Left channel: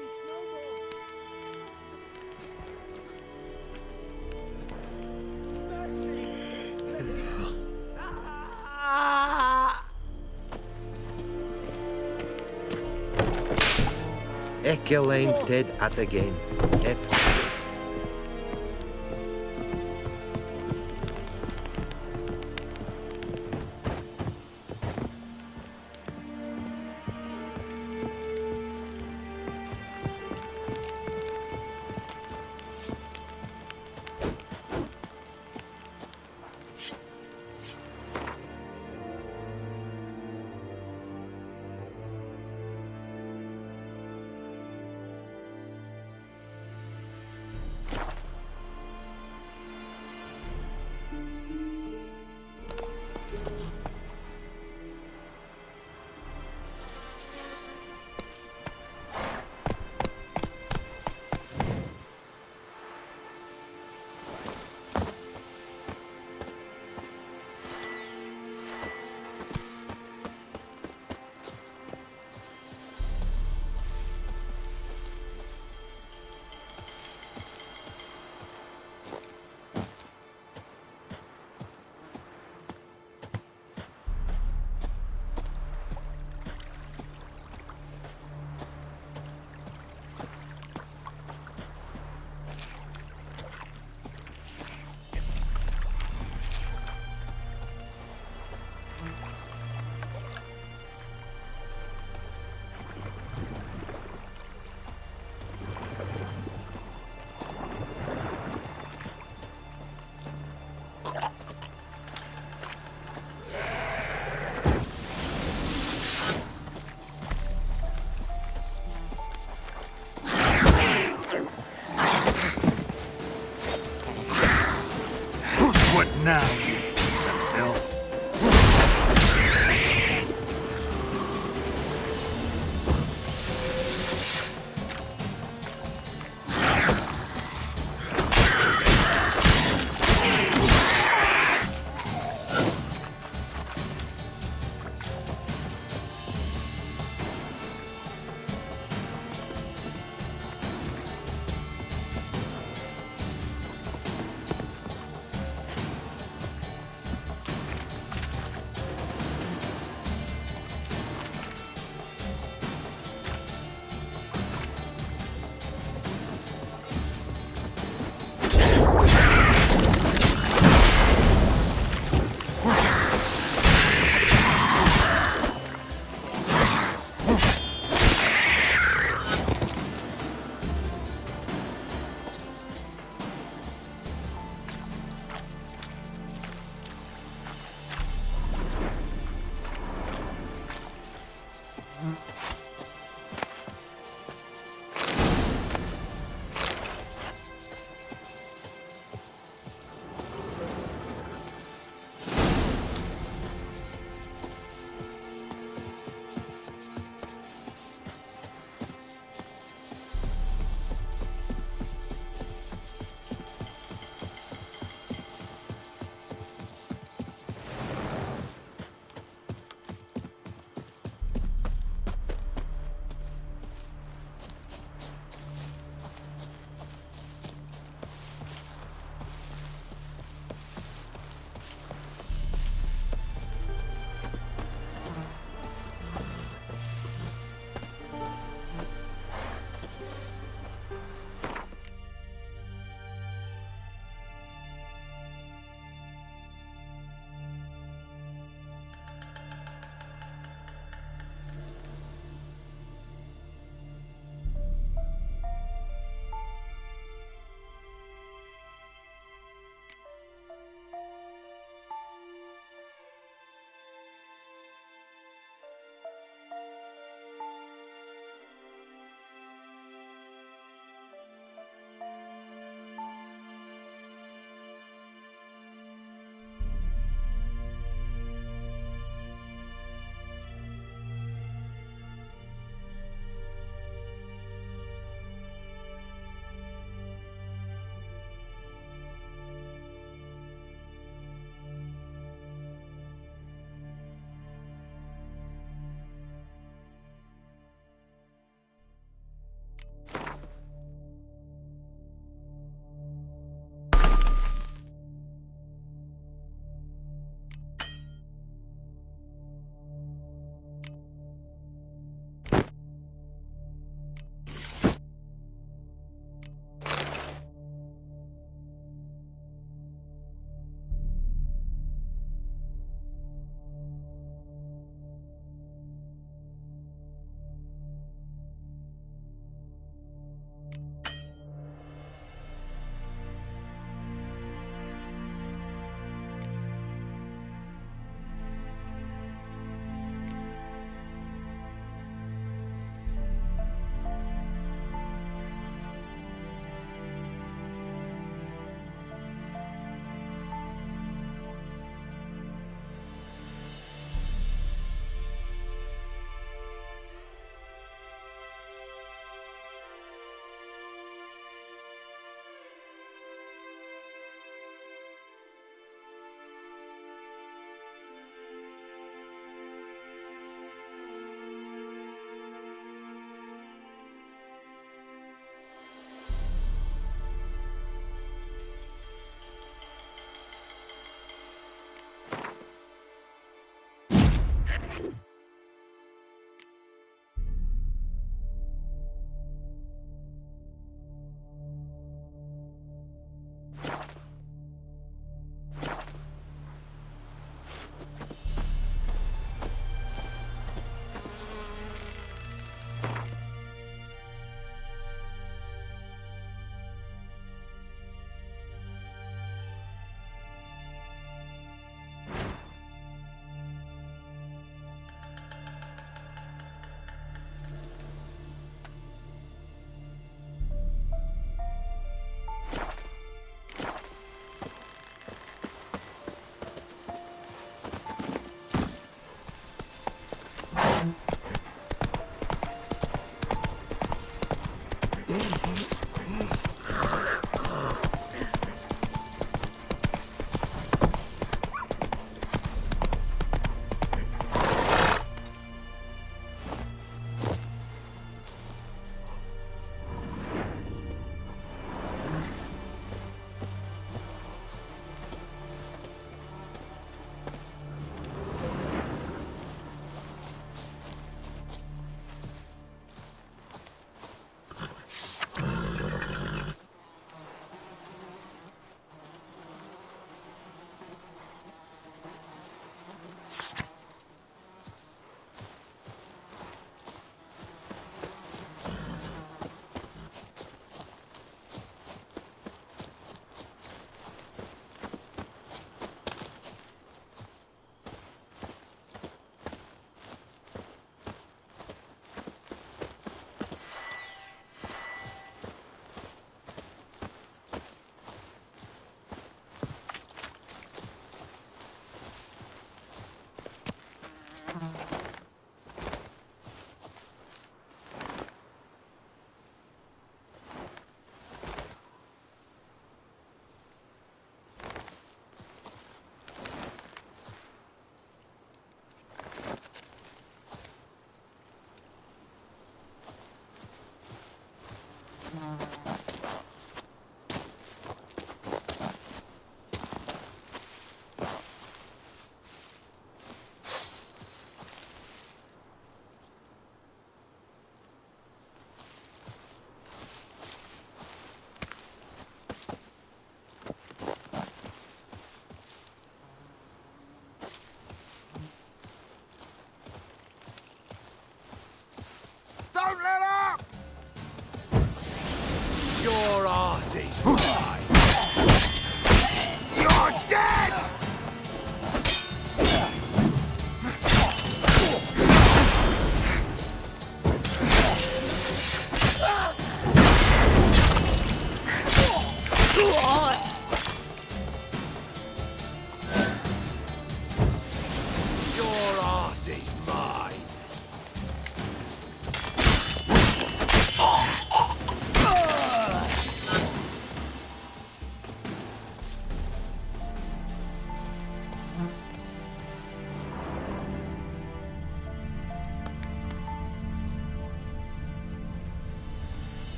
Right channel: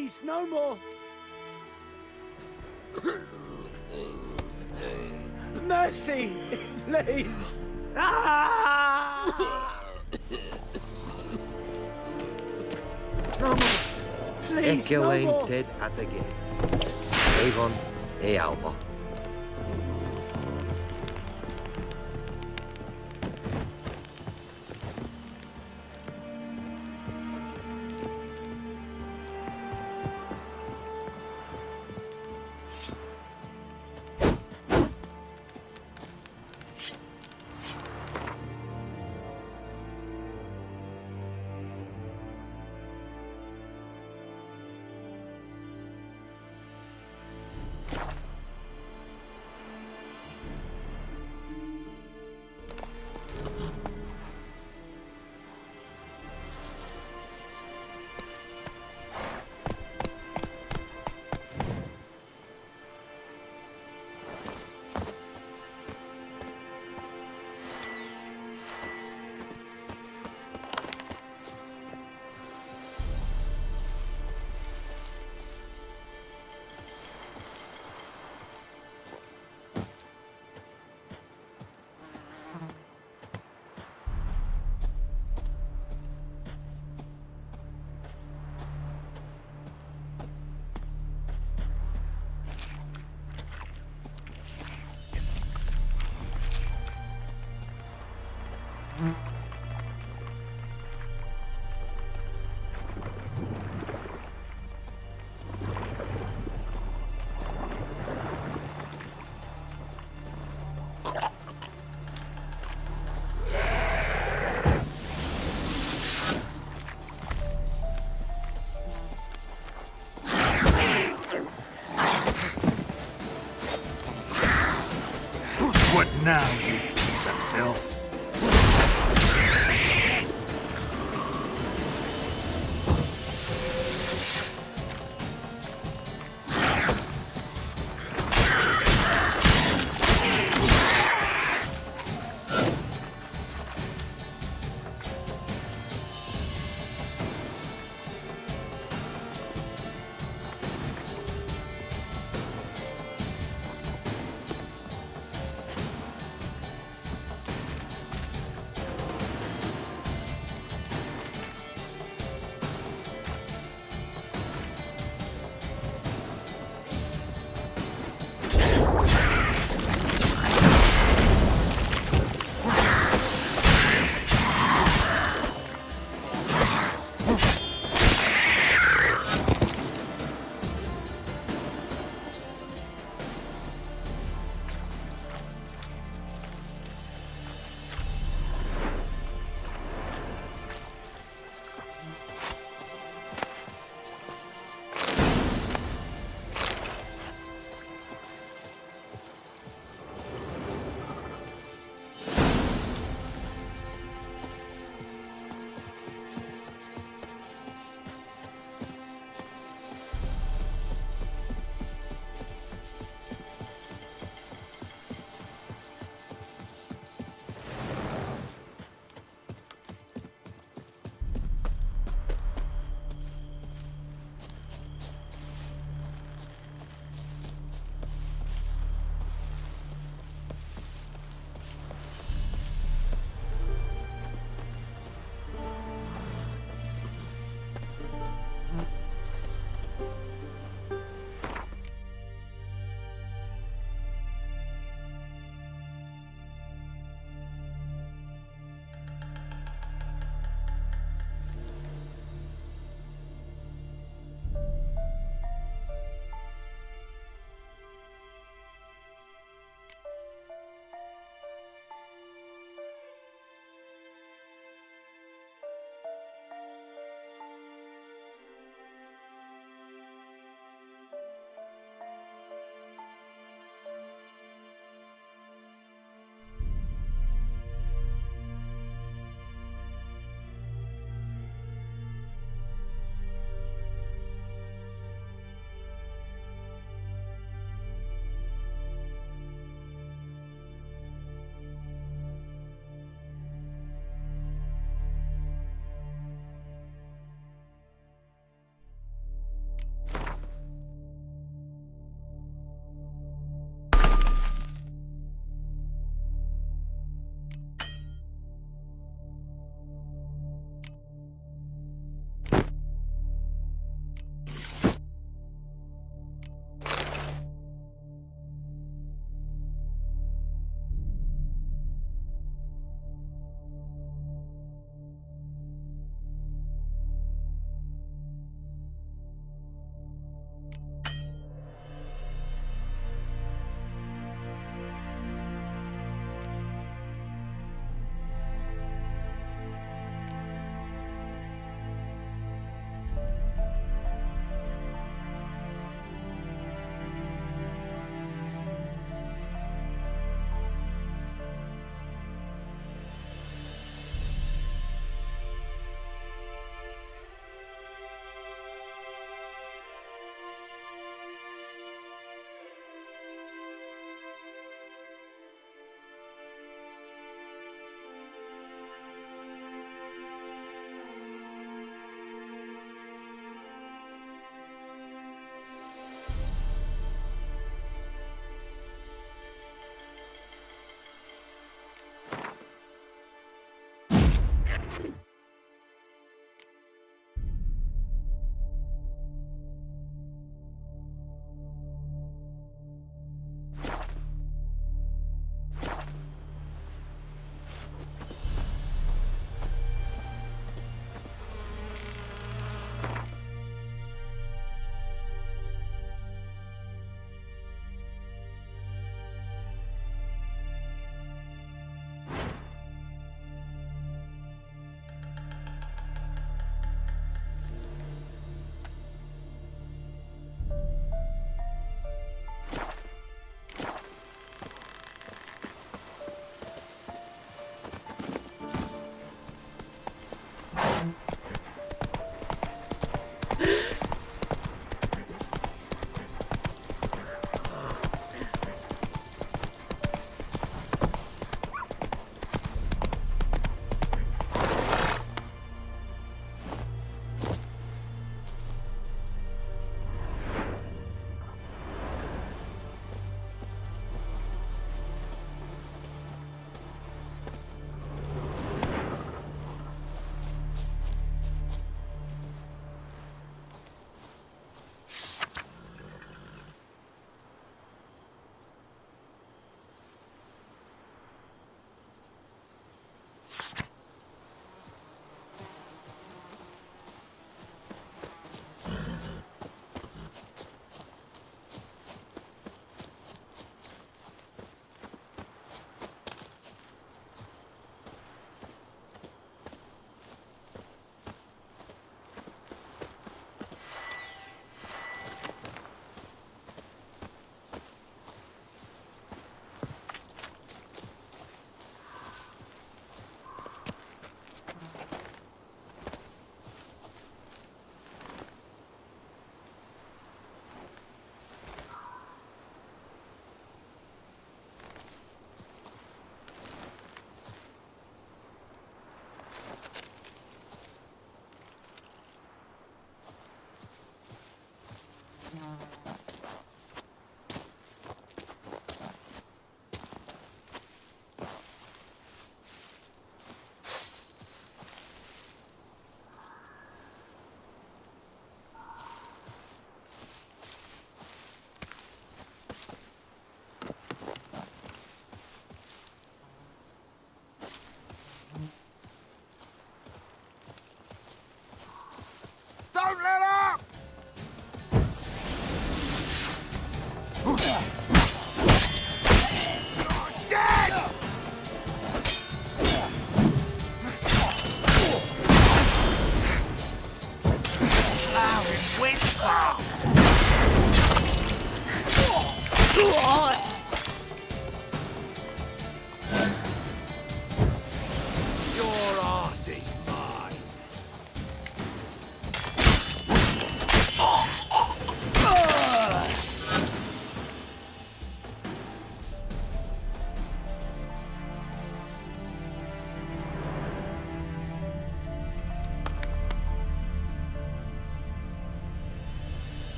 Please, no more. Mercy, please. Ah! Please, Ikke no alleen more. Ted at again. Et Avon e Albo.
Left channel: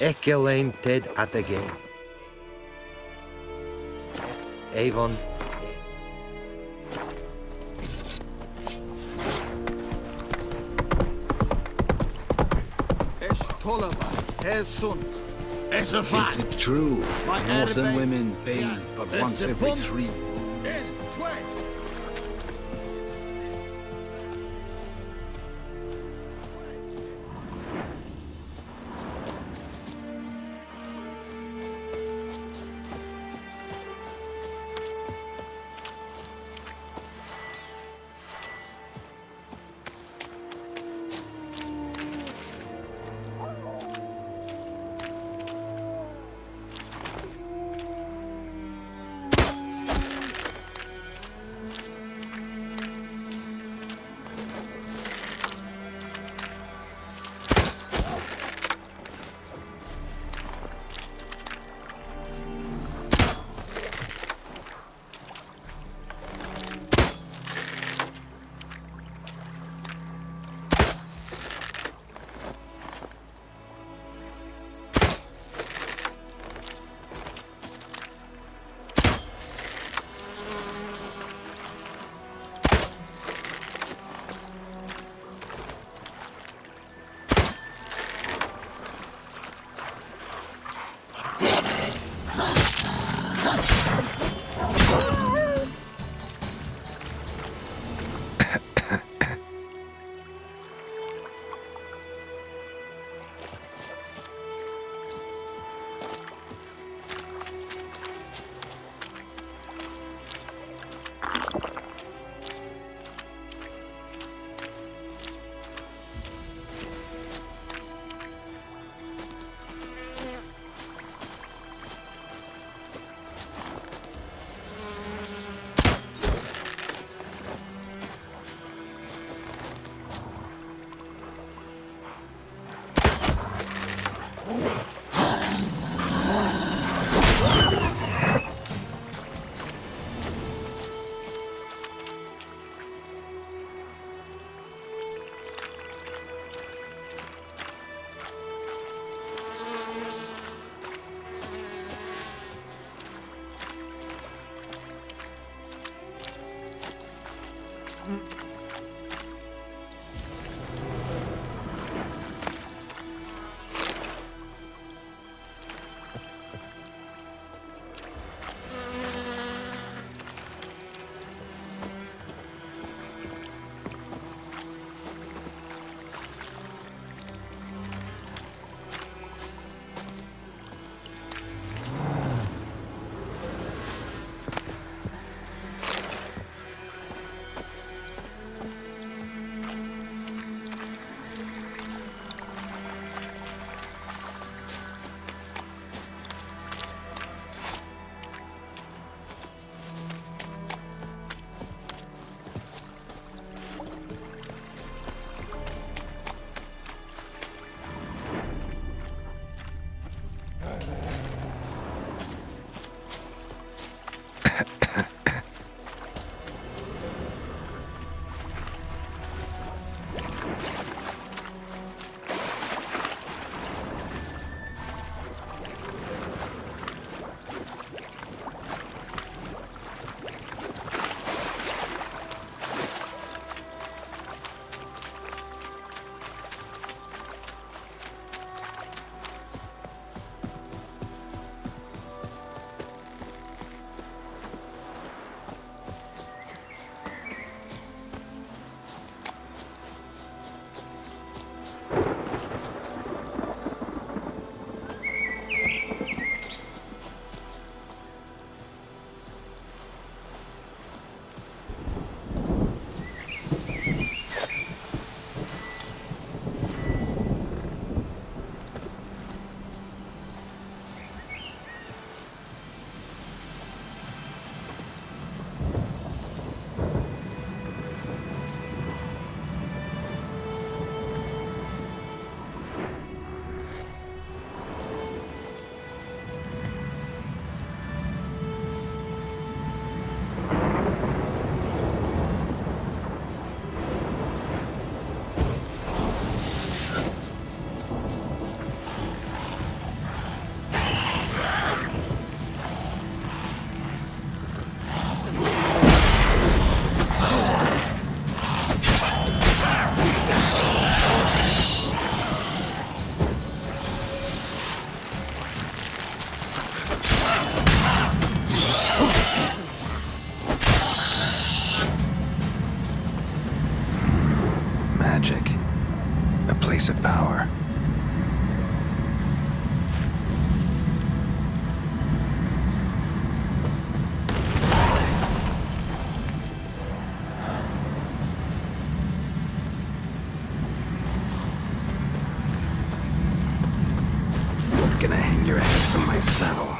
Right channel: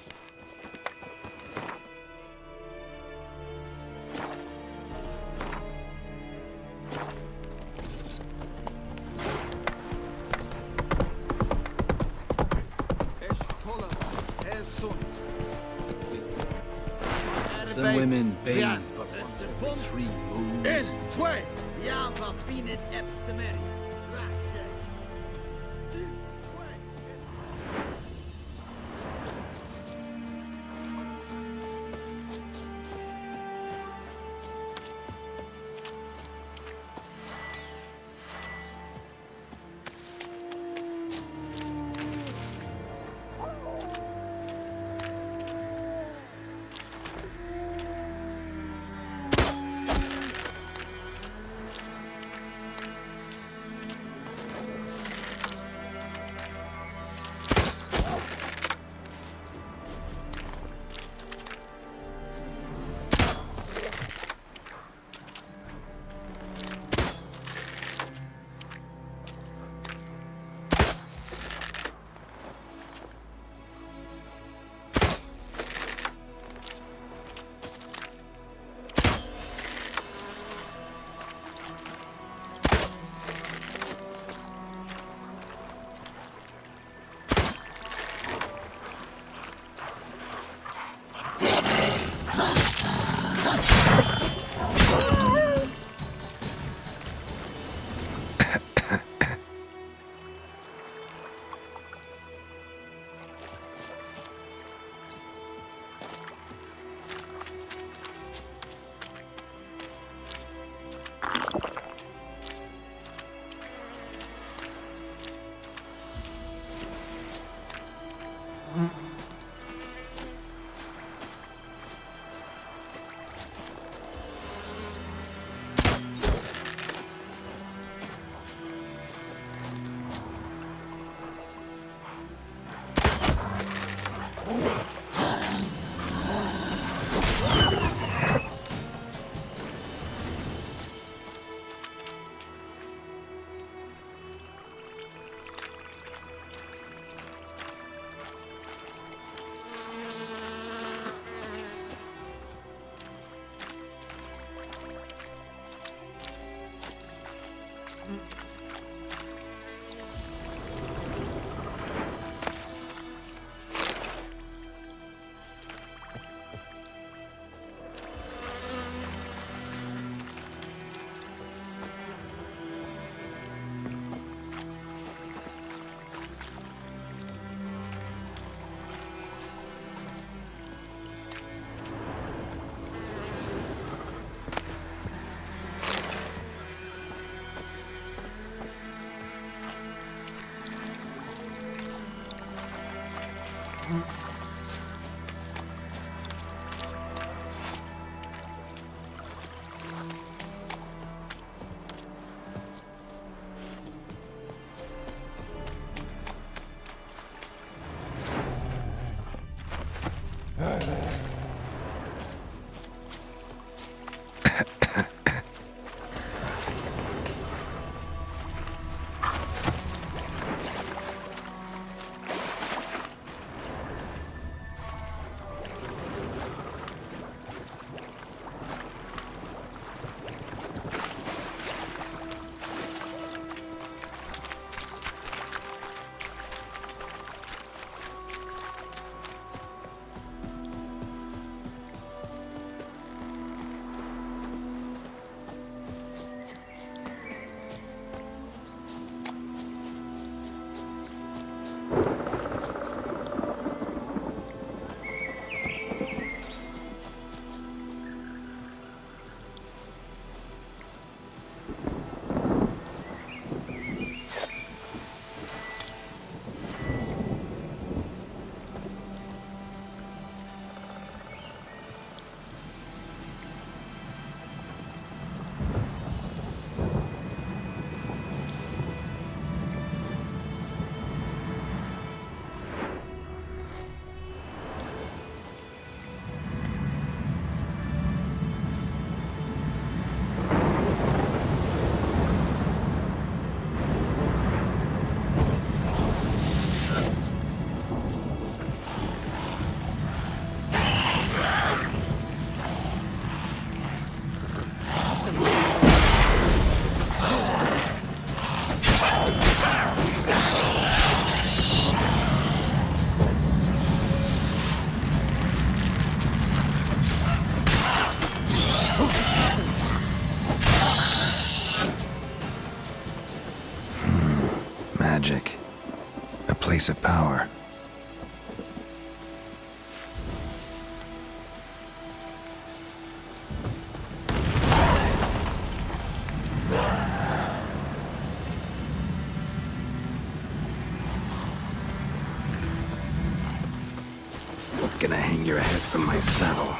Ekelein ted atege. Avon. Es Tolava, Es Sun, Es a Is it true? Northern women bathe but once every 3 moons. Twe. magic. A place of power. Gonna hang your head from my saddle.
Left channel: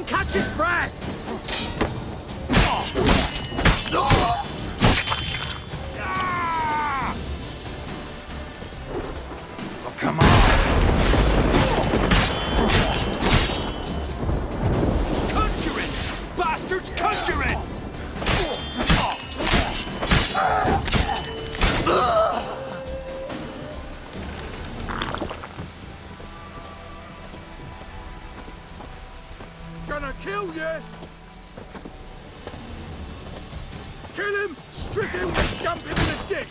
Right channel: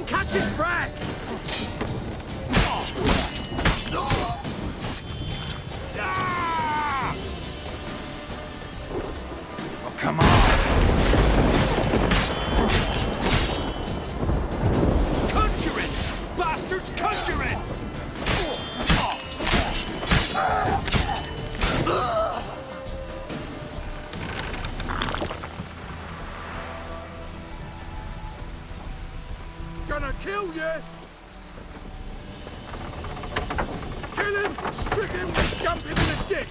him catch his breath! Oh, come on! Conjuring! Bastards conjuring! Gonna kill you! Kill him! Strip him! Dump him in the ditch!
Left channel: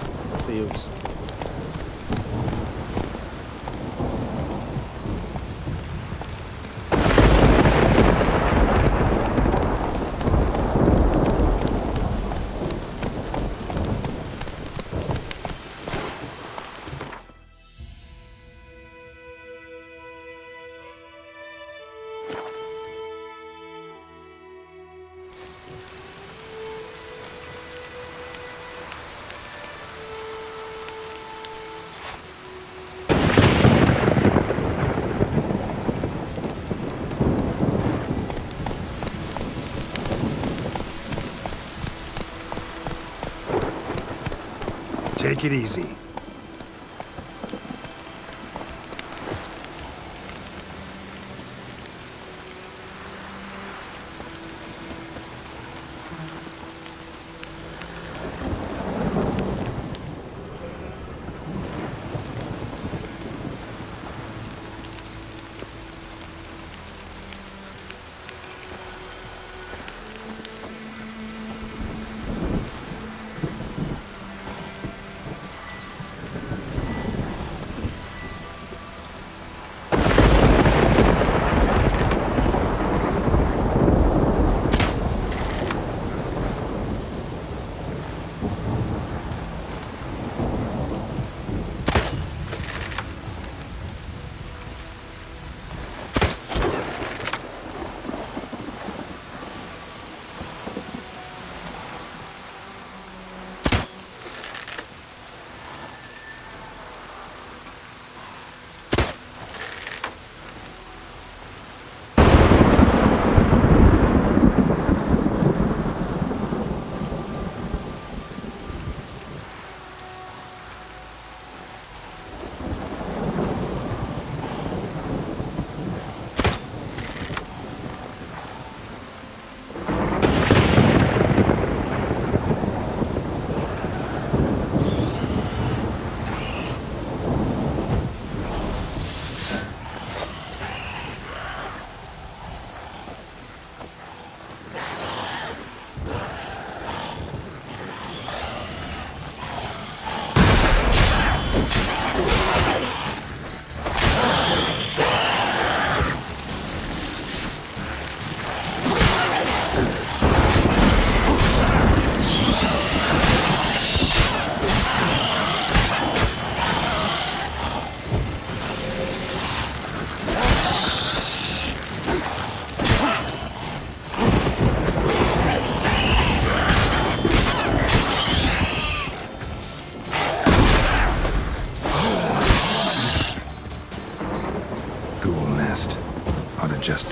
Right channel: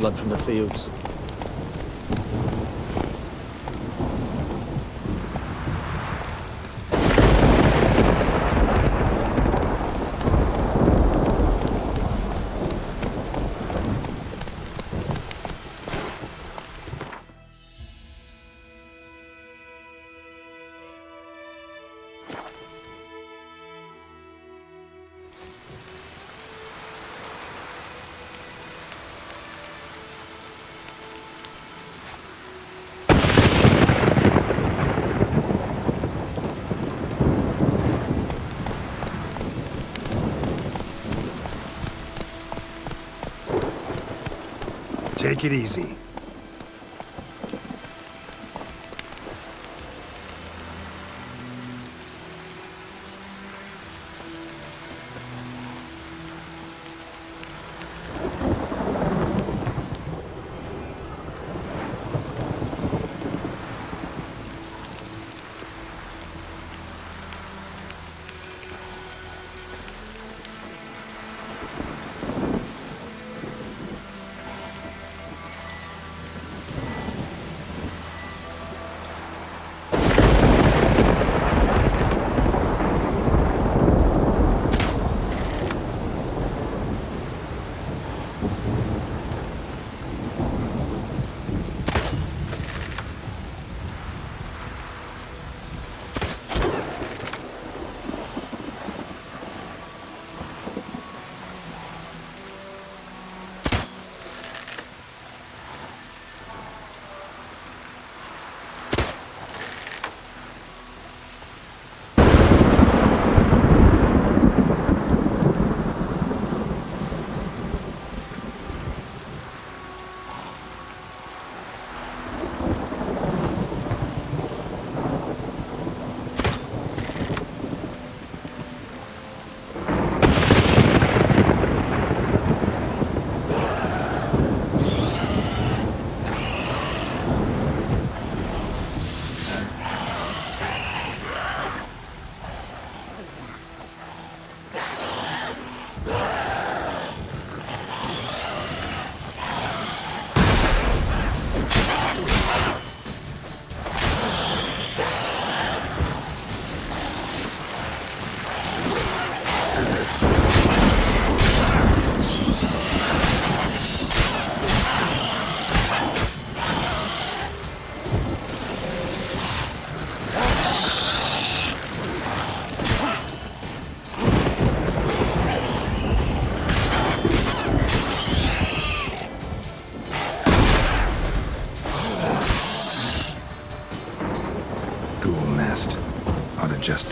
Blood from the fields. Take it easy.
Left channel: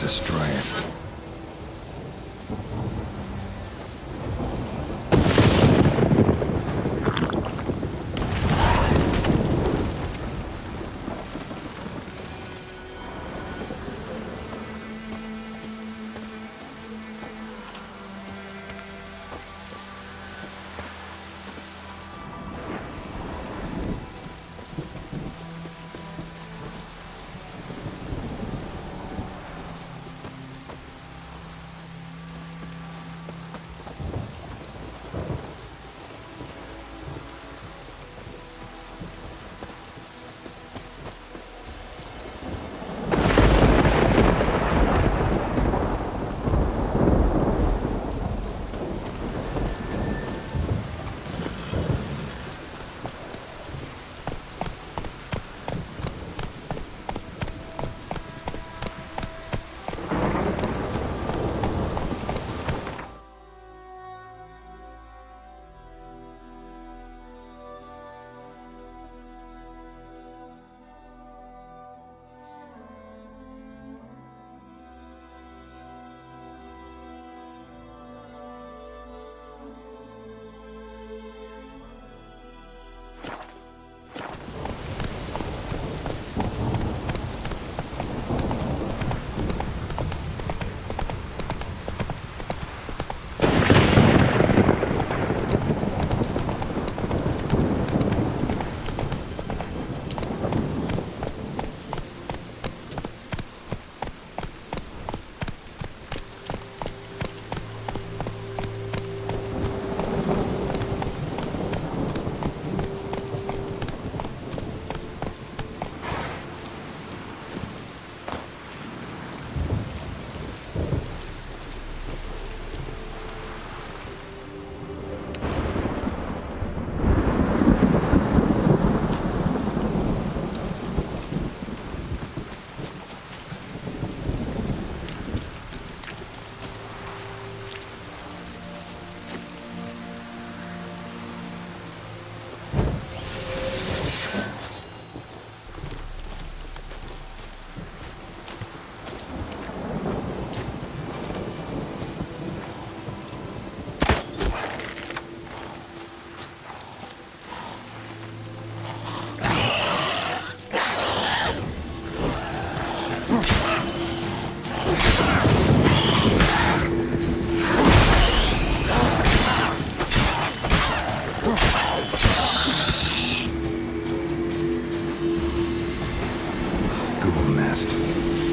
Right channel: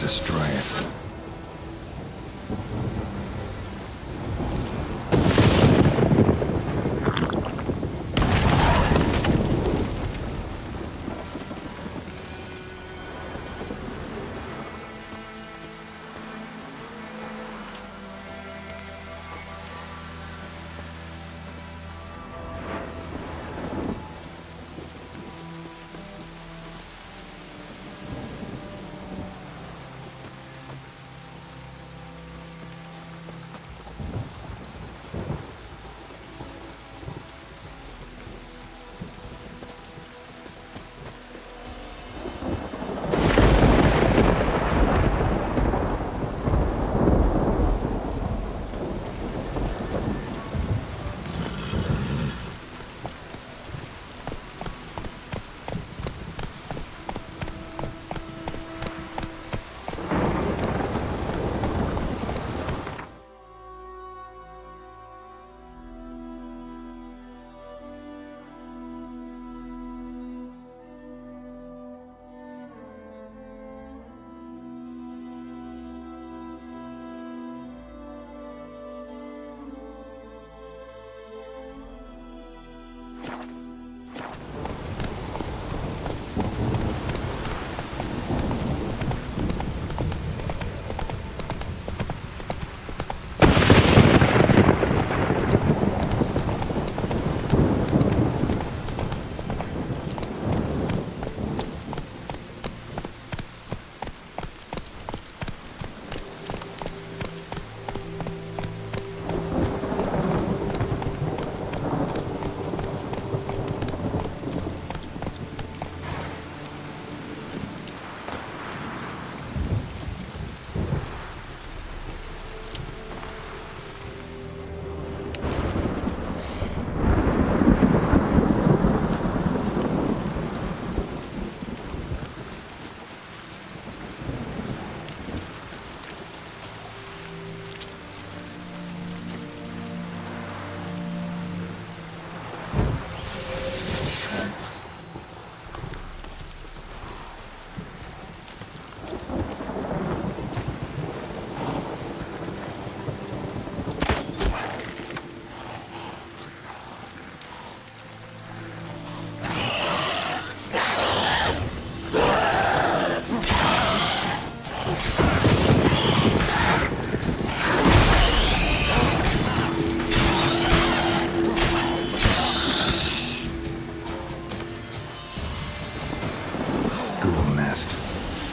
destroy it.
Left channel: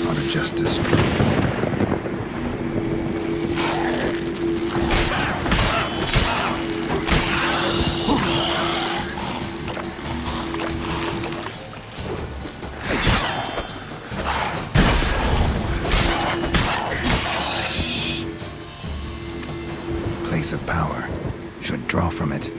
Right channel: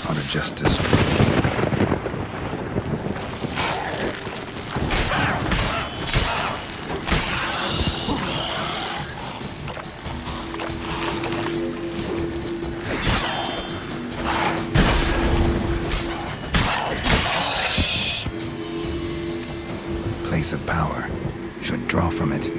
Ought to just destroy it. Place of power. Should draw from it.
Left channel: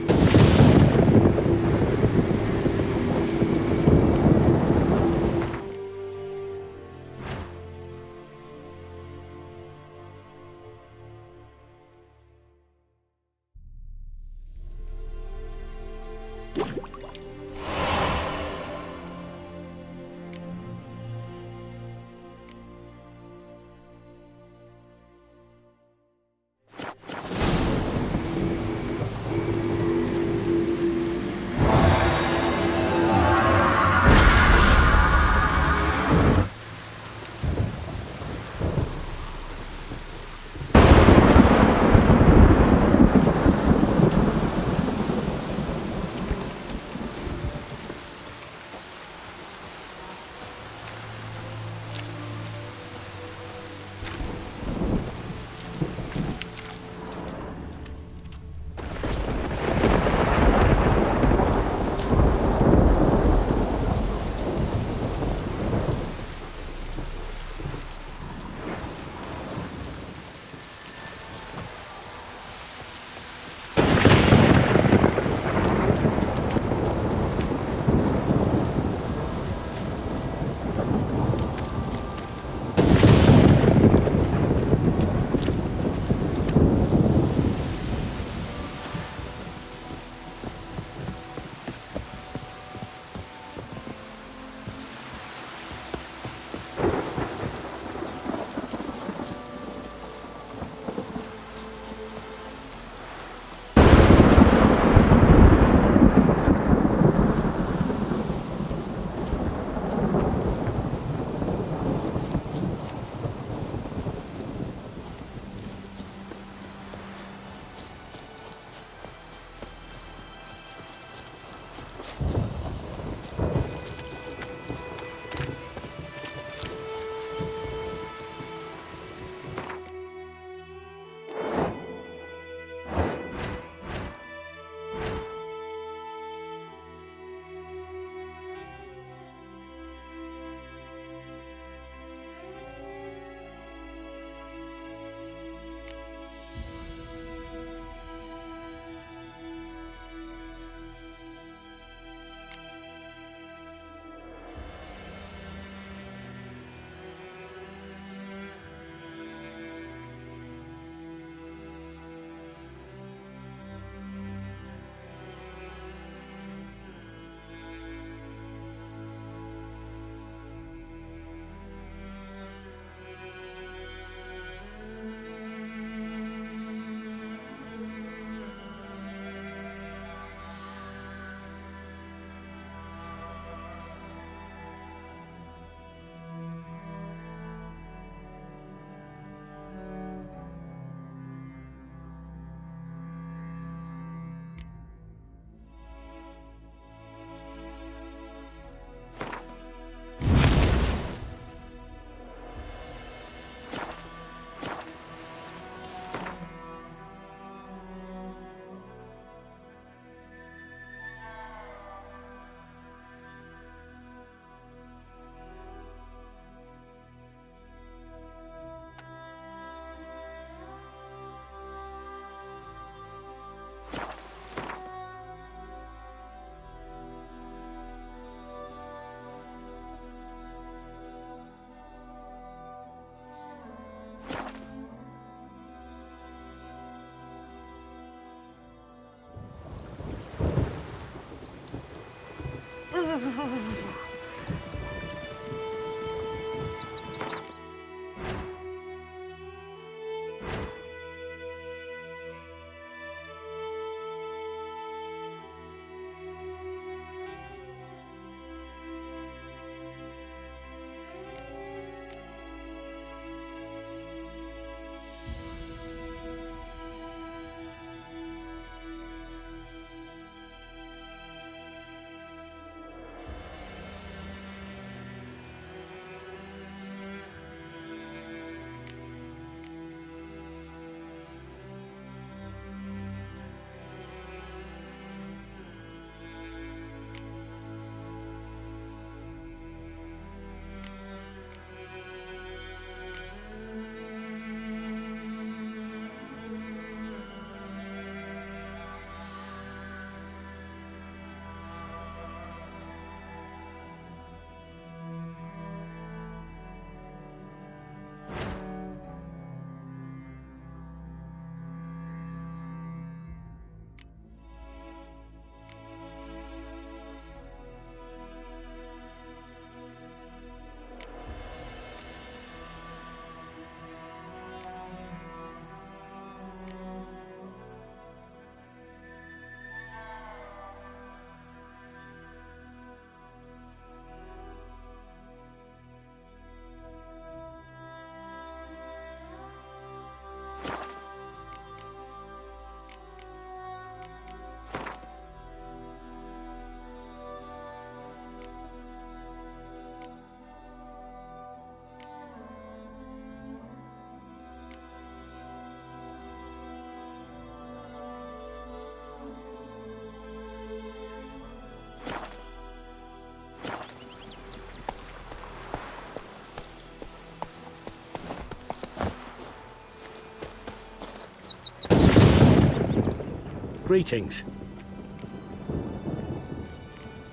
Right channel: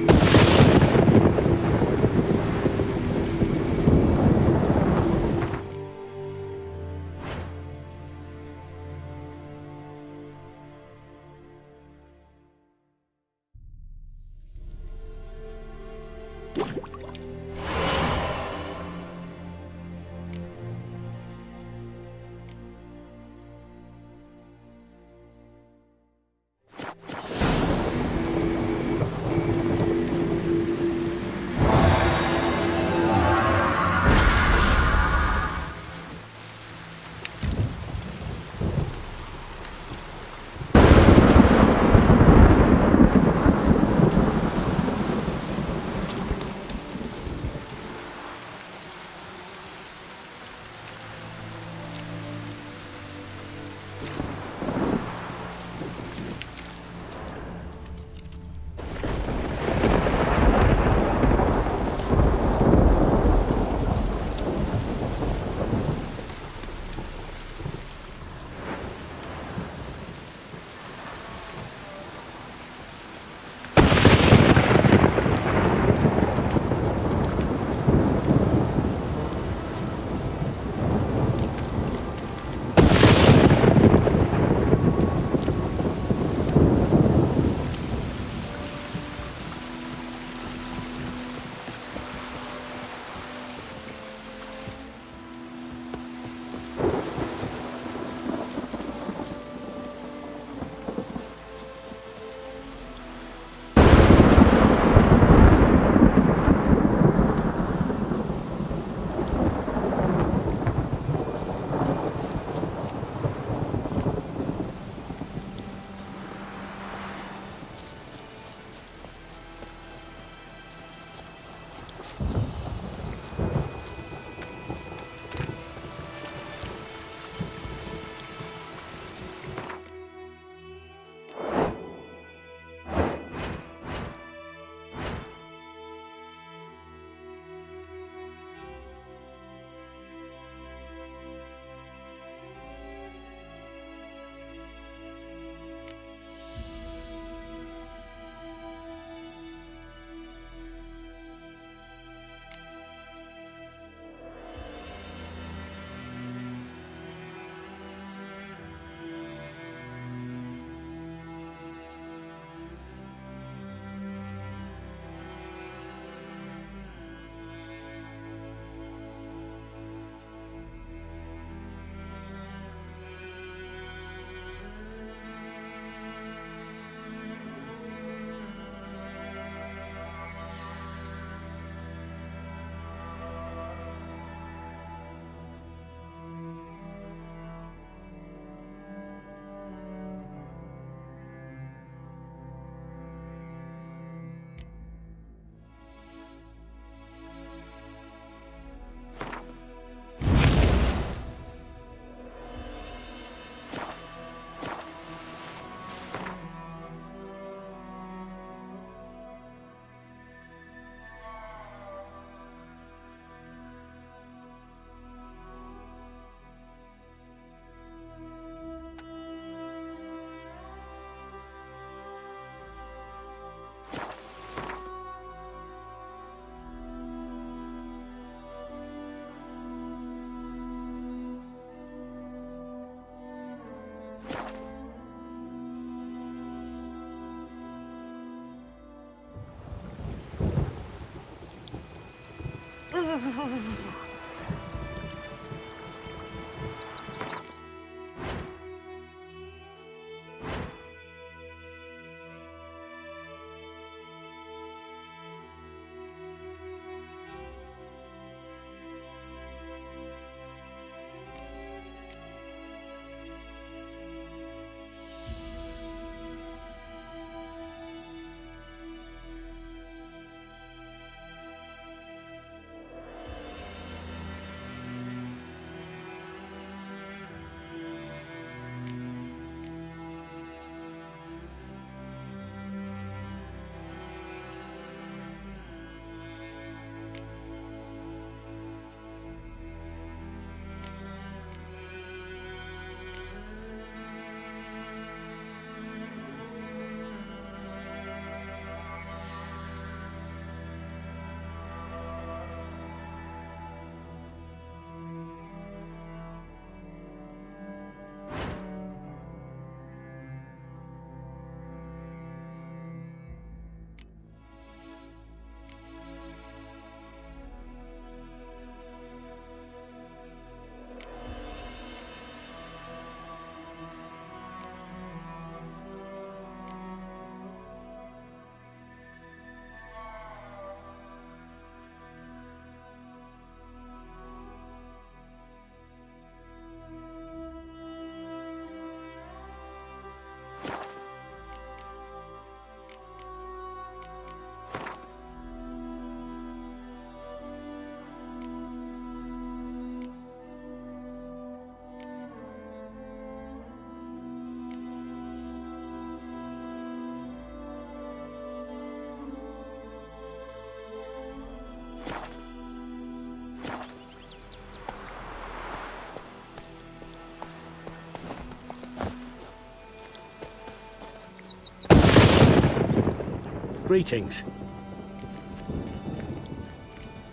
Greetings.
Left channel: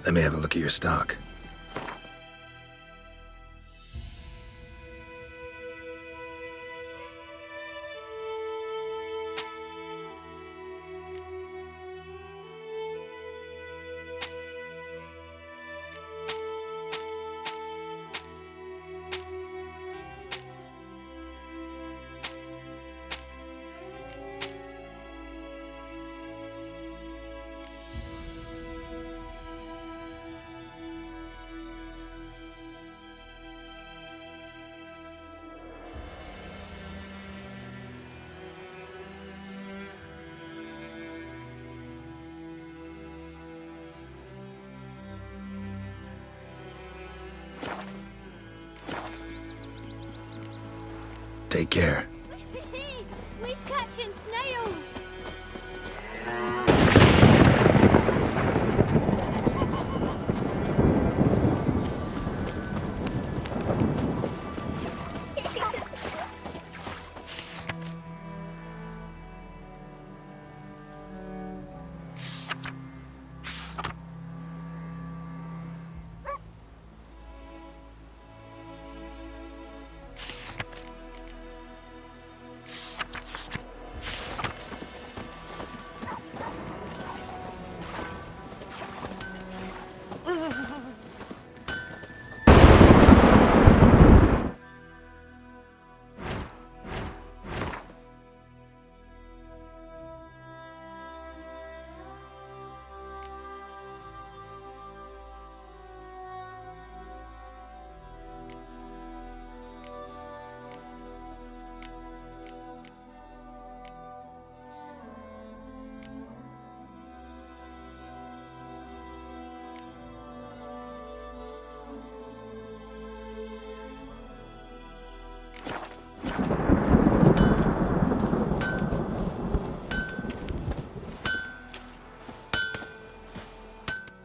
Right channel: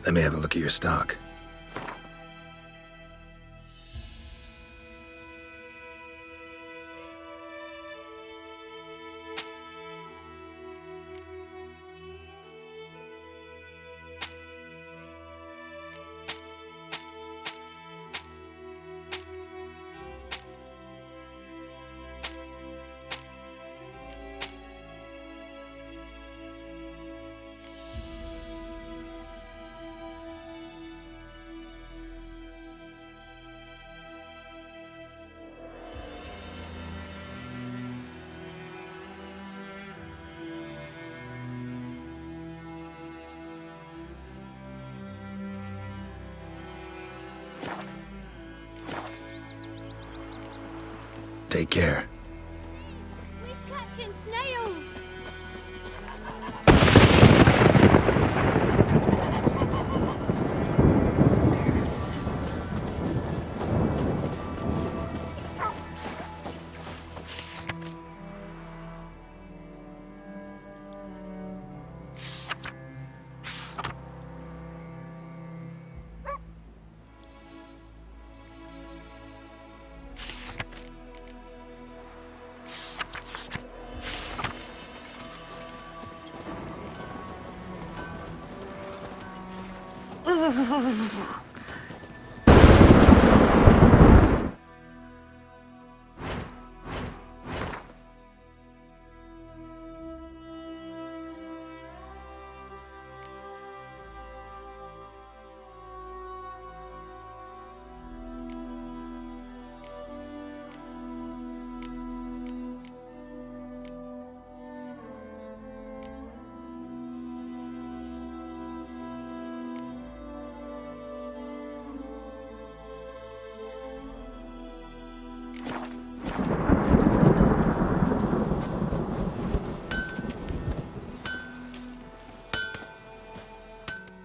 Let me have a look at your stock. Take care. We's catching snails!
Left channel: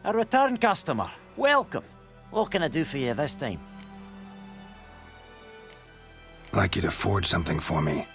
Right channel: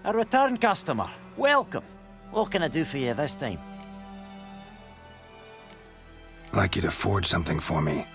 A return customer. Welcome. What can I do for you this time? I'd like you to forge something for me.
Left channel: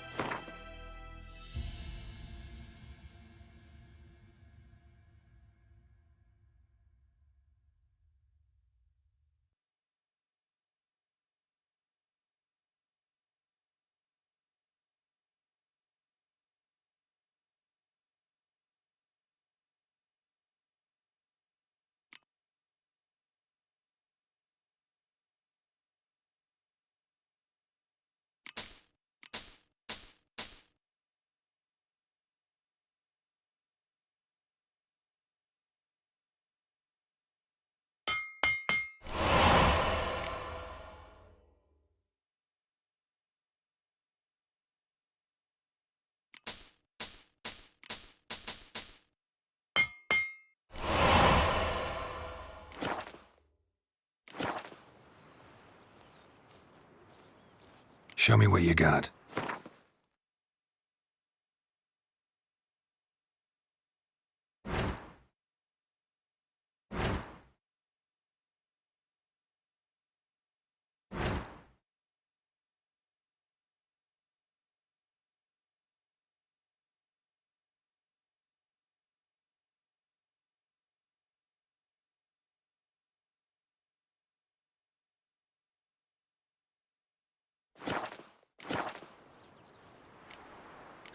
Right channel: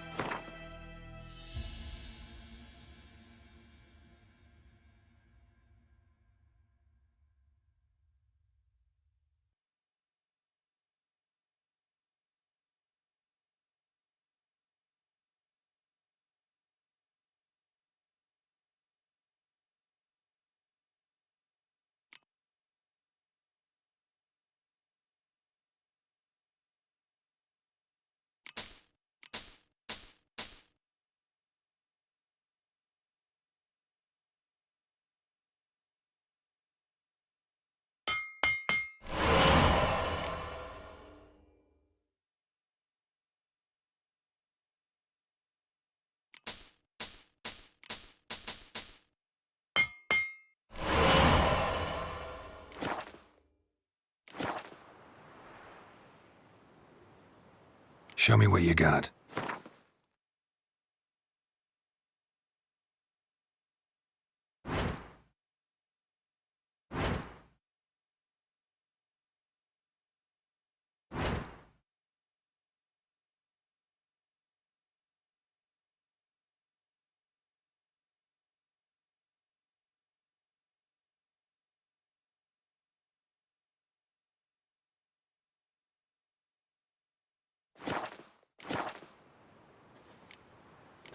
Show me what you got.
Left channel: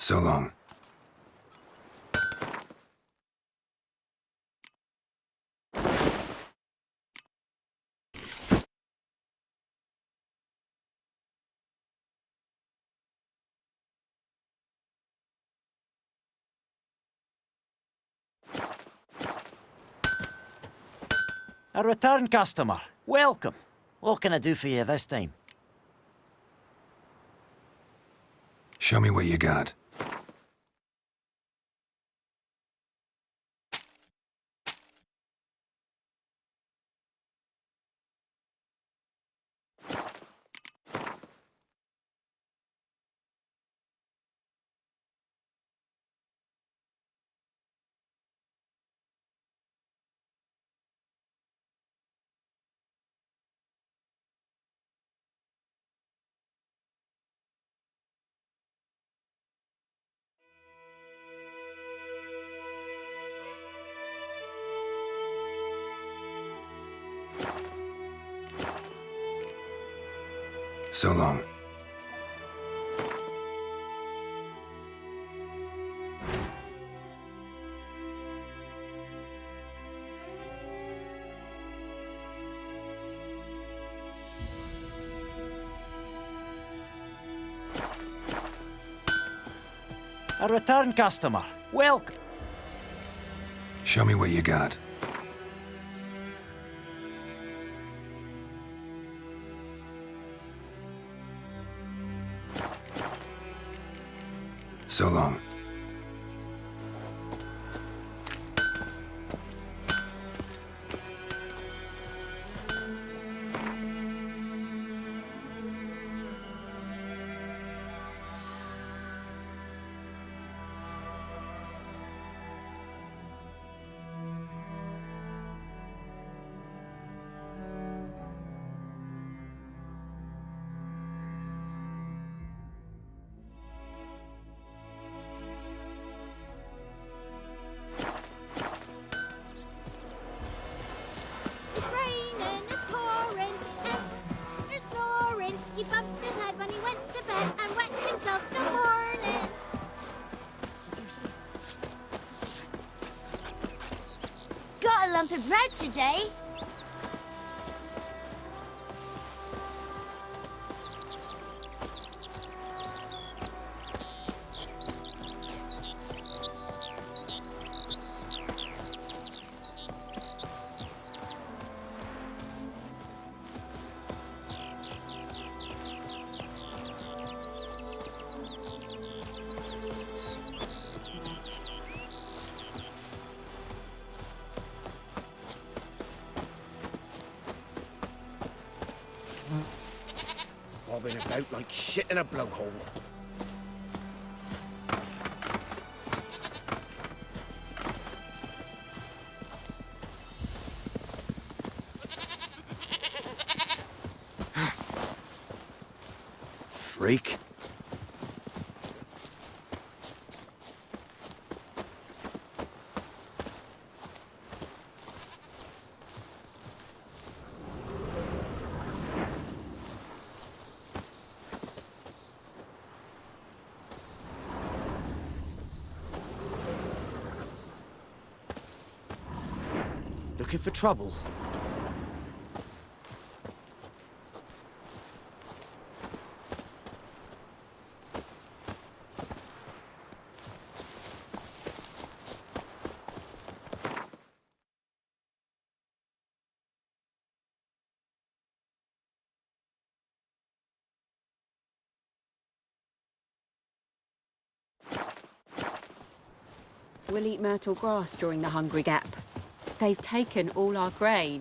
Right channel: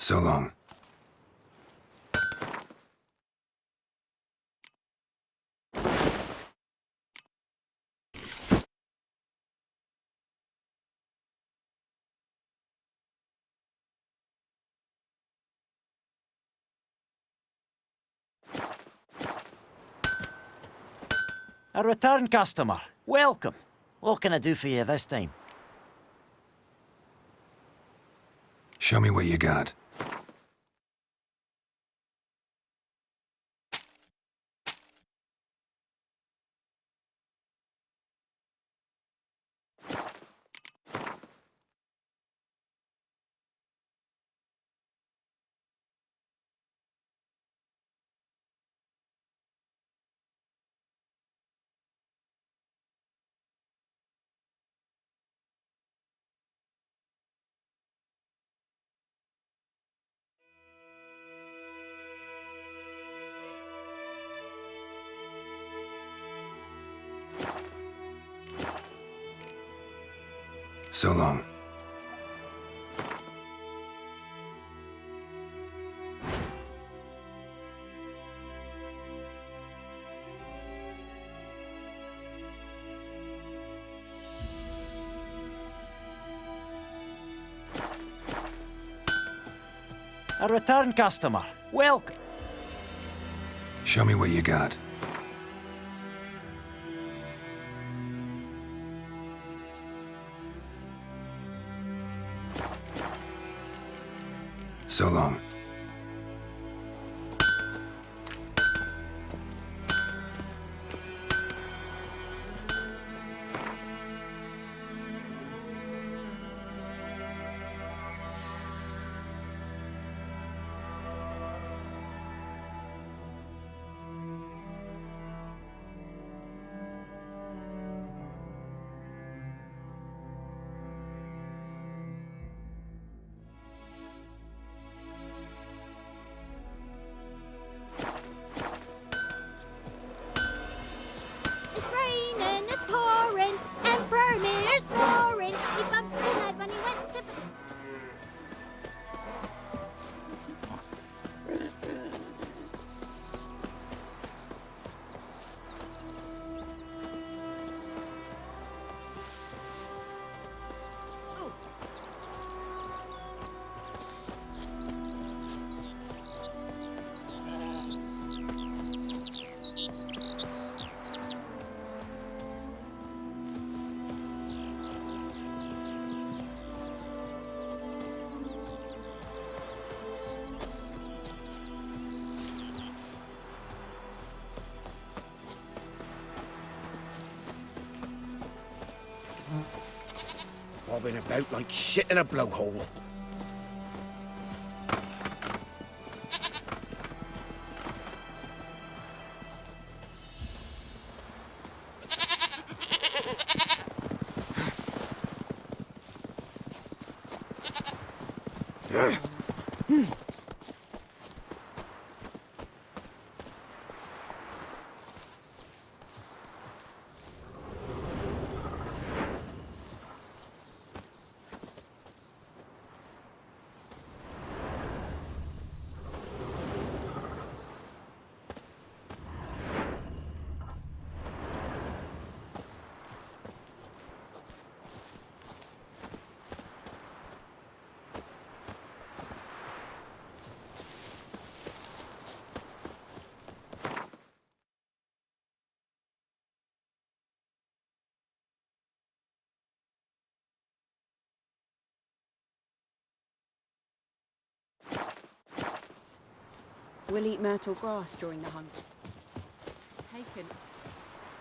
So long. A return customer. Welcome. What can I do for you this time? Show me what you got. So long. A return customer. Welcome. Show me what you got. So long. It's raining, it's pouring, and Vermeer's snoring. He bumped his head when he went to bed and wet himself in the morning. Got a lump of bread today. Bobbing about like shit in a blowhole. Freak. Looking for trouble? We'll eat myrtle grass during the Hungry Gap. They've taken all our grain.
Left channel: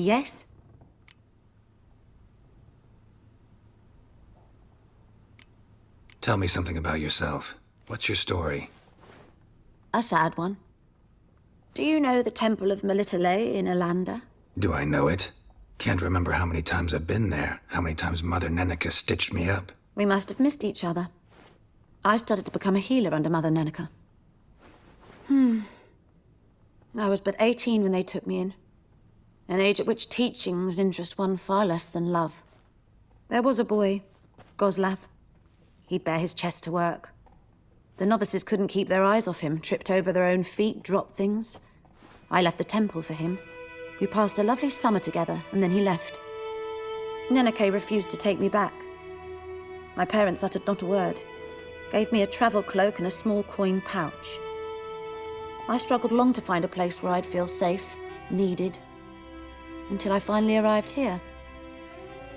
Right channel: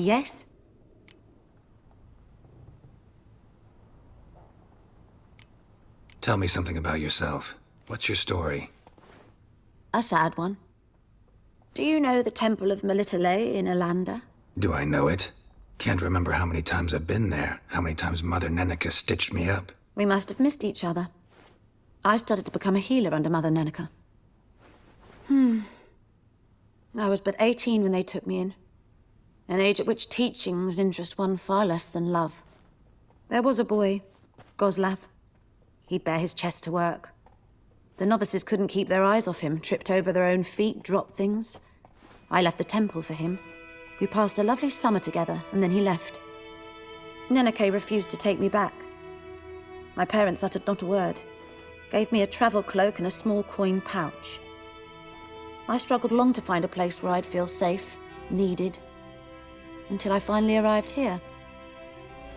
Yes? Tell me something about yourself. What's your story? A sad one. Do you know the Temple of Melitele in Alanda? Do I know it? Can't remember how many times I've been there, how many times Mother Nenica stitched me up. We must have missed each other. I started to become a healer under Mother Nenica. I was but 18 when they took me in. An age at which teachings interest one far less than love. There was a boy, Goslav. He'd bare his chest to work. The novices couldn't keep their eyes off him, tripped over their own feet, dropped things. I left the temple for him. We passed a lovely summer together, and then he left. Neneke refused to take me back. My parents uttered not a word, gave me a travel cloak and a small coin pouch. I struggled long to find a place where I'd feel safe, needed, until I finally arrived here.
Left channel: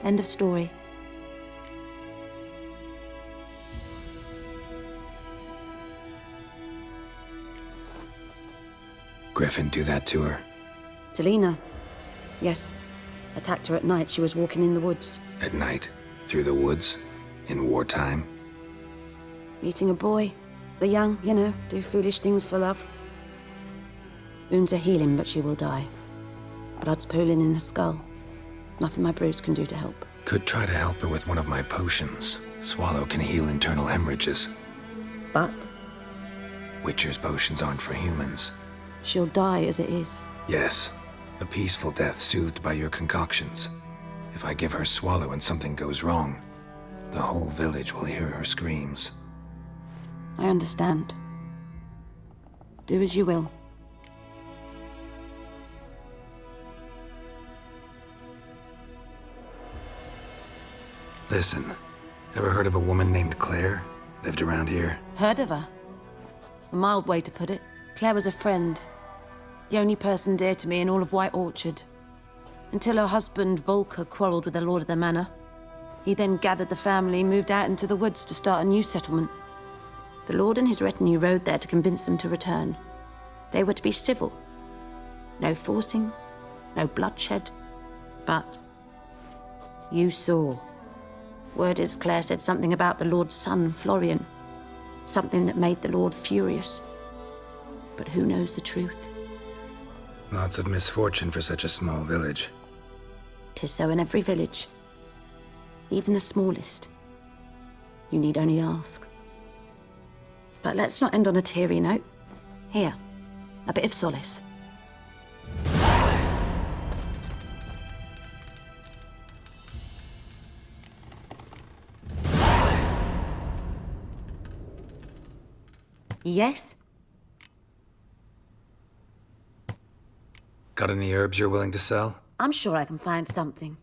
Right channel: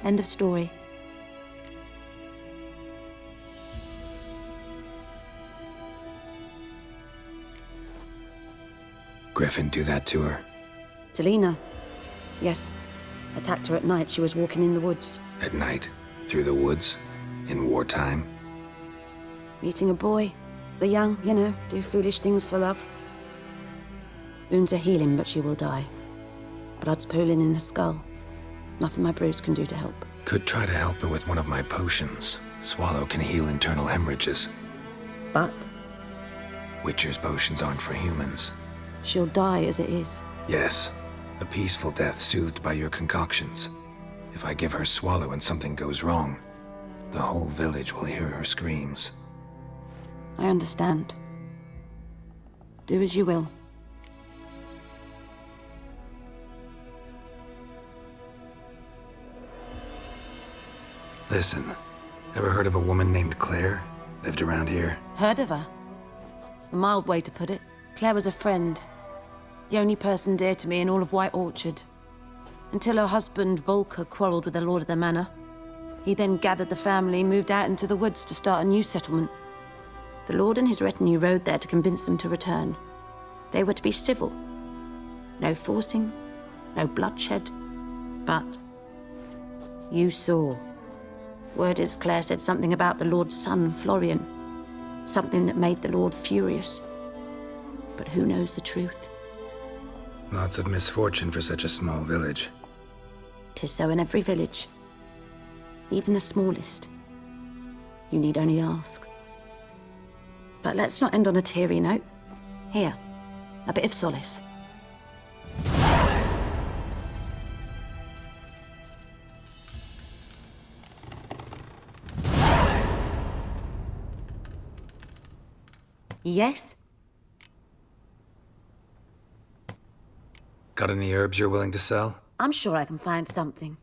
End of story. Griffin do that to her? Delina. Yes. Attacked her at night. She was walking in the woods. At night? Through the woods? In wartime? Meeting a boy. The young, you know, do foolish things for love. Wounds are healing, but she will die. Blood's pooling in her skull. Nothing my bruise can do to help. Could try to help her with one of my potions. Swallow can heal internal hemorrhages. But Witcher's potions aren't for humans. she'll die as it is. Yes. A peaceful death soothed by your concoctions. If I give her Swallow and something goes wrong, the whole village will hear her screams. I understand. Do as you will. Listen, ever heard of a woman named Claire? Lived around here? Heard of her? A mild way to put it. Claire was a friend. The only person dear to me in all of White Orchard. Until her husband, Volker, quarreled with the lord of the manor. He then gathered the family, moved out into the woods to start a new settlement. The lord and his retinue rode there to convince them to return. They were to be civil. No forcing, no bloodshed. But you saw. Word is Claire said something about the lord's son, Florian. Something that made the lord furious. But who knows the truth? Lots of misfortune for such a small village. 'Tis so in every village. Even the smallest. You need only ask. But let's not end on a teary note. Here, a bit of solace. Yes? Got any herbs you're willing to sell? I'm sure I can find something.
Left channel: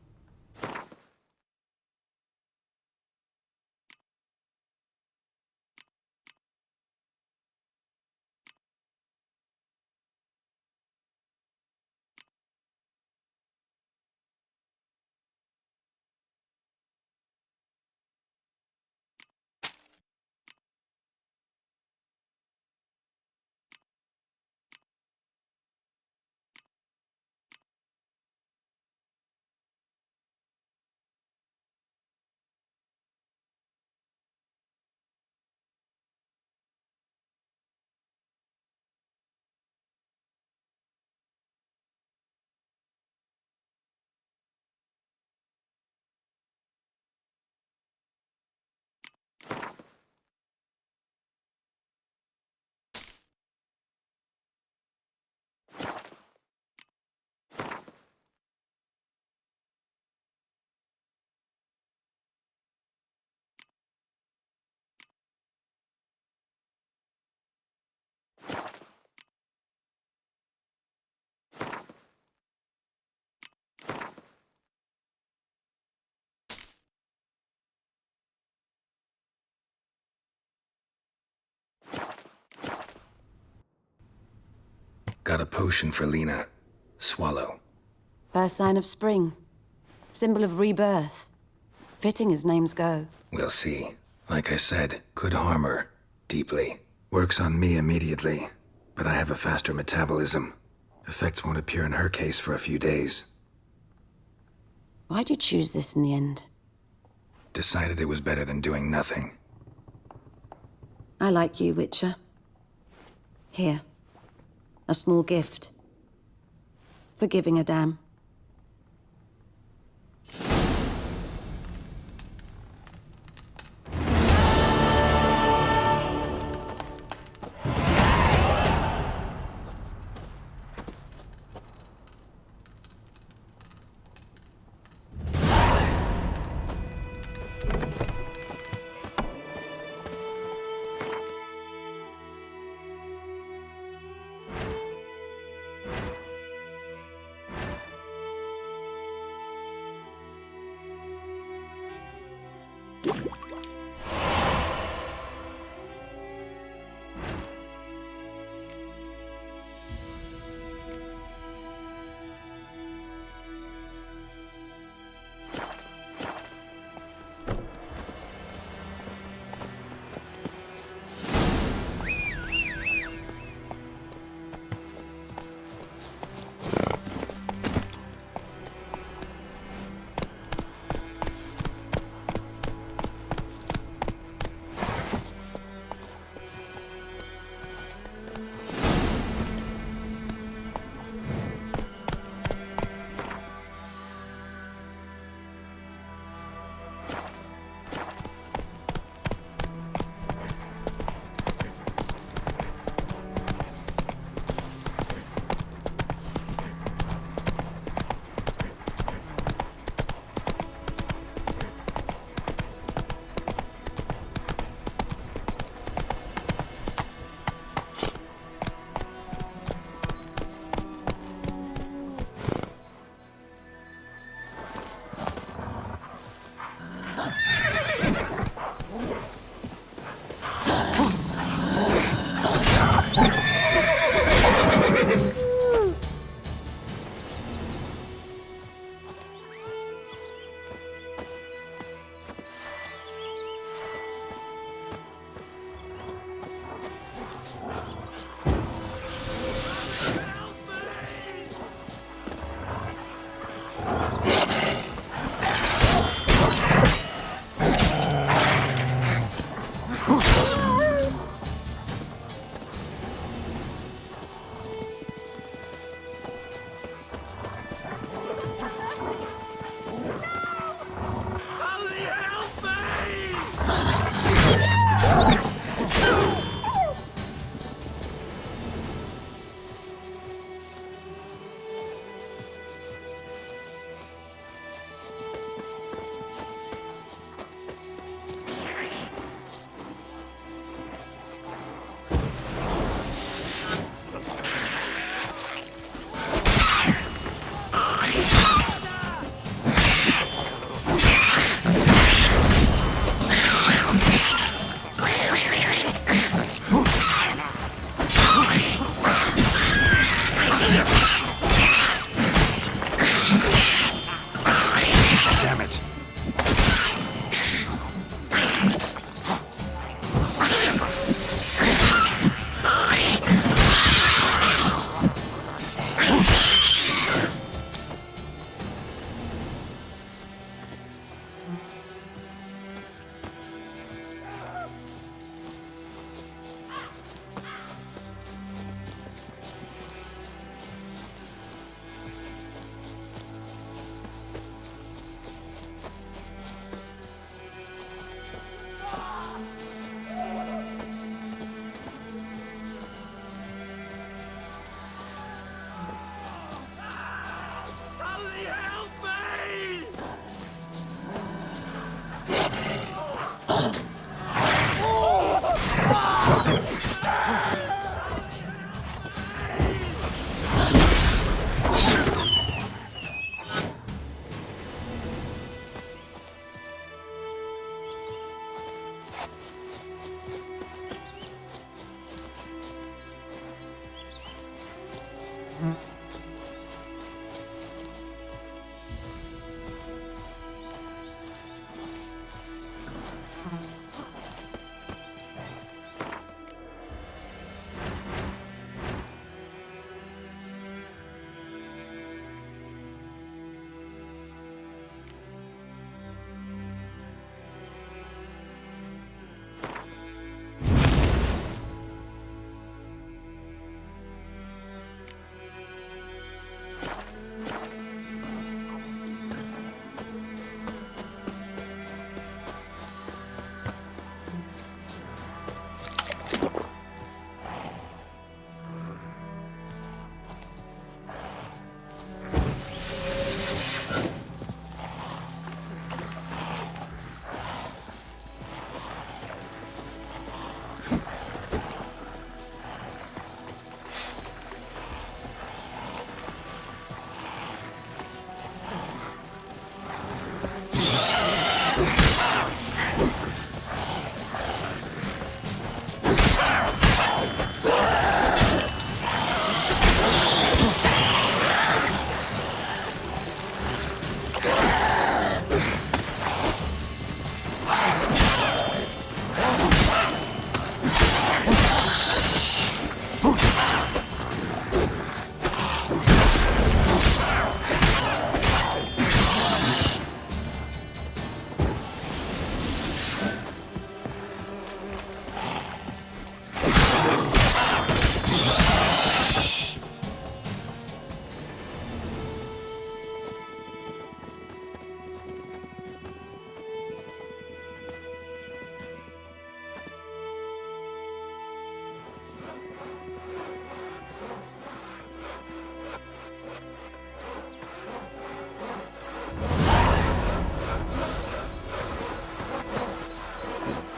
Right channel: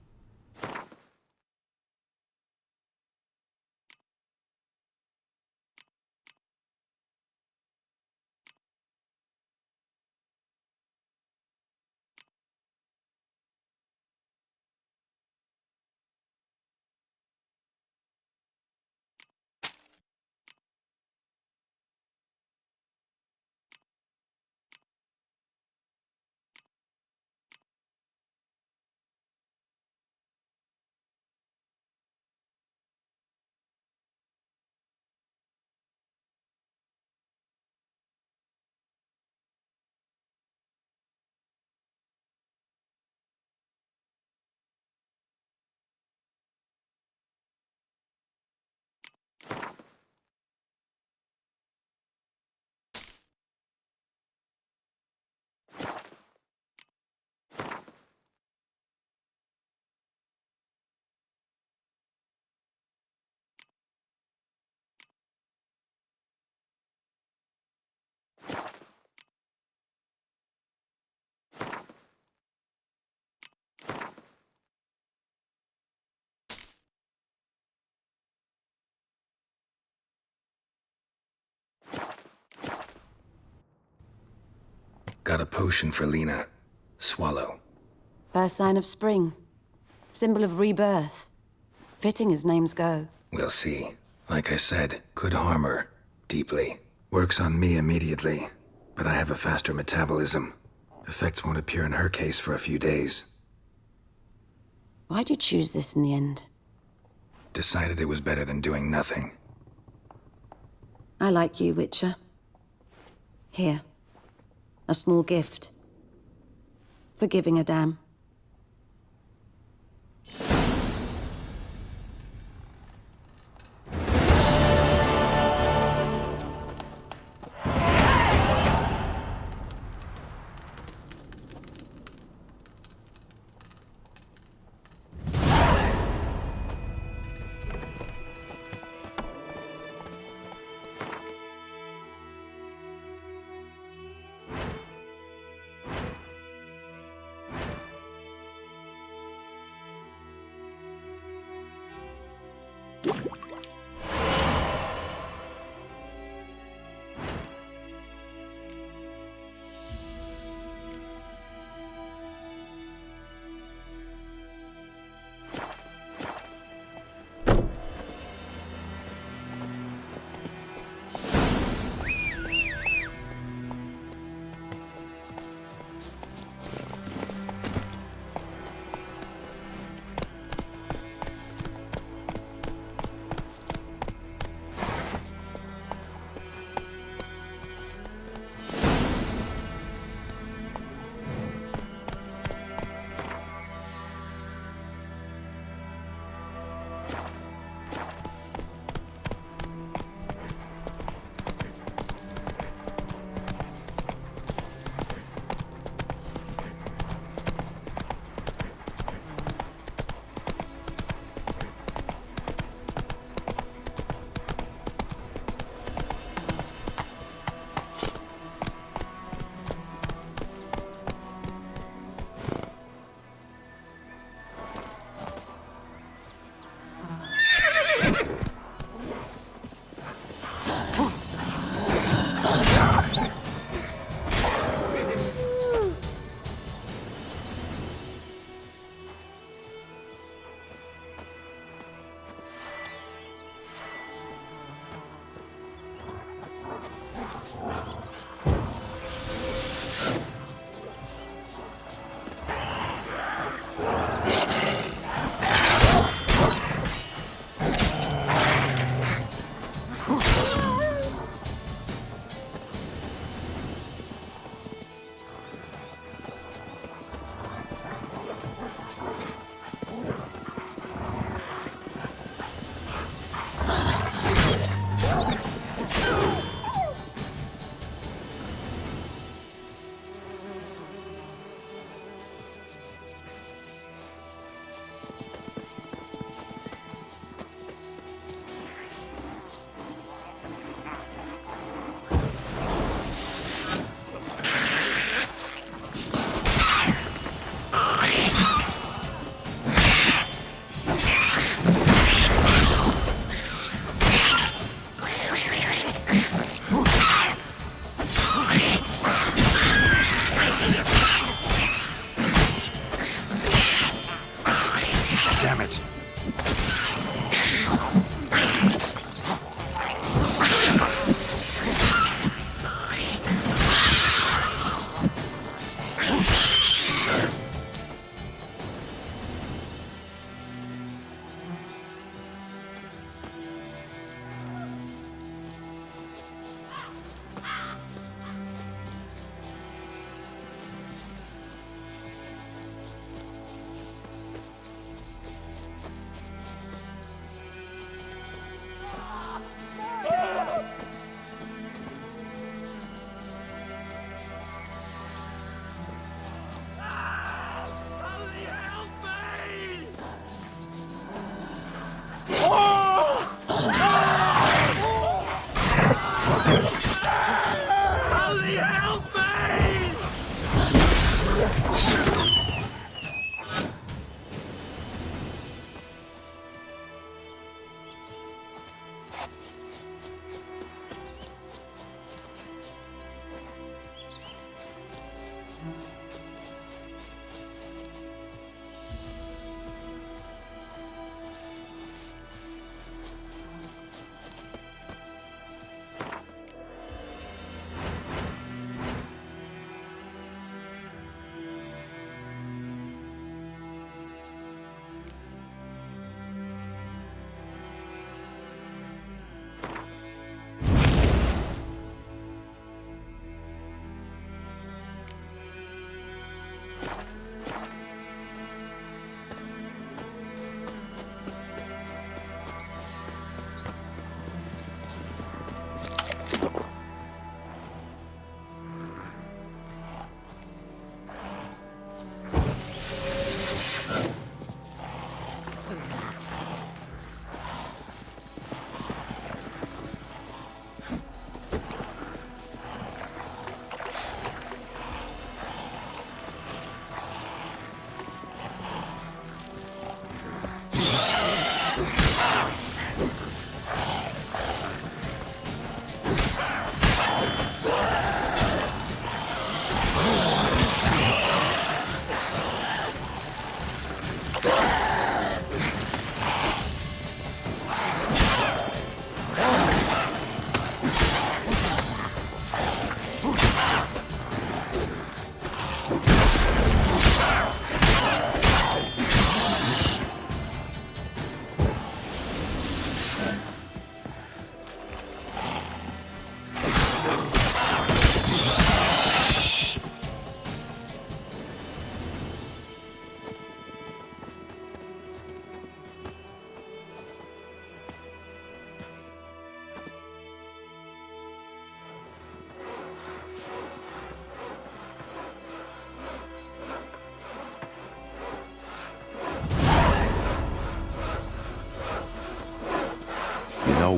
Got a potion for Lena. Swallow. First sign of spring. Symbol of rebirth. Fitting as names go. We'll see. Like I said, could harm her. Deeply. Works on me immediately. But I have a faster metabolism. Effects won't appear in her case for a few days. Why'd you choose this in the end? Decided it was better than doing nothing. I like you, Witcher. Here. A small gift. For giving a damn.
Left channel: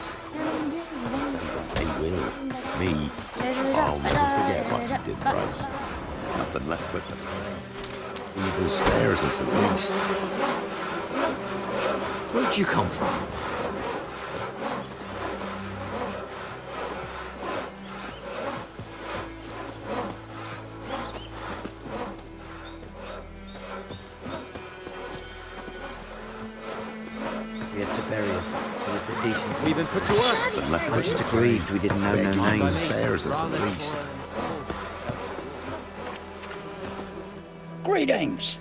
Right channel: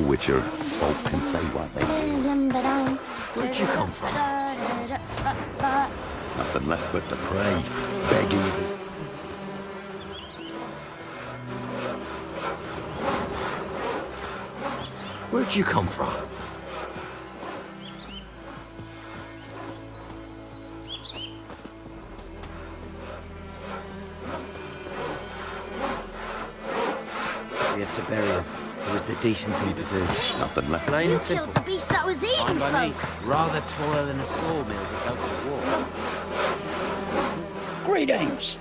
Witcher, folk can say what they will. Me, what you call nothing left but to pray. Beg evil spares us at least. Where'd you come from? Where'd you come from? We had to bury him. It was the decent thing to do. Nothing left but Just to pray. grieved we didn't know their By minds. me, rather taller than a sawmill without a wall. Greetings.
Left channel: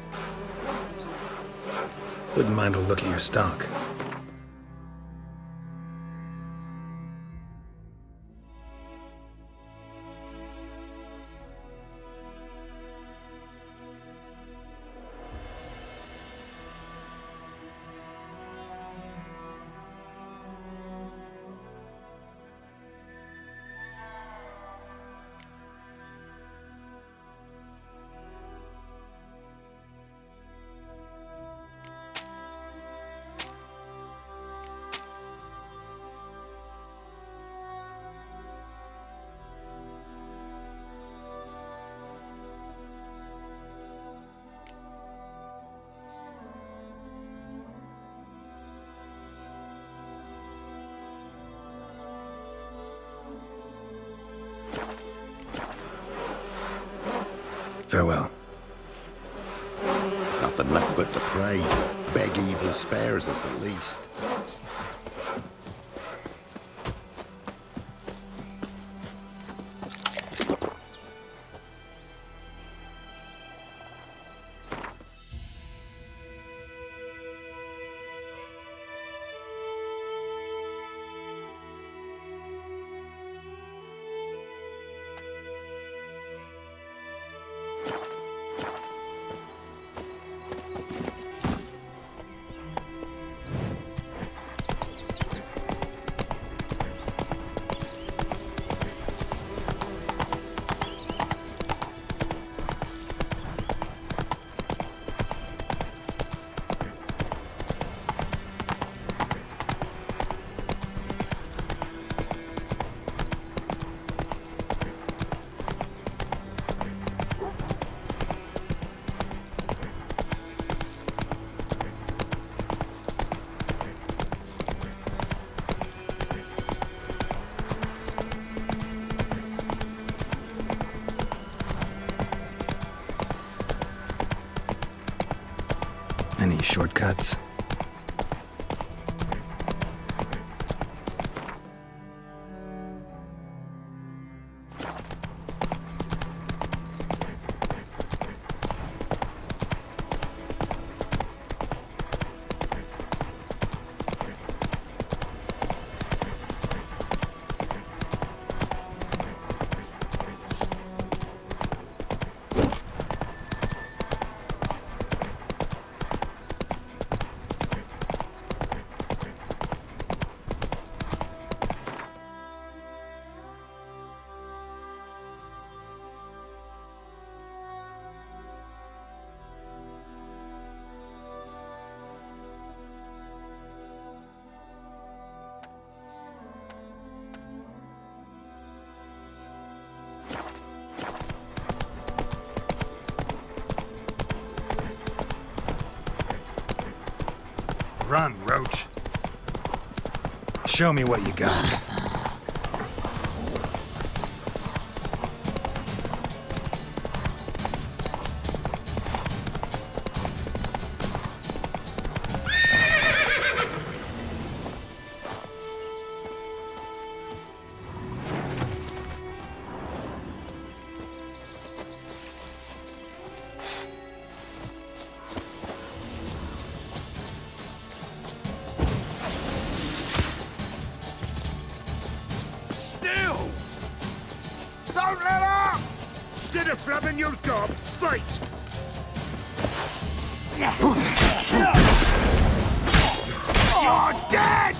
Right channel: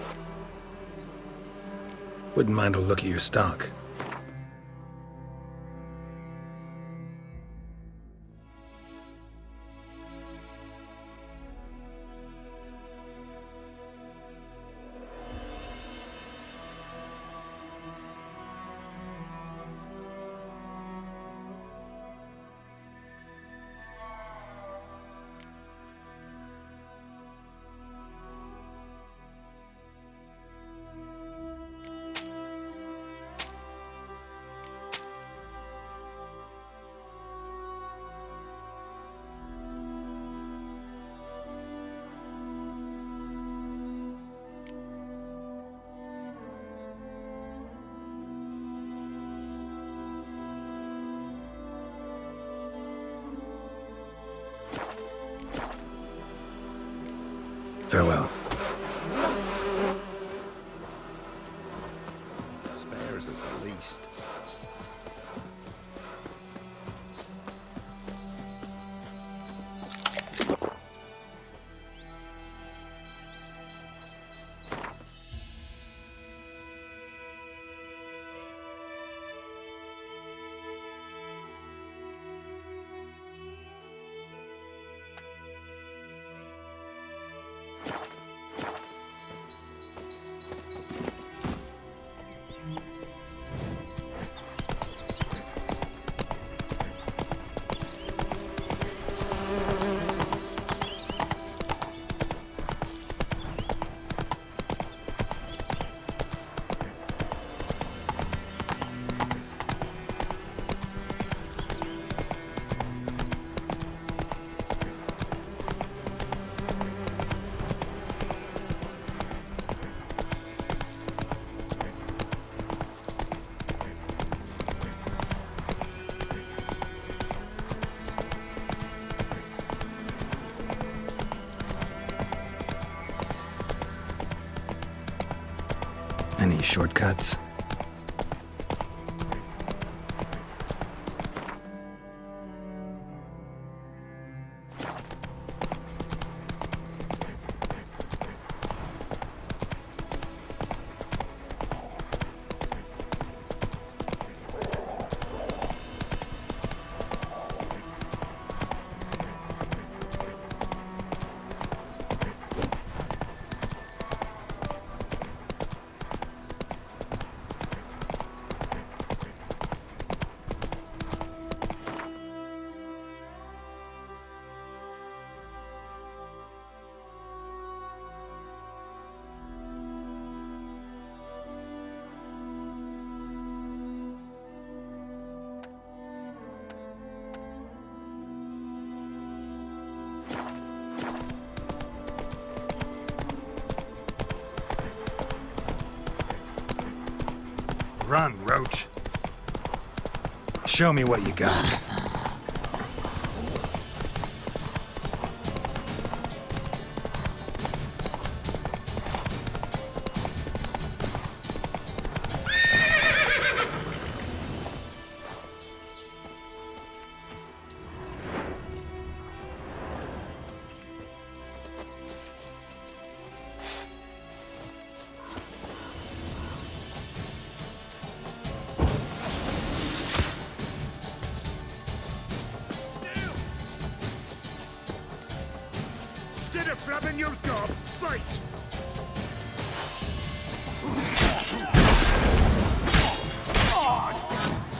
Wouldn't mind a look at your stock. Farewell. Nothing left but to pray. Beg evil spares us at least. Any shortcuts? Run, Roach. Show me what you got. Instead of flapping your gob, fight! You're dead!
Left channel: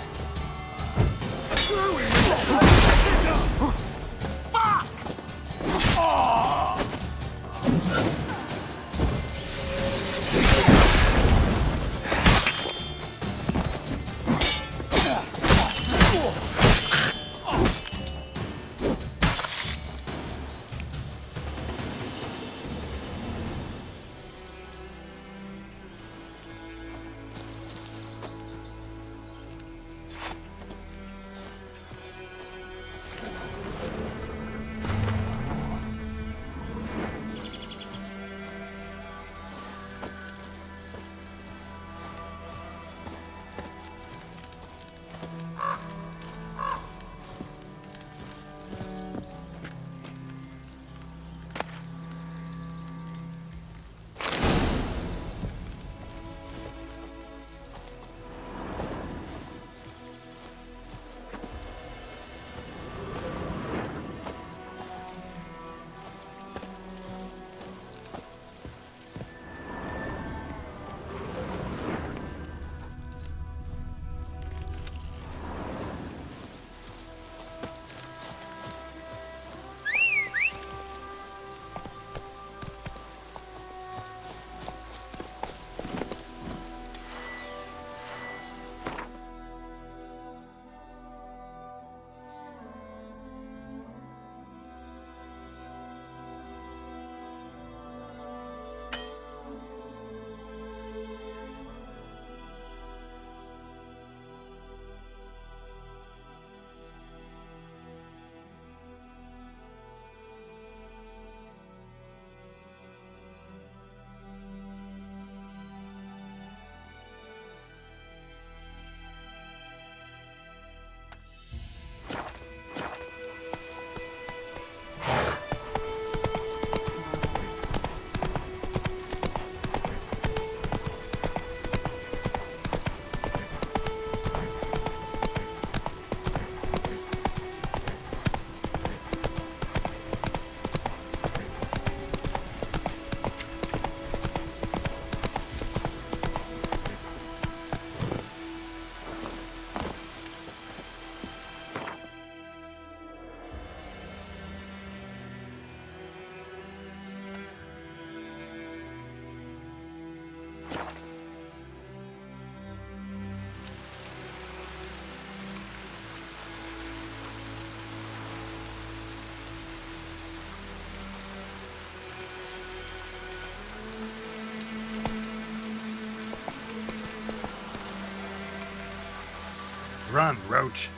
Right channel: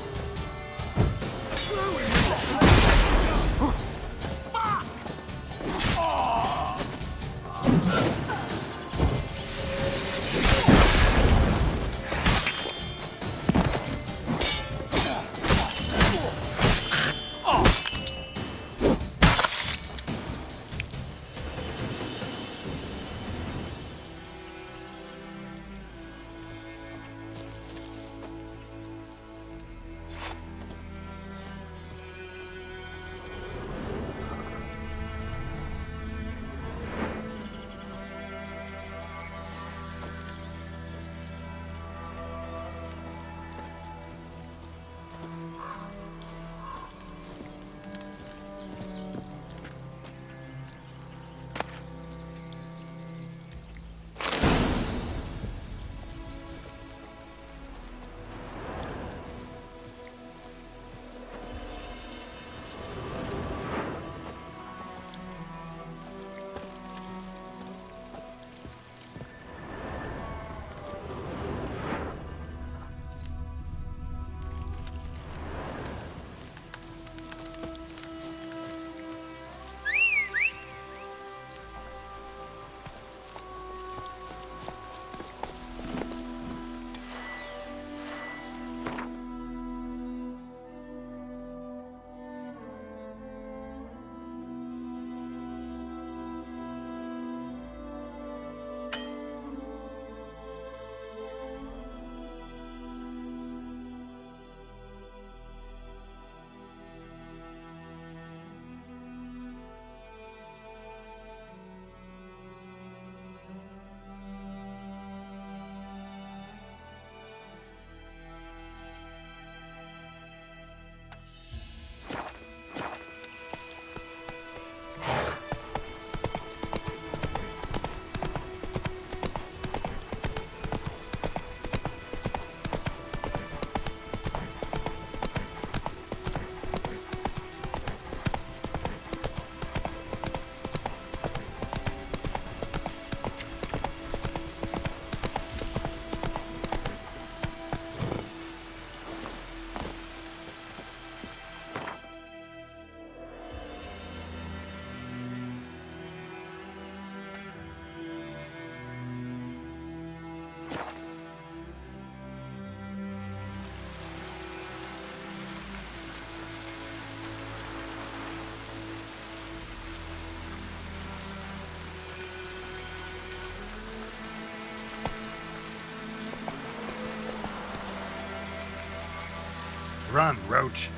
Run, Roach.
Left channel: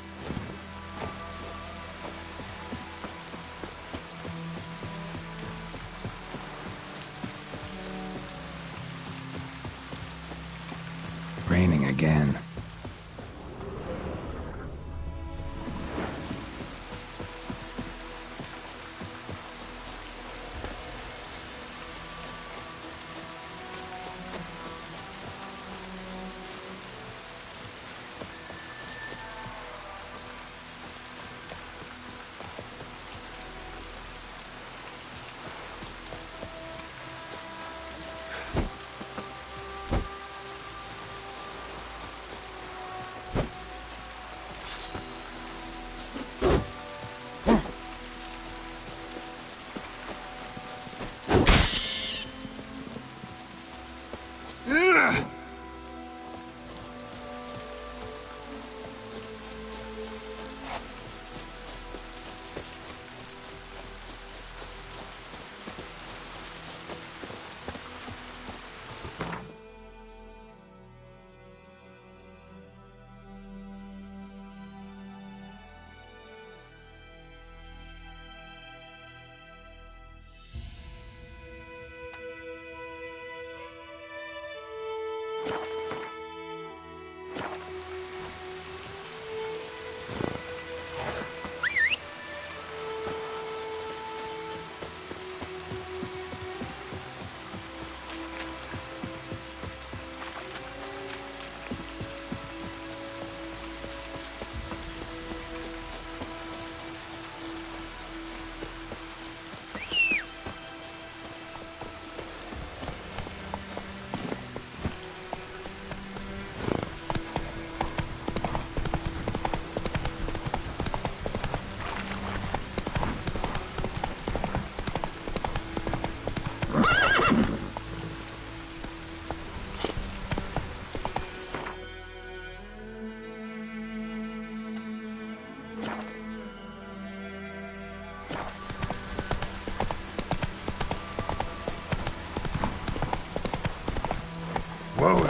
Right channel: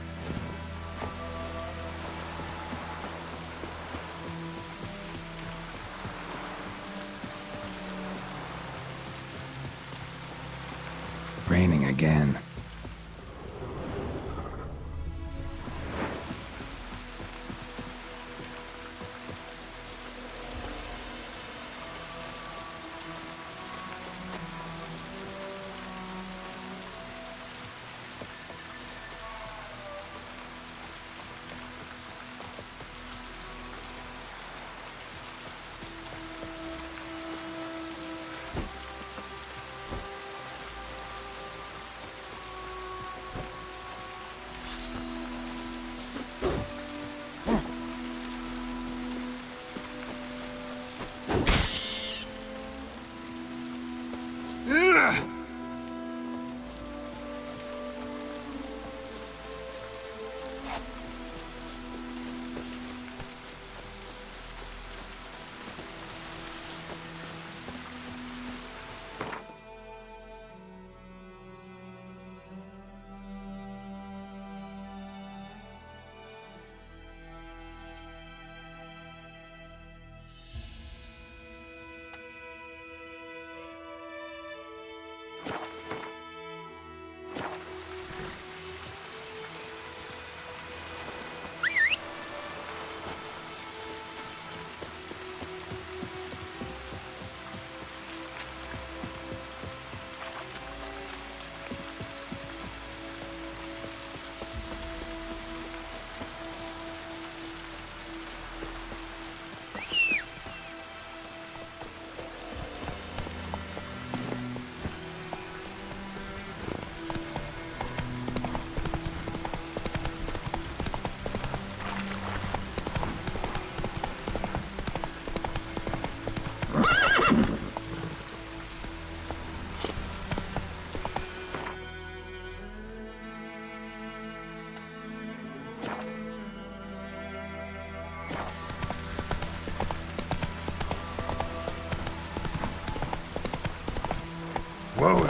Raining again.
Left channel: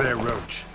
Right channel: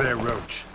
there, Roach.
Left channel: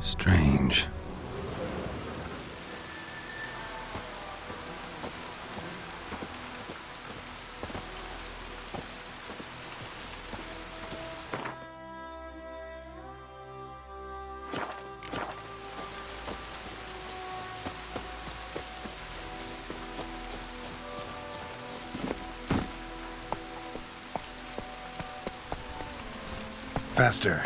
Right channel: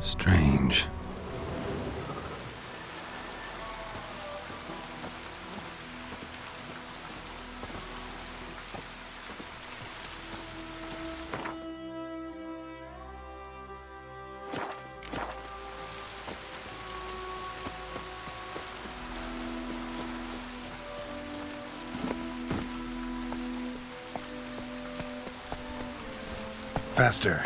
Strange. Faster.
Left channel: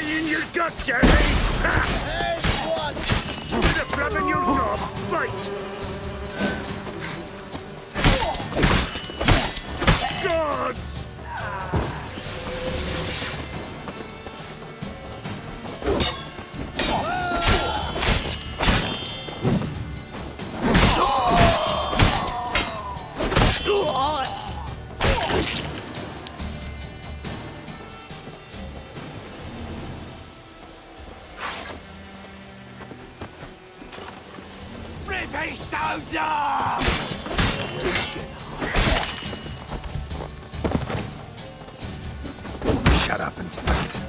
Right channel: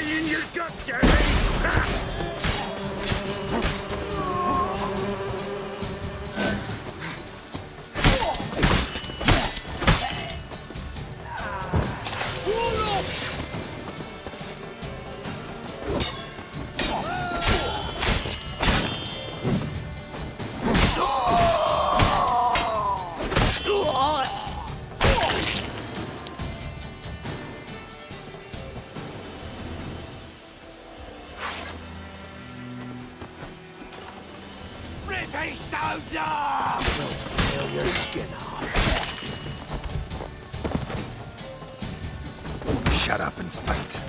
In your guts, Harry! Grabbing your dog, fight! Gods! Rip his stones off! Shut up and fight.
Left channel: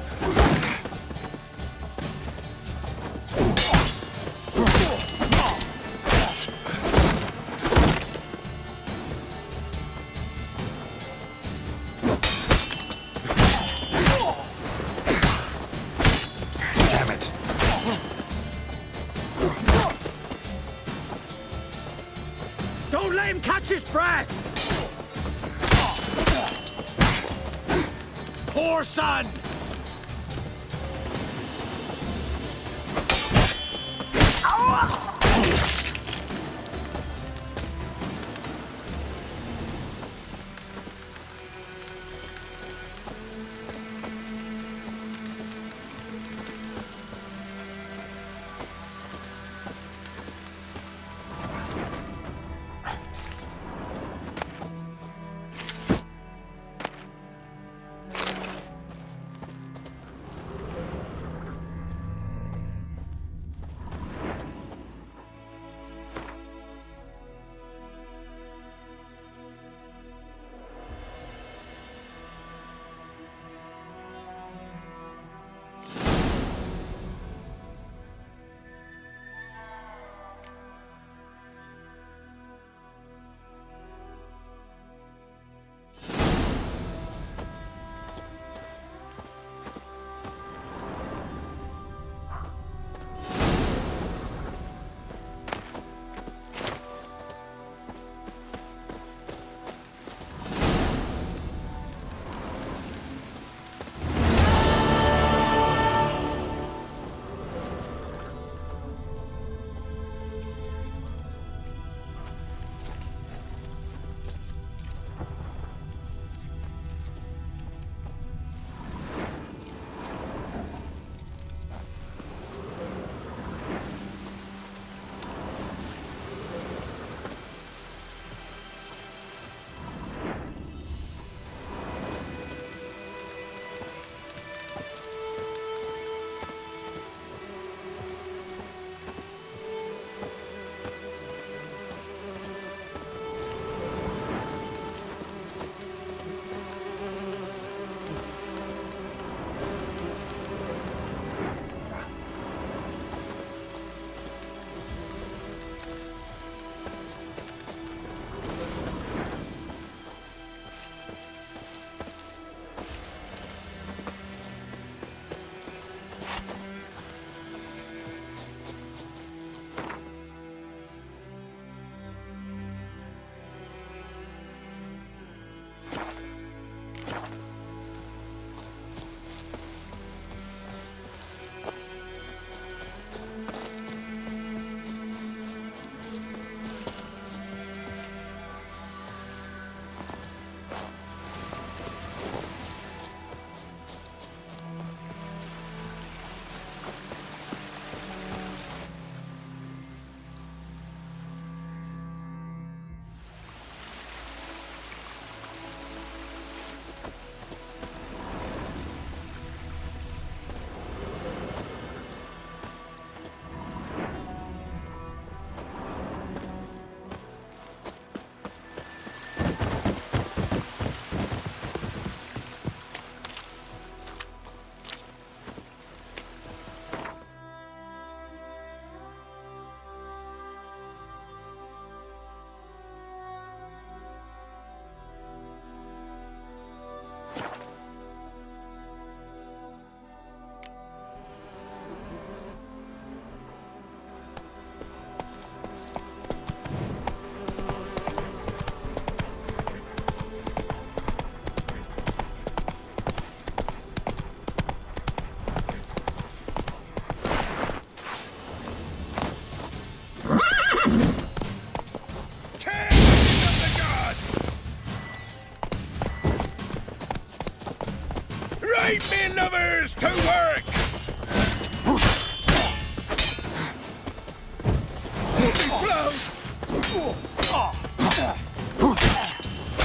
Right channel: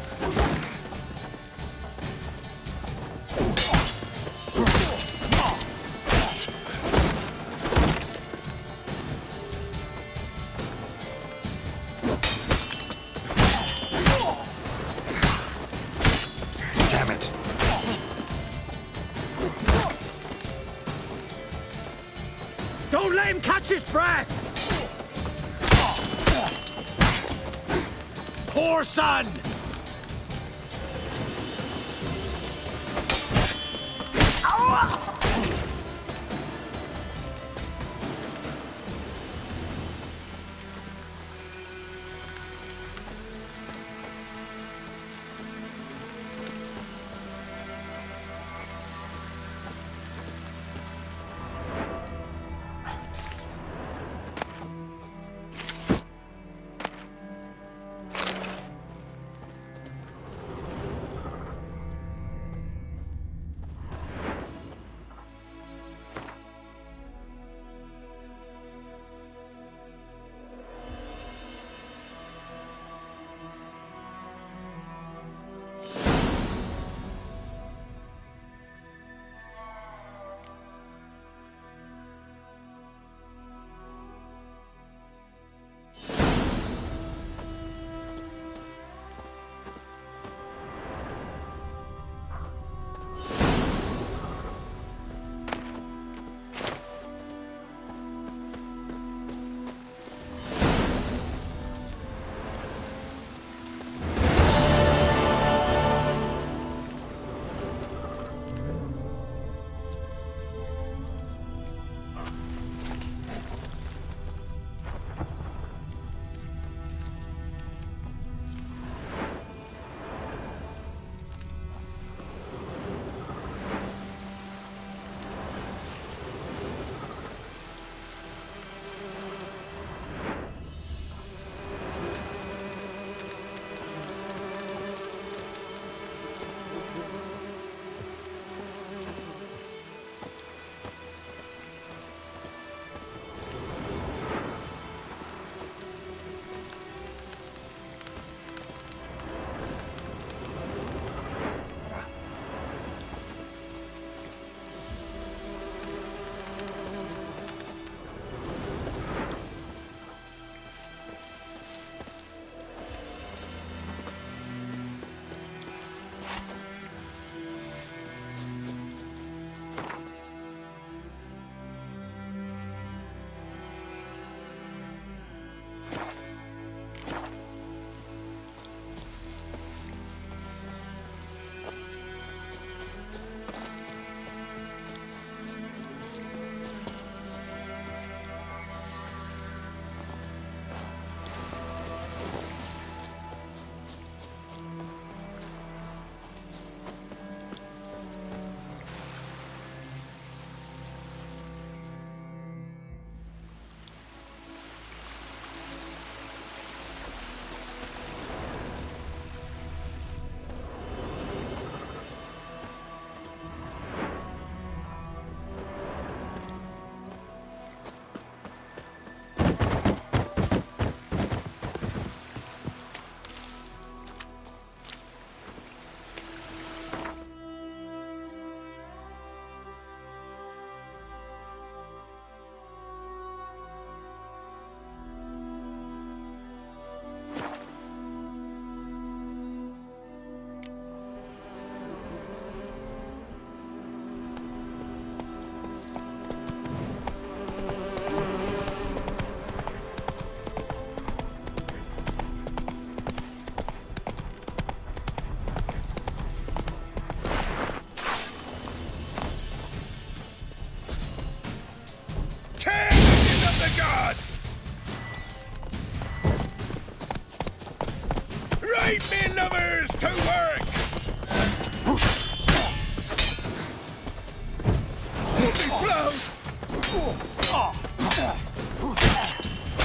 Damn it. Don't let him catch his breath! Poor son! Leave me lovers to work!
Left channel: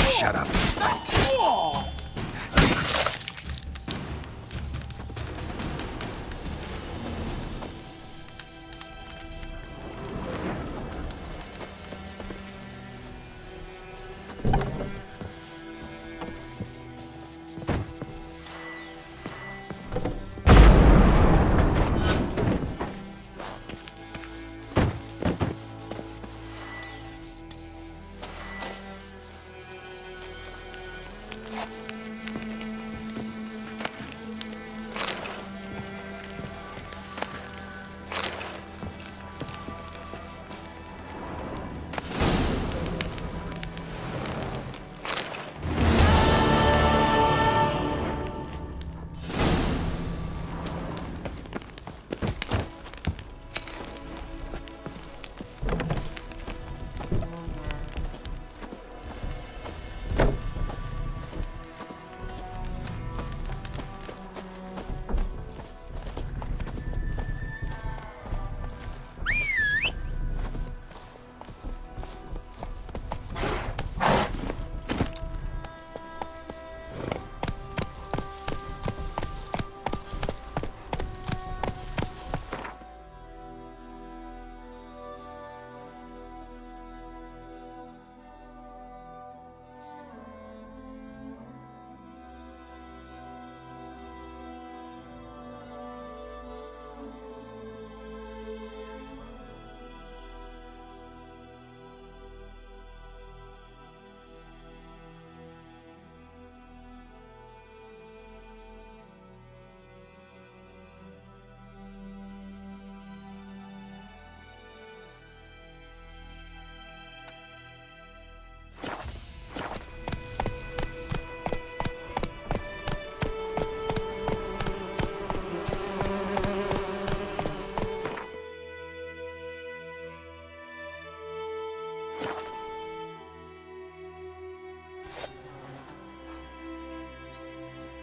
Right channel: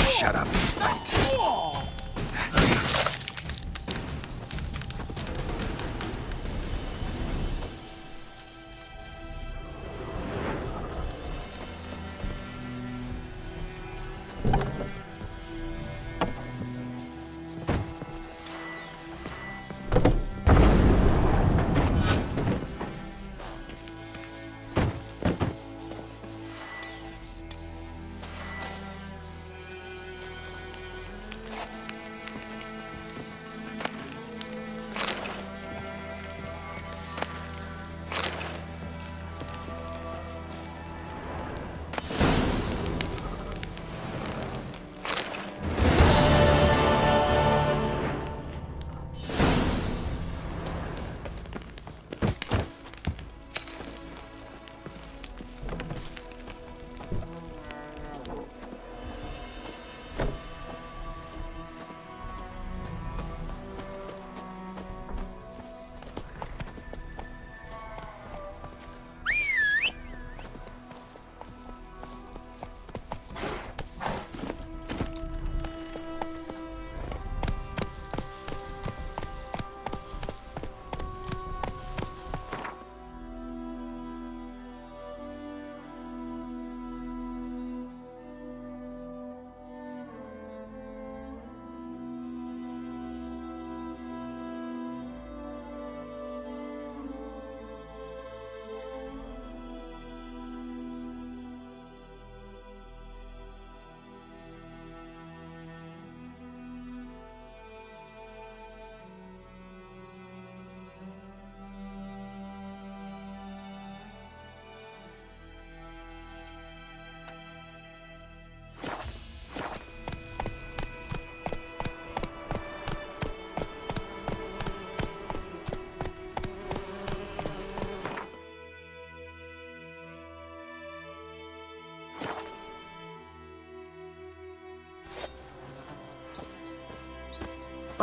Shut up, fight.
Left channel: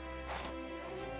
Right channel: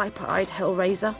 Viper-eyed Hellraiser.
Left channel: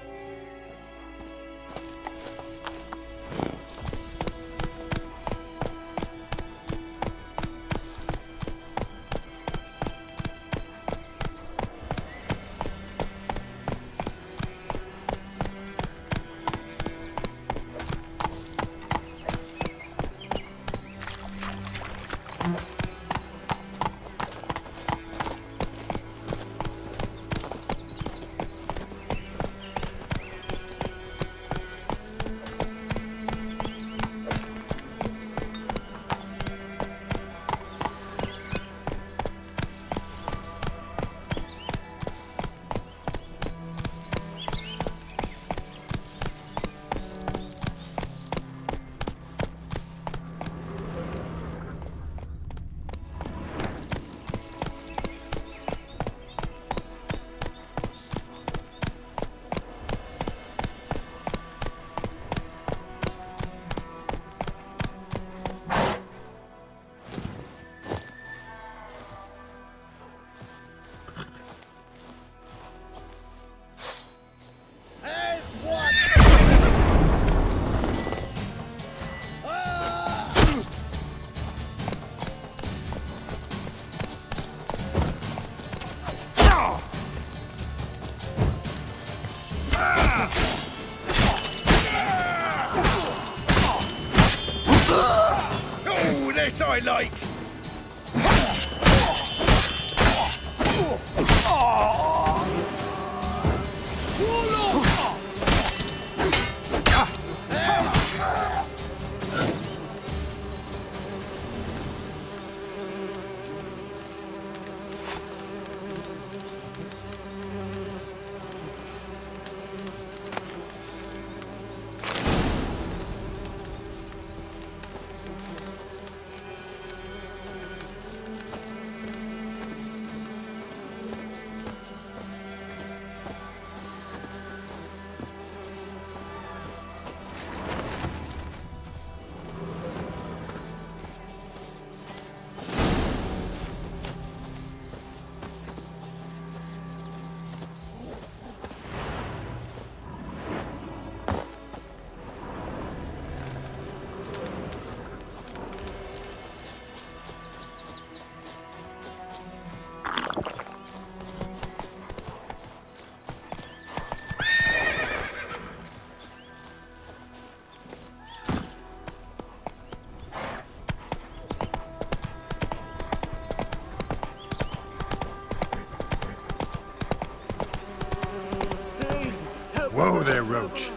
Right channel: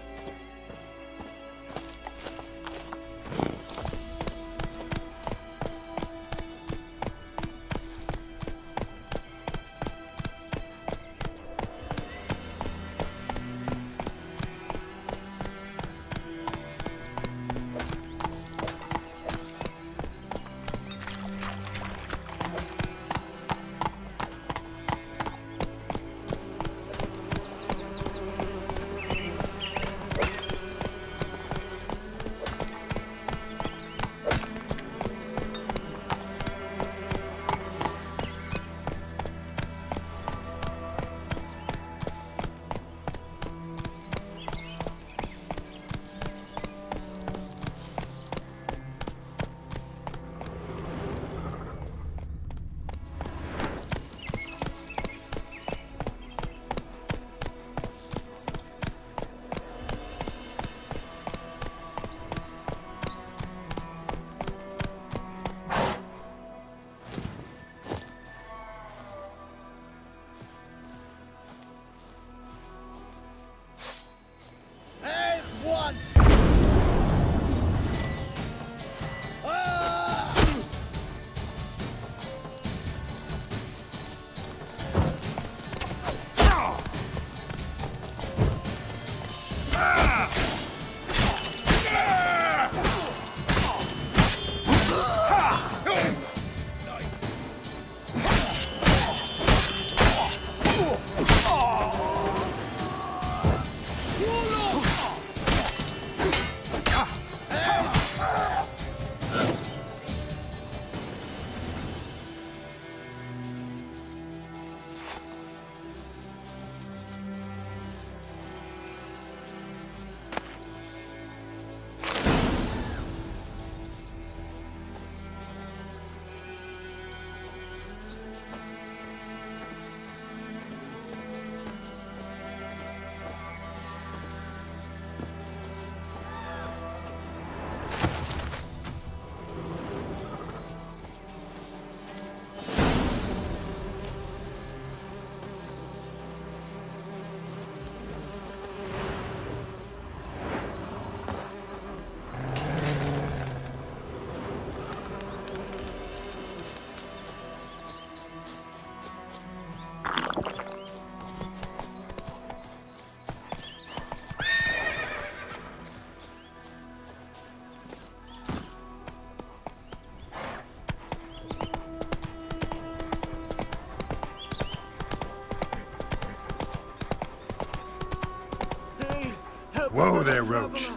Whoa there, Roach.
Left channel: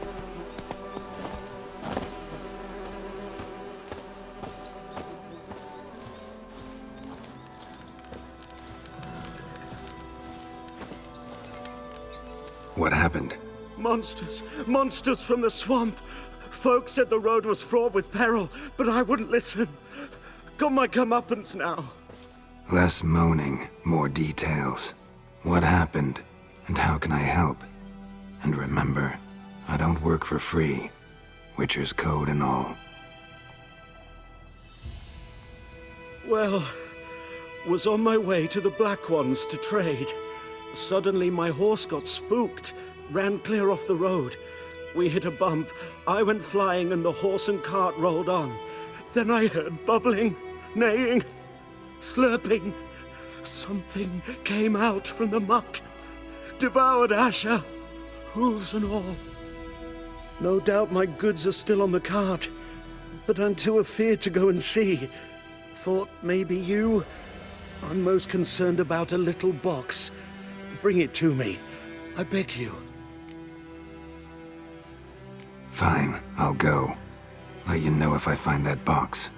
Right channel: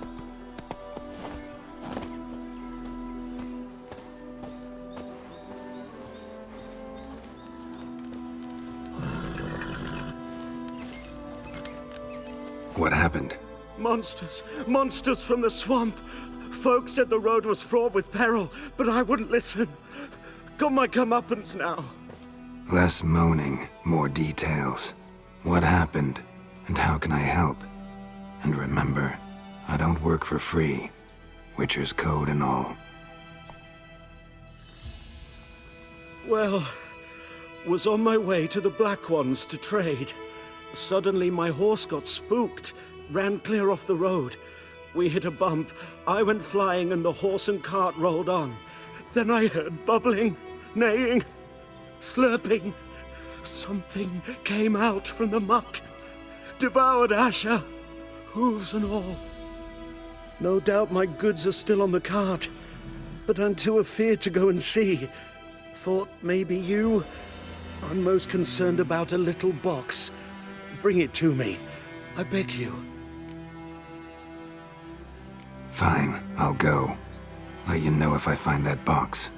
What happened? Monsters. Monsters from the swamp. Folk said the road was fraught with peril, but I wouldn't listen. Got my comeuppance now. Less moaning, more details. What happened, and how can I help? And remember, I don't work for free. Witcher's code and all. Well, was on my way to the Black Ones to trade. Suddenly my horse got spooked, ran clear off the road. We hit a bump, I went flying and the horse and cart rolled on. Then I heard bubbling, neighing, slurping. Something came out from the muck, devoured Asher, hooves and all. No doubt my goods are still on the cart, but I'm too afeard to go and see. Thought maybe you. I'm most concerned about a little box. Bring it to me, I beg you. Fine, I'll go. Let you know if I find that box.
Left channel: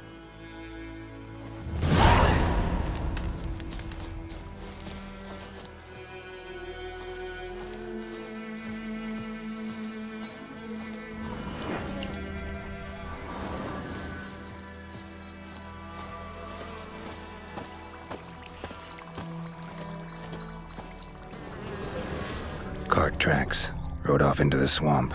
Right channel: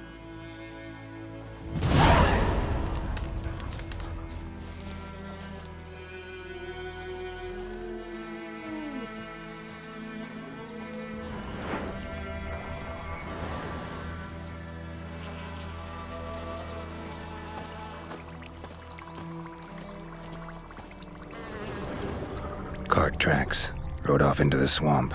Cart tracks. Rode off into the swamp.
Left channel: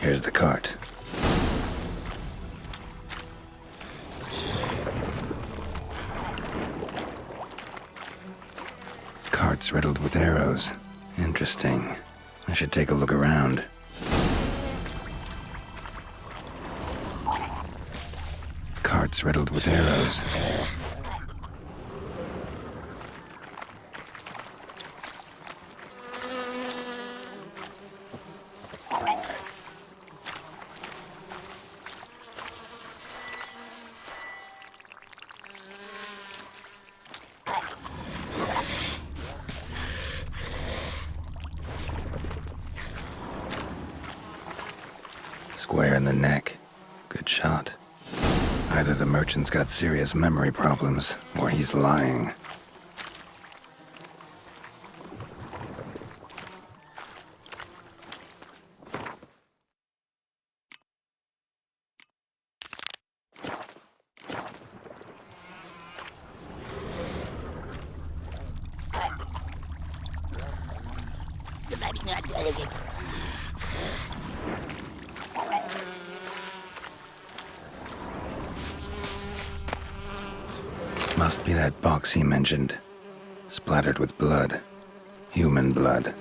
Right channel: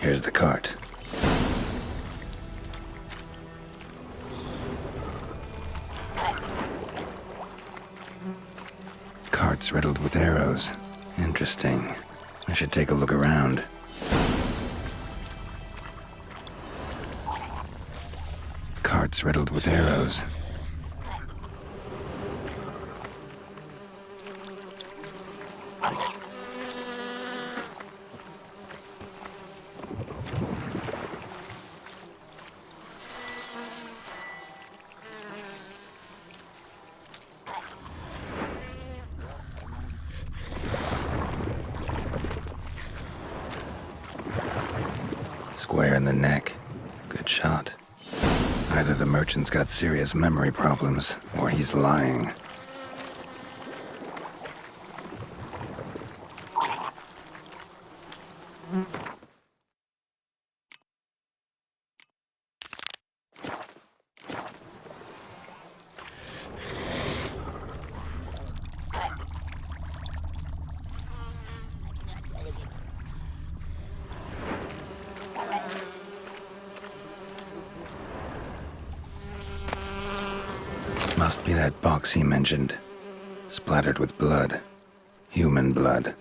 Here's the cart. Cart's riddled with arrows. Interesting. I should take a look around. Cart's riddled with arrows. Square in the neck. Good shot. Either the merchant's got serious memory problems, or he's lying. Must be that box he mentioned. Splattered with blood. Human blood.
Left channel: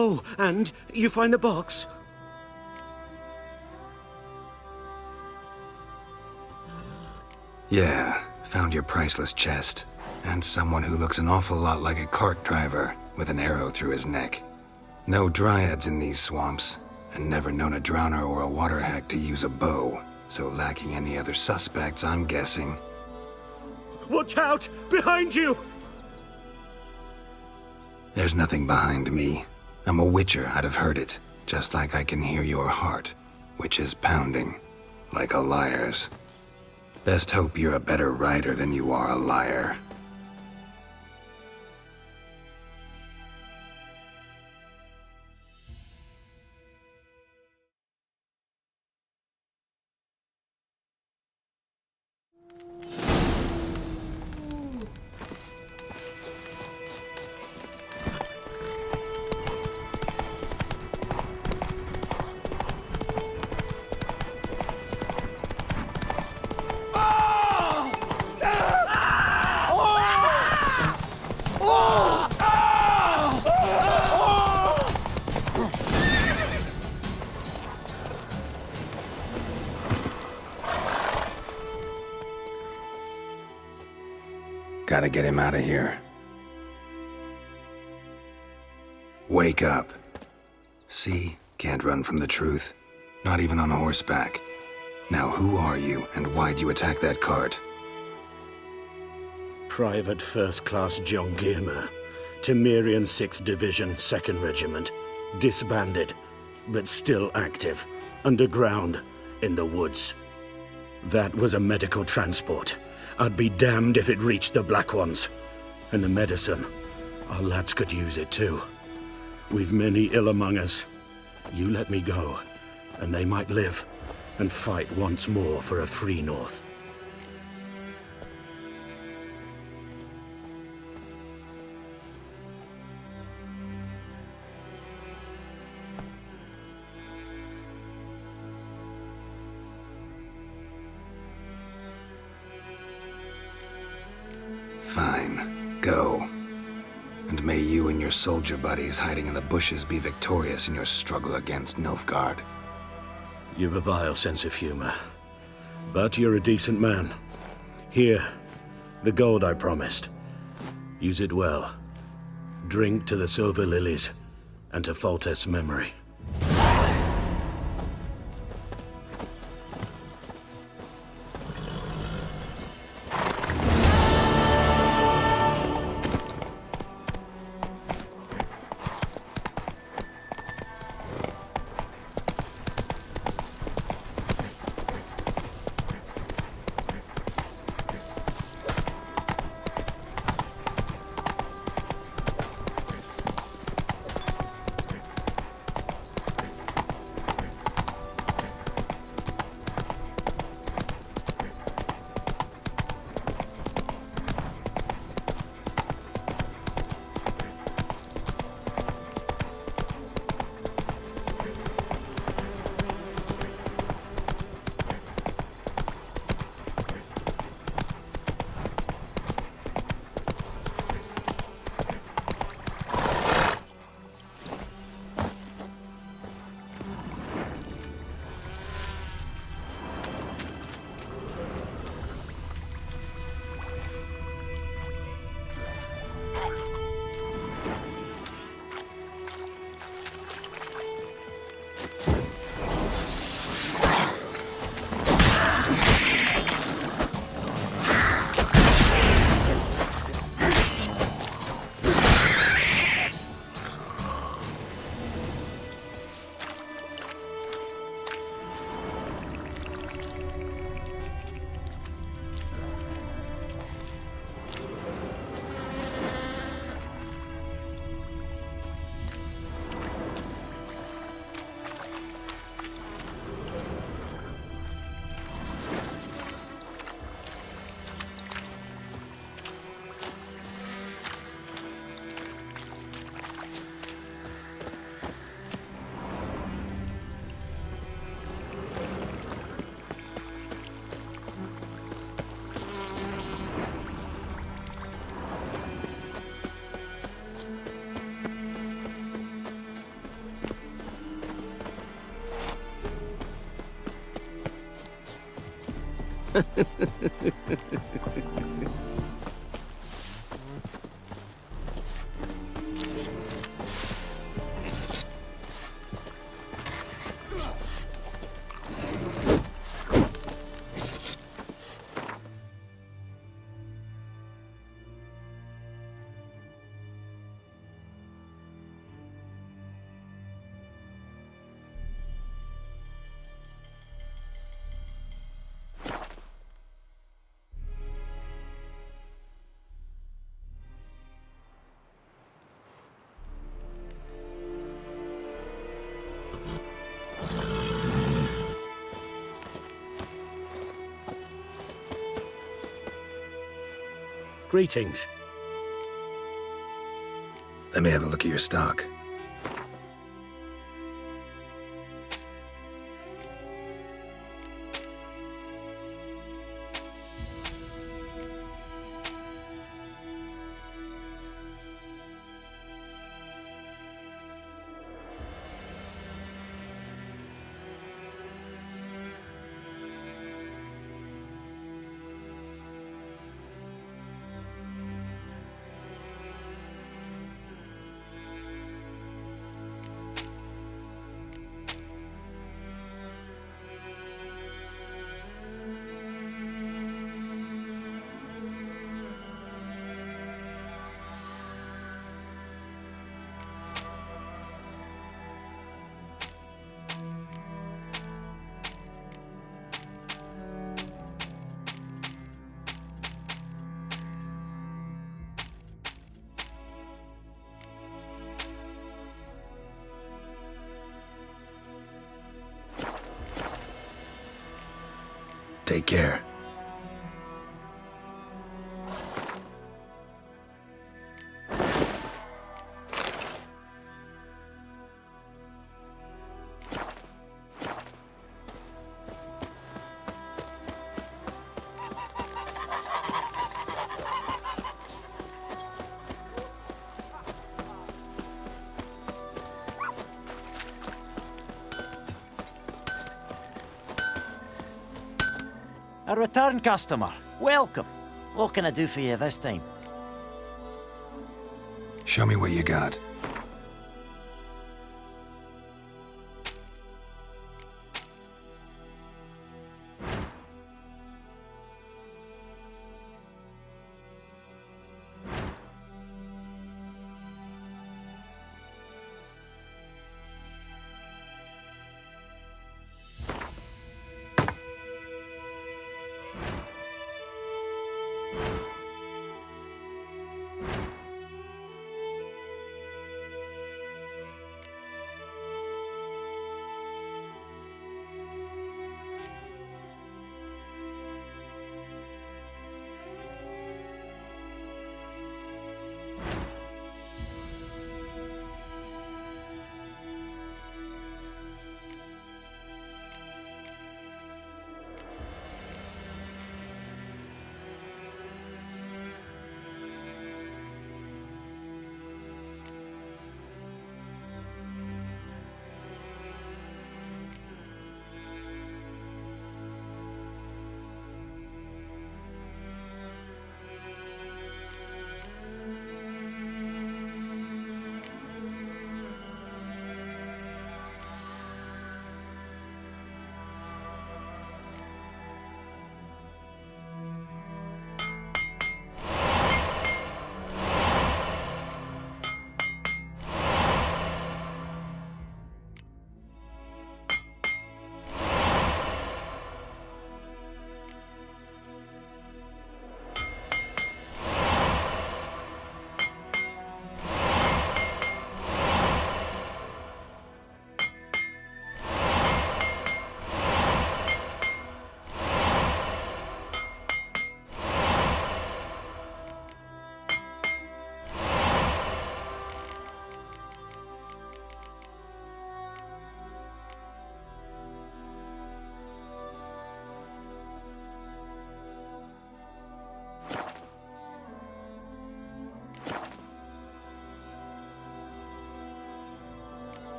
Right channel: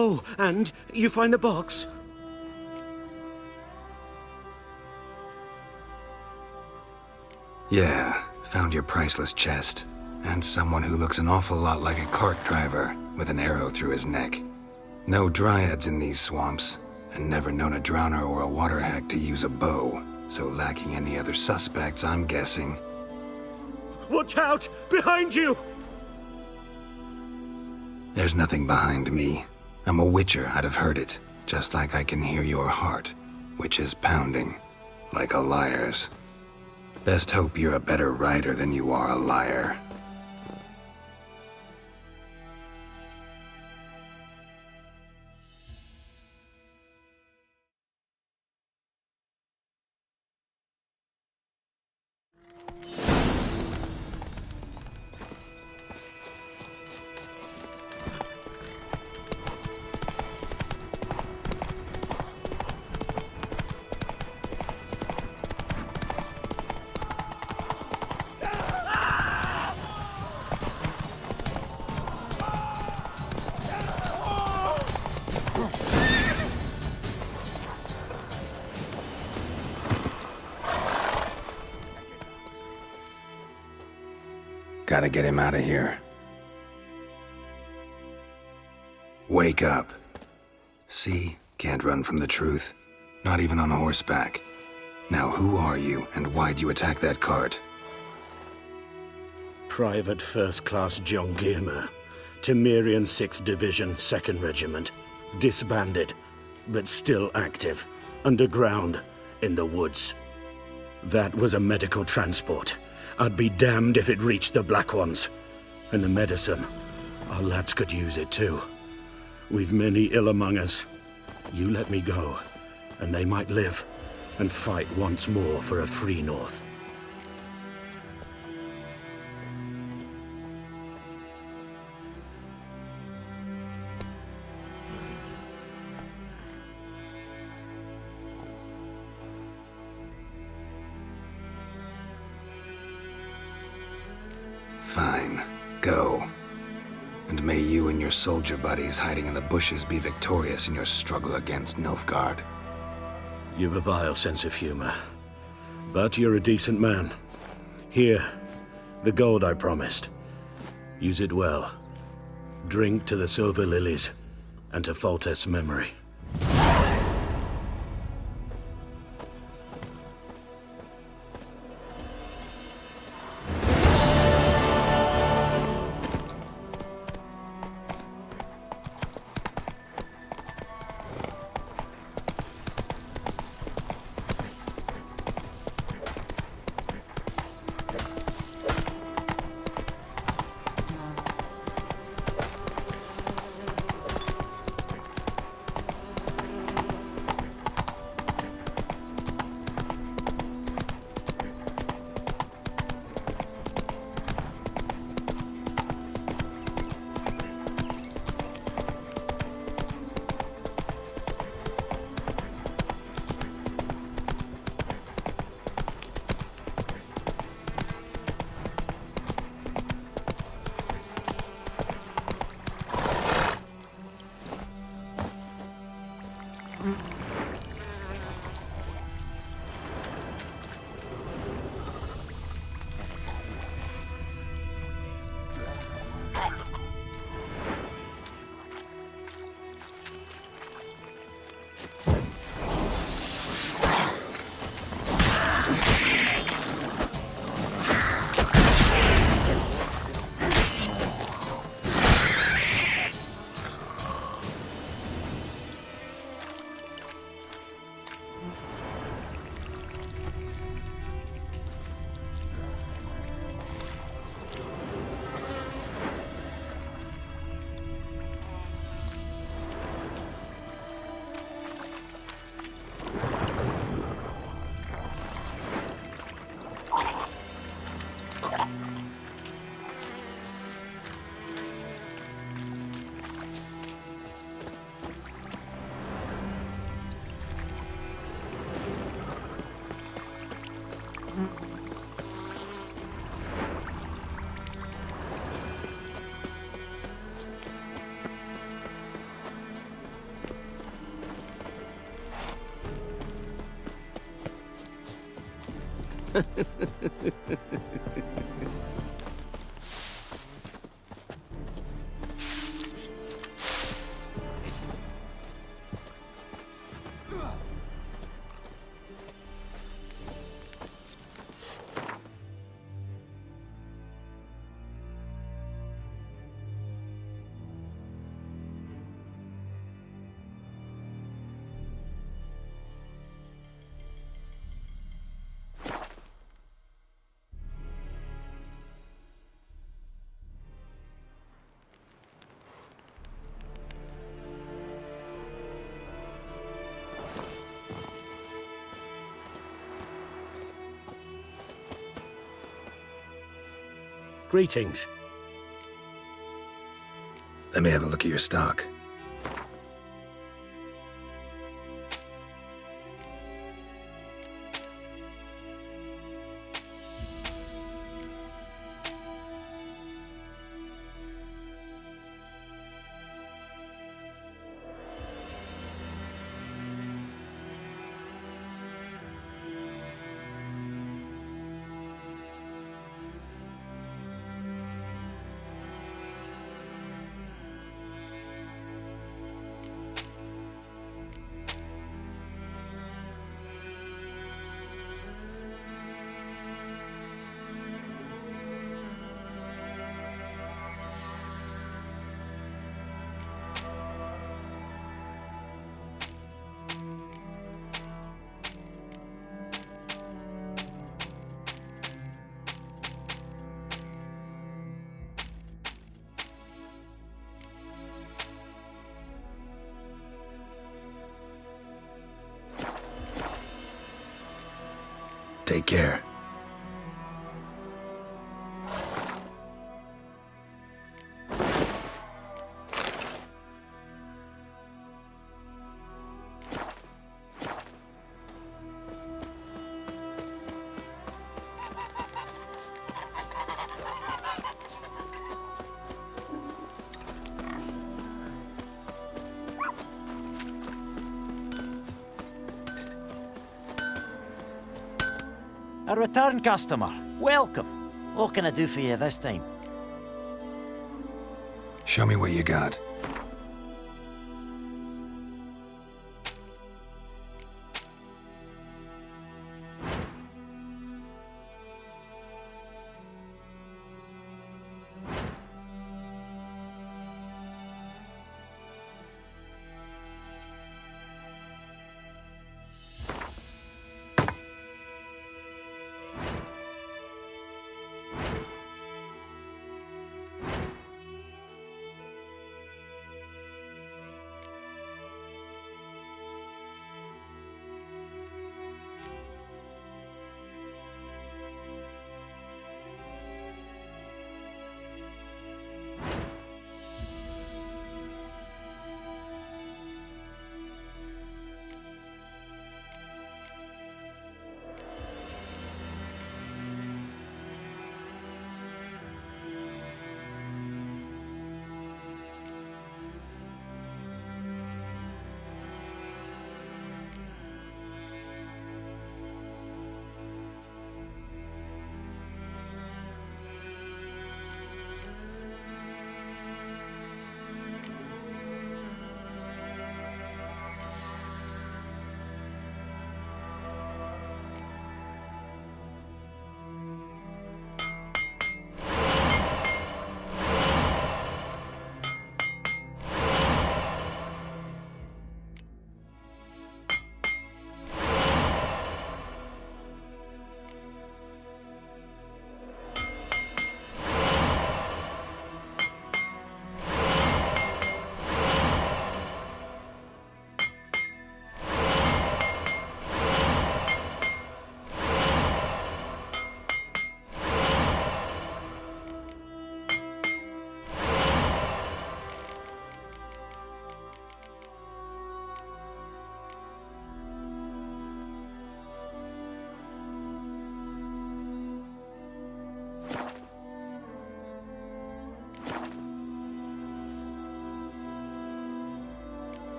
Oh, and you find the box? Yeah, found your priceless chest. And someone who looks an awful lot like a cart driver with an arrow through his neck. No dryads in these swamps, and never known a drowner or a water hag to use a bow, so lacking any other suspects, I'm guessing. Watch out! Behind you! There's nothing behind me. I'm a witcher, I'd have heard it, just like I can hear your heart, which is pounding, like a liar's. Best hope you're a better rider than you are a liar. Gotta get him out of here. Wake up. See? Can't run from the truth. Not even on horseback. Now who are you, and why'd you attack that cart? Private First Class John Giermer, Temerian 6th Division, 2nd Regiment. Disbanded, but still active. Underground, in the woods. That was a medical transport. I'd be damned if it reached the Black Ones. And the medicine, our lads could use it too. We've many ill among us. You let me go, and they might live, and fight once more for a free North. Fine. Go. And may you and your soldier buddies hiding in the bushes be victorious in your struggle against Nilfgaard. You've a vile sense of humor. But you're a decent man. Here, the gold I promised. Use it well. Drink to the silver lilies, and to Foltest's memory. Greetings. Let me have a look at your stock. Take care. A return customer. Welcome. What can I do for you this time? Show me what you got.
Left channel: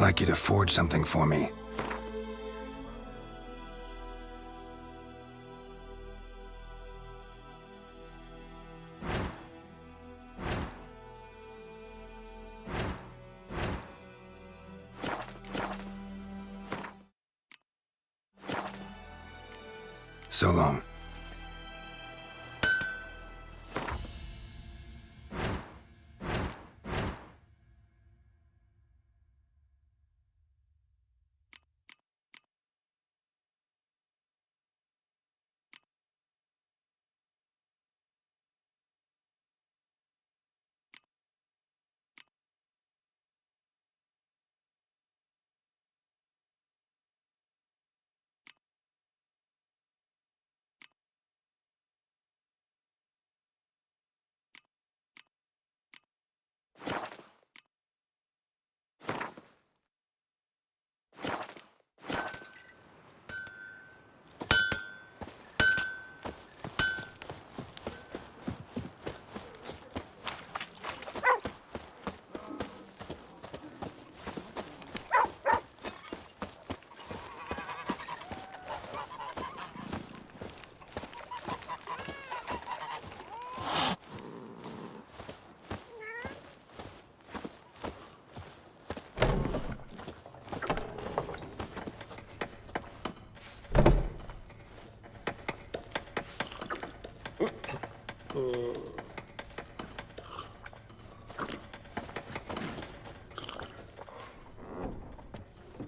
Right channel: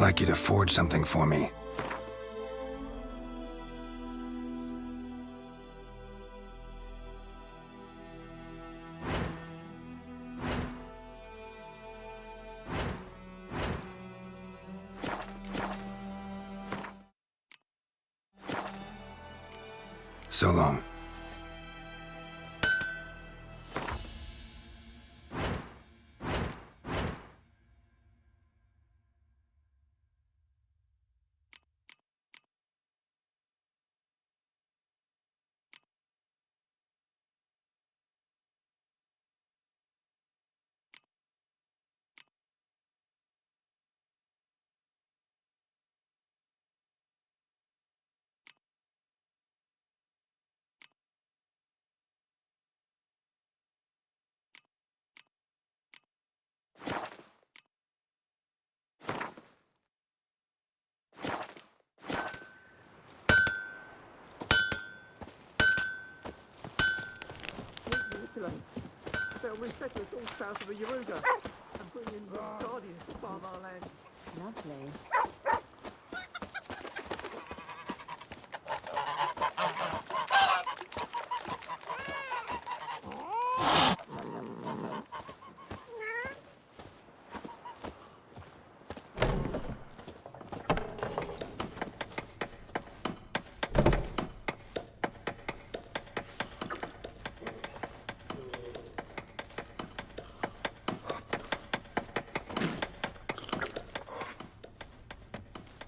I'd like you to forge something for me. So long.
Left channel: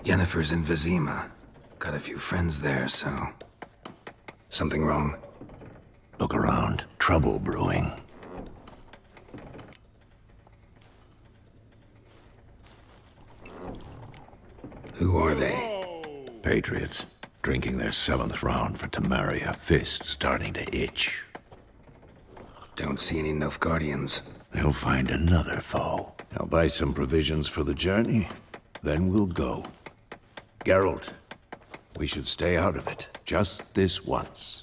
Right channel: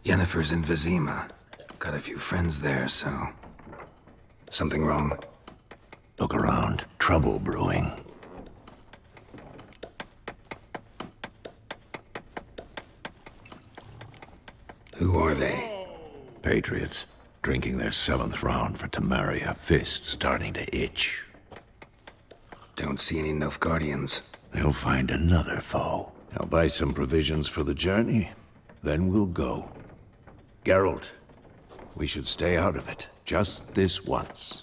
Yennefer's in Vizima. Got a few friends there, so... Something wrong? Look around. Trouble brewing. Who are they? Patriots. Drinking their 7th round for Temeria. Fist starting to itch. Don't see any Nilfgaardians. They'll find another foe. I'll buy some provisions for the journey. Then we'll go. Geralt, we should stay out of it. Just this once.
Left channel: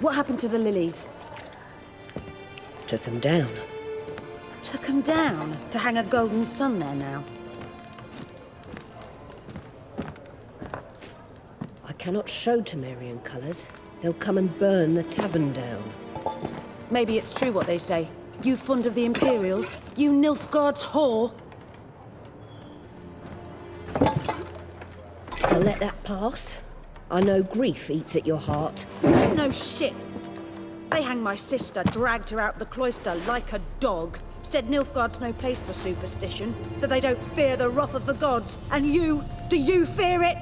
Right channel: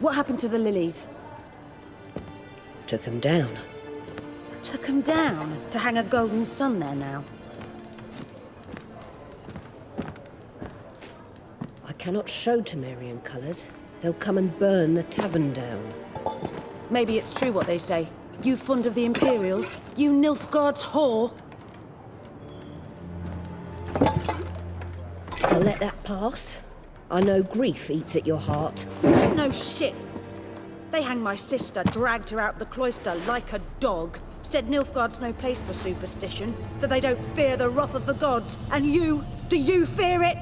What happened to the lilies? Took 'em down. Took 'em down to hang a golden sun there now. I cannot show Temerian colours. They'll come and burn the tavern down. Maybe it's true what they say. You fond of the Imperials? You Nilfgaard's whore? I'll let that pass. I know grief eats at your heart. You know shit. They hanged my sister, dragged her out the cloister like a dog. Said Nilfgaard's no place for superstition, that they don't fear the wrath of the gods. And you, do you fear it?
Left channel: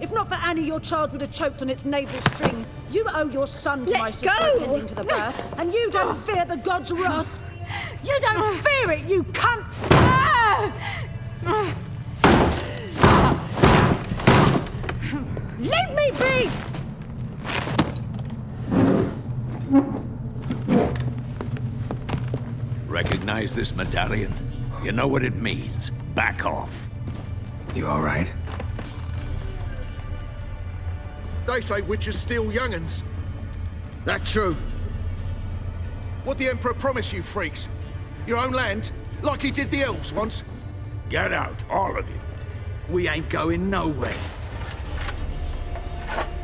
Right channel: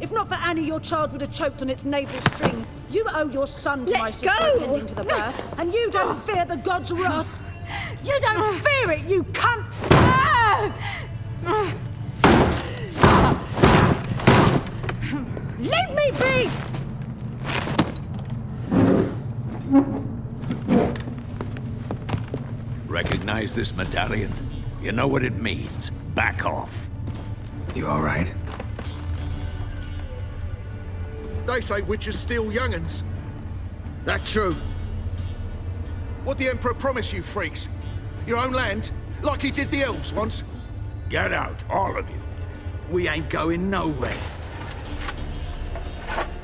If not for Annie, your child would have choked on its navel string. You owe your son to my sister attending to the birth, and you don't fear the gods' wrath. You don't fear it, you cunt! Leave me be! Recognize this medallion? You know what it means. Back off. You all right? They say witches steal young'uns. That true? What the Emperor promise you, freaks? Your own land? Like he did the elves once? Get out, all of you. We ain't going nowhere.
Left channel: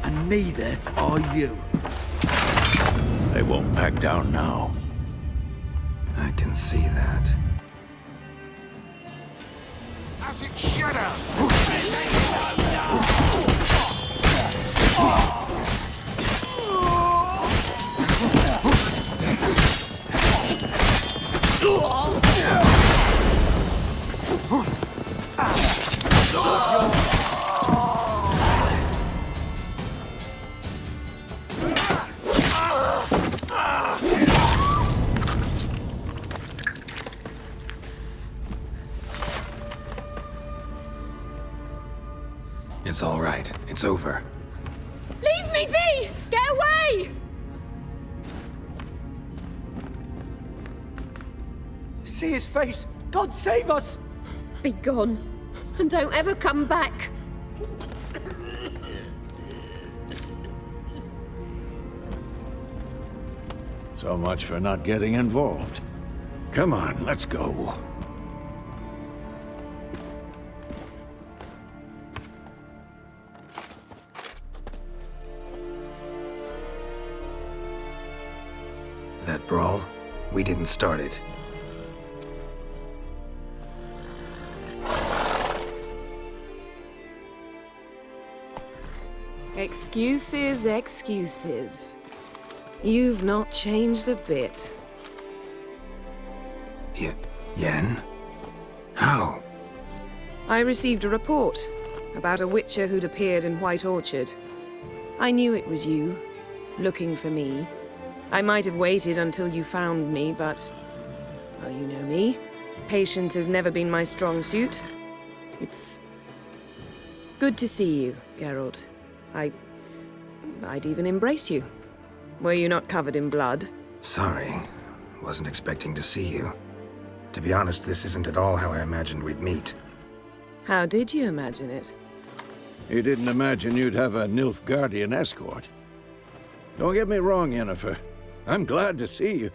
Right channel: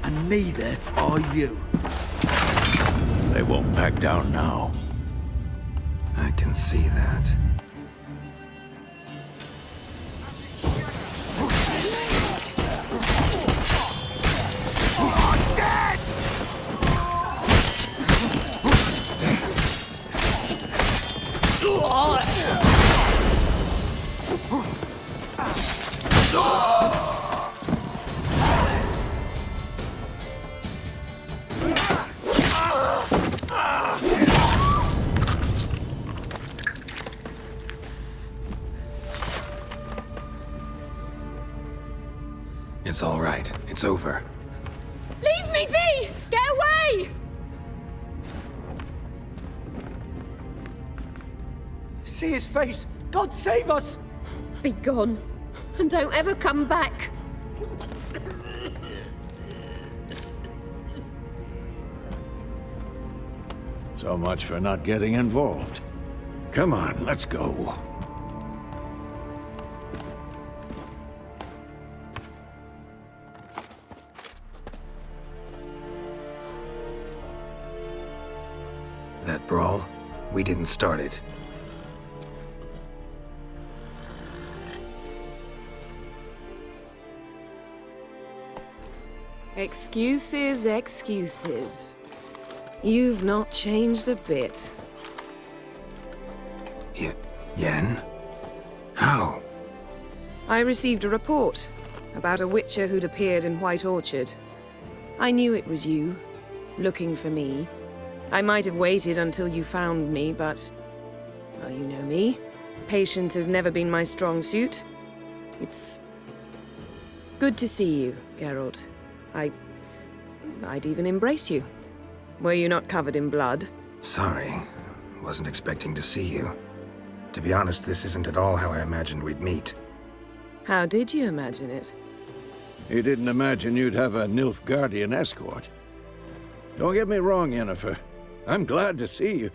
And neither are you. They won't back down now. I can see that. As it should have. It's all right. It's over. Leave me be! Get away! See his face! God save us! Be gone. And don't ever come back. So much for not getting involved. Come on, let's go. That brawl? We didn't start it. Excuses, excuses. You've not changed a bit. Yen? How? I received a report about a witcher who'd appeared in White Orchard. I knew it was you, looking for me. I might have waited until you found me, but... well, you know me. Patience has never been my strong suit. It's... good to see you, Geralt. I'd even embrace you. Were you not covered in blood? Sorry. Wasn't expecting to see you. To be honest, this isn't at all how I imagined we'd meet. How did you imagine it? You didn't imagine you'd have a Nilfgaardian escort. Don't get me wrong, Yennefer. I'm glad to see you.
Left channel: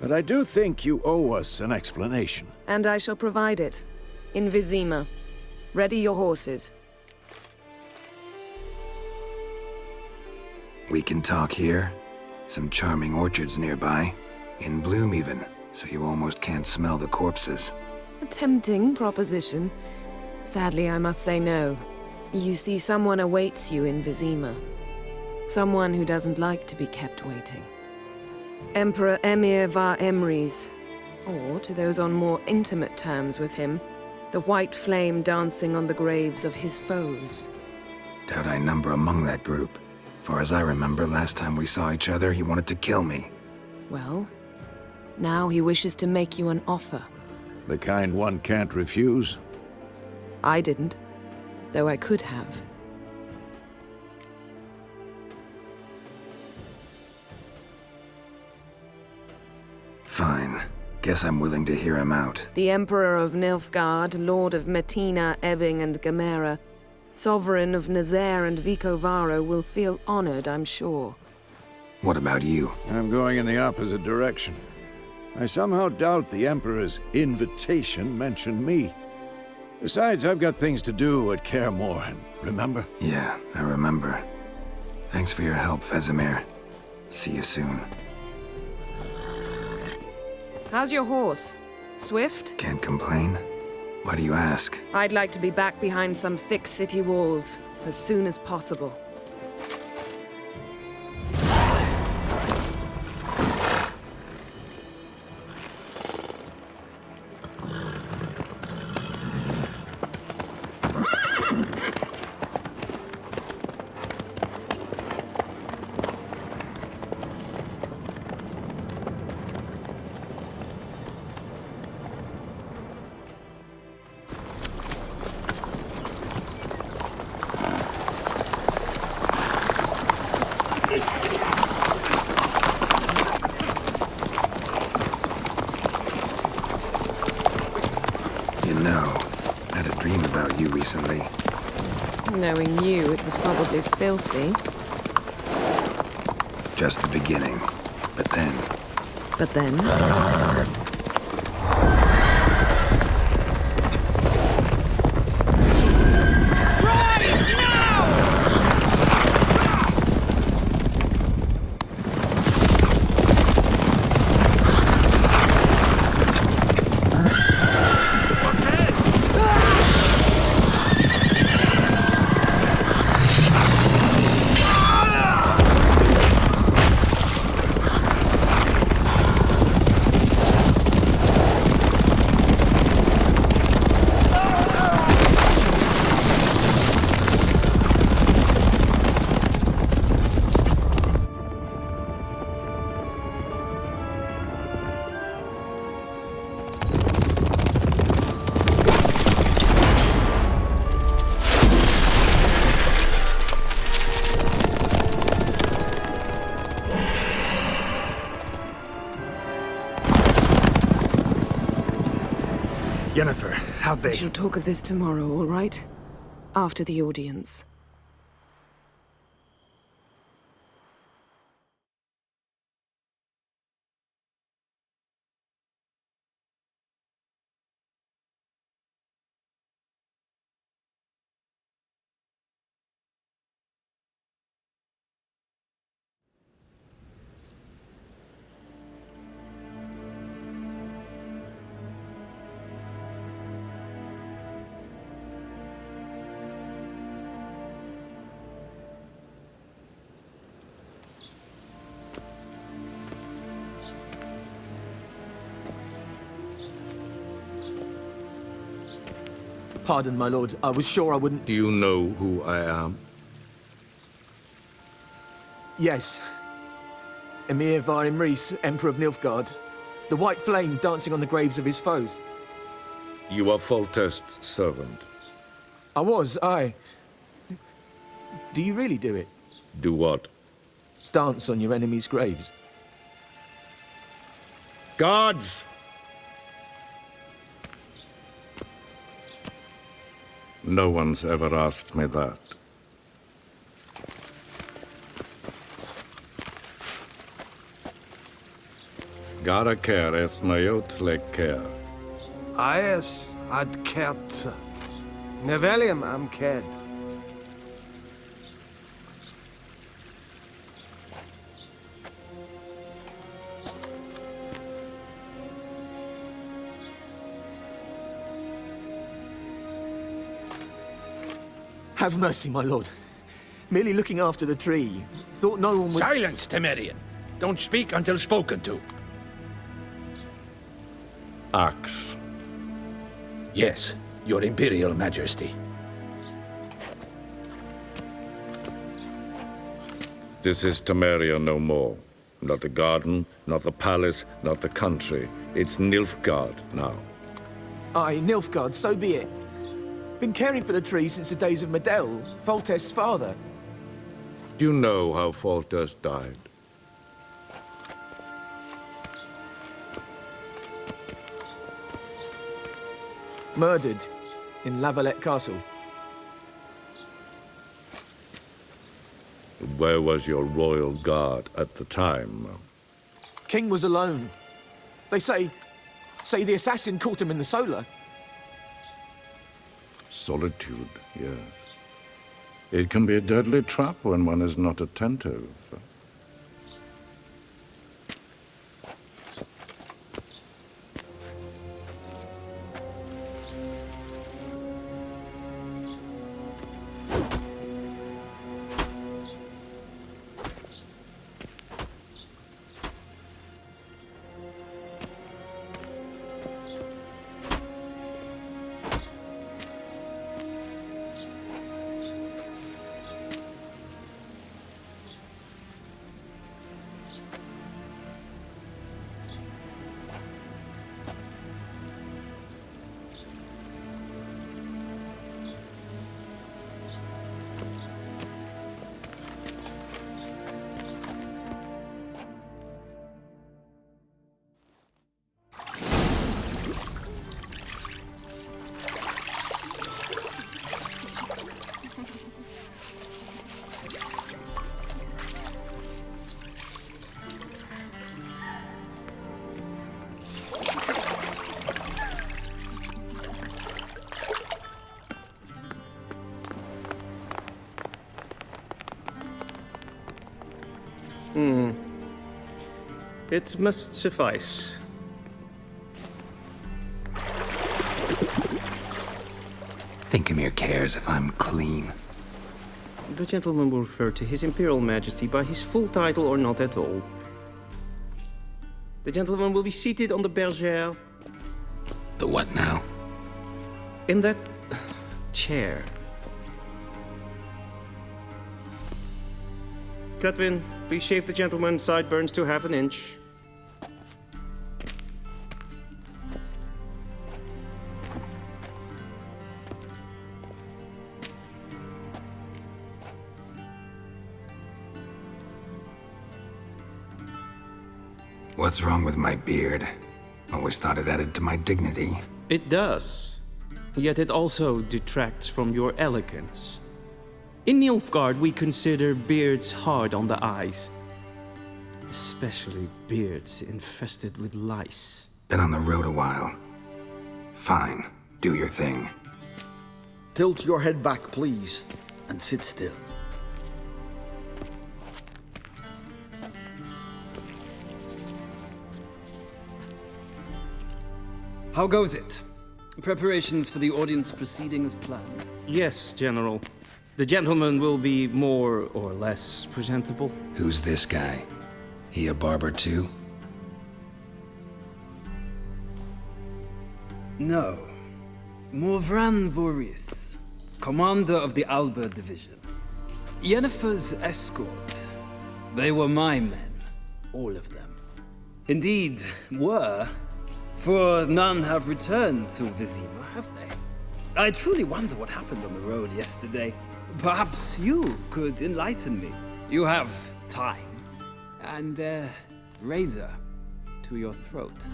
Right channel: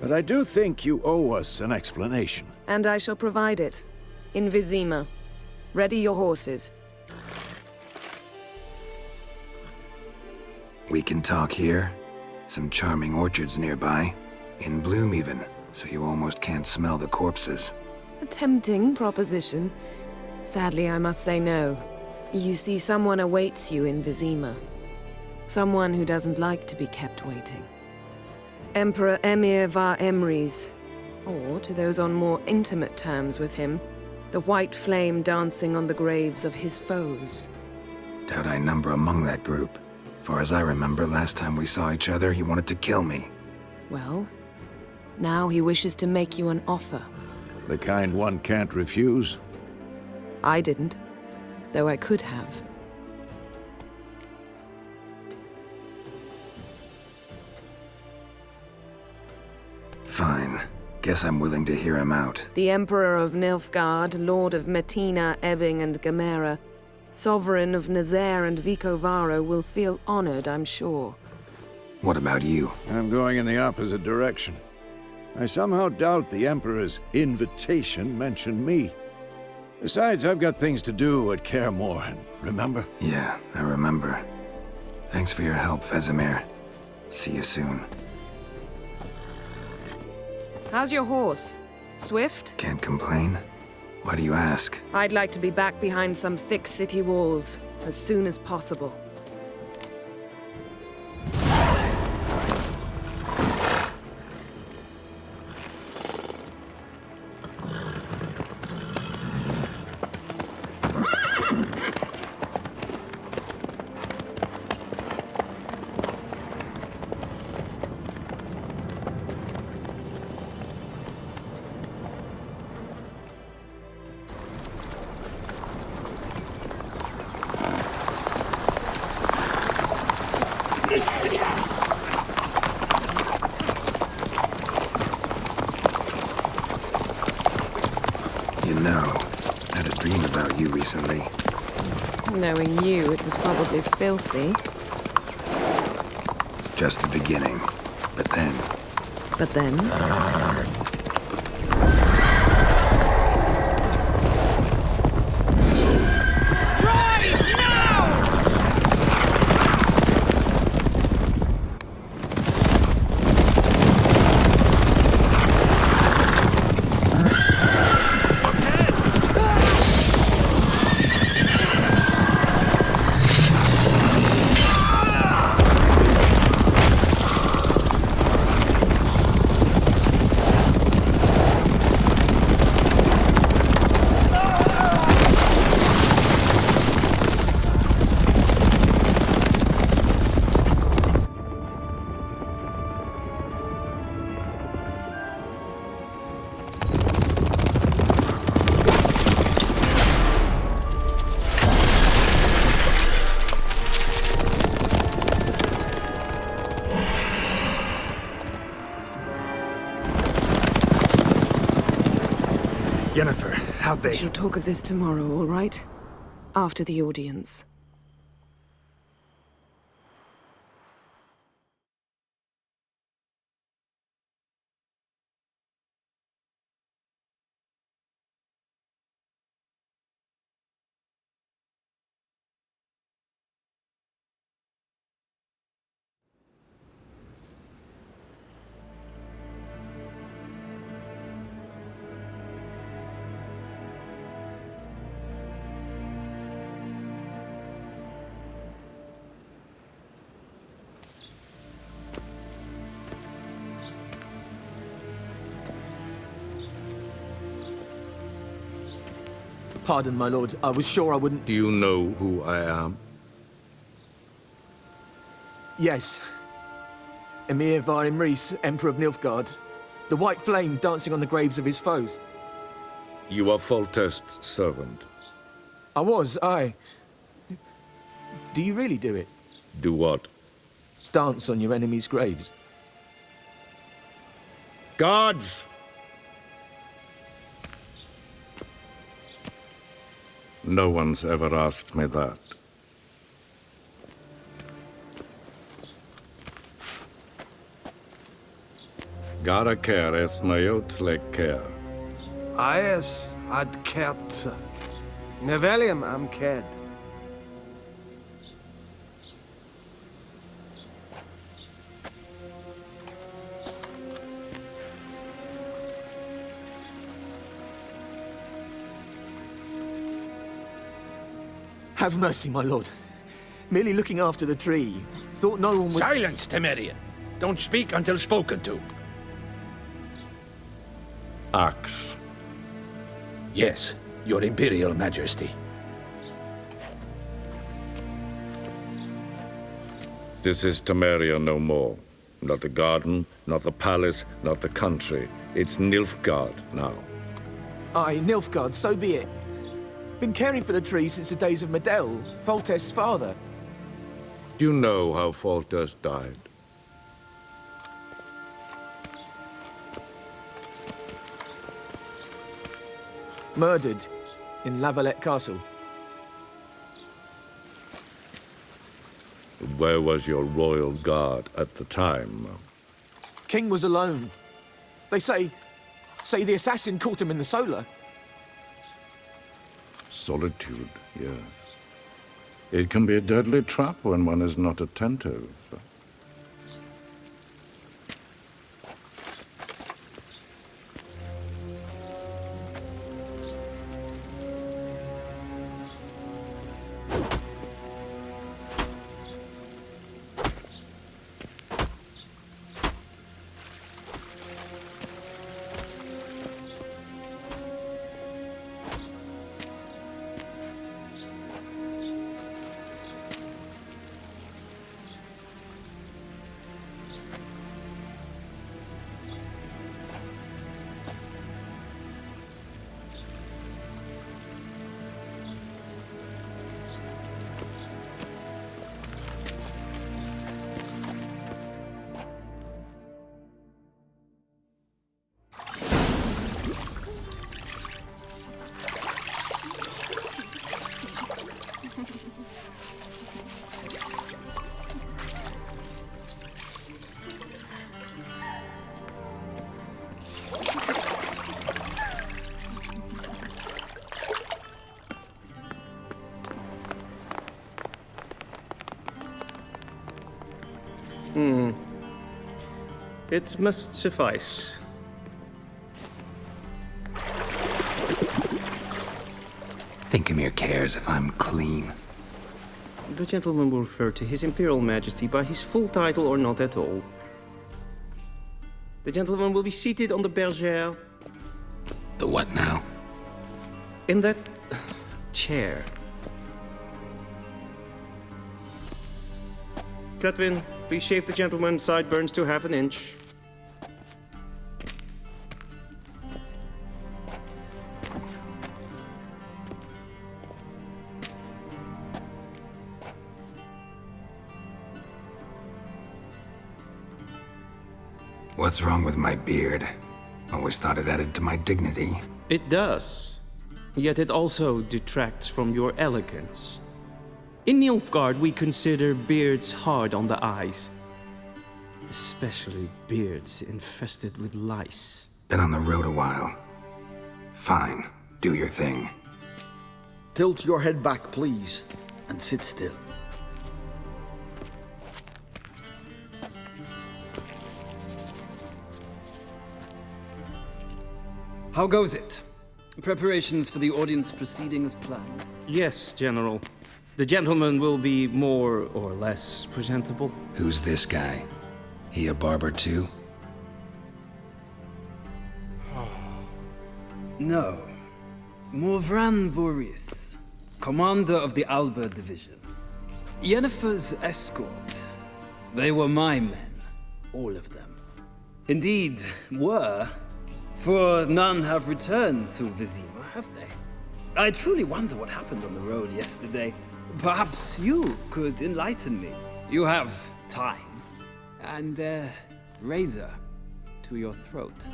But I do think you owe us an explanation. And I shall provide it. In Vizima. Ready your horses. We can talk here. Some charming orchards nearby. In bloom even, so you almost can't smell the corpses. A tempting proposition. Sadly, I must say no. You see, someone awaits you in Vizima. Someone who doesn't like to be kept waiting. Emperor Emir var Emrys. Or, to those on more intimate terms with him, the white flame dancing on the graves of his foes. Doubt I number among that group. Far as I remember, last time we saw each other, he wanted to kill me. Well, now he wishes to make you an offer. The kind one can't refuse? I didn't, though I could have. Fine. Guess I'm willing to hear him out. The Emperor of Nilfgaard, Lord of Metina, Ebbing, and Gamera, Sovereign of Nazaire and Vicovaro will feel honored, I'm sure. What about you? I'm going in the opposite direction. I somehow doubt the Emperor's invitation mentioned me. Besides, I've got things to do at Kaer Morhen, remember? Yeah, I remember. Thanks for your help, Vesemir. See you soon. How's your horse? Swift? Can't complain. Why do you ask? I'd like to be back behind some thick city walls as soon as possible. Recently. Knowing you, it was probably filthy. Just the beginning. But then... But then? Yennefer, how'd they... We shall talk of this tomorrow, all right? After the audience. Pardon, my lord. I was sure I wouldn't... Do you know who I am? Yes. Emir Varim Rhys, Emperor of Nilfgaard. The white flame dancing on the graves of his foes. You are Foltest's servant. I was, aye. Do you really do it? Do what? Dance on your enemies' graves. Guards! No one's ever asked me that. Gara care es mayot le care. Aes ad kert. Nevelium am ked. Have mercy, my lord. Merely looking after the tree. Thought no one would... Silence, Temerian. Don't speak until spoken to. Axe. Yes, your Imperial Majesty. This is Temeria no more. Not the garden, not the palace, not the country. It's Nilfgaard now. Aye, Nilfgaard, so be it. Been caring for the tree since the days of Medell, Foltest's father. Do you know how Foltest died? Murdered in Lavalette Castle. Where was your royal guard at the time? King was alone. They say the assassin caught him in the solar. Solitude, yes. It can be a deadly trap when one is not attentive. It must suffice. Think Emir cares if I'm clean. The gentleman will refer to His Imperial Majesty by his full title or not at all. The gentleman will be seated on the bergère. The what now? In that chair. Cletwin, please shave the gentleman's sideburns to half an inch. What's wrong with my beard? Always thought it added to my dignity. It does. Yet it also detracts from your elegance. In Nilfgaard, we consider beards hard on the eyes. Especially beards infested with lice. Been on the road a while. Fine, do your thing. Tilt your head back, please, and sit still. How goes it? Preparations for the audience proceeding as planned? Yes, General. The gentleman will be more or less presentable. Who's this guy? He a barber too? No. Morvran Voris, commander of the Alba Division. Yennefer's escort. They were my men, all of them. Indeed, were, for none have returned to Vizima, have they? I truly wonder what happened on the road yesterday. Perhaps you could enlighten me. You have time, and a razor to your throat.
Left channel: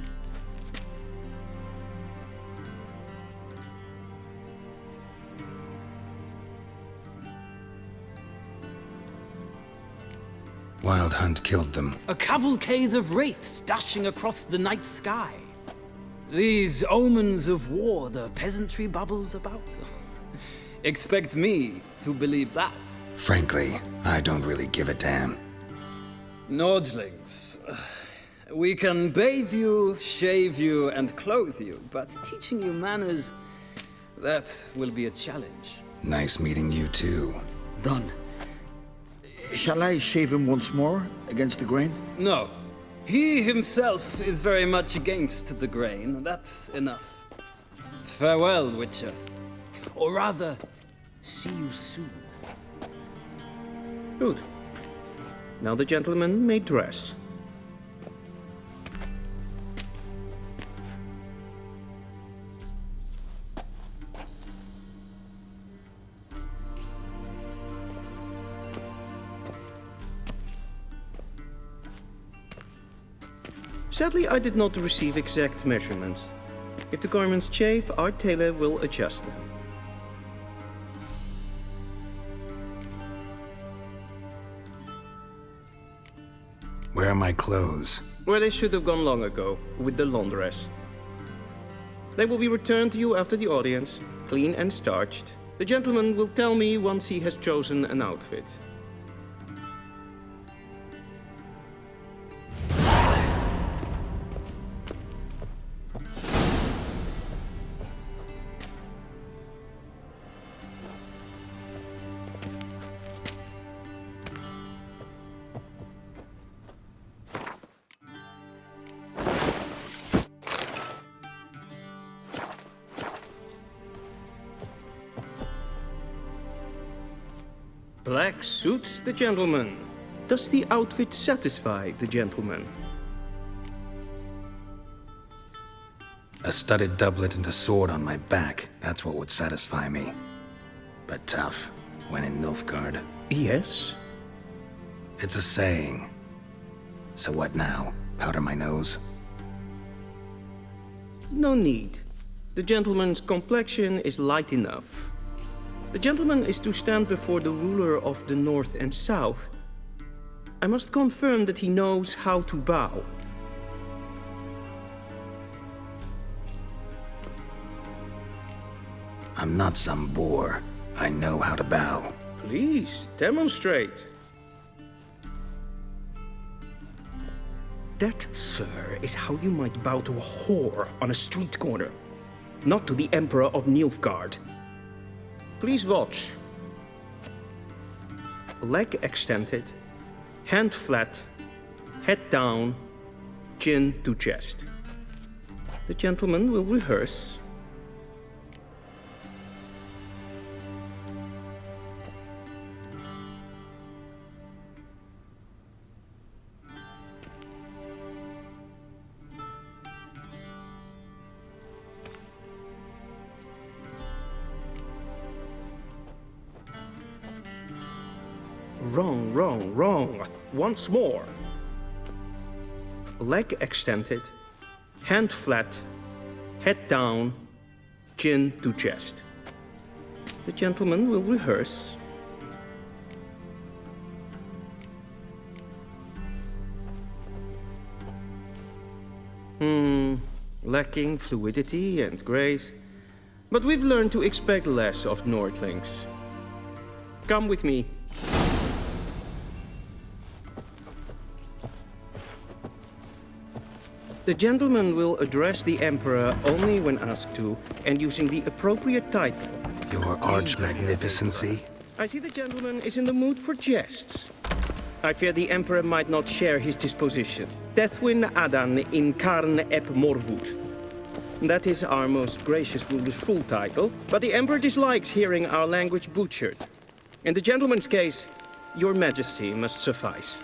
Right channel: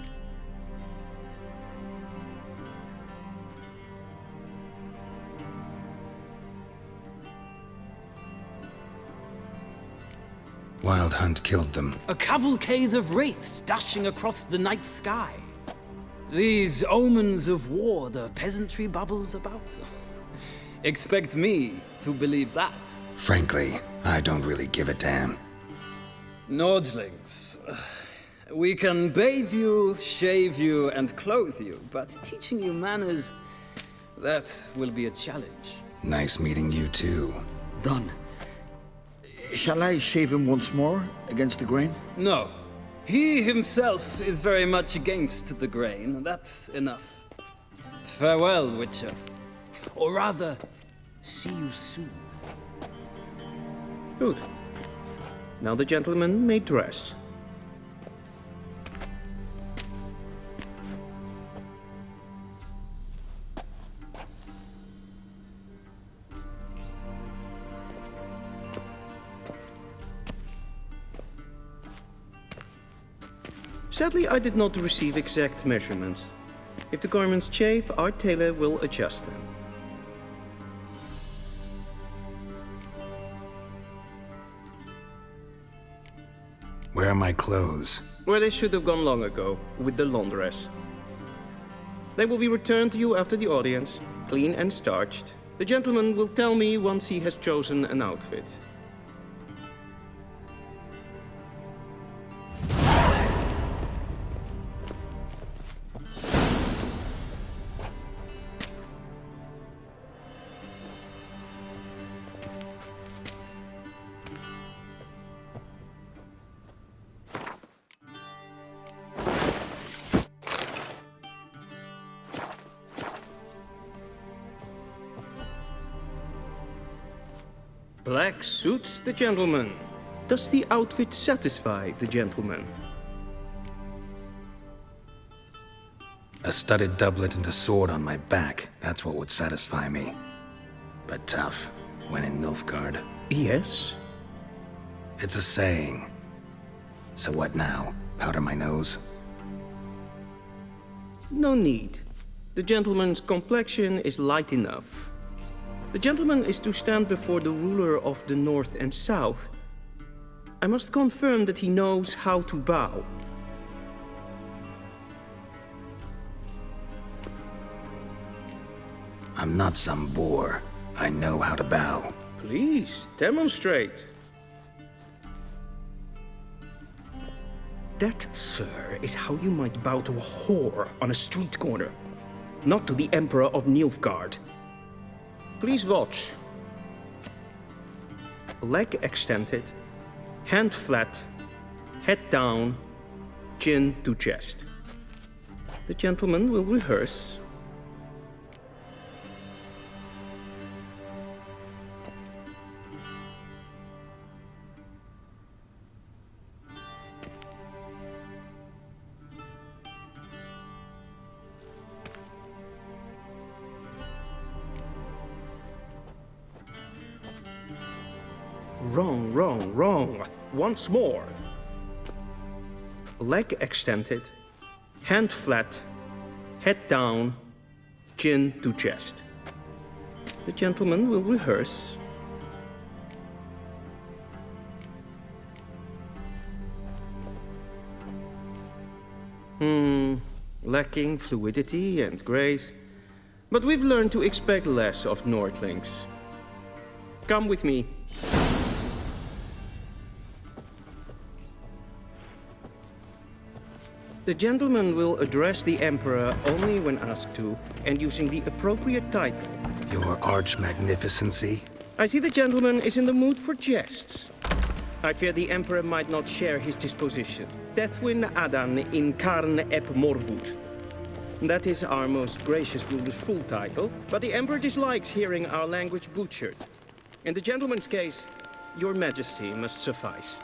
Wild Hunt killed them. A cavalcade of wraiths dashing across the night sky. These omens of war the peasantry bubbles about. Expect me to believe that. Frankly, I don't really give a damn. Nordlings. We can bathe you, shave you, and clothe you, but teaching you manners, that will be a challenge. Nice meeting you too. Done. Shall I shave him once more against the grain? No. He himself is very much against the grain. That's enough. Farewell, Witcher. Or rather, see you soon. Good. Now the gentleman may dress. Sadly, I did not receive exact measurements. If the garments chafe, our tailor will adjust them. Where are my clothes? Where they should have gone long ago, with the laundress. They will be returned to you after the audience, clean and starched. The gentleman will tell me once he has chosen an outfit. Black suits the gentleman. Does the outfit satisfy the gentleman? A studded doublet and a sword on my back, that's what would satisfy me. But tough, when in Nilfgaard. Yes? It's a saying. So what now? Powder my nose? No need. The gentleman's complexion is light enough. The gentleman is to stand before the ruler of the North and South. I must confirm that he knows how to bow. I'm not some boor. I know how to bow. Please, demonstrate. That, sir, is how you might bow to a whore on a street corner, not to the Emperor of Nilfgaard. Please watch. Leg extended, hand flat, head down, chin to chest. The gentleman will rehearse. Wrong, wrong, wrong. Once more. Leg extended, hand flat, head down, chin to chest. The gentleman will rehearse. Lacking fluidity and grace. But we've learned to expect less of Nordlings. Come with me. The gentleman will address the Emperor only when asked to, and using the appropriate title. Your Arch-Magnificency? I see the gentleman is in the mood for jests. I fear the Emperor might not share his disposition. Deathwin Adan in Karn ep Morvut. That is our most gracious ruler's full title, but the Emperor dislikes hearing our language butchered. In the gentleman's case, Your Majesty must suffice.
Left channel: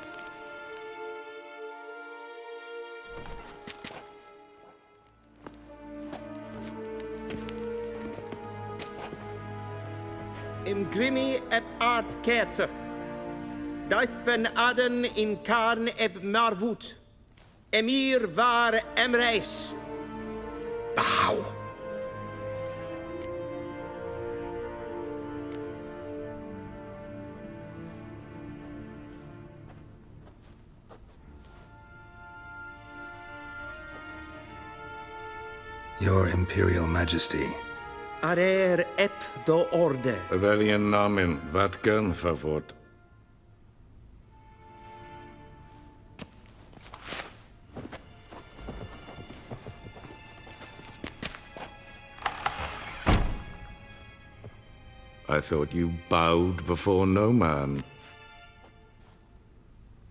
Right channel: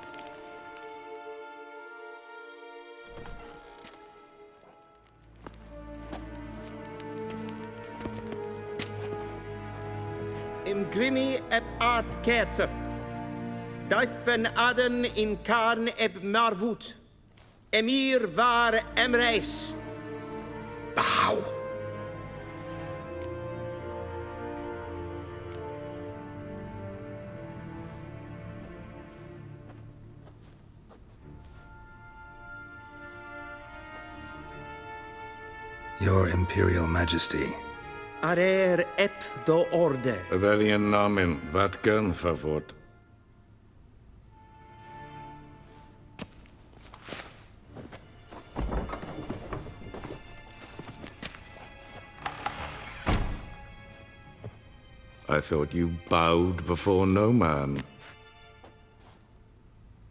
Imgrimi eb art ketzer. Daifen aden in karn eb marvut. Emir var emreis. Bow. Your Imperial Majesty. Arer ep the orde. Welchen Namen, wat gern verwort? I thought you bowed before no man.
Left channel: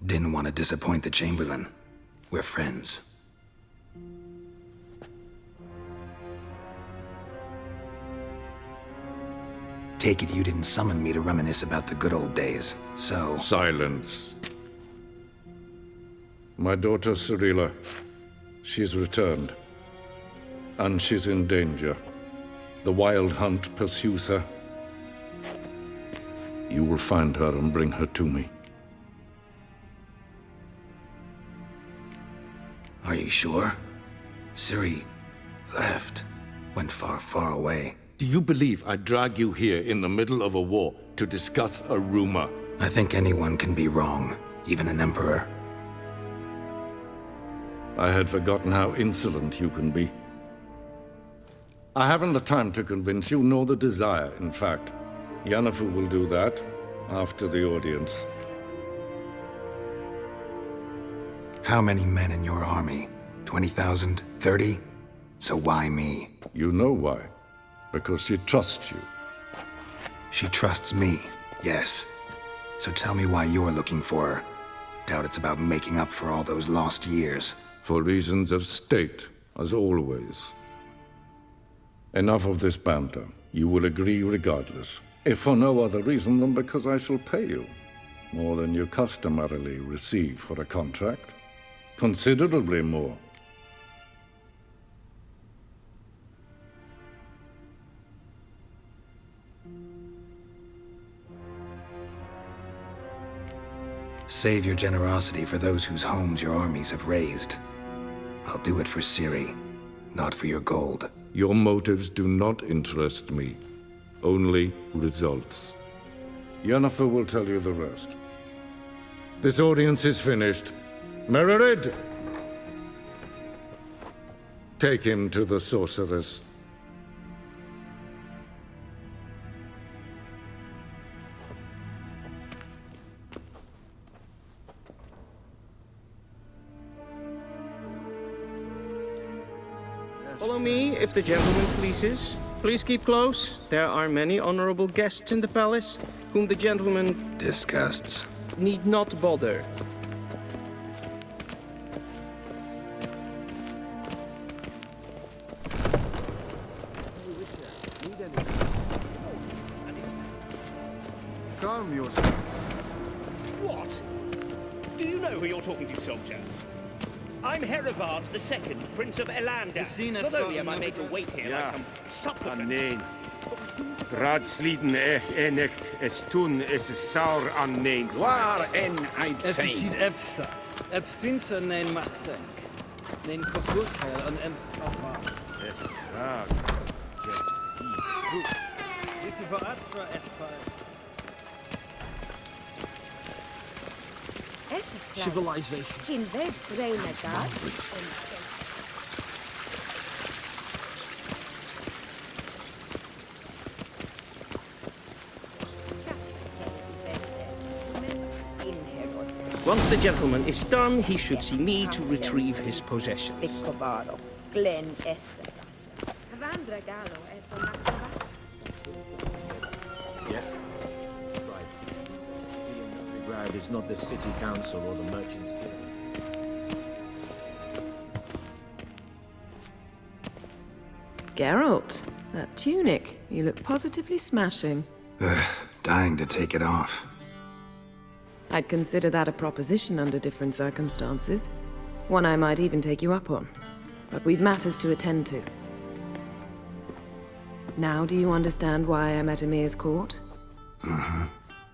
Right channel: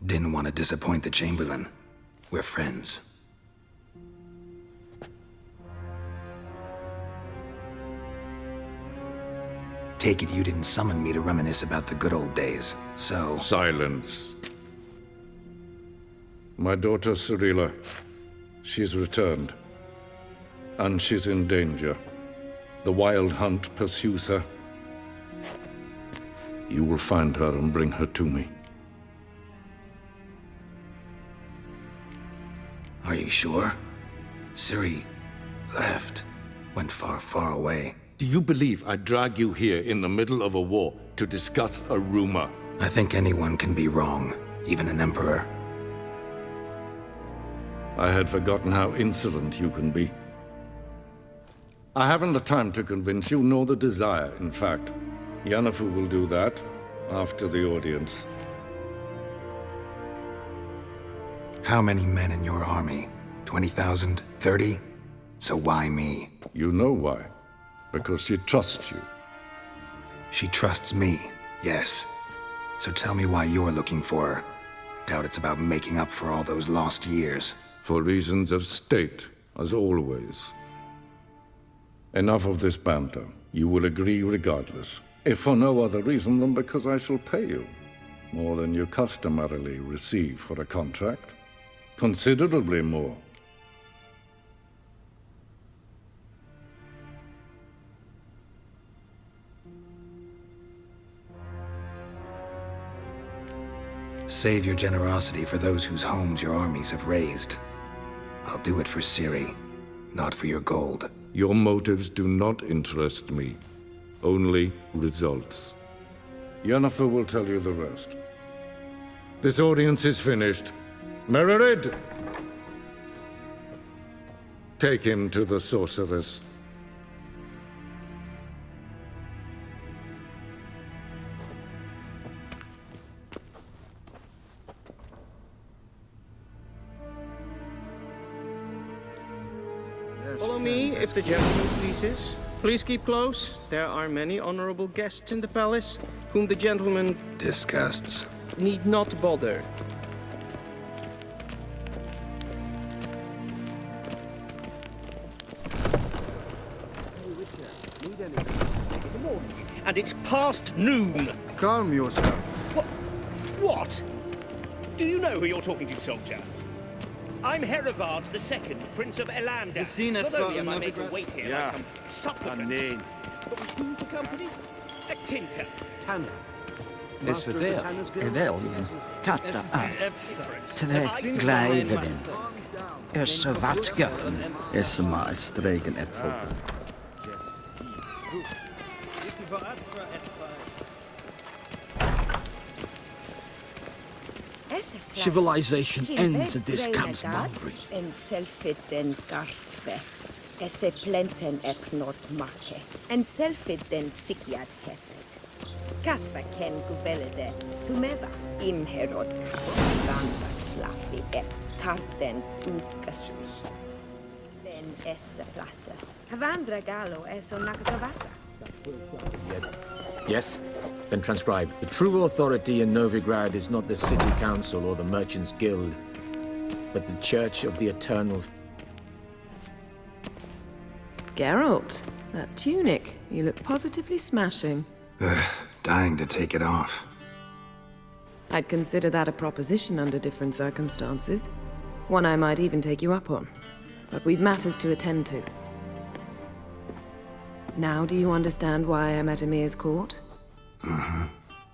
Didn't want to disappoint the Chamberlain. We're friends. Take it you didn't summon me to reminisce about the good old days, so... Silence. My daughter Cyrilla, she's returned. And she's in danger. The Wild Hunt pursues her. You will find her and bring her to me. Are you sure? Ciri left. Went far, far away. Do you believe I'd drag you here in the middle of a war to discuss a rumor? I think anyone can be wrong, even an emperor. I had forgotten how insolent you can be. I haven't the time to convince you, nor the desire, in fact. Yennefer will do that after the audience. How many men in your army? 20,000? 30? So why me? You know why. Because she trusts you. She trusts me, yes. So tell me why you're looking for her. Doubt it's about making up for all those lost years. For reasons of state, as always. Enough of this banter. You will agree regardless. If for no other reason than because I shall pay you. More than you customarily receive for a contract. Considerably more. Save your generosity for those whose homes your armies have razed. I'll do it for Ciri, not for your gold. Your motives do not interest me. Only results. Yennefer will tell you the rest. This audience is finished. Mererid! Take him to the sorceress. Follow me, if the gentleman pleases. Please keep close. There are many honorable guests in the palace, whom the gentleman... disgusts. ...need not bother. And it's past noon. Calm yourself. What? Do you know who you're talking to, soldier? I'm Herivard II, Prince of Elander. Not only am I made to wait here like some supplicant... Nein. Ratsliden nicht, es tun, es ist sauer an nein. Es ist efsa. Finksel nein machtdenk. Es maar stregen even. Civilization ends at this camp's boundary. En selfiten sikjat. Kasper ken guvelde tumeva imherod. Once the gentleman is done, he should see me to retrieve his possessions. Glen esse plasse. Havandra galo es onakavasa. Yes? Then transcribe. The true authority in Novigrad is not the city council or the merchants' guild, but the Church of the Eternal. Geralt, that tunic. You look positively smashing. Ugh, dying to take it off. I'd consider that a proposition under different circumstances. One I might even take you up on. But we've matters to attend to. Now do you understand why I'm at Emir's court? Mm-hmm.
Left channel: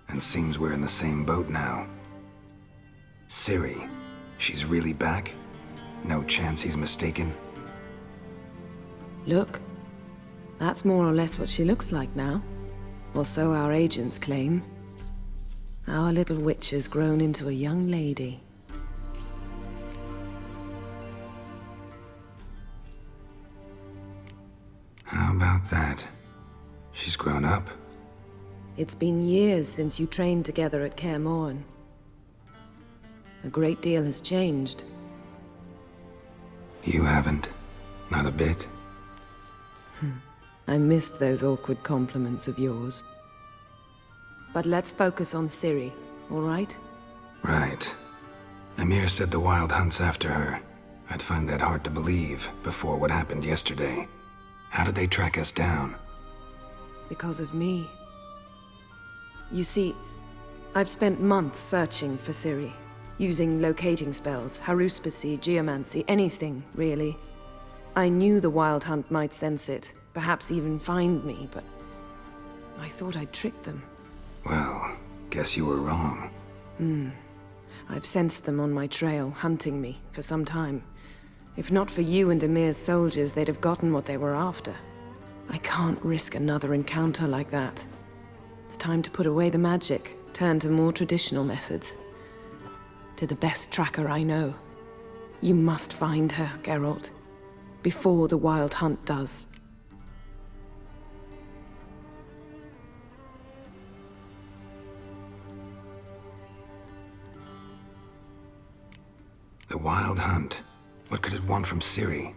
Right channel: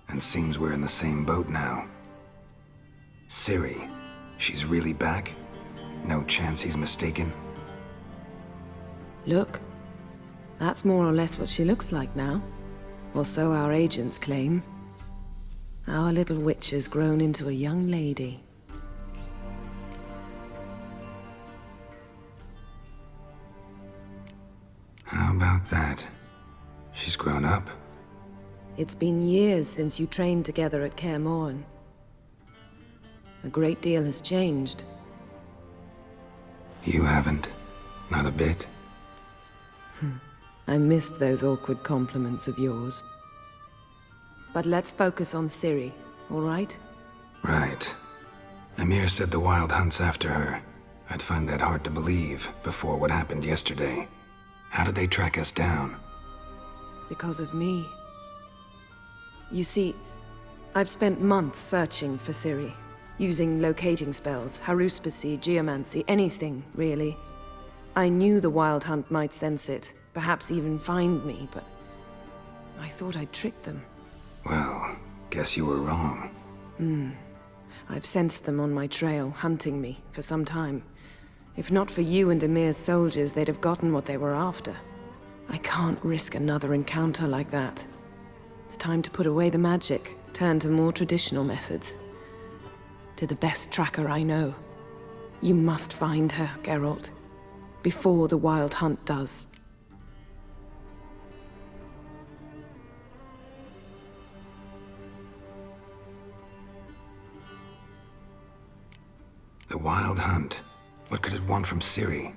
And seems we're in the same boat now. Ciri, she's really back? No chance he's mistaken? Look. That's more or less what she looks like now. Or so our agents claim. Our little witch has grown into a young lady. How about that? She's grown up. It's been years since you trained together at Kaer Morhen. A great deal has changed. You haven't. Not a bit. I missed those awkward compliments of yours. But let's focus on Ciri, all right? Right. Emir said the Wild Hunt's after her. I'd find that hard to believe before what happened yesterday. How did they track us down? Because of me. You see, I've spent months searching for Ciri, using locating spells, haruspicy, geomancy, anything, really. I knew the Wild Hunt might sense it, perhaps even find me, but I thought I'd tricked them. Well, guess you were wrong. I've sensed them on my trail, hunting me, for some time. If not for you and Emir's soldiers, they'd have gotten what they were after. I can't risk another encounter like that. It's time to put away the magic, turn to more traditional methods. To the best tracker I know. You must find her, Geralt. Before the Wild Hunt does. The Wild Hunt. What could it want from Ciri?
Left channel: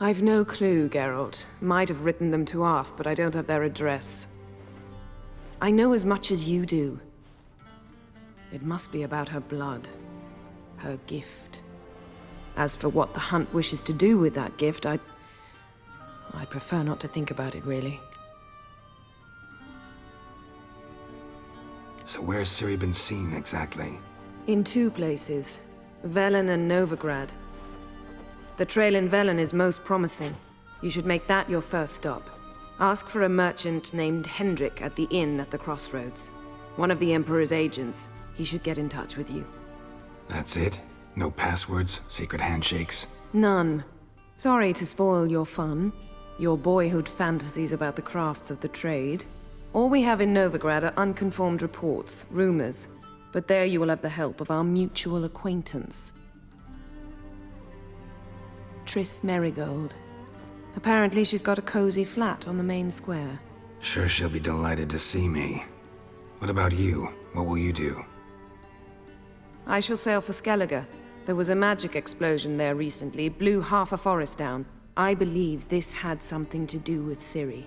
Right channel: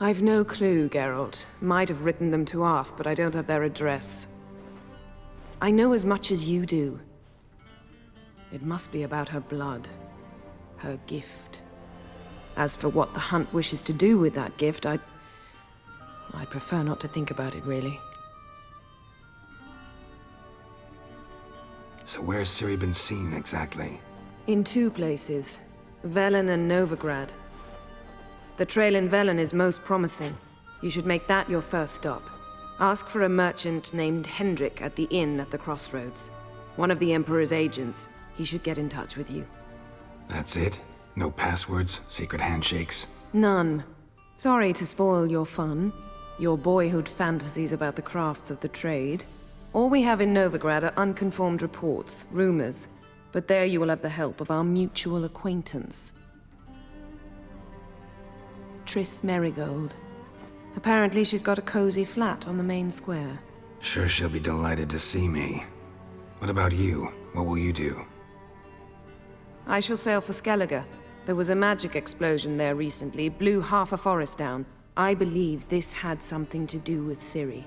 I've no clue, Geralt. Might have written them to ask, but I don't have their address. I know as much as you do. It must be about her blood. Her gift. As for what the Hunt wishes to do with that gift, I'd prefer not to think about it, really. So where's Ciri been seen, exactly? In two places. Velen and Novigrad. The trail in Velen is most promising. You should make that your first stop. Ask for a merchant named Hendrik at the inn at the crossroads. One of the Emperor's agents. He should get in touch with you. That's it? No passwords, secret handshakes? None. Sorry to spoil your fun. Your boyhood fantasies about the crafts of the trade. All we have in Novigrad are unconfirmed reports, rumors. But there you will have the help of our mutual acquaintance. Triss Merigold. Apparently she's got a cozy flat on the main square. Sure she'll be delighted to see me. What about you? What will you do? I shall sail for Skellige. There was a magic explosion there recently, blew half a forest down. I believe this had something to do with Ciri.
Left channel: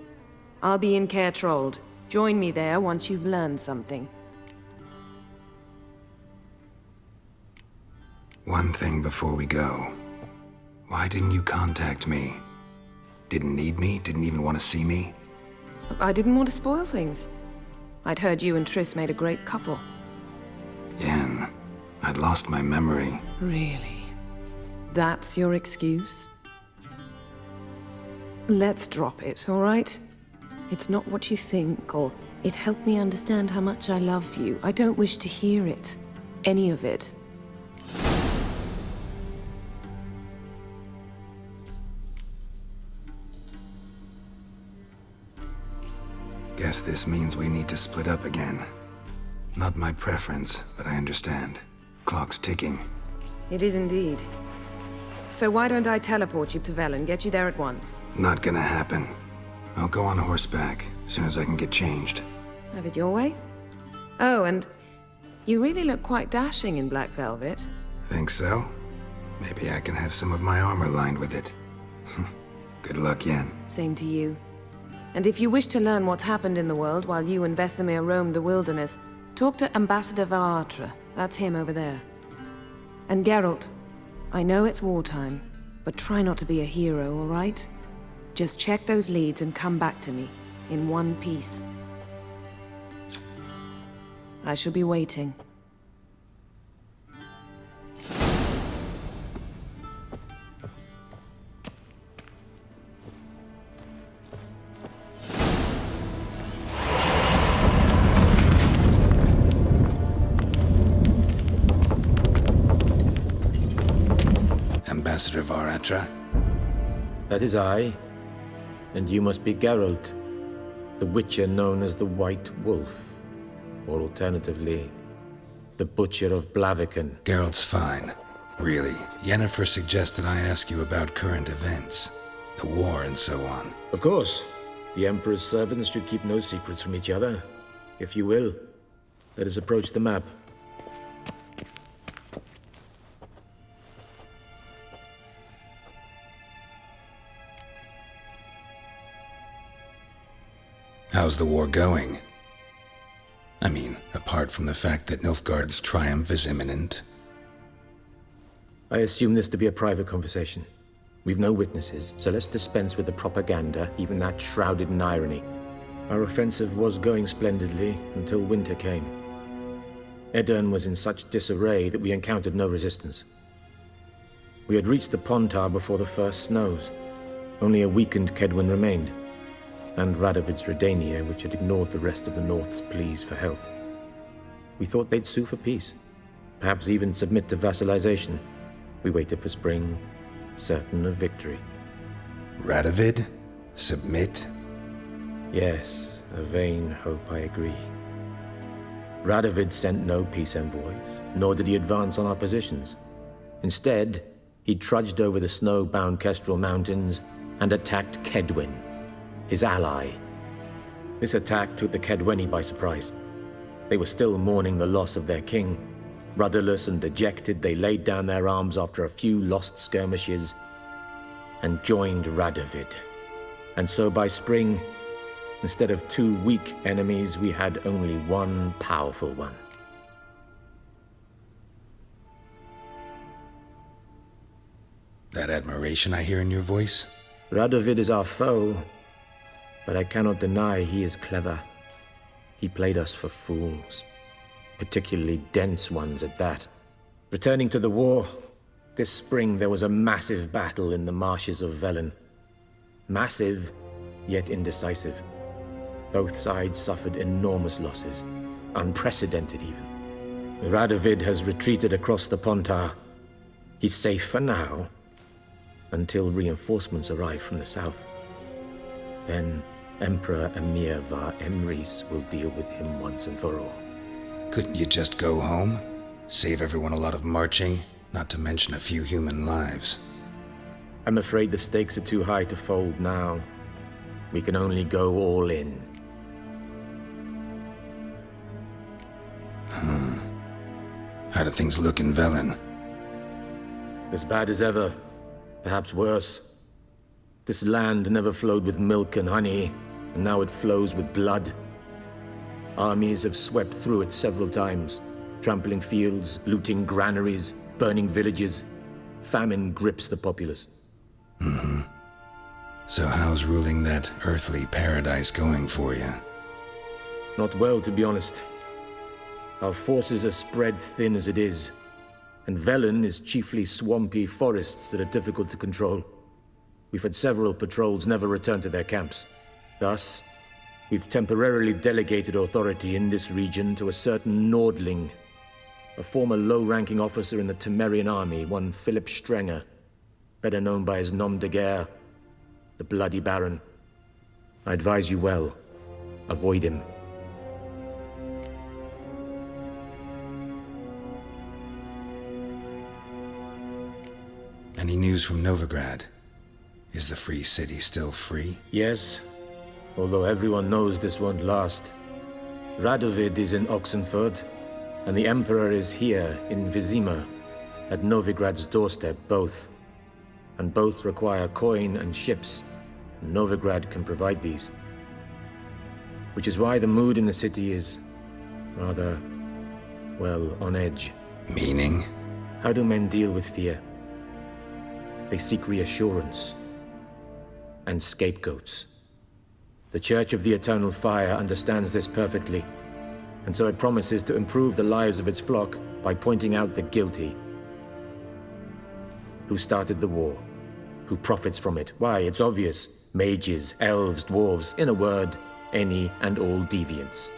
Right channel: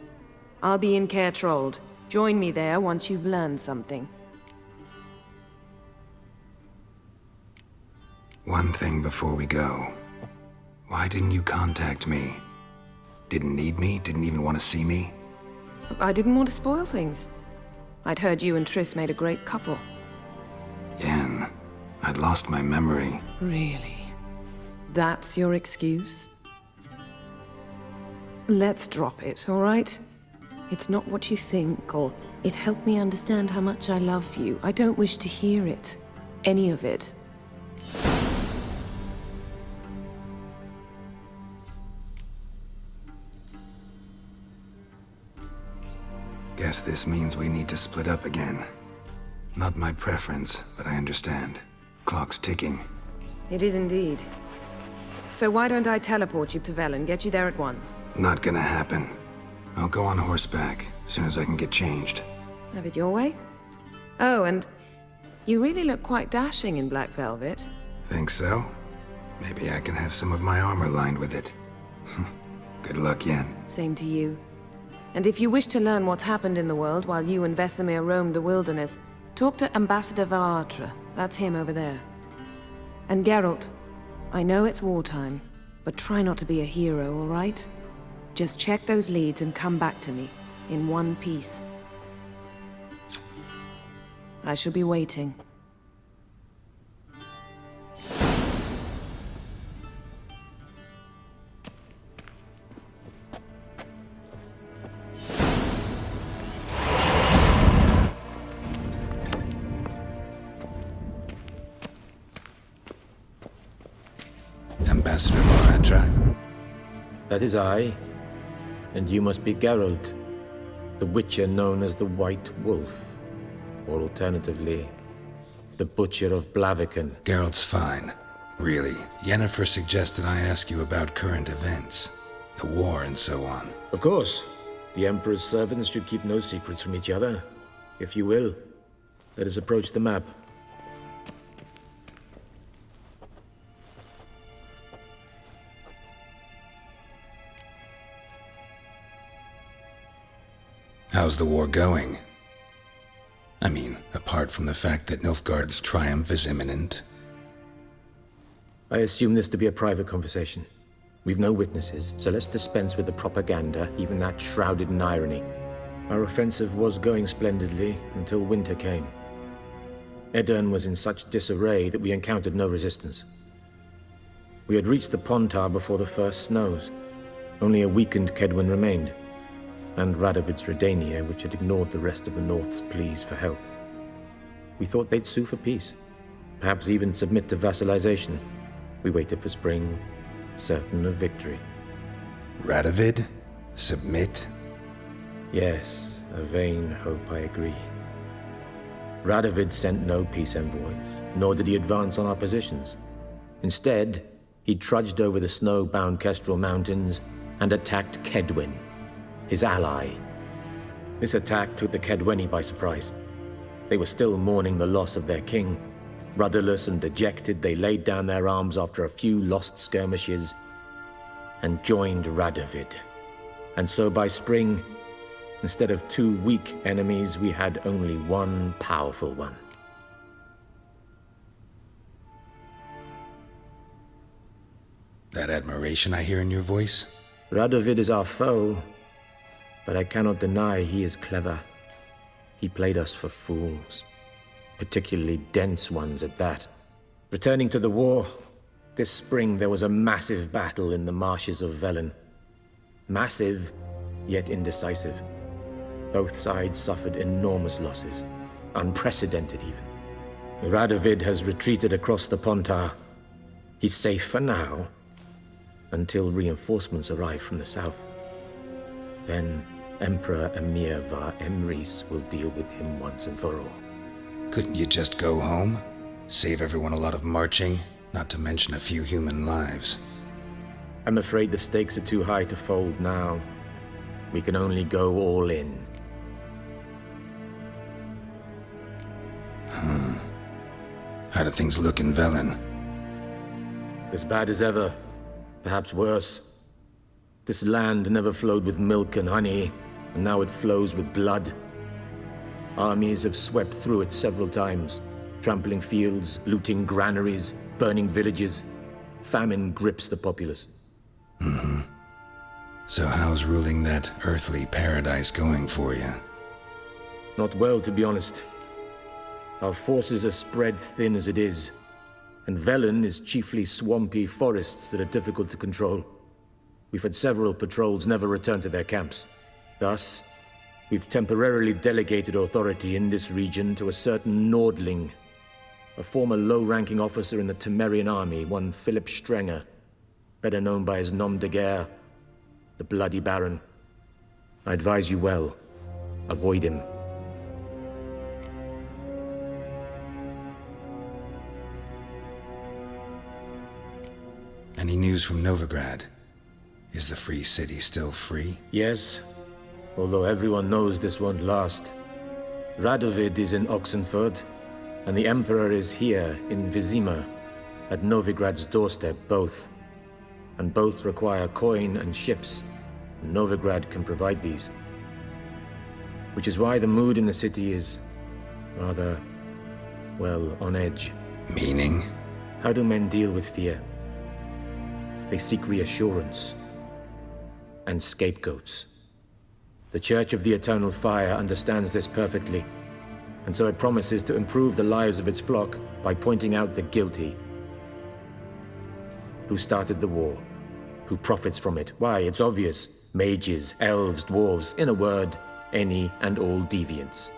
I'll be in Caer Trold. Join me there once you've learned something. One thing before we go. Why didn't you contact me? Didn't need me? Didn't even want to see me? I didn't want to spoil things. I'd heard you and Triss made a great couple. Yen, I'd lost my memory. Really? That's your excuse? Let's drop it, all right? It's not what you think, or it helped me understand how much I love you. I don't wish to hear it. Any of it. Guess this means we need to split up again. Not my preference, but I understand. Clock's ticking. It is indeed. So why don't I teleport you to Velen, get you there at once? Not gonna happen. I'll go on horseback, as soon as I can get changed. Have it your way? Oh, and you really look quite dashing in black velvet. Think so? Maybe I can have some of my armor lined with it. Good luck, Yen. Same to you. And if you wish to learn what's happened in the world while you and Vesemir roamed the wilderness, talk to Ambassador Varatra. That's him over there. And Geralt, I know it's wartime, but try not to be a hero, all right? Just check those leads and come back to me, in one piece. I shall be waiting. Ambassador Varatra? That is I. And you must be Geralt, the Witcher known as the White Wolf. Or alternatively, the Butcher of Blaviken. Geralt's fine. Really. Yennefer suggested I ask you about current events. The war and so on. Of course. The Emperor's servants should keep no secrets from each other. If you will, let us approach the map. How's the war going? I mean, apart from the fact that Nilfgaard's triumph is imminent. I assume this to be a private conversation. We've no witnesses, so let's dispense with the propaganda, even that shrouded in irony. Our offensive was going splendidly until winter came. Edirn was in such disarray that we encountered no resistance. We had reached the Pontar before the first snows. Only a weakened Kedwen remained, and Radovid's Redania, which had ignored the rest of the North's pleas for help. We thought they'd sue for peace, perhaps even submit to vassalization. We waited for spring, certain of victory. Radovid? Submit? Yes, a vain hope, I agree. Radovid sent no peace envoys, nor did he advance on our positions. Instead, he trudged over the snow-bound Kestrel Mountains and attacked Kedwen, his ally. This attack took the Kedweni by surprise. They were still mourning the loss of their king. Rudderless and dejected, they laid down their arms after a few lost skirmishes and joined Radovid. And so by spring, instead of 2 weak enemies, we had only one powerful one. That admiration I hear in your voice? Radovid is our foe, but I cannot deny he is clever. He played us for fools, particularly dense ones at that. Returning to the war, this spring there was a massive battle in the marshes of Velen. Massive, yet indecisive. Both sides suffered enormous losses, unprecedented even. Radovid has retreated across the Pontar. He's safe for now, until reinforcements arrive from the south. Then Emperor Emir var Emrys will deal with him once and for all. Couldn't you just go home? Save everyone a lot of marching, not to mention a few human lives. I'm afraid the stakes are too high to fold now. We can only go all in. How do things look in Velen? As bad as ever, perhaps worse. This land never flowed with milk and honey, and now it flows with blood. Armies have swept through it several times, trampling fields, looting granaries, burning villages. Famine grips the populace. So how's ruling that earthly paradise going for you? Not well, to be honest. Our forces are spread thin as it is, and Velen is chiefly swampy forests that are difficult to control. We've had several patrols never return to their camps. Thus, we've temporarily delegated authority in this region to a certain Nordling, a former low-ranking officer in the Temerian army, one Philip Strenger, better known by his nom de guerre, the Bloody Baron. I advise you well. Avoid him. Any news from Novigrad? Is the free city still free? Yes, although everyone knows this won't last. Radovid is in Oxenford, and the Emperor is here in Vizima, at Novigrad's doorstep, both. And both require coin and ships. Novigrad can provide these. Which is why the mood in the city is rather, well, on edge. Meaning? How do men deal with fear? They seek reassurance. and scapegoats. The Church of the Eternal Fire understands this perfectly, and so it promises to improve the lives of its flock by pointing out the guilty. Who started the war? Who profits from it? Why, it's obvious. Mages, elves, dwarves, in a word, any and all deviants.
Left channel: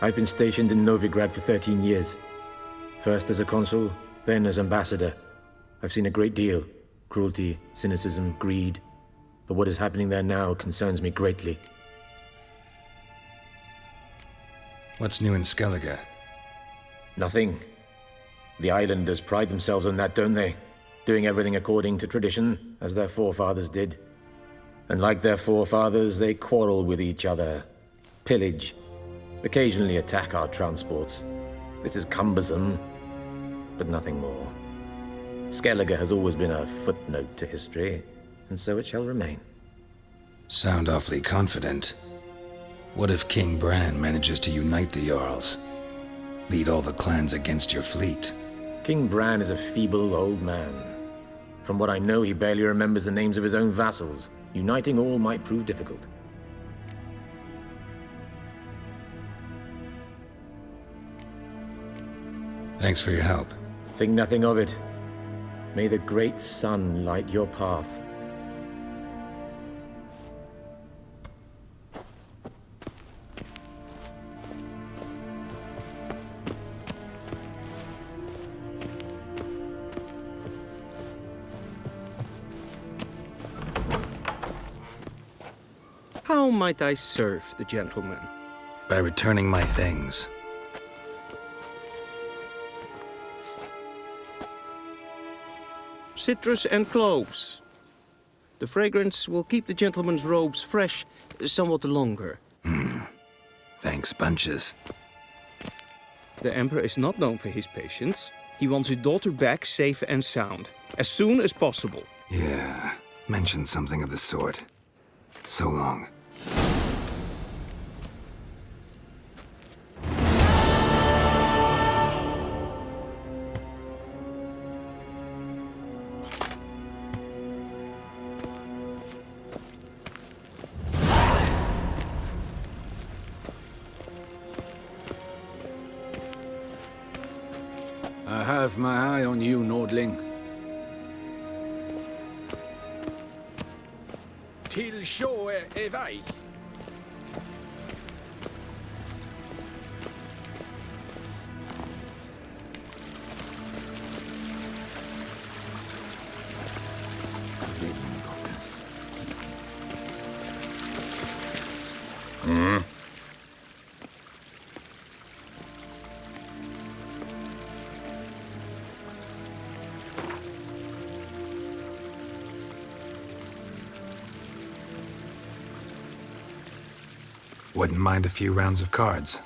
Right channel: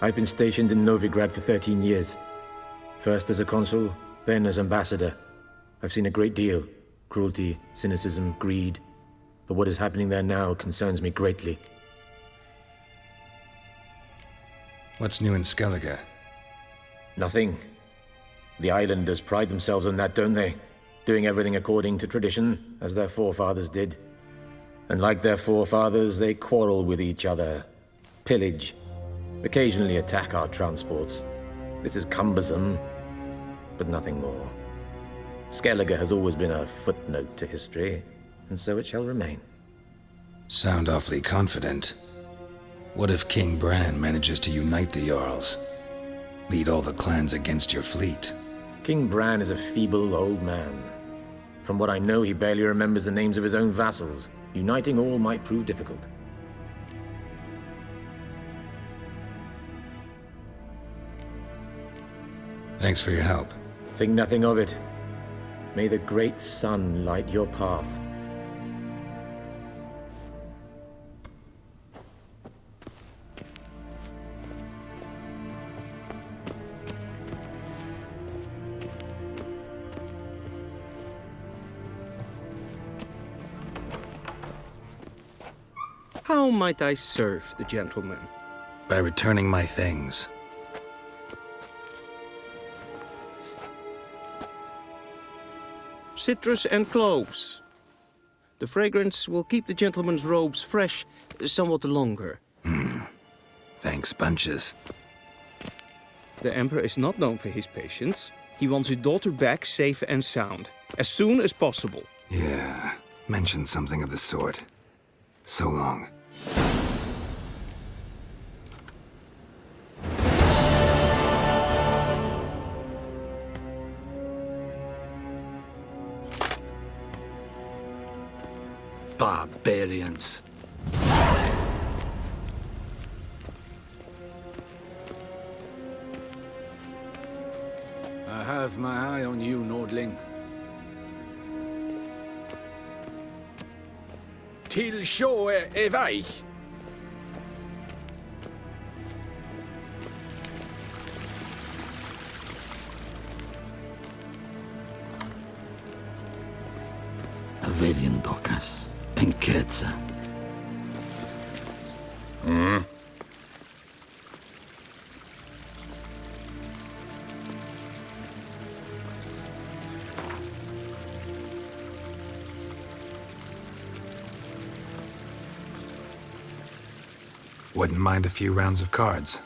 I've been stationed in Novigrad for 13 years. First as a consul, then as ambassador. I've seen a great deal. Cruelty, cynicism, greed. But what is happening there now concerns me greatly. What's new in Skellige? Nothing. The islanders pride themselves on that, don't they? Doing everything according to tradition, as their forefathers did. And like their forefathers, they quarrel with each other, pillage, occasionally attack our transports. This is cumbersome, but nothing more. Skellige has always been a footnote to history, and so it shall remain. Sound awfully confident. What if King Bran manages to unite the Jarls? Lead all the clans against your fleet? King Bran is a feeble old man. From what I know, he barely remembers the names of his own vassals. Uniting all might prove difficult. Thanks for your help. Think nothing of it. May the great sun light your path. How might I serve the gentleman? By returning my things. Citrus and cloves. The fragrance will keep the gentleman's robes fresh somewhat longer. Thanks, bunches. The Emperor is not known for his patience. He wants his daughter back safe and sound, as soon as possible. Yeah, mentioned something of the sort. So long. Barbarians. I have my eye on you, Nordling. Till sjå är väg. Avelien docas, enquetza. Wouldn't mind a few rounds of cards.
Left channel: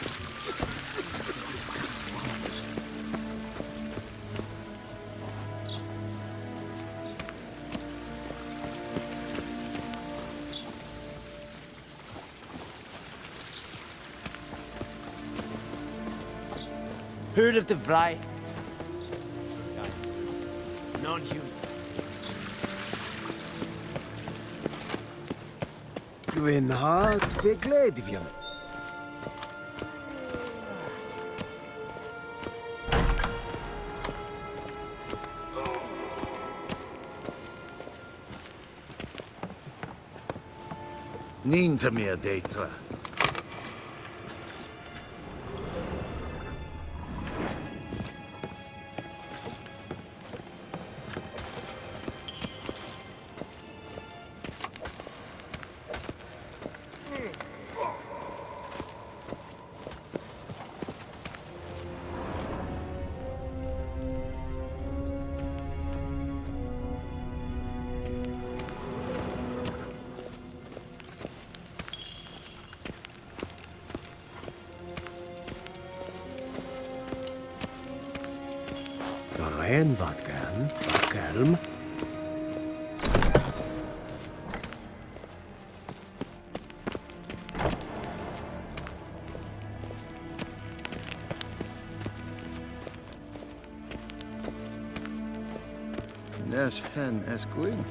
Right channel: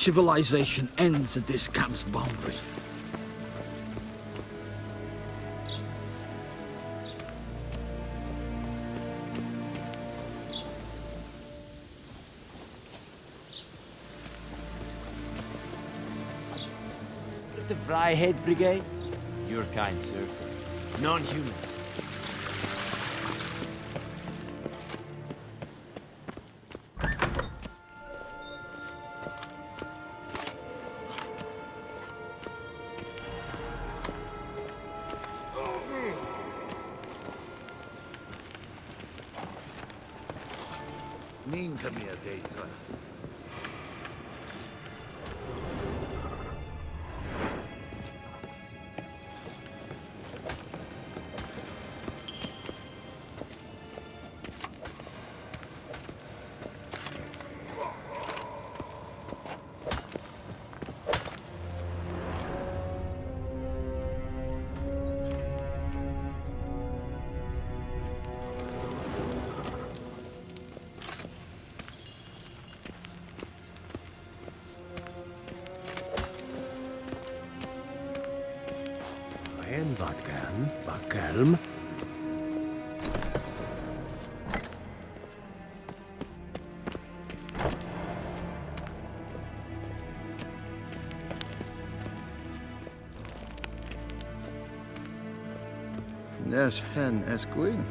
Civilization ends at this camp's boundary. Heard of the Vryhead Brigade? Your kind, sir. Non-human. Gwyn hard fe gledfion. Nín to me a data. En wat kan, wat kalm. Nes hen es gwyn.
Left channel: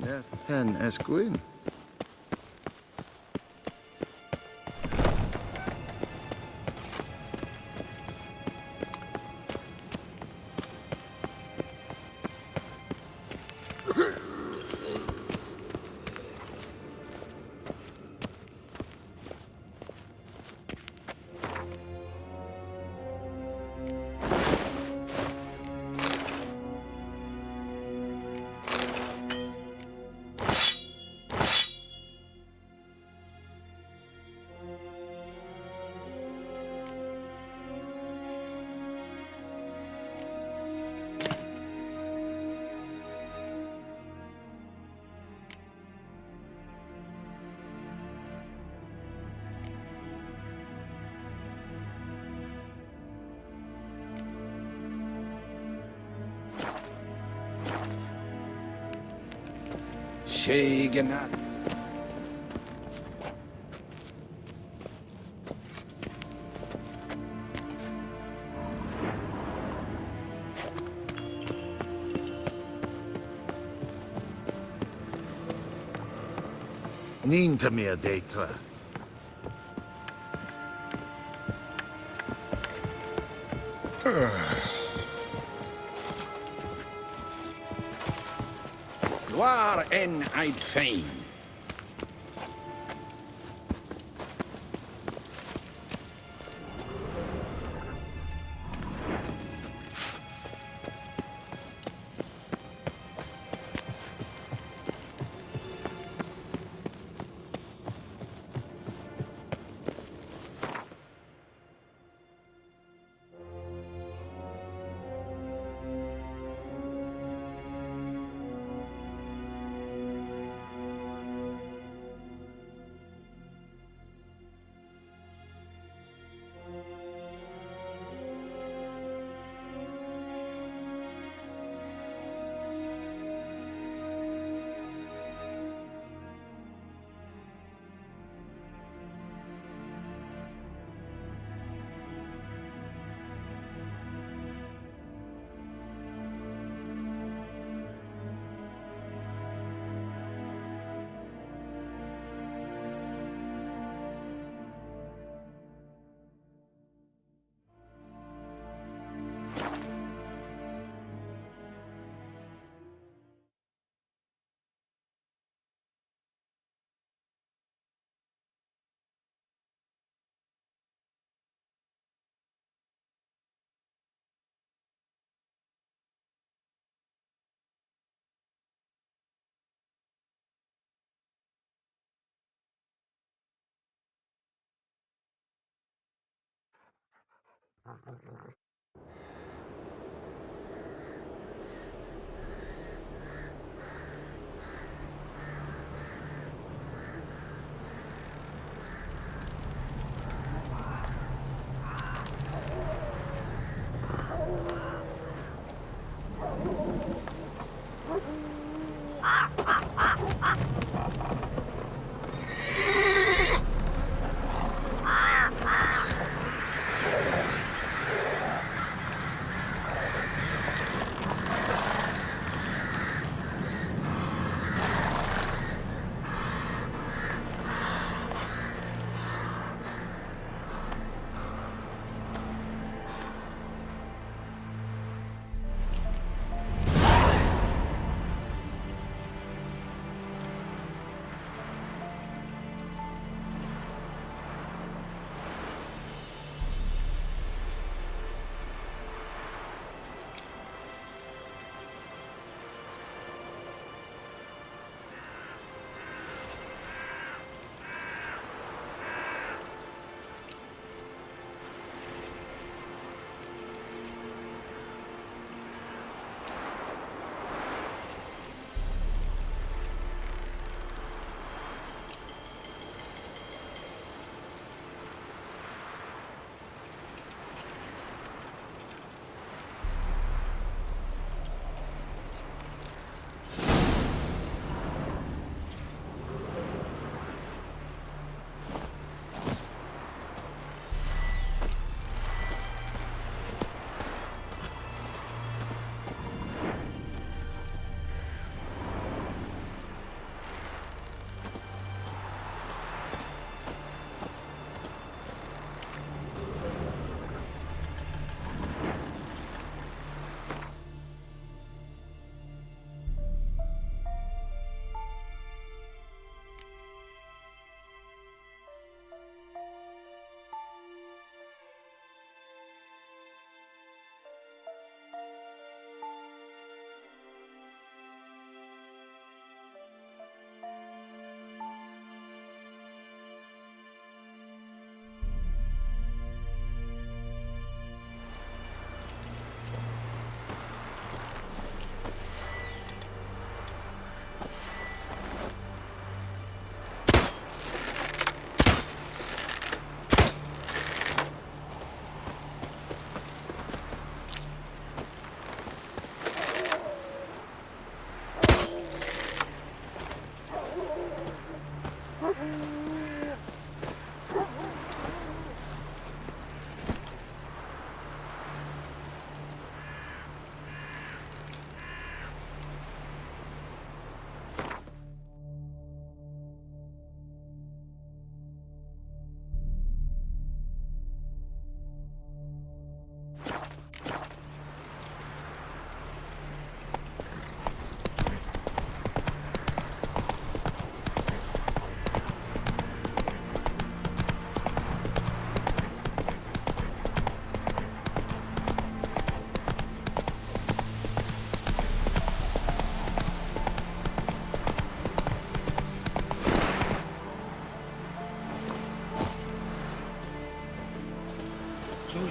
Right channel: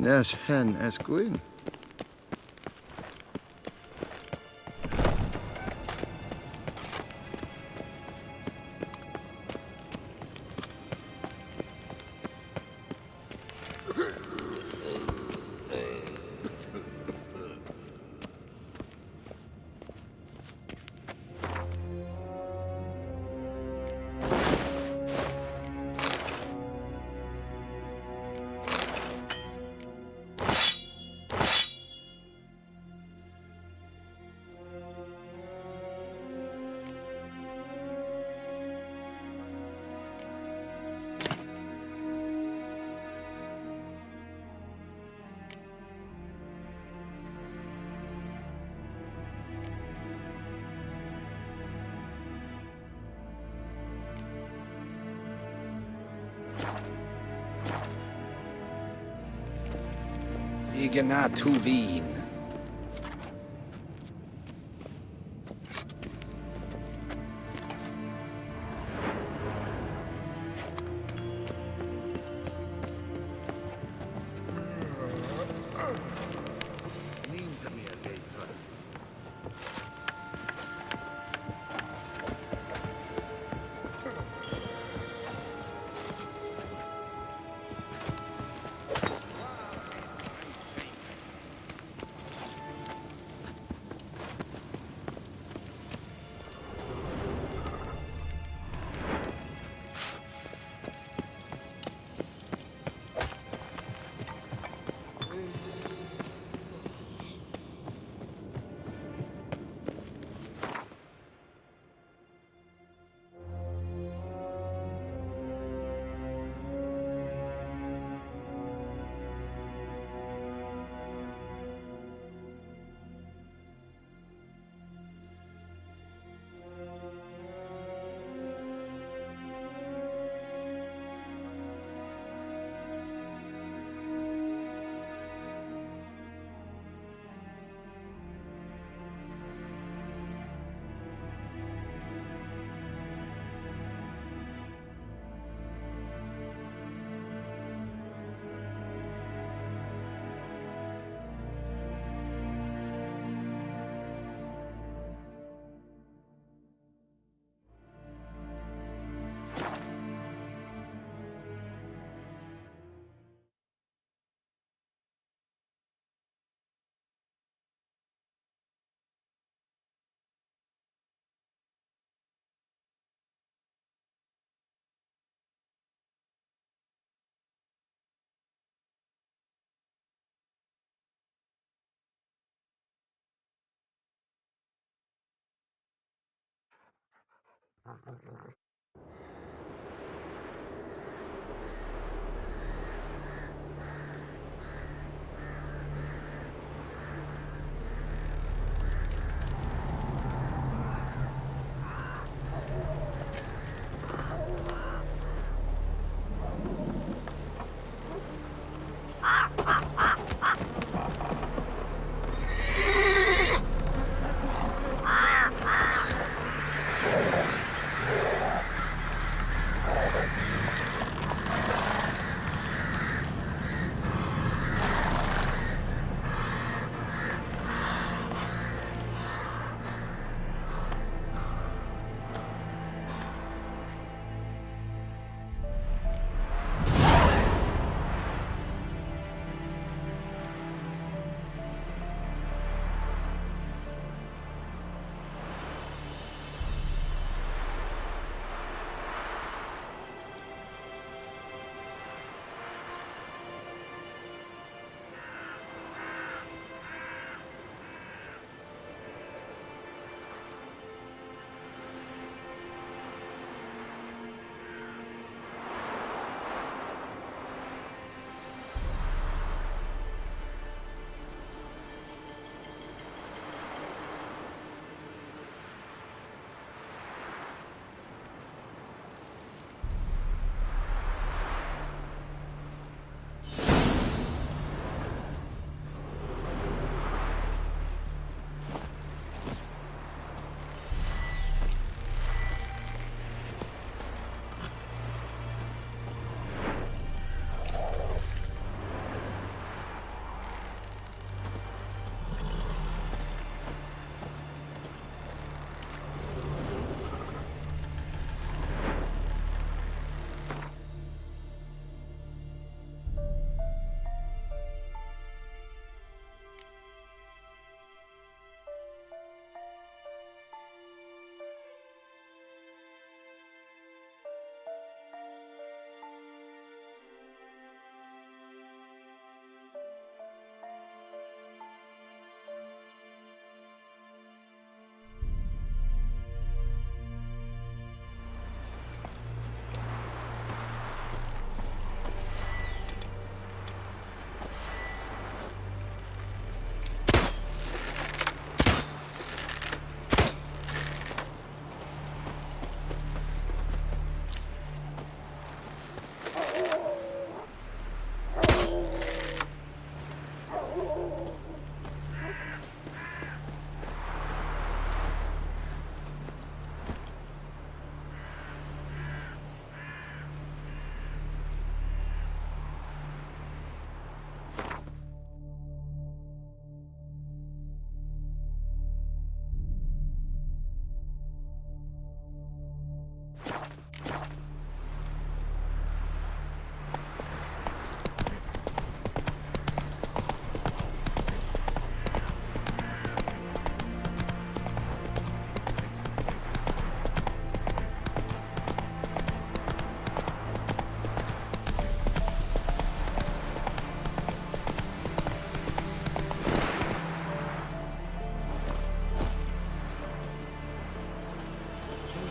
Nes hen es gwyn. Shegana Tuvin. Niet meer beter. Waar en uit fijn.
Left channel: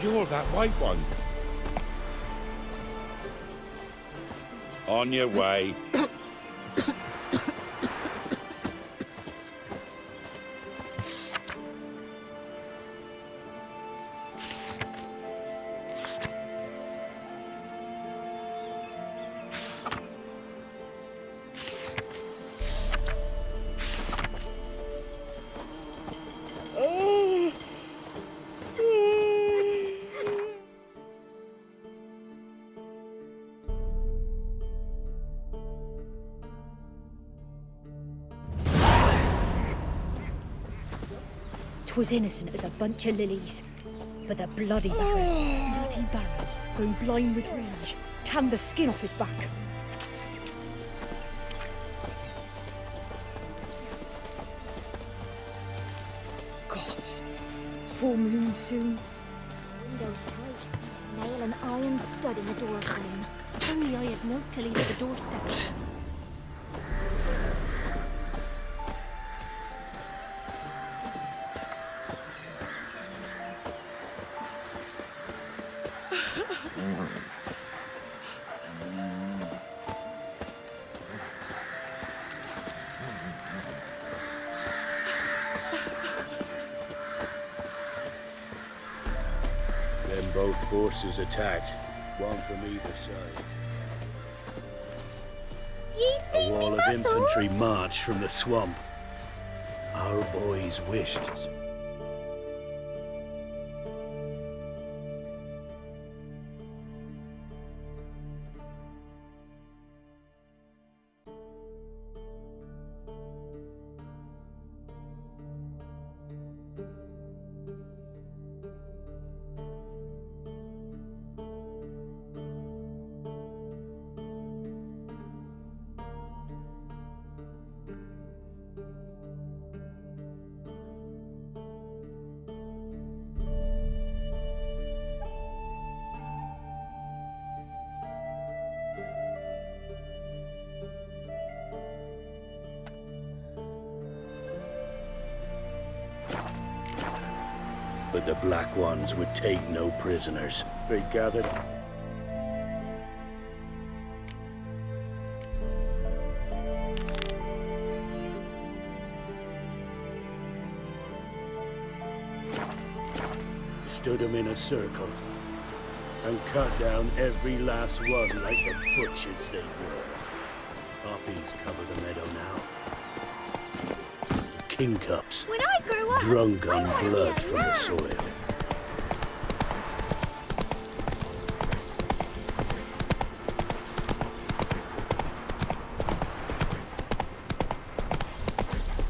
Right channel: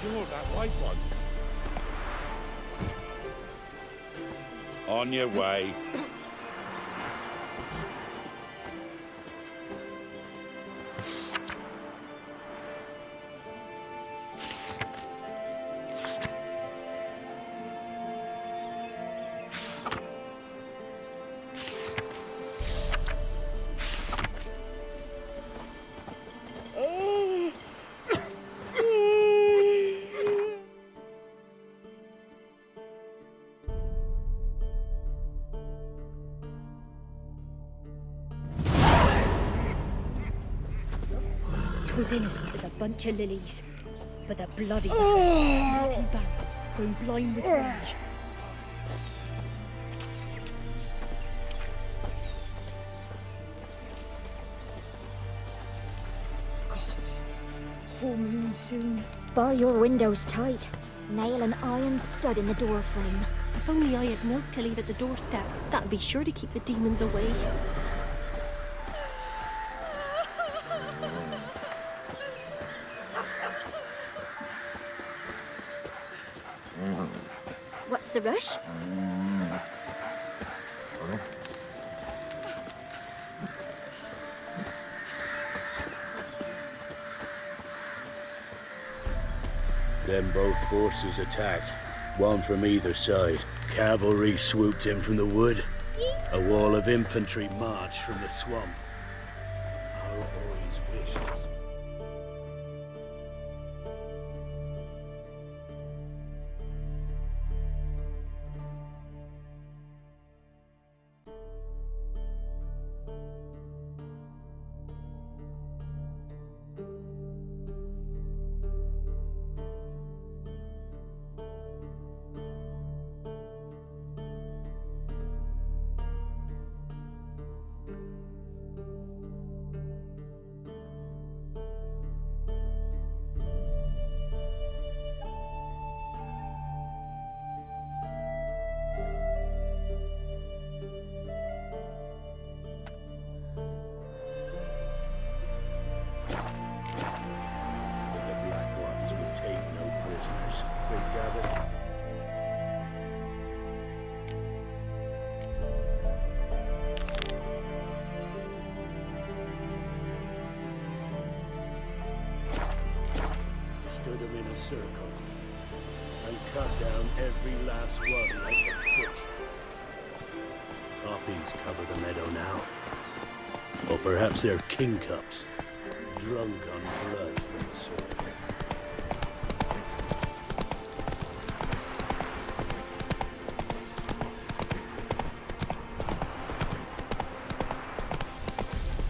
you're that white one. On your way. Was innocent as a bunch of lilies. But the bloody Baron, bloody Baron, grown blind with rage, tanned the skin off his back. Gods, full moon soon. Bar your windows tight. Nail an iron stud in the door frame. If only I had milk to leave at the doorstep. That'd be sure to keep the demons away. What's the rush? Then both forces attacked, one from either side. Cavalry swooped in from the wood. A wall of infantry marched from the swamp. Our boys wished. But the Black Ones would take no prisoners. They gathered. Stood them in a circle and cut down every last one like the butchers they were. Poppies cover the meadow now. Or perhaps they're kingcups, drunk on blood from the soil.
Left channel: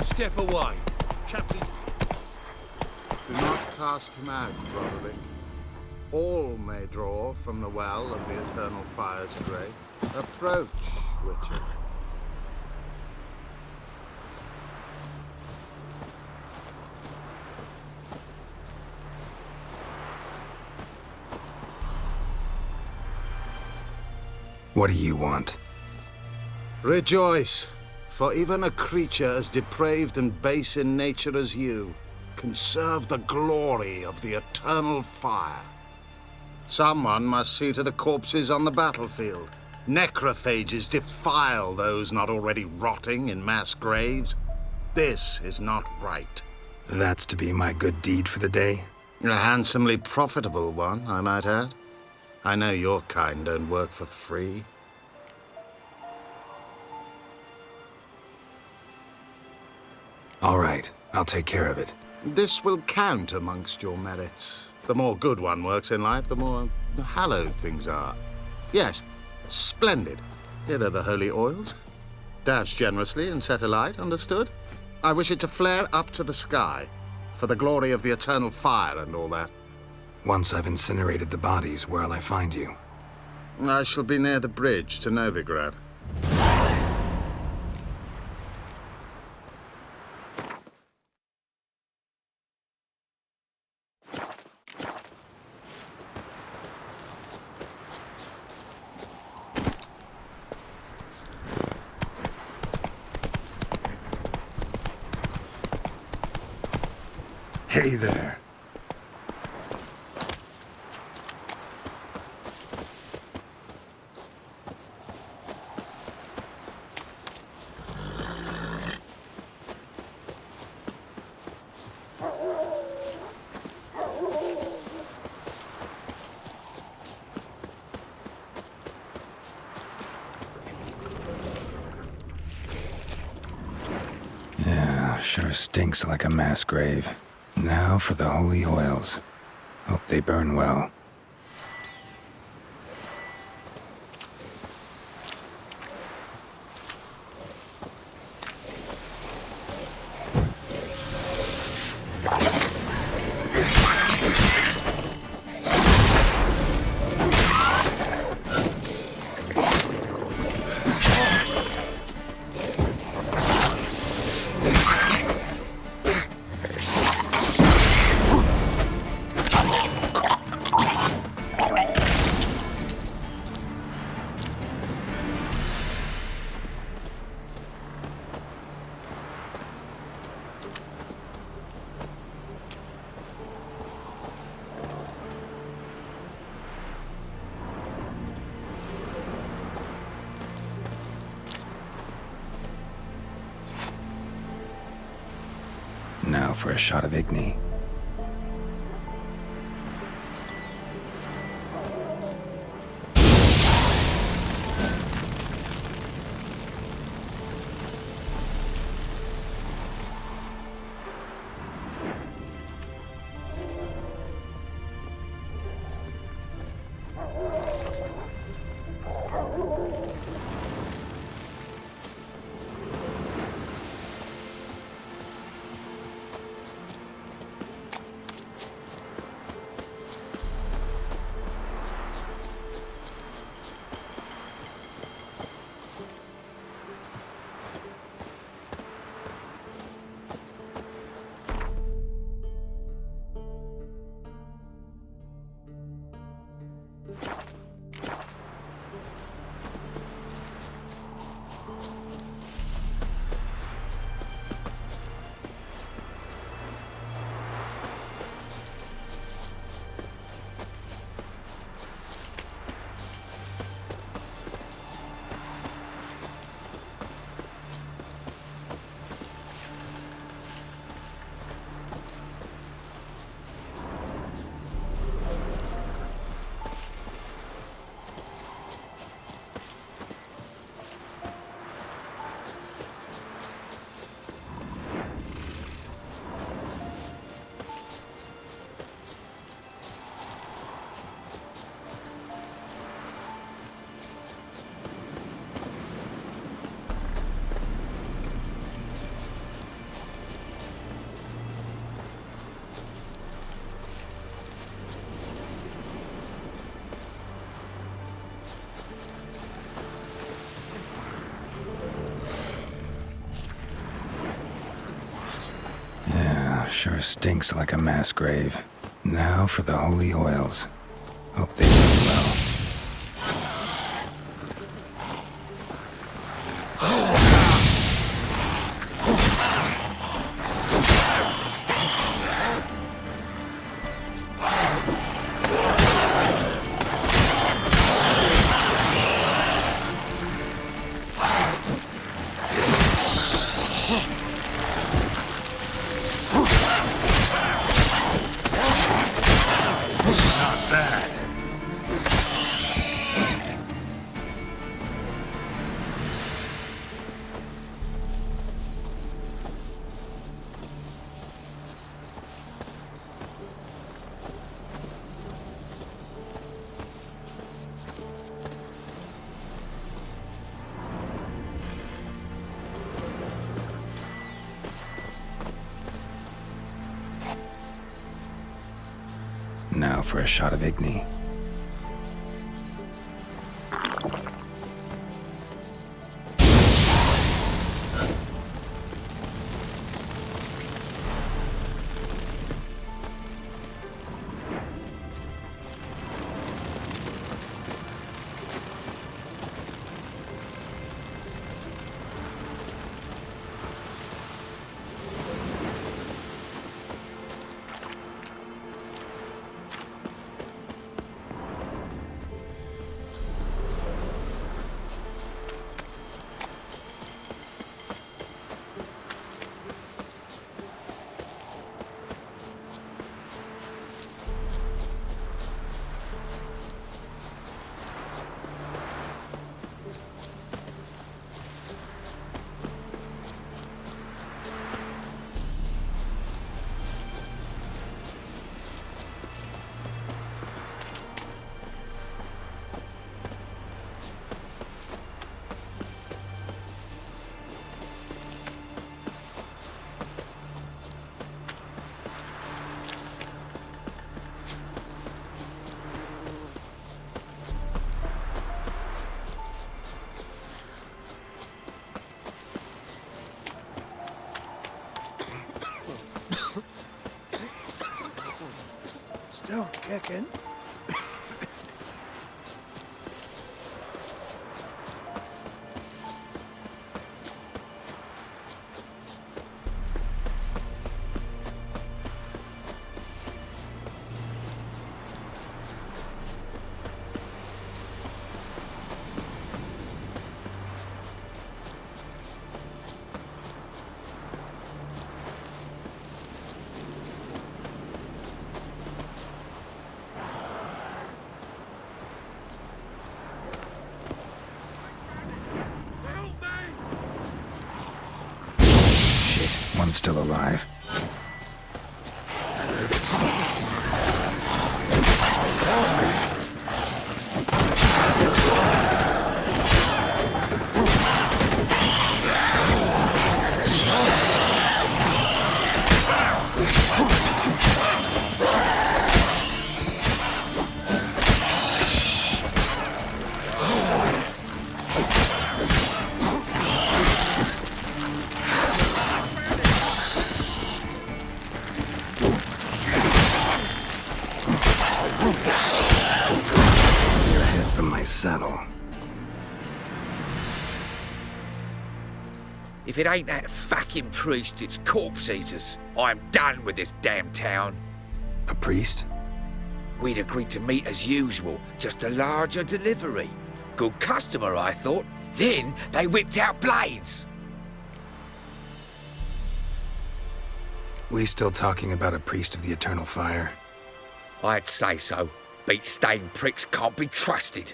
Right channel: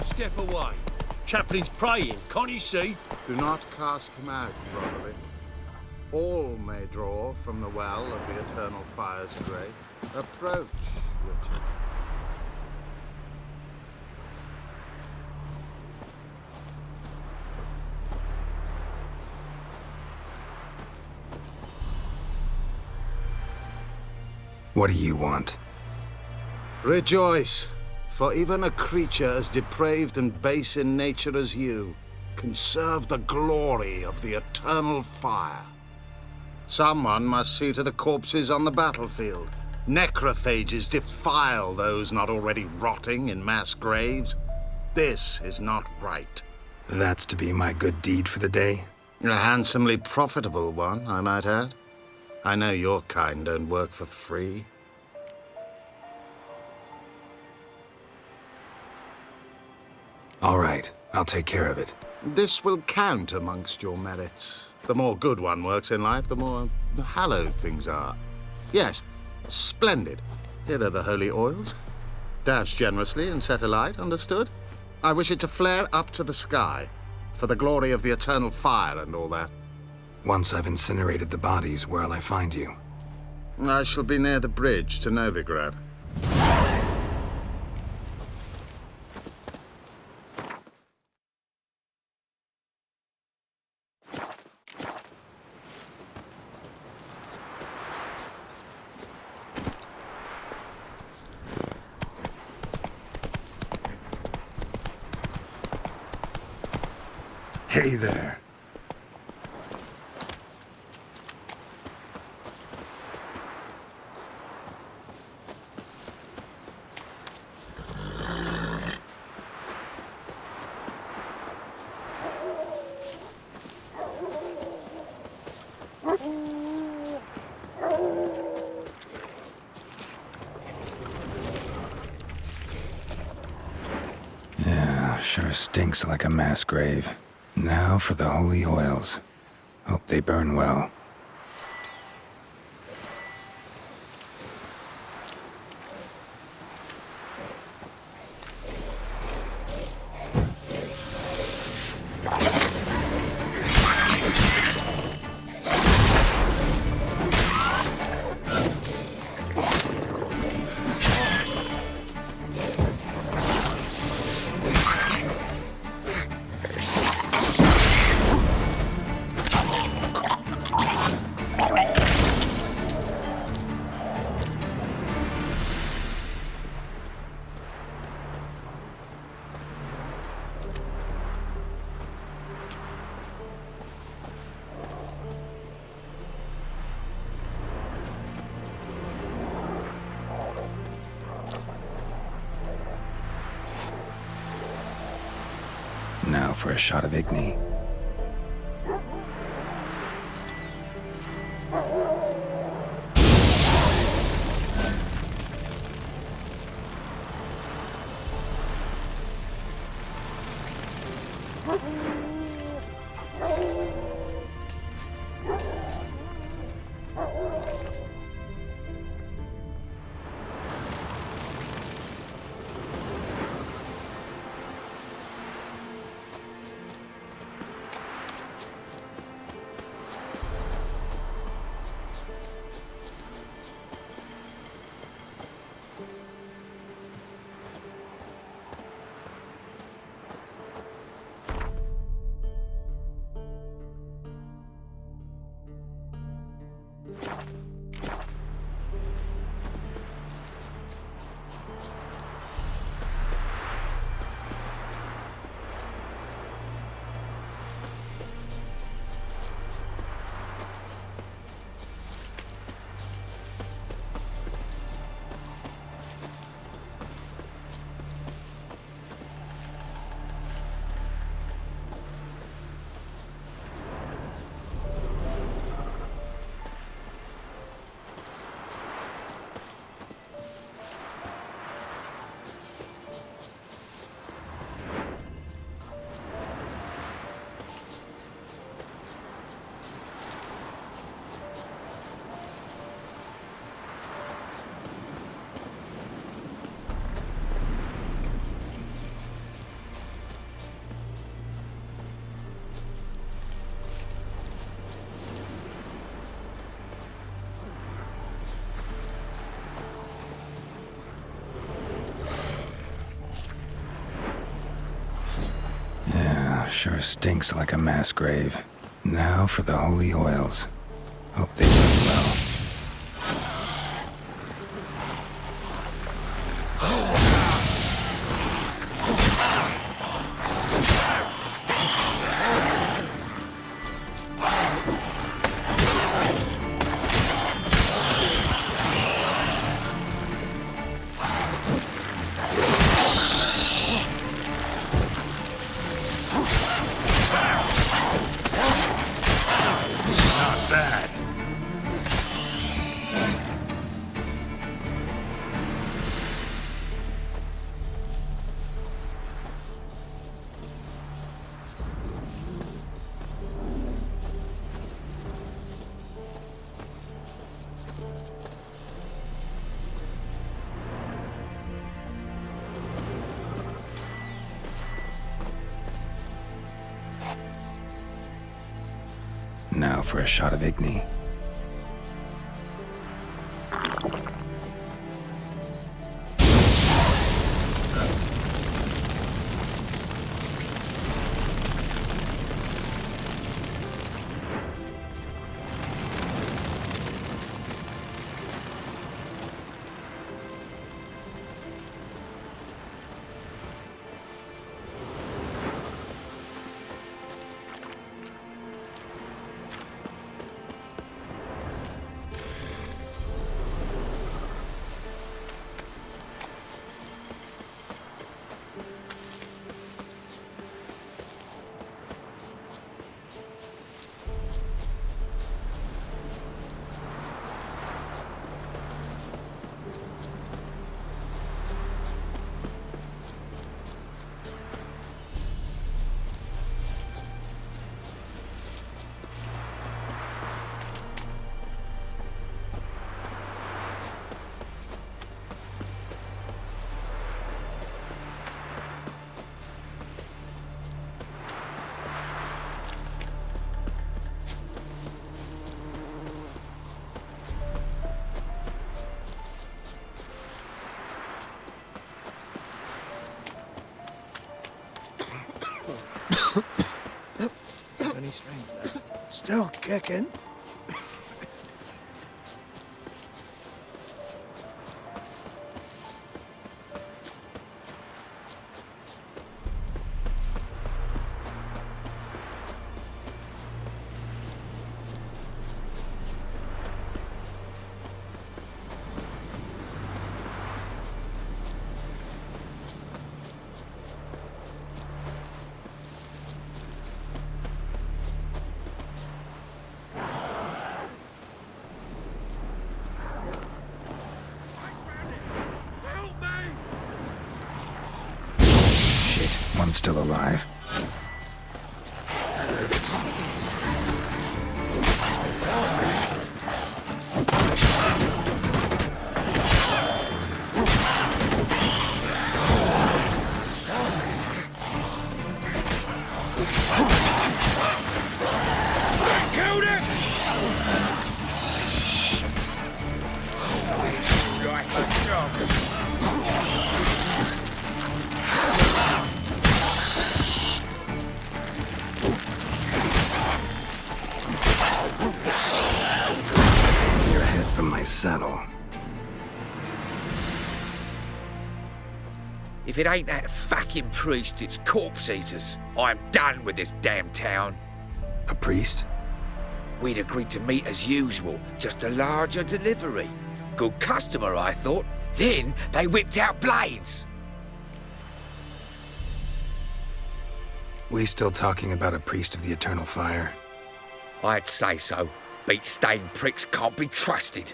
Step away. Chaplain's praying, can't you see? Do not cast him out, Roderick. All may draw from the well of the eternal fire's grace. Approach, Witcher. What do you want? Rejoice, for even a creature as depraved and base in nature as you can serve the glory of the eternal fire. Someone must see to the corpses on the battlefield. Necrophages defile those not already rotting in mass graves. This is not right. That's to be my good deed for the day? A handsomely profitable one, I might add. I know your kind don't work for free. All right, I'll take care of it. This will count amongst your merits. The more good one works in life, the more hallowed things are. Yes, splendid. Here are the holy oils. Dash generously and set alight, understood? I wish it to flare up to the sky, for the glory of the eternal fire and all that. Once I've incinerated the bodies, where'll I find you? I shall be near the bridge to Novigrad. Hey there. sure stinks like a mass grave. Now for the holy oils. Hope they burn well. Now for a shot of Igni. Sure stinks like a mass grave. Now for the holy oils. Hope they burn well. Now for a shot of Igni. Still kicking? One's still alive. Your head from my saddle. If it ain't that fucking priest, it's corpse eaters. I'm done with this damn town. A priest? We'd agreed to meet as usual, just a larger delivery. Good customer, I thought. Then they whipped out blades. We still talking about a priest of the eternal fire? I'd say so. Beat-stained pricks can't be trusted.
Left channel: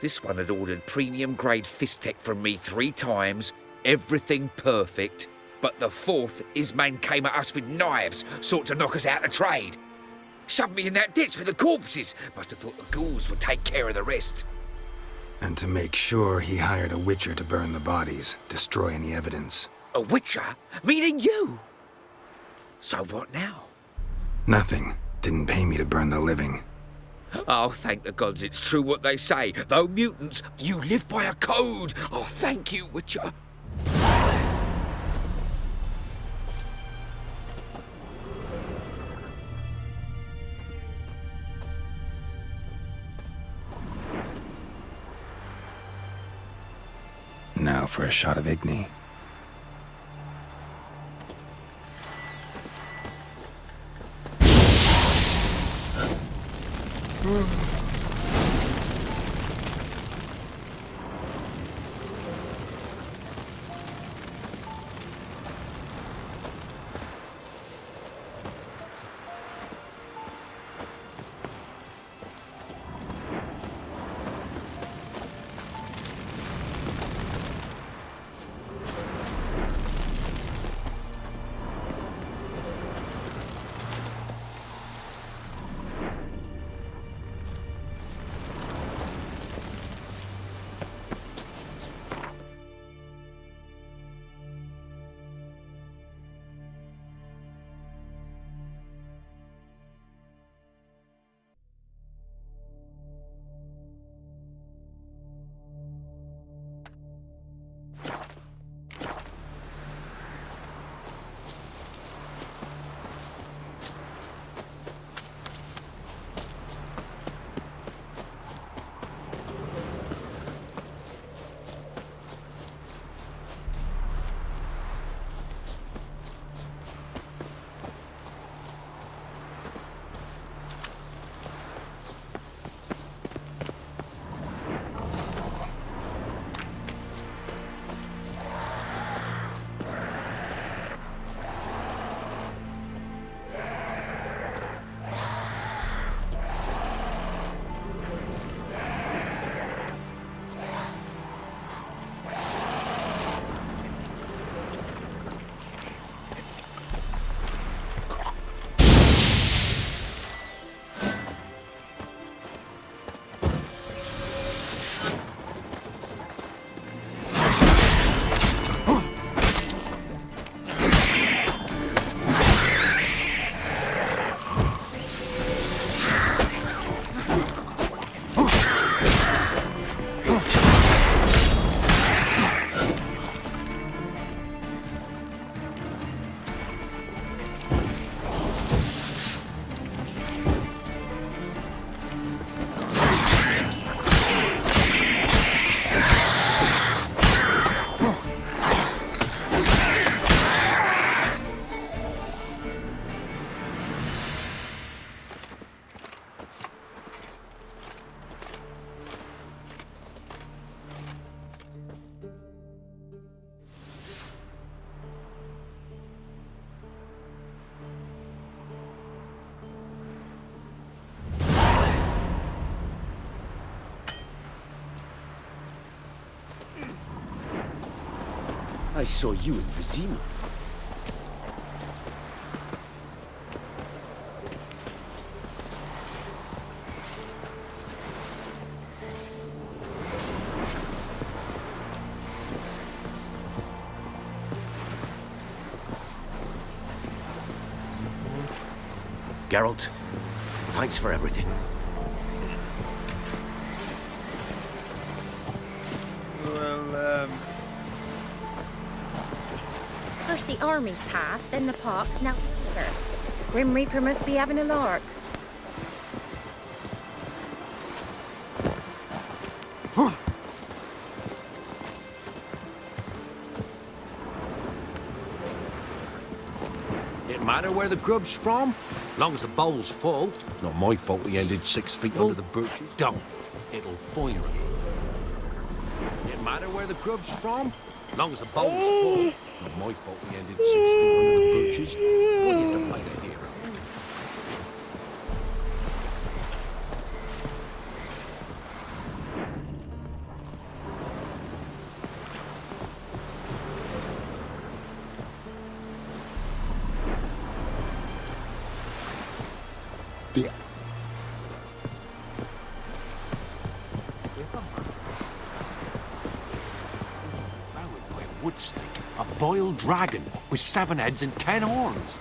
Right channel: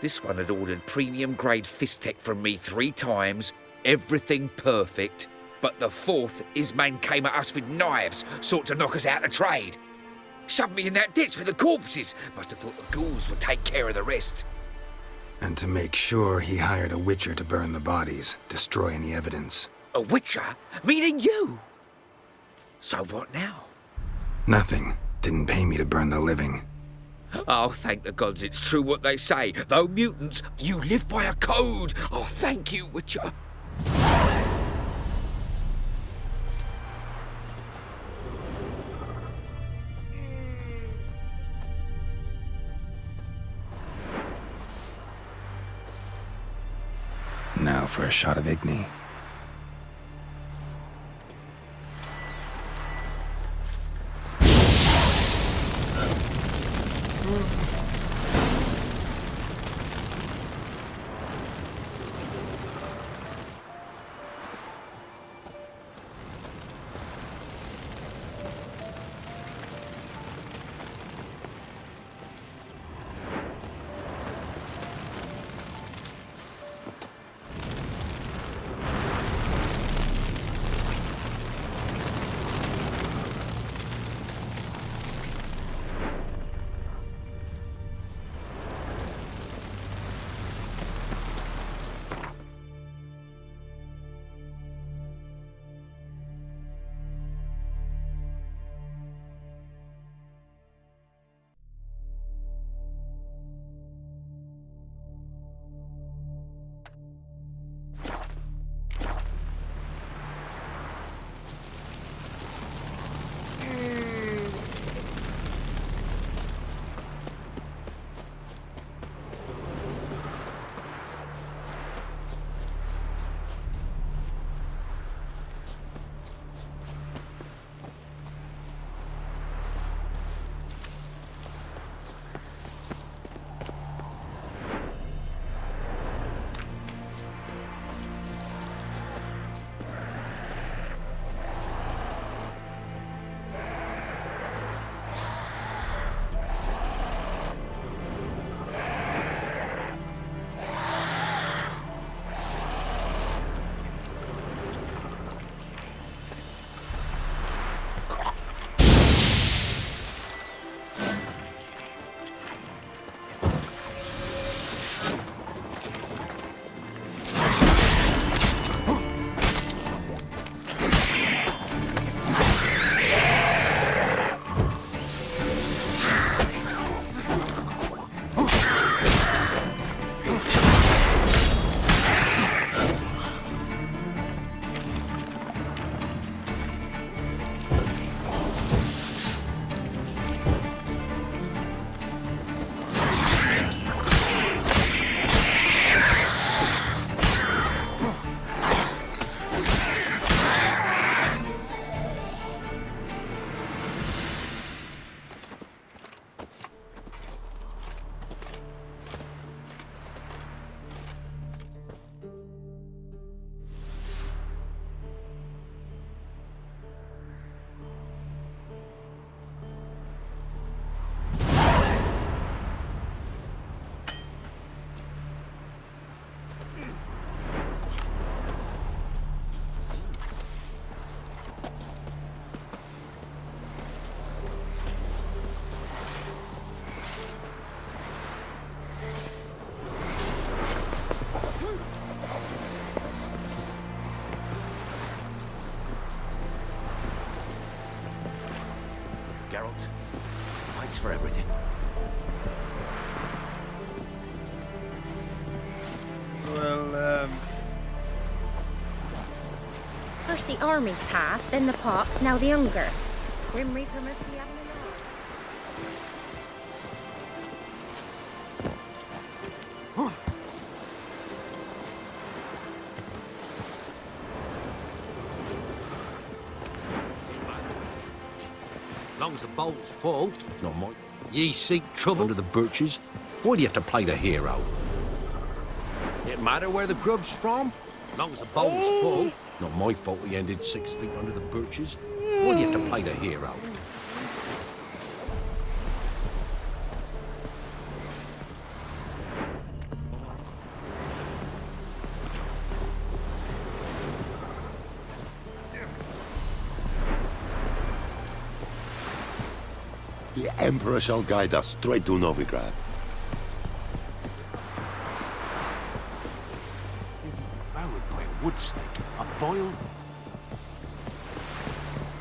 This one had ordered premium-grade fist tech from me 3 times, everything perfect, but the 4th, his man came at us with knives, sought to knock us out of trade. Shoved me in that ditch with the corpses. Must have thought the ghouls would take care of the rest. And to make sure, he hired a witcher to burn the bodies, destroy any evidence. A witcher? Meaning you? So what now? Nothing. Didn't pay me to burn the living. Oh, thank the gods it's true what they say. Though mutants, you live by a code. Oh, thank you, Witcher. Now for a shot of Igni. I saw you in Vizima. Geralt, thanks for everything. Well, First the armies passed, then the pox, now the hunger. Grim Reaper must be having a lark. Didn't matter where the grub's from, long as the bowl's full. Not my fault we Ye ended seek 6 feet trouble? under the birches. Why do you have to play the hero? Didn't matter where the grub's from, long as the bowl's full. Not my fault we ended 6 feet under the birches. Why do you have to play the hero? The Emperor shall guide us straight to Novigrad. Devoured by a wood snake, a boiled dragon with 7 heads and 10 horns.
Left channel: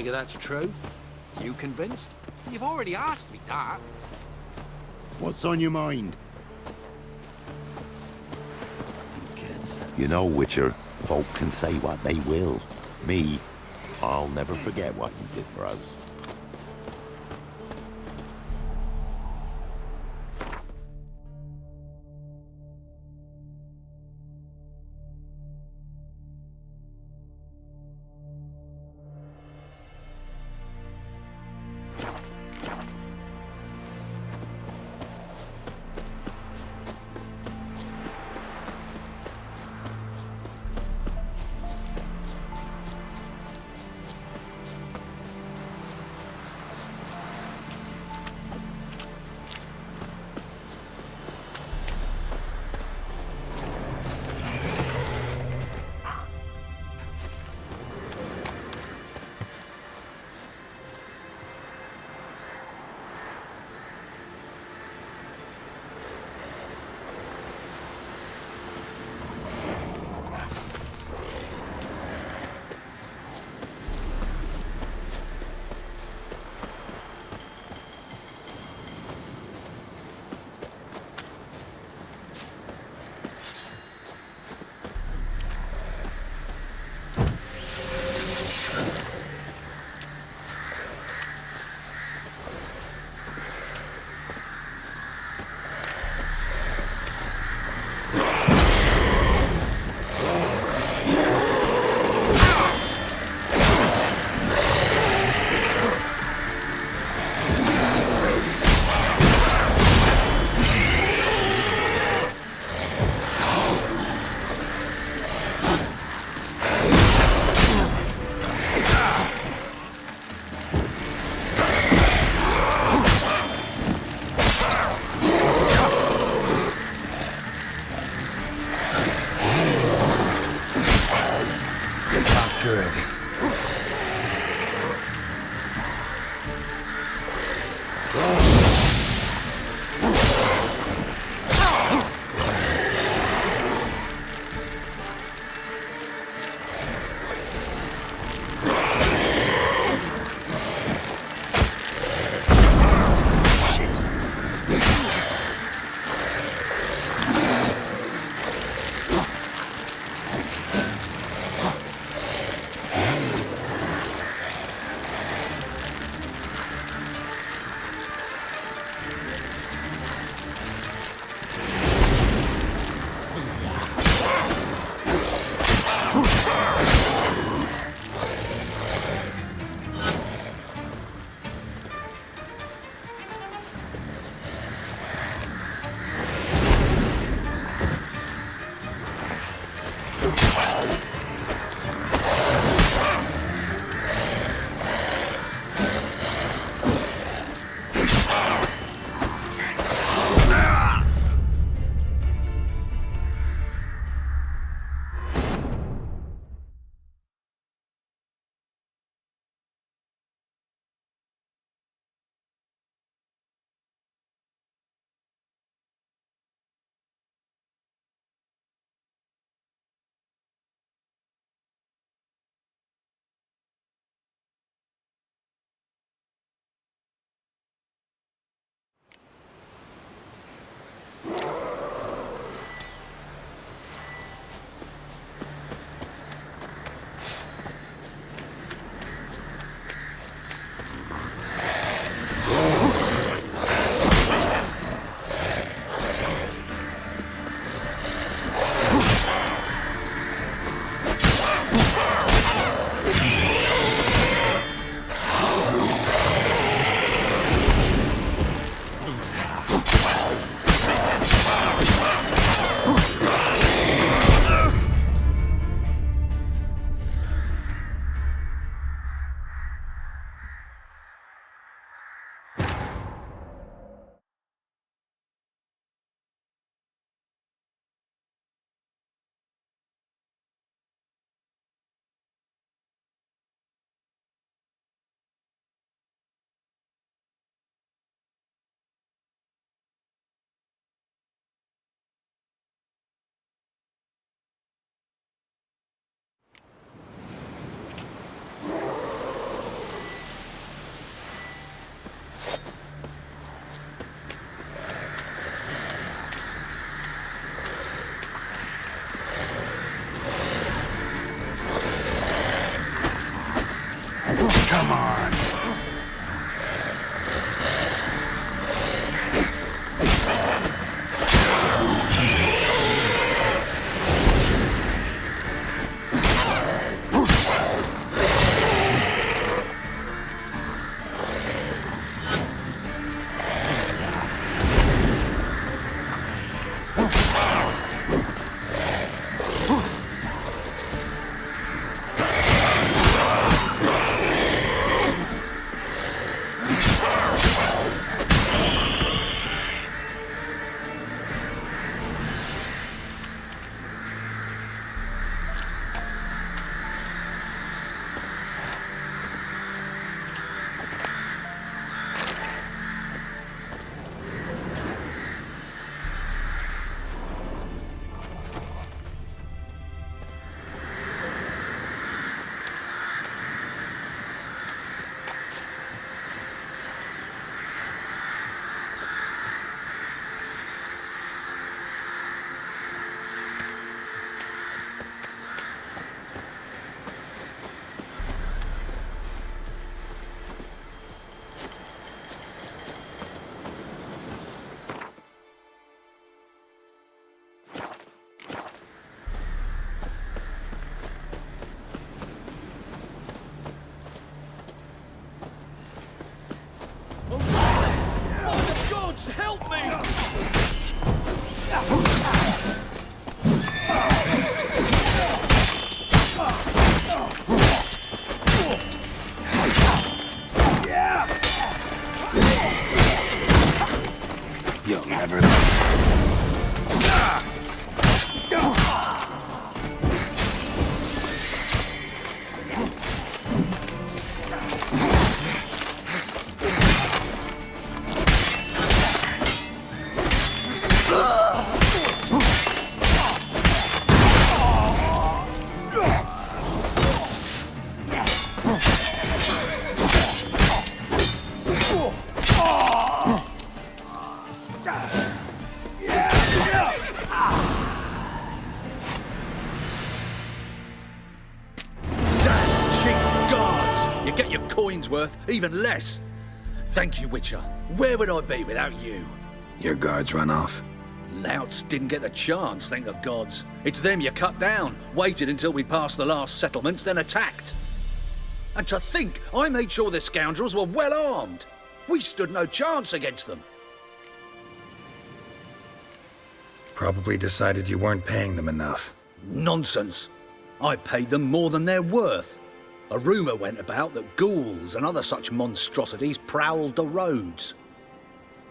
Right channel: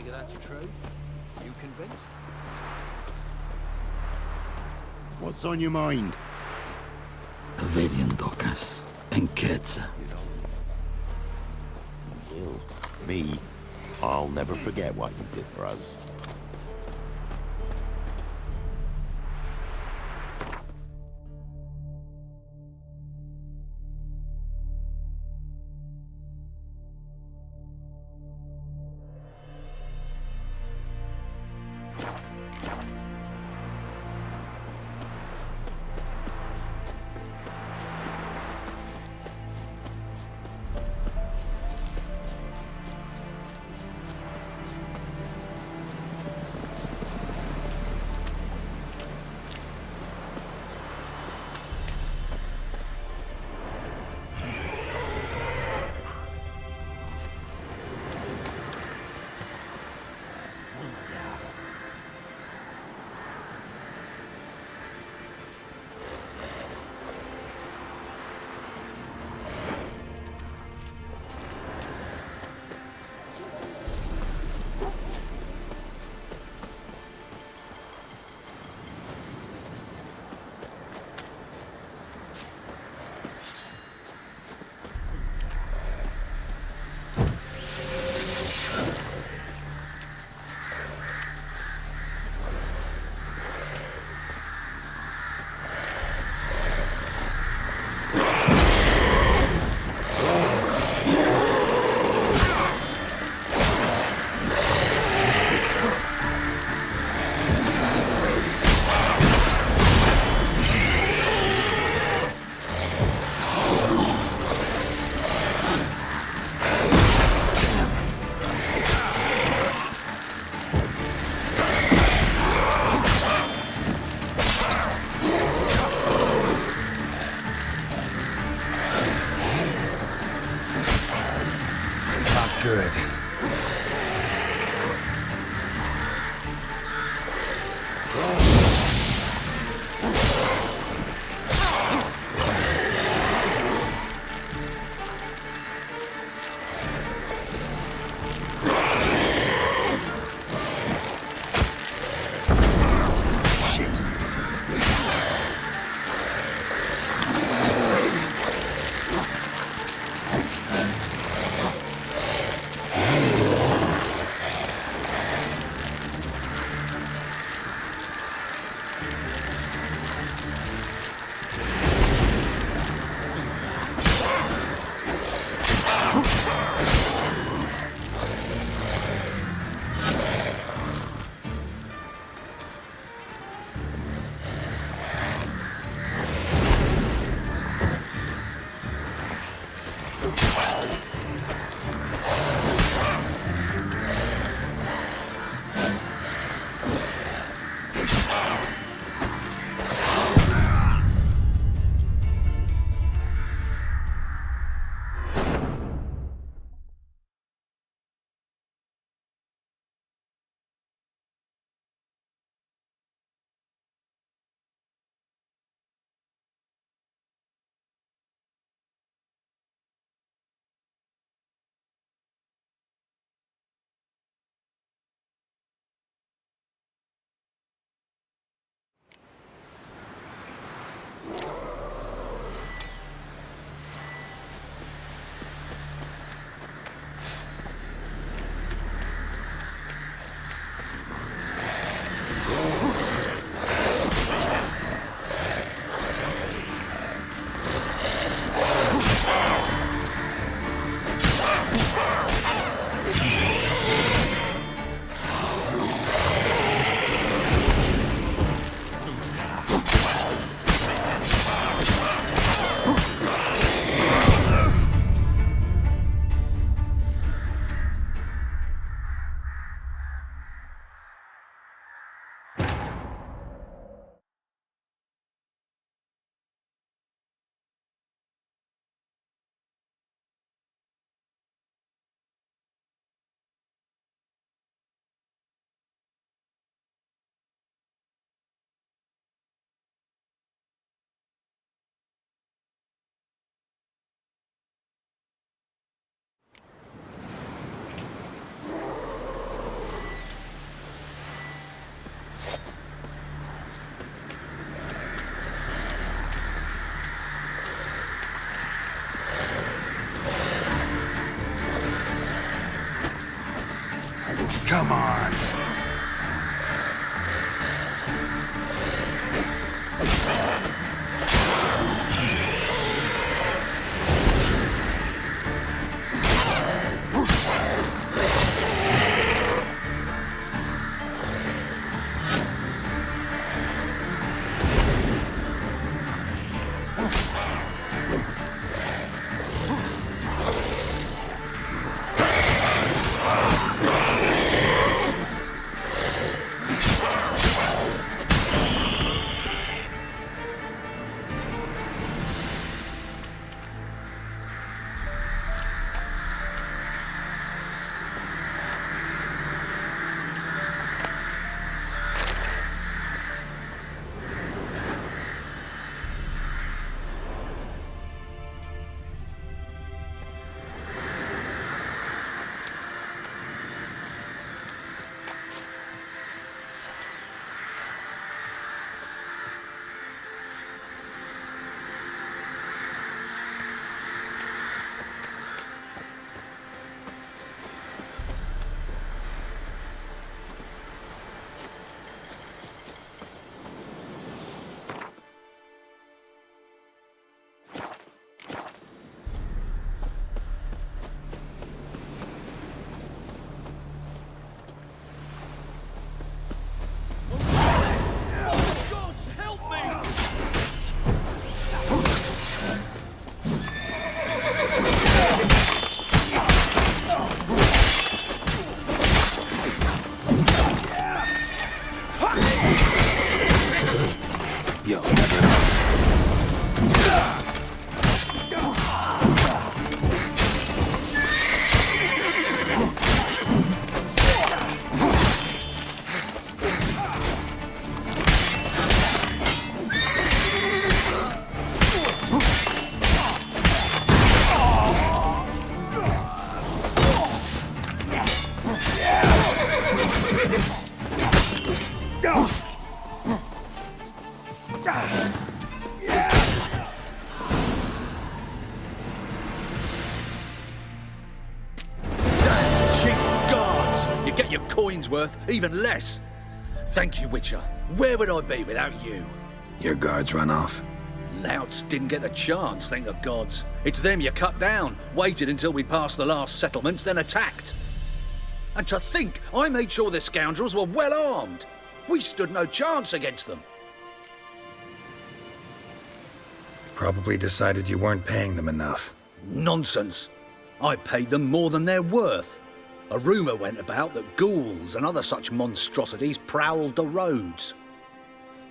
Figure that's true? You convinced? You've already asked me that. What's on your mind? Avelian Docas and Ketza. You know, Witcher, folk can say what they will. Me, I'll never forget what you did for us. worth, even less. Thank you, Witcher. Where would I be without you? Your guards run off. Louts didn't get the chance, thank the gods. It's them you cut down, waited until we passed the last settlements, then attacked. And to think, I made sure the scoundrels were well armed. We stood no chance against them. Probably decided you weren't paying them enough. Nonsense. I paid them more than they're worth. A rumour went about that ghouls and other such monstrosities prowled the roads.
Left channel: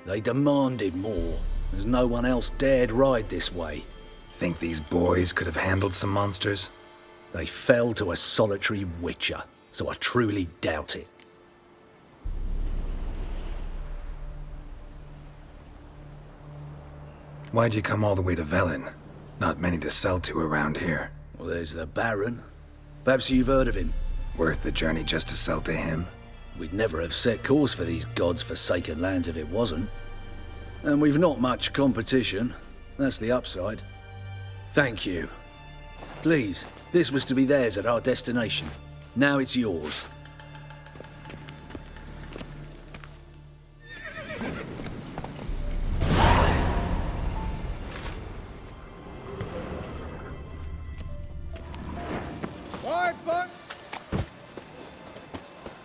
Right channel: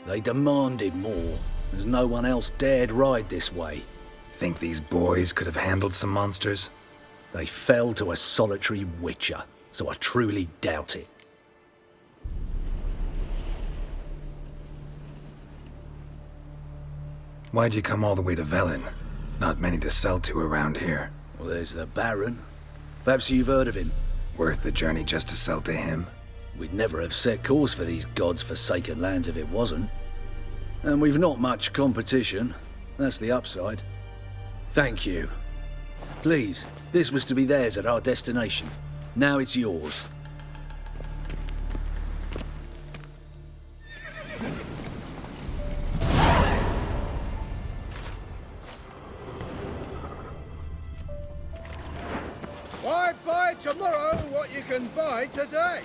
They demanded more, as no one else dared ride this way. Think these boys could have handled some monsters? They fell to a solitary witcher, so I truly doubt it. Why'd you come all the way to Velen? Not many to sell to around here. Well, there's the Baron. Perhaps you've heard of him. Worth the journey just to sell to him? We'd never have set course for these gods-forsaken lands if it wasn't. And we've not much competition. That's the upside. Thank you. Please, this was to be theirs at our destination. Now it's yours. Why buy tomorrow what you can buy today?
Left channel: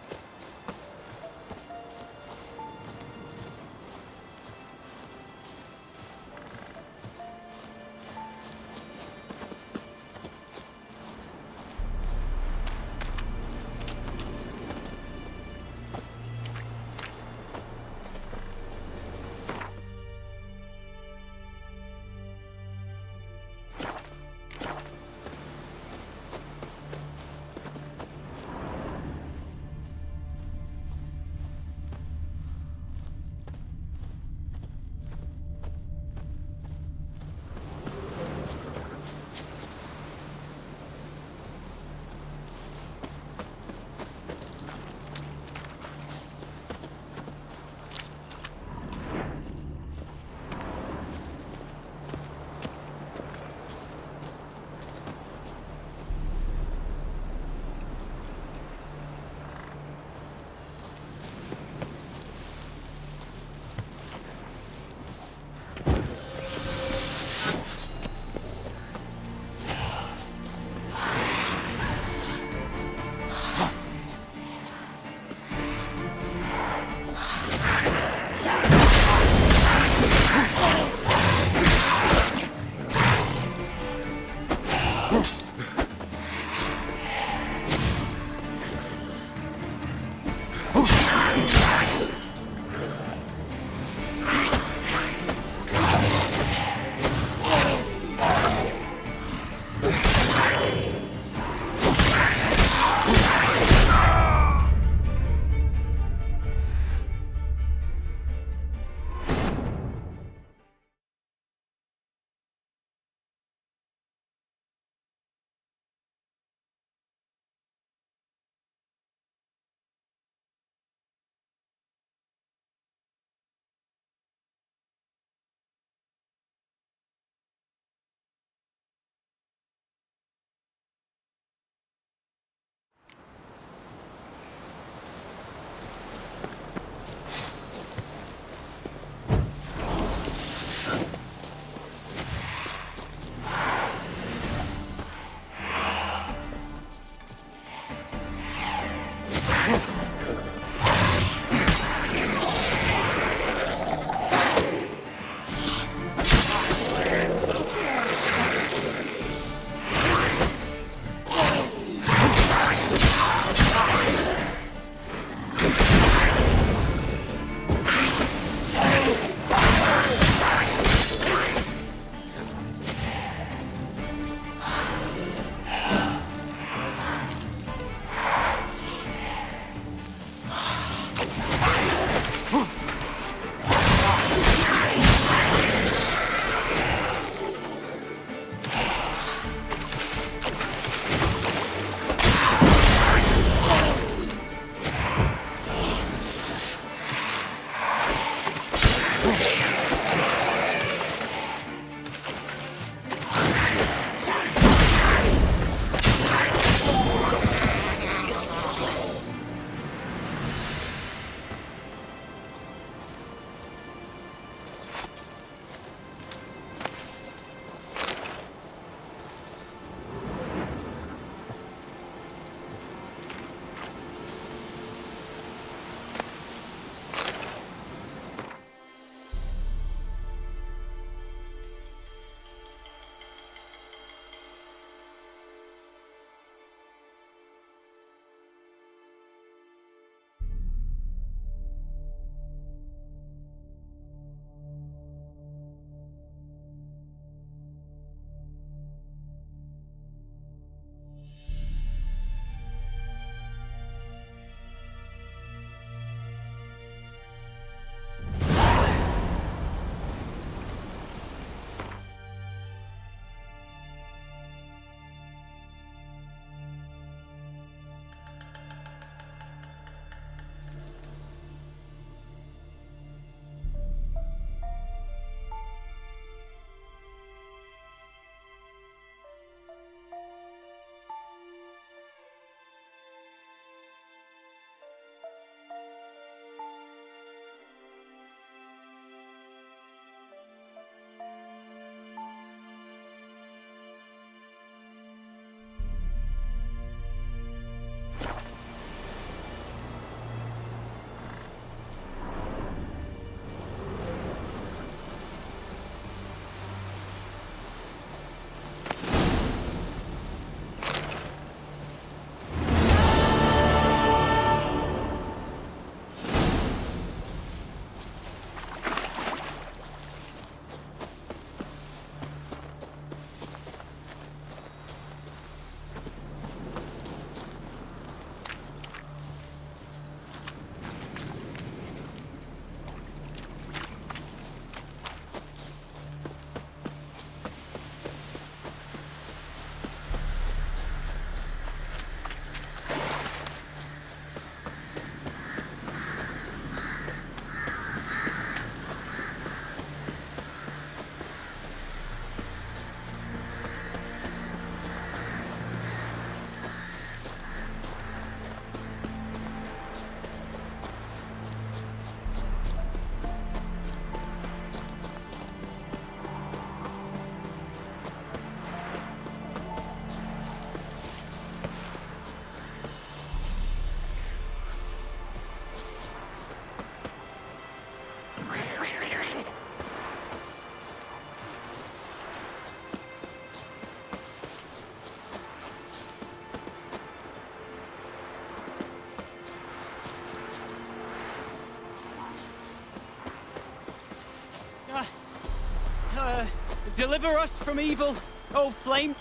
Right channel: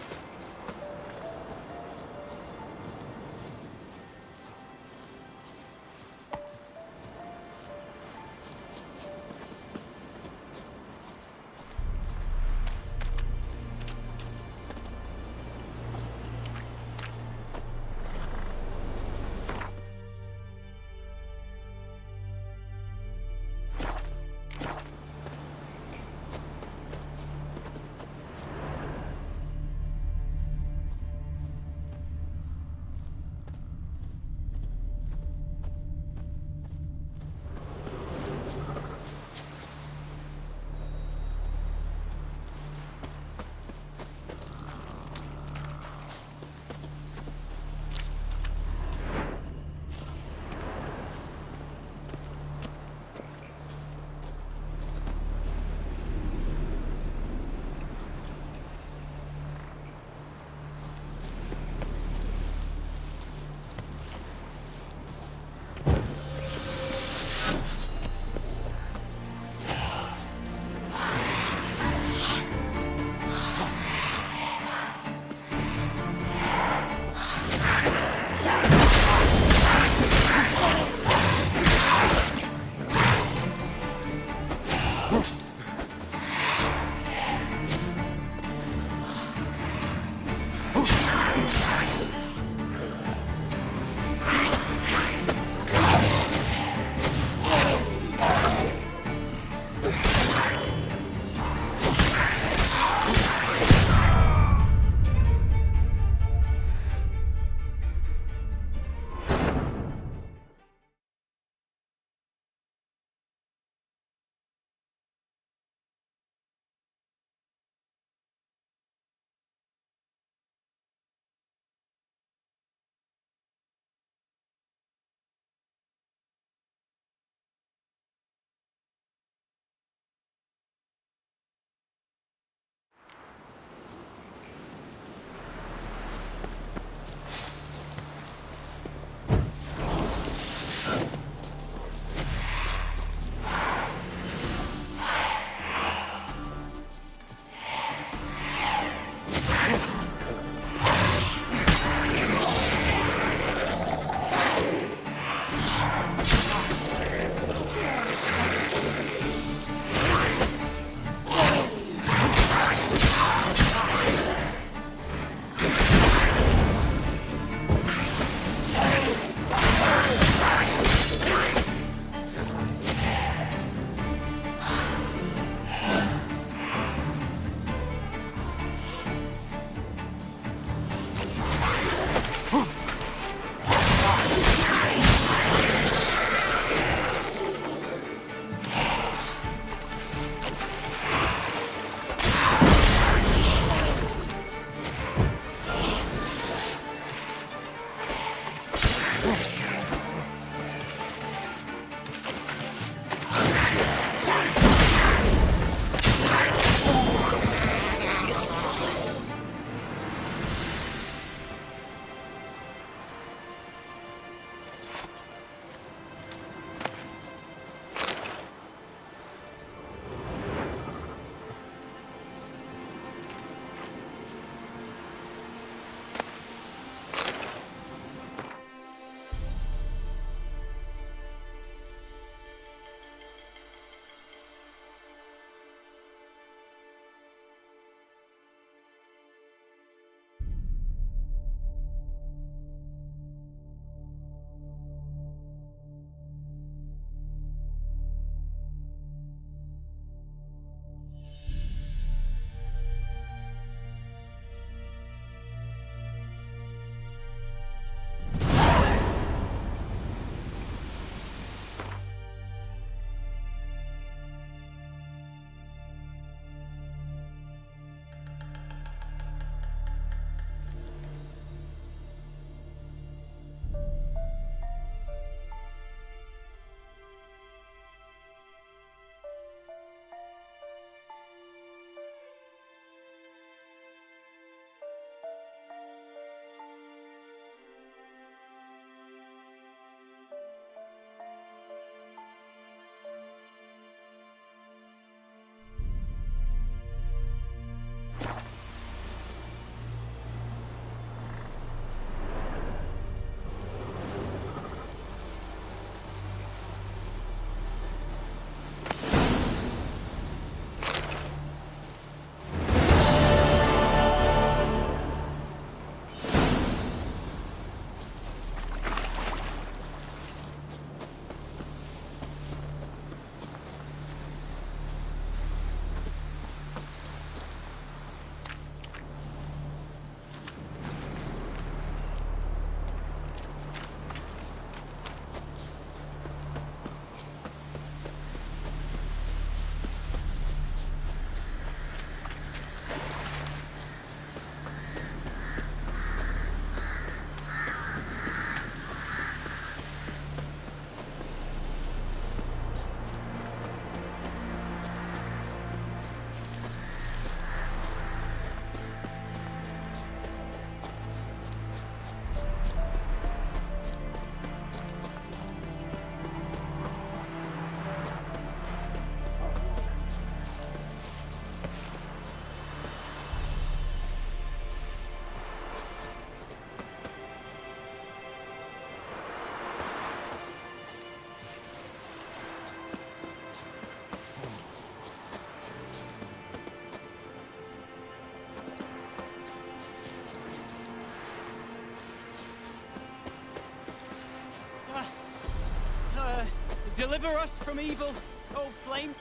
Deliver us from evil, O flame.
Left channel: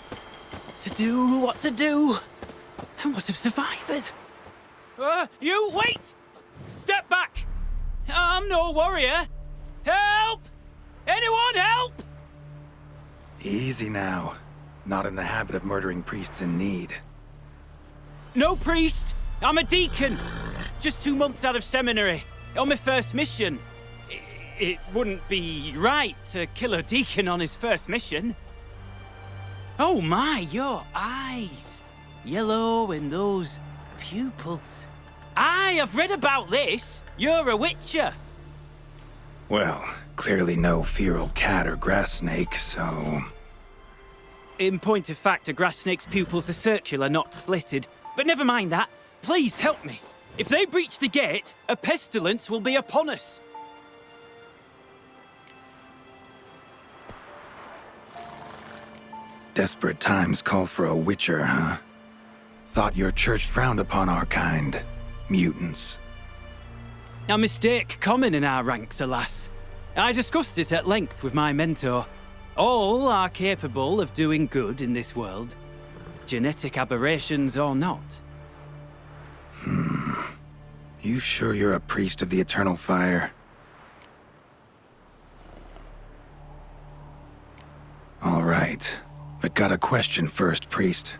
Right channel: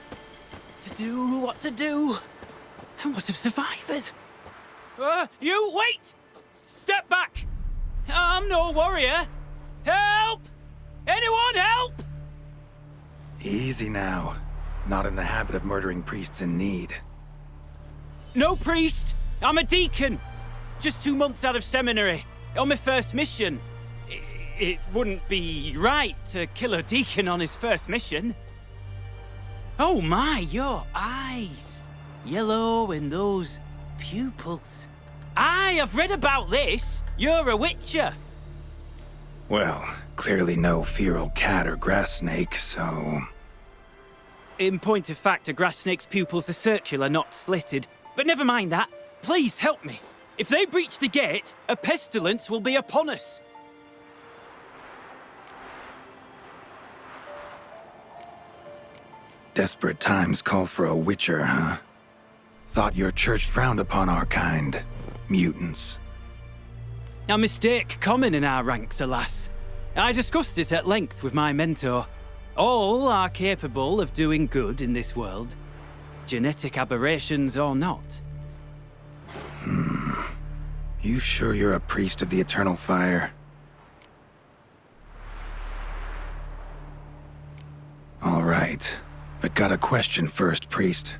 To do what to do. And what of survivors? You wait! Step back! I'm no warrior. Help! Anyone help? Easy now. Not in the habit of murdering priests in need. No priest. I'm a deacon. Just 2 months out of seminary. On my first mission. It wouldn't be right to kill a deacon on his first mission. Oh my, your eyes. Yellow and those pupils. I've read about this. You're a witcher. Well, clearly no feral cat or grass snake, so... In point of fact, a grass snake's pupils are circular, not slitted. But never mind that. Please help me. If they breach the gate, a pestilence will be upon us. Desperate times call for a witcher, huh? Thought your church frowned upon our kind. Mutants. A mistake common in our ranks, alas. I discussed it at length with my mentor. All are capable of doing good in this world. Genetic aberrations or not. You sure you're a priest of the Eternal Fire? All right. But got a question first, priest.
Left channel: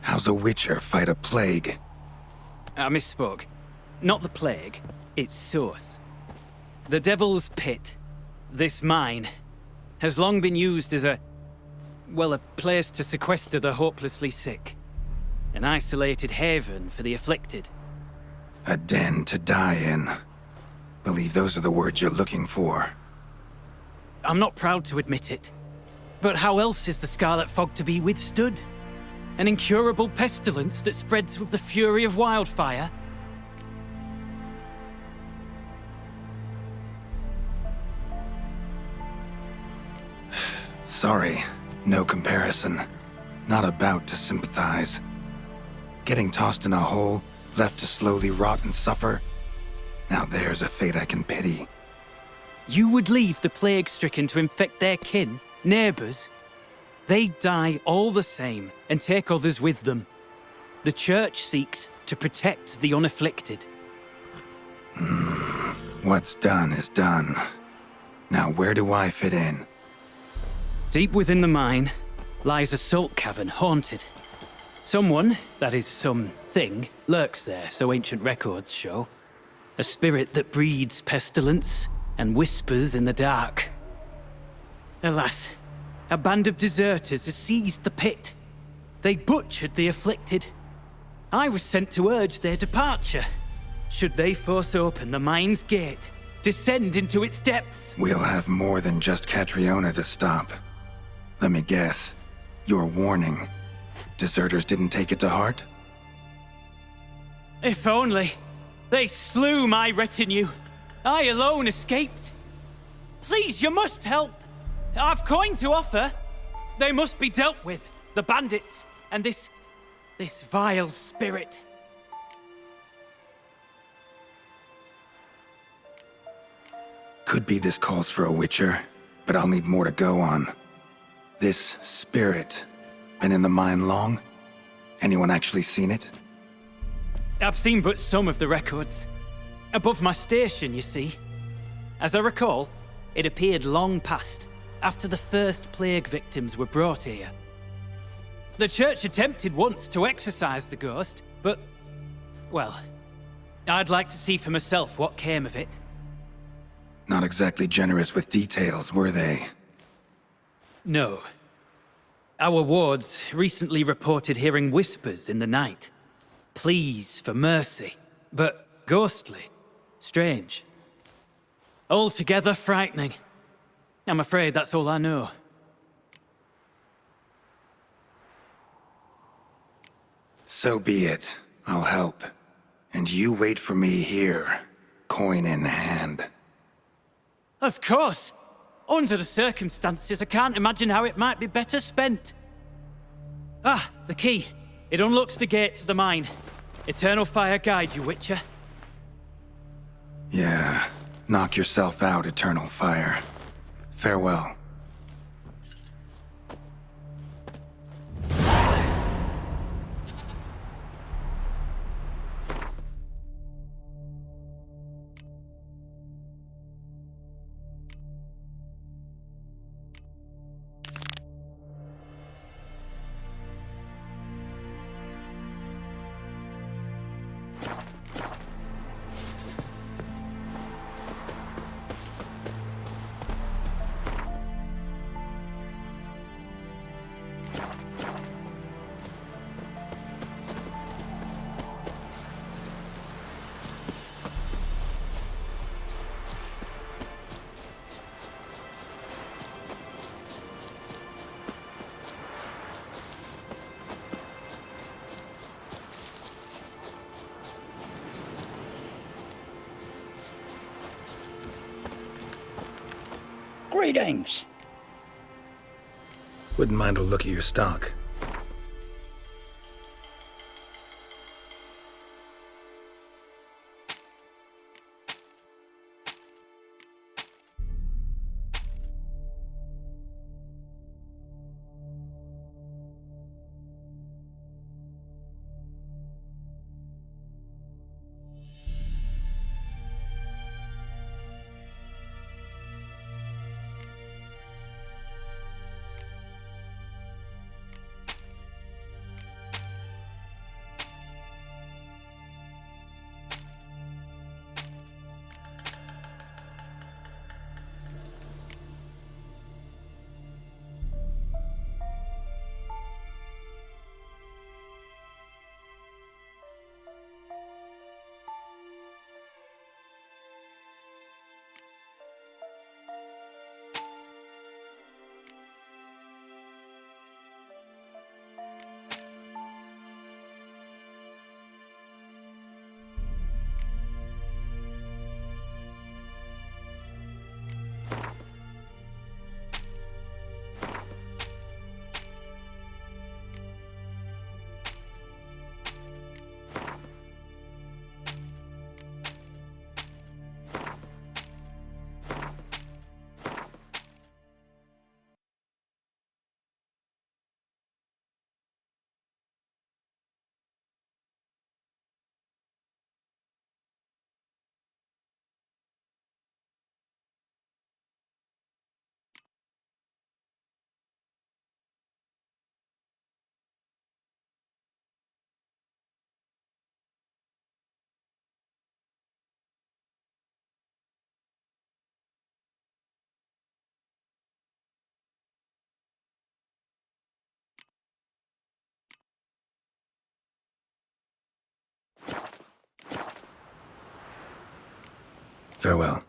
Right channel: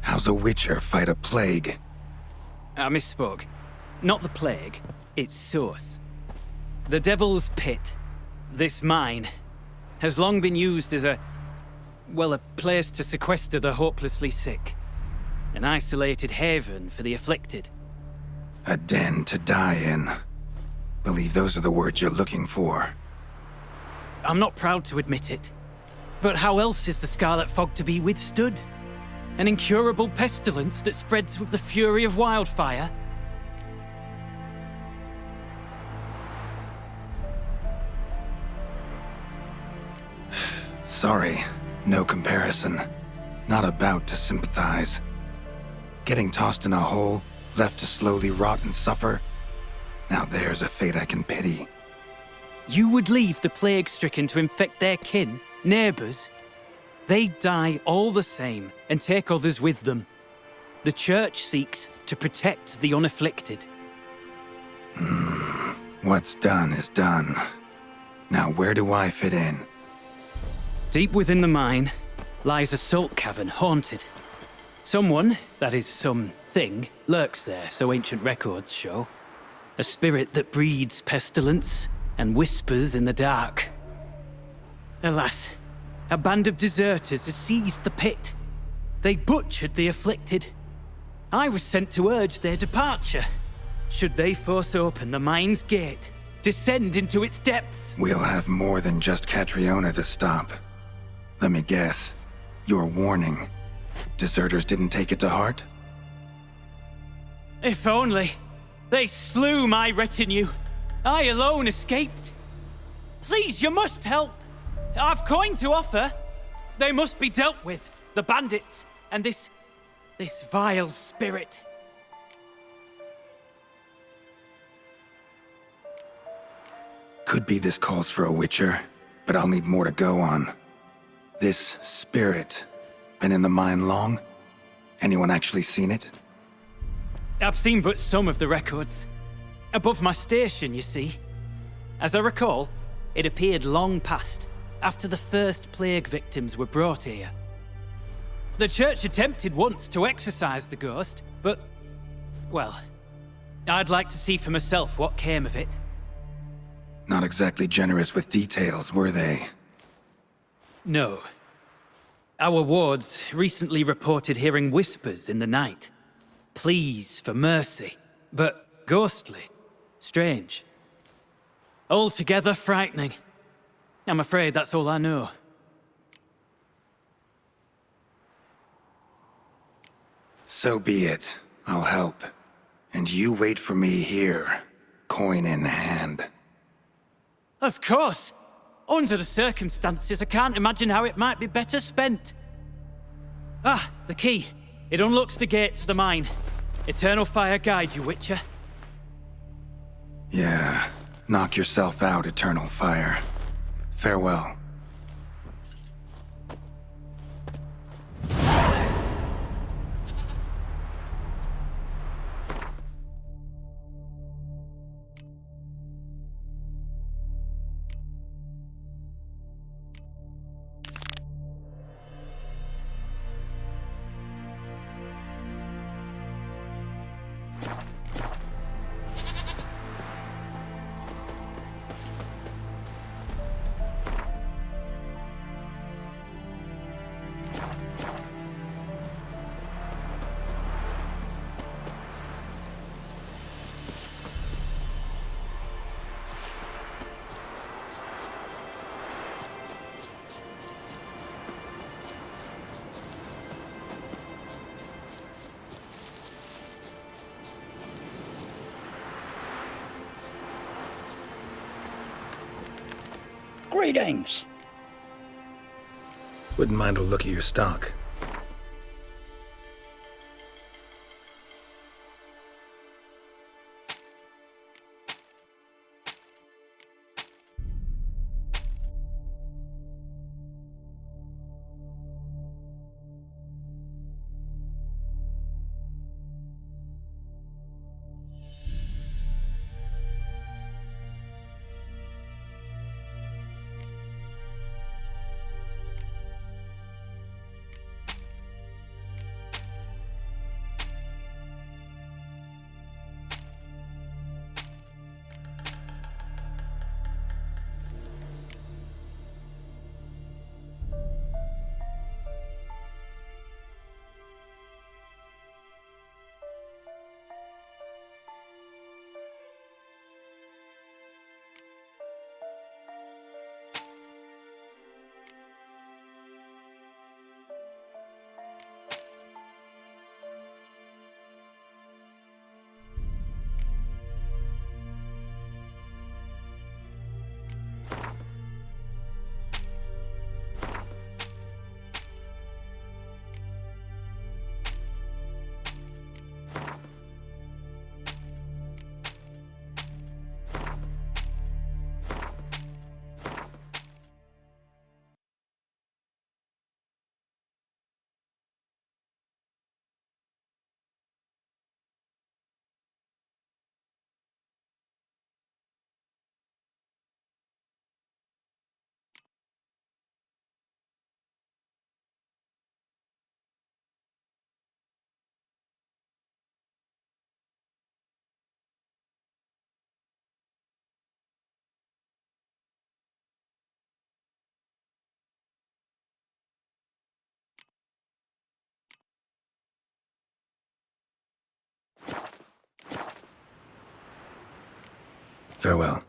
How's a witcher fight a plague? I misspoke. Not the plague, its source. The Devil's Pit, this mine, has long been used as a place to sequester the hopelessly sick. An isolated haven for the afflicted. A den to die in. Believe those are the words you're looking for. I'm not proud to admit it. But how else is the Scarlet Fog to be withstood? An incurable pestilence that spreads with the fury of wildfire? Sorry, no comparison. Not about to sympathize. Getting tossed in a hole, left to slowly rot and suffer? Now there's a fate I can pity. You would leave the plague-stricken to infect their kin, neighbors? They die all the same and take others with them. The Church seeks to protect the unafflicted. What's done is done. Now where do I fit in? Deep within the mine lies a salt cavern haunted. Someone, that is something, lurks there, so ancient records show. A spirit that breeds pestilence and whispers in the dark. Alas, a band of deserters has seized the pit. They butchered the afflicted. I was sent to urge their departure. Should they force open the mine's gate, descend into its depths... We'll have more than just Catriona to stop. Let me guess. Your warning. Deserters didn't take it to heart? If only. They slew my retinue. I alone escaped. Please, you must help. I've coin to offer. They must be dealt with. The bandits and this vile spirit. Could be this calls for a witcher, but I'll need more to go on. This spirit, been in the mine long? Anyone actually seen it? I've seen but some of the records. Above my station, you see. As I recall, it appeared long past, after the first plague victims were brought here. The church attempted once to exorcise the ghost, but, well, I'd like to see for myself what came of it. Not exactly generous with details, were they? No. Our wards recently reported hearing whispers in the night. Pleas for mercy, but ghostly, strange. Altogether frightening. I'm afraid that's all I know. So be it. I'll help. And you wait for me here, coin in hand. Of course! Under the circumstances, I can't imagine how it might be better spent. Ah, the key. It unlocks the gate to the mine. Eternal fire guide you, Witcher. Yeah. Knock yourself out, Eternal Fire. Farewell. Greetings. Wouldn't mind a look at your stock. Farewell.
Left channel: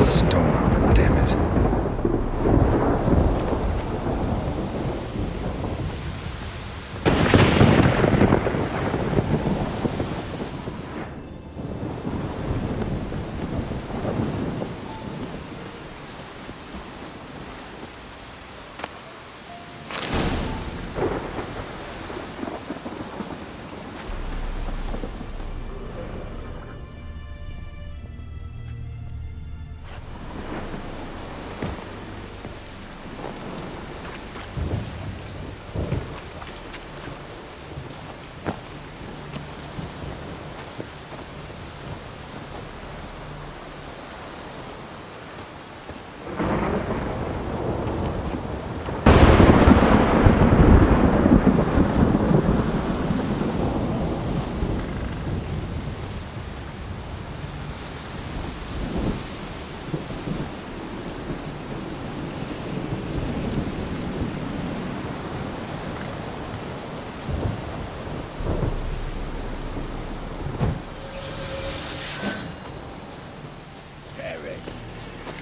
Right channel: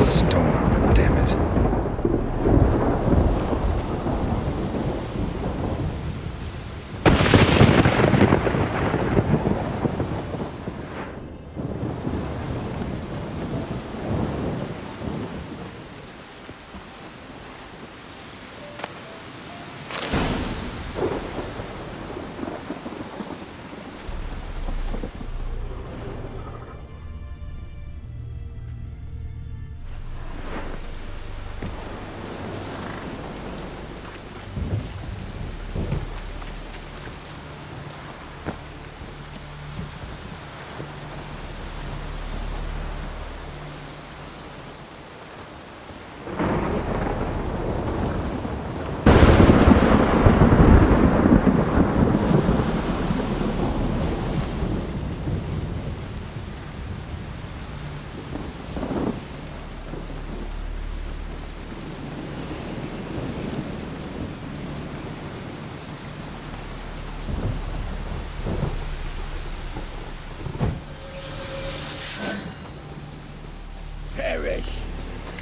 Storm, damn it.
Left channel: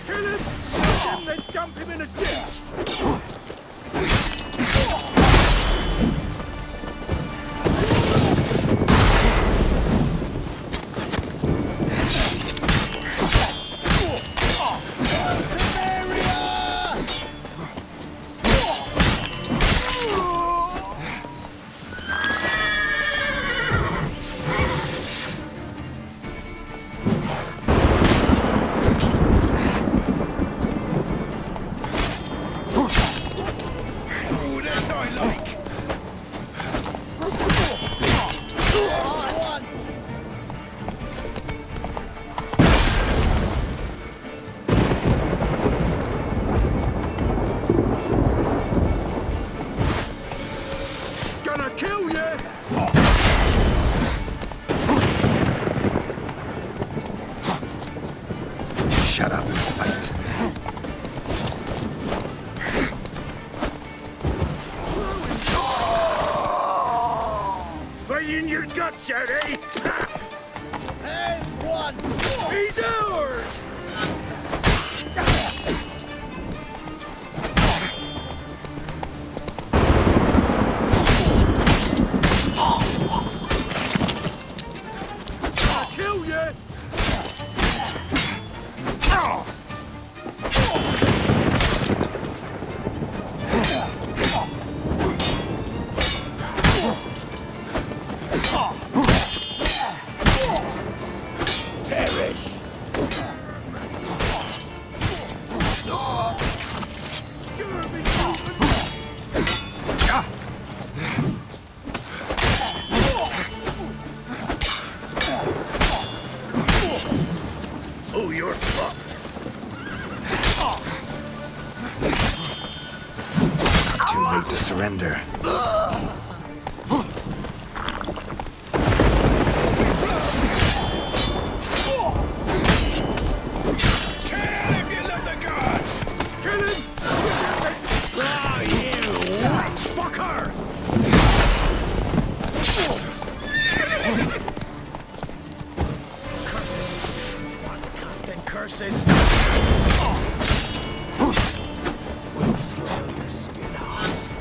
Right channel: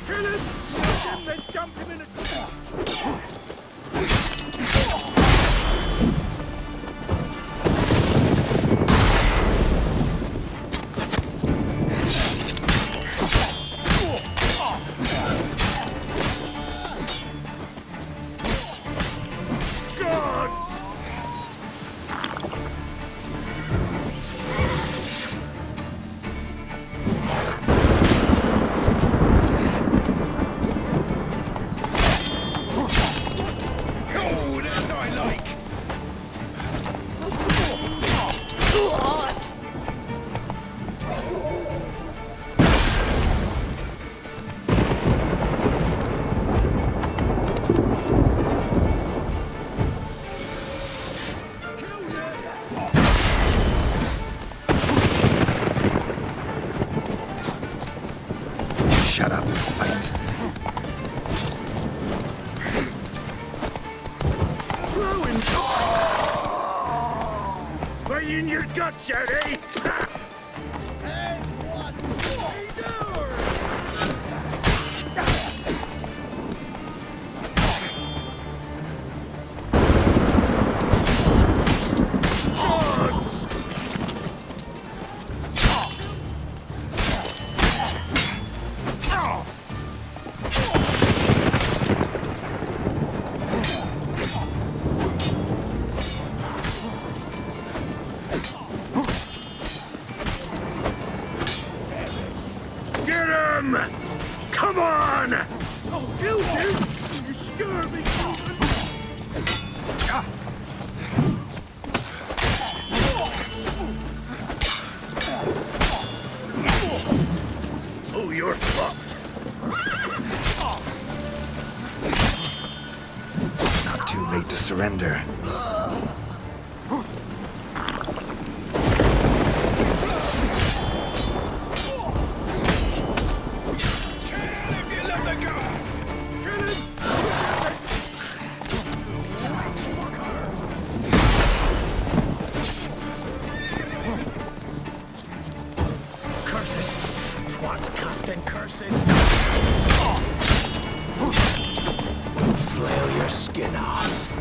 Kill him! Smash him, then dump him in a ditch! Shut up and fight. Fight in your guts out, eh? As one! He's ours! him! Come on! You scurvy mutant! Oh, you're fucked! Not too late to surrender. We'll flail your skin off.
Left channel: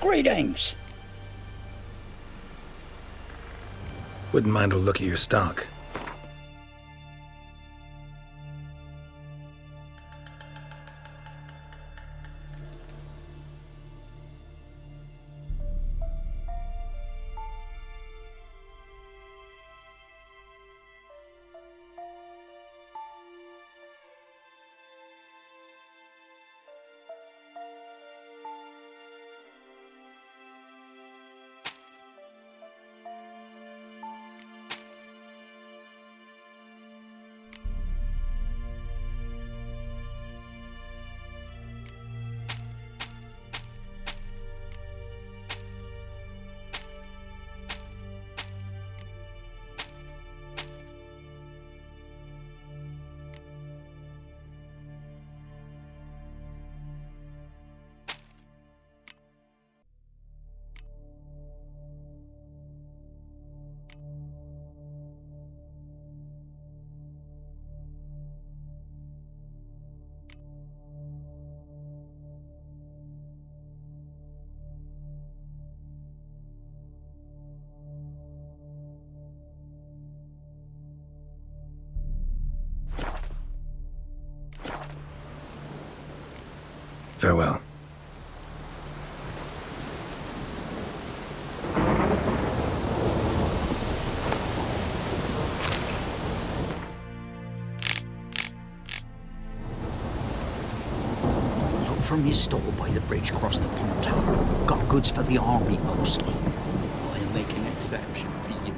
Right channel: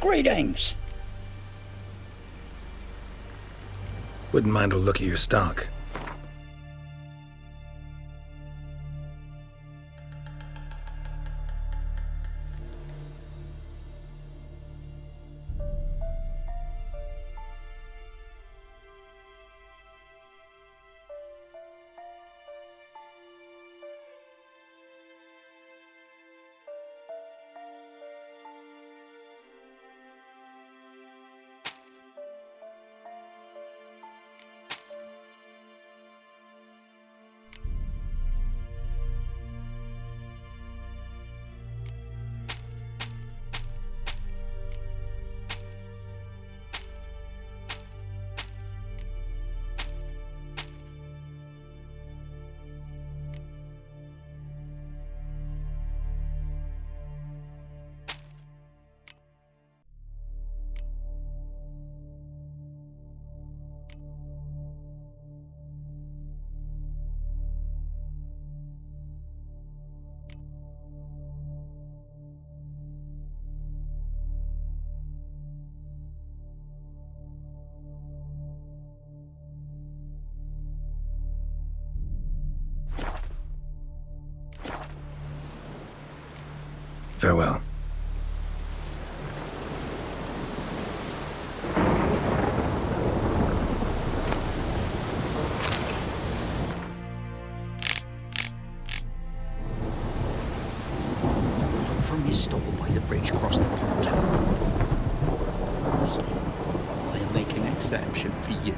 Greetings. Wouldn't mind a look at your stock. Farewell. Look from your stall by the bridge across the pond. Got goods for the army mostly. I'll make an exception for you.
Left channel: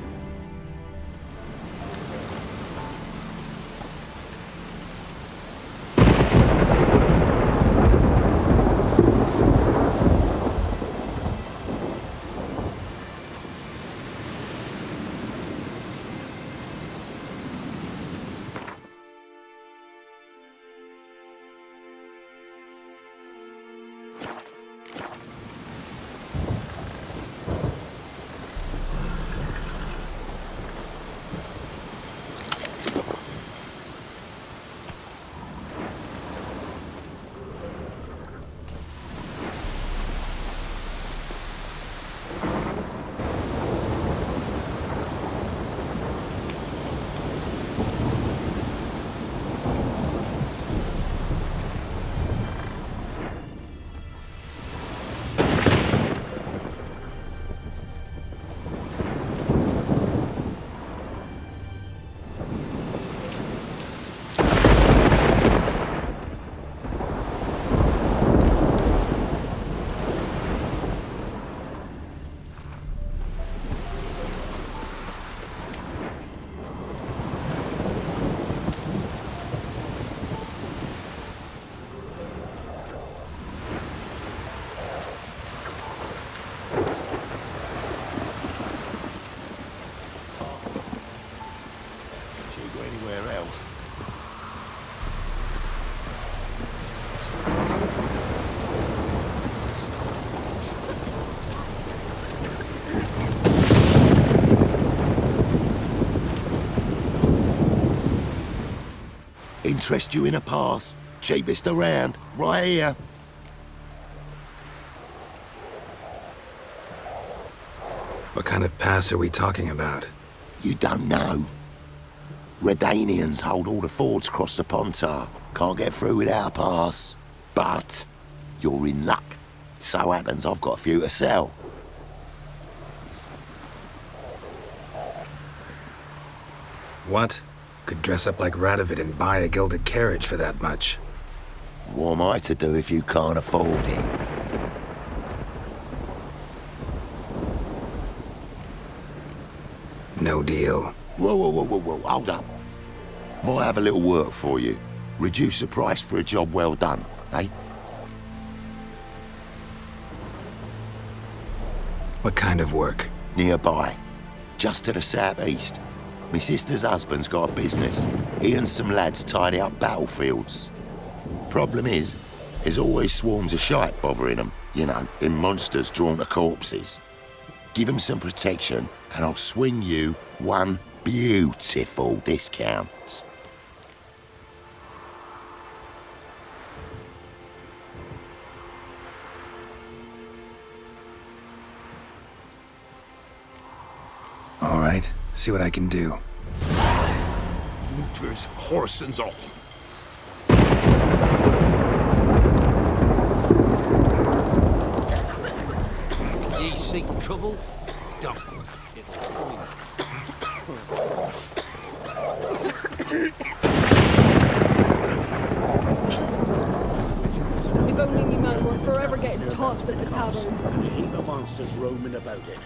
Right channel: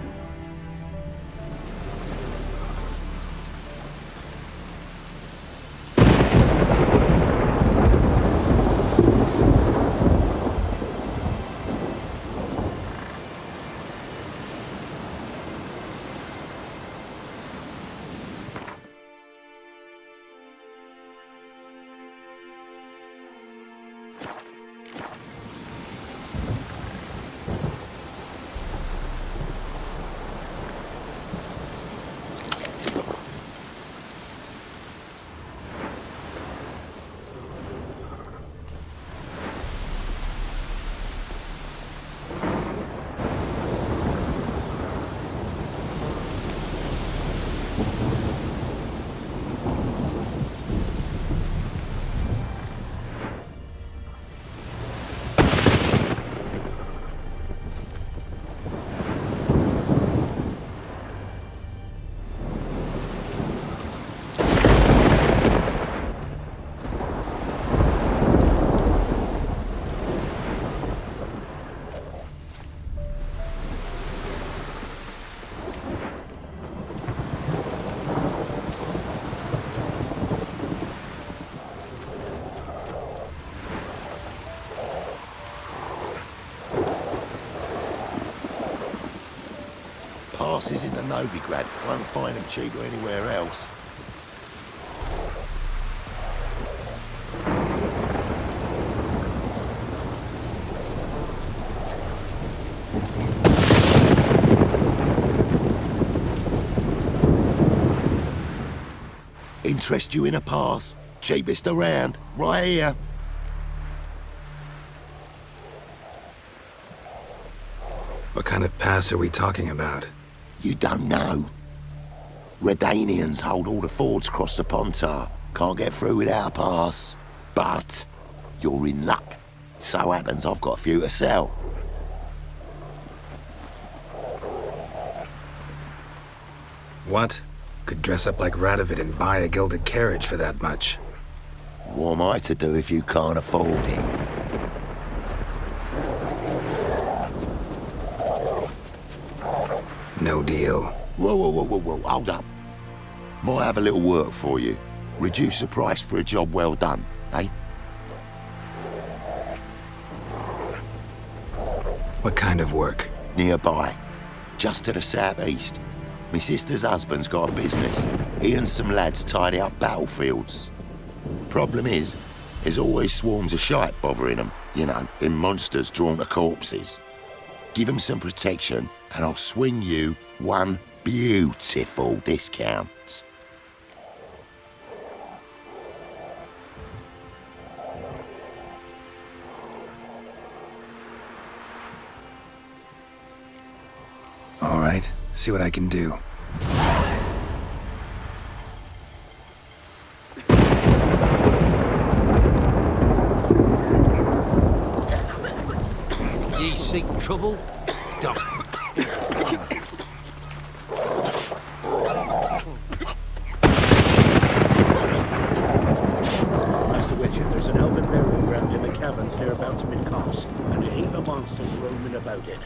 passes in the Novigrad. Won't find it cheaper anywhere else. Interest you in a pass? Cheapest around, right here. What kind of pass are we talking about? You don't know. Redanians hold all the fords across the Pontar. Can't get through without a pass. But you're in luck. So happens I've got a few to sell. What? Could dress up like Radovid and buy a gilded carriage for that much. What am I to do if you can't afford it? No deal. Whoa, hold up. Might have a little work for you. Reduce the price for a job well done, eh? What kind of work? Nearby. Just to the southeast. My sister's husband's got a business. He and some lads tidy up battlefields. Problem is, there's always swarms of shite bothering them. You know, in monsters drawn to corpses. Give them some protection, and I'll swing you one beautiful discount. All right, see what I can do. Looters, horsens all. Ye seek trouble? Don't. Mr. Witcher, there's an elven burial ground in the caverns near Mansfield Copse, and a heap of monsters roaming about it.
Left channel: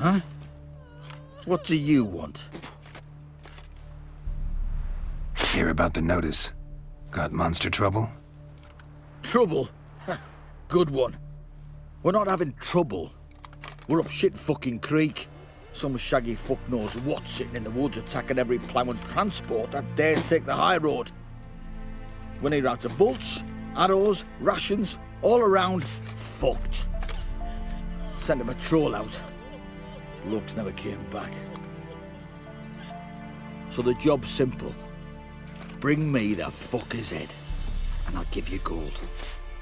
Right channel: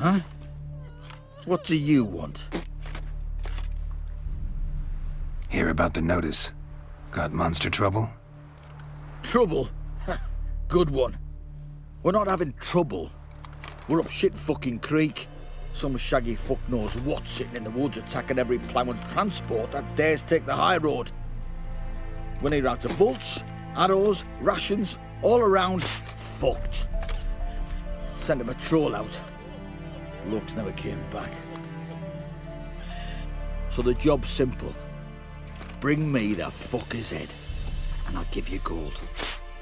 Huh? What do you want? Hear about the notice. Got monster trouble? Trouble? Good one. We're not having trouble. We're up shit fucking creek. Some shaggy fuck knows what sitting in the woods attacking every plough and transport that dares take the high road. We need out of bolts, arrows, rations, all around fucked. Sent a patrol out. Blokes never came back. So the job's simple. Bring me the fucker's head, and I'll give you gold.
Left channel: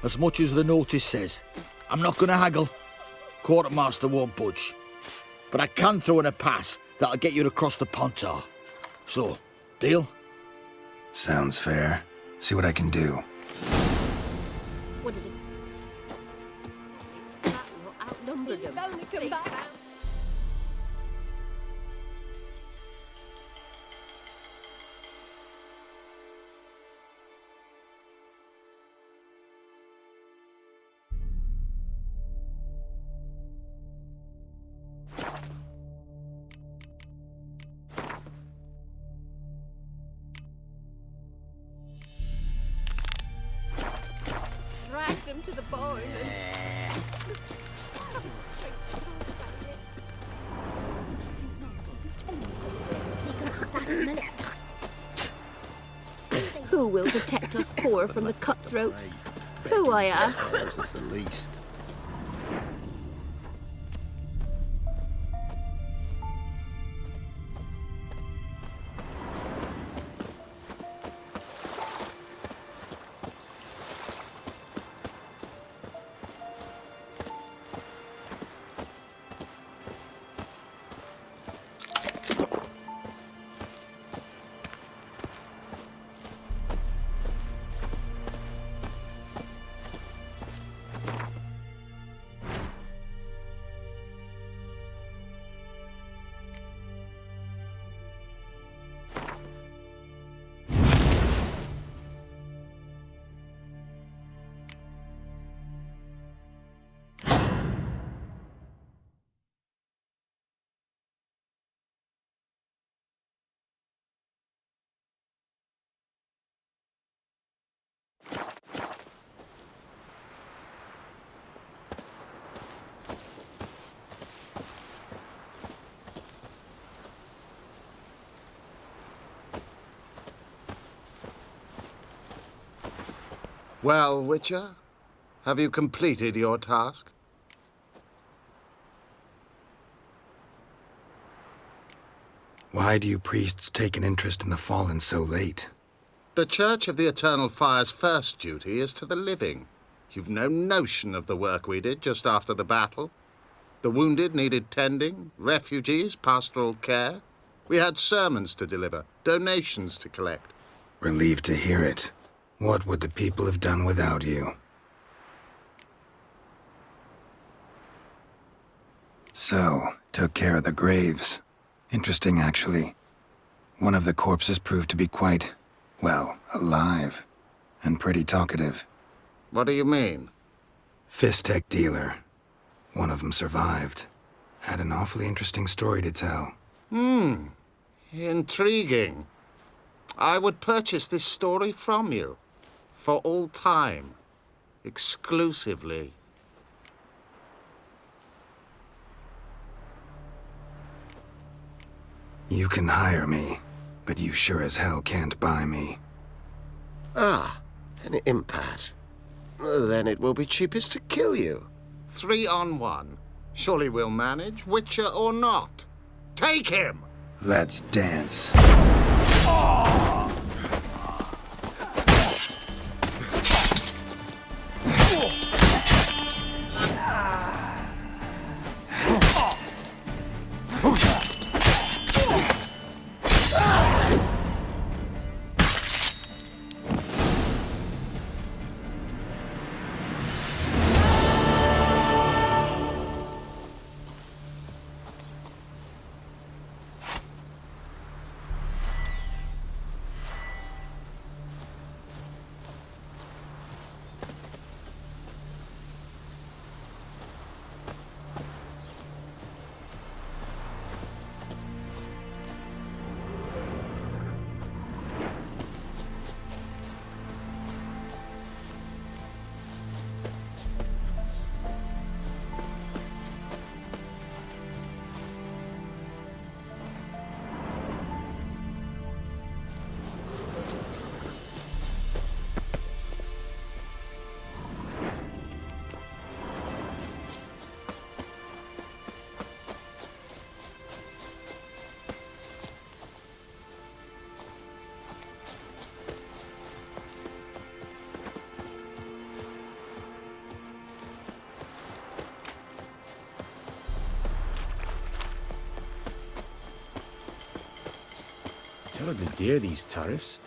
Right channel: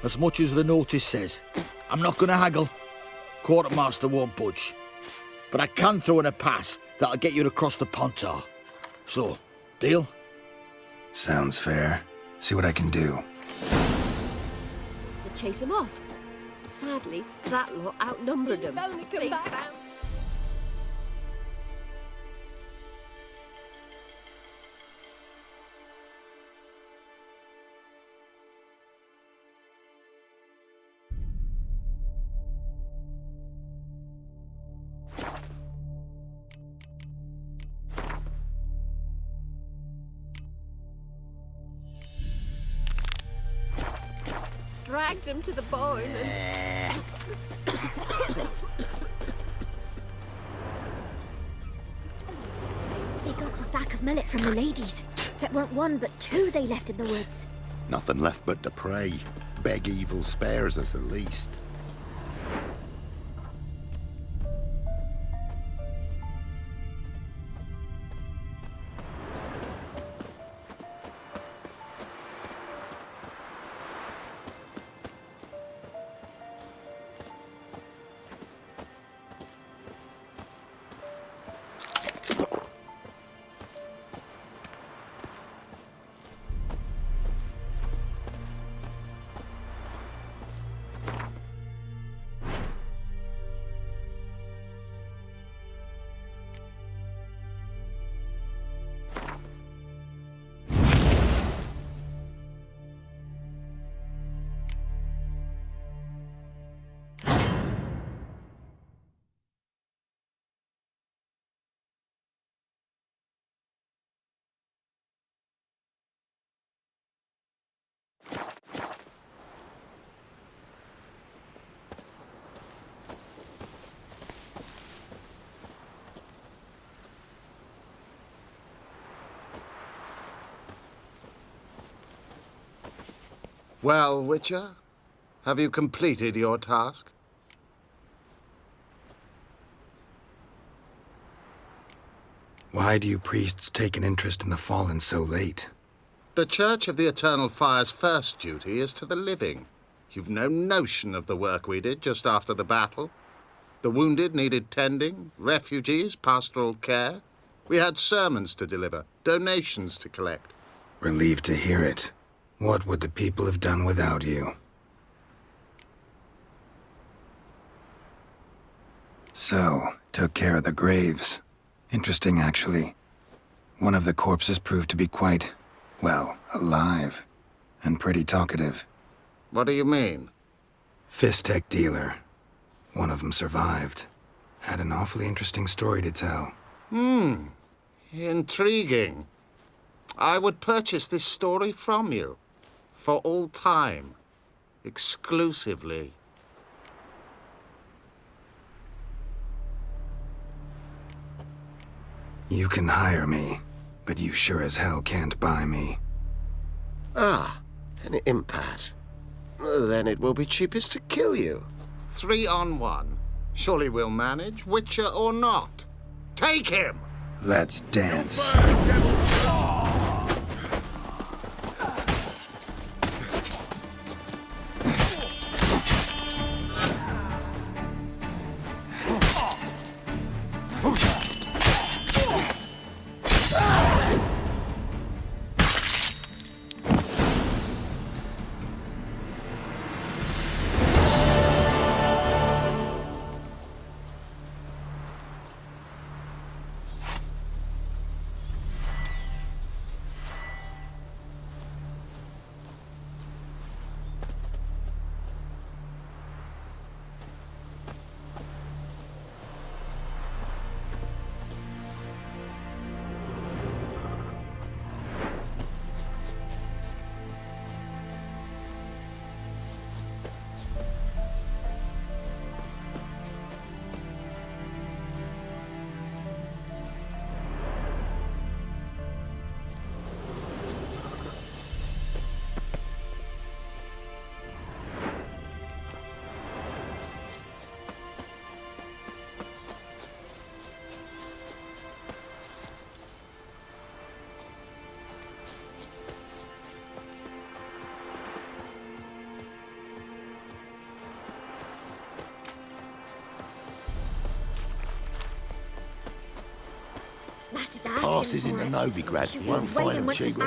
As much as the notice says. I'm not gonna haggle. Quartermaster won't budge. But I can throw in a pass that'll get you across the Pontar. So, deal? Sounds fair. See what I can do. Wanted to chase him off. Sadly, that lot outnumbered them. Bound to come back. Dragged him to the barn and... They got a sack of millet from the ladies. So it weren't one, but two they left. Who will protect us poor Nothing from left the but to cutthroats? pray. Begging Who I for ask? spares us at least. Well, Witcher, have you completed your task? Why do you priests take an interest in the fallen so late? The Church of the Eternal Fire's first duty is to the living. You've no notion of the work we did just after the battle. The wounded needed tending, refugees, pastoral care. We had sermons to deliver, donations to collect. Relieved to hear it. What would the people have done without you? So, took care of the graves. Interesting, actually. One of the corpses proved to be quite, well, alive. And pretty talkative. What do you mean? Fistech dealer. One of them survived. Had an awfully interesting story to tell. Intriguing. I would purchase this story from you. For all time. Exclusively. You can hire me, but you sure as hell can't buy me. Ah, an impasse. Then it will be cheapest to kill you. 3 on 1. Surely we'll manage, Witcher or not. Take him! Let's dance. Passes in the Novigrad. Dear these times.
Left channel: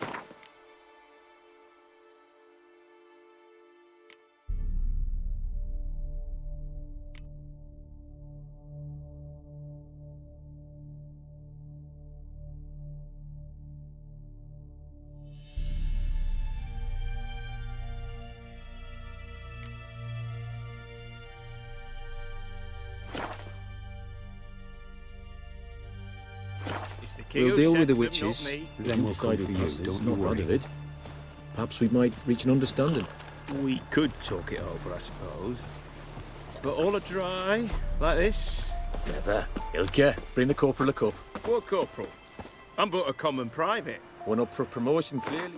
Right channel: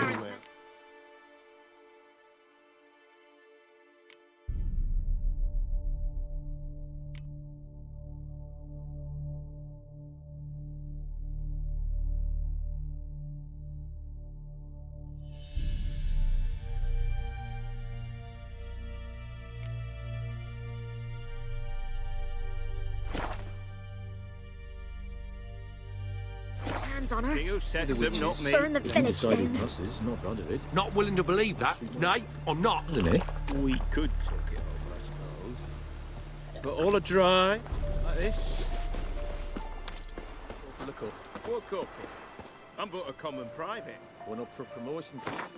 We'll deal with the witches. Burn the Them decided musses, not none of it. Not willing to believe Perhaps that. we might nay, reach an or not. understanding, eh? We could talk it over, I suppose. But all are dry, like this. Never. Ilke, bring the corporal a cup. What corporal? I'm but a common private. One up for promotion, clearly.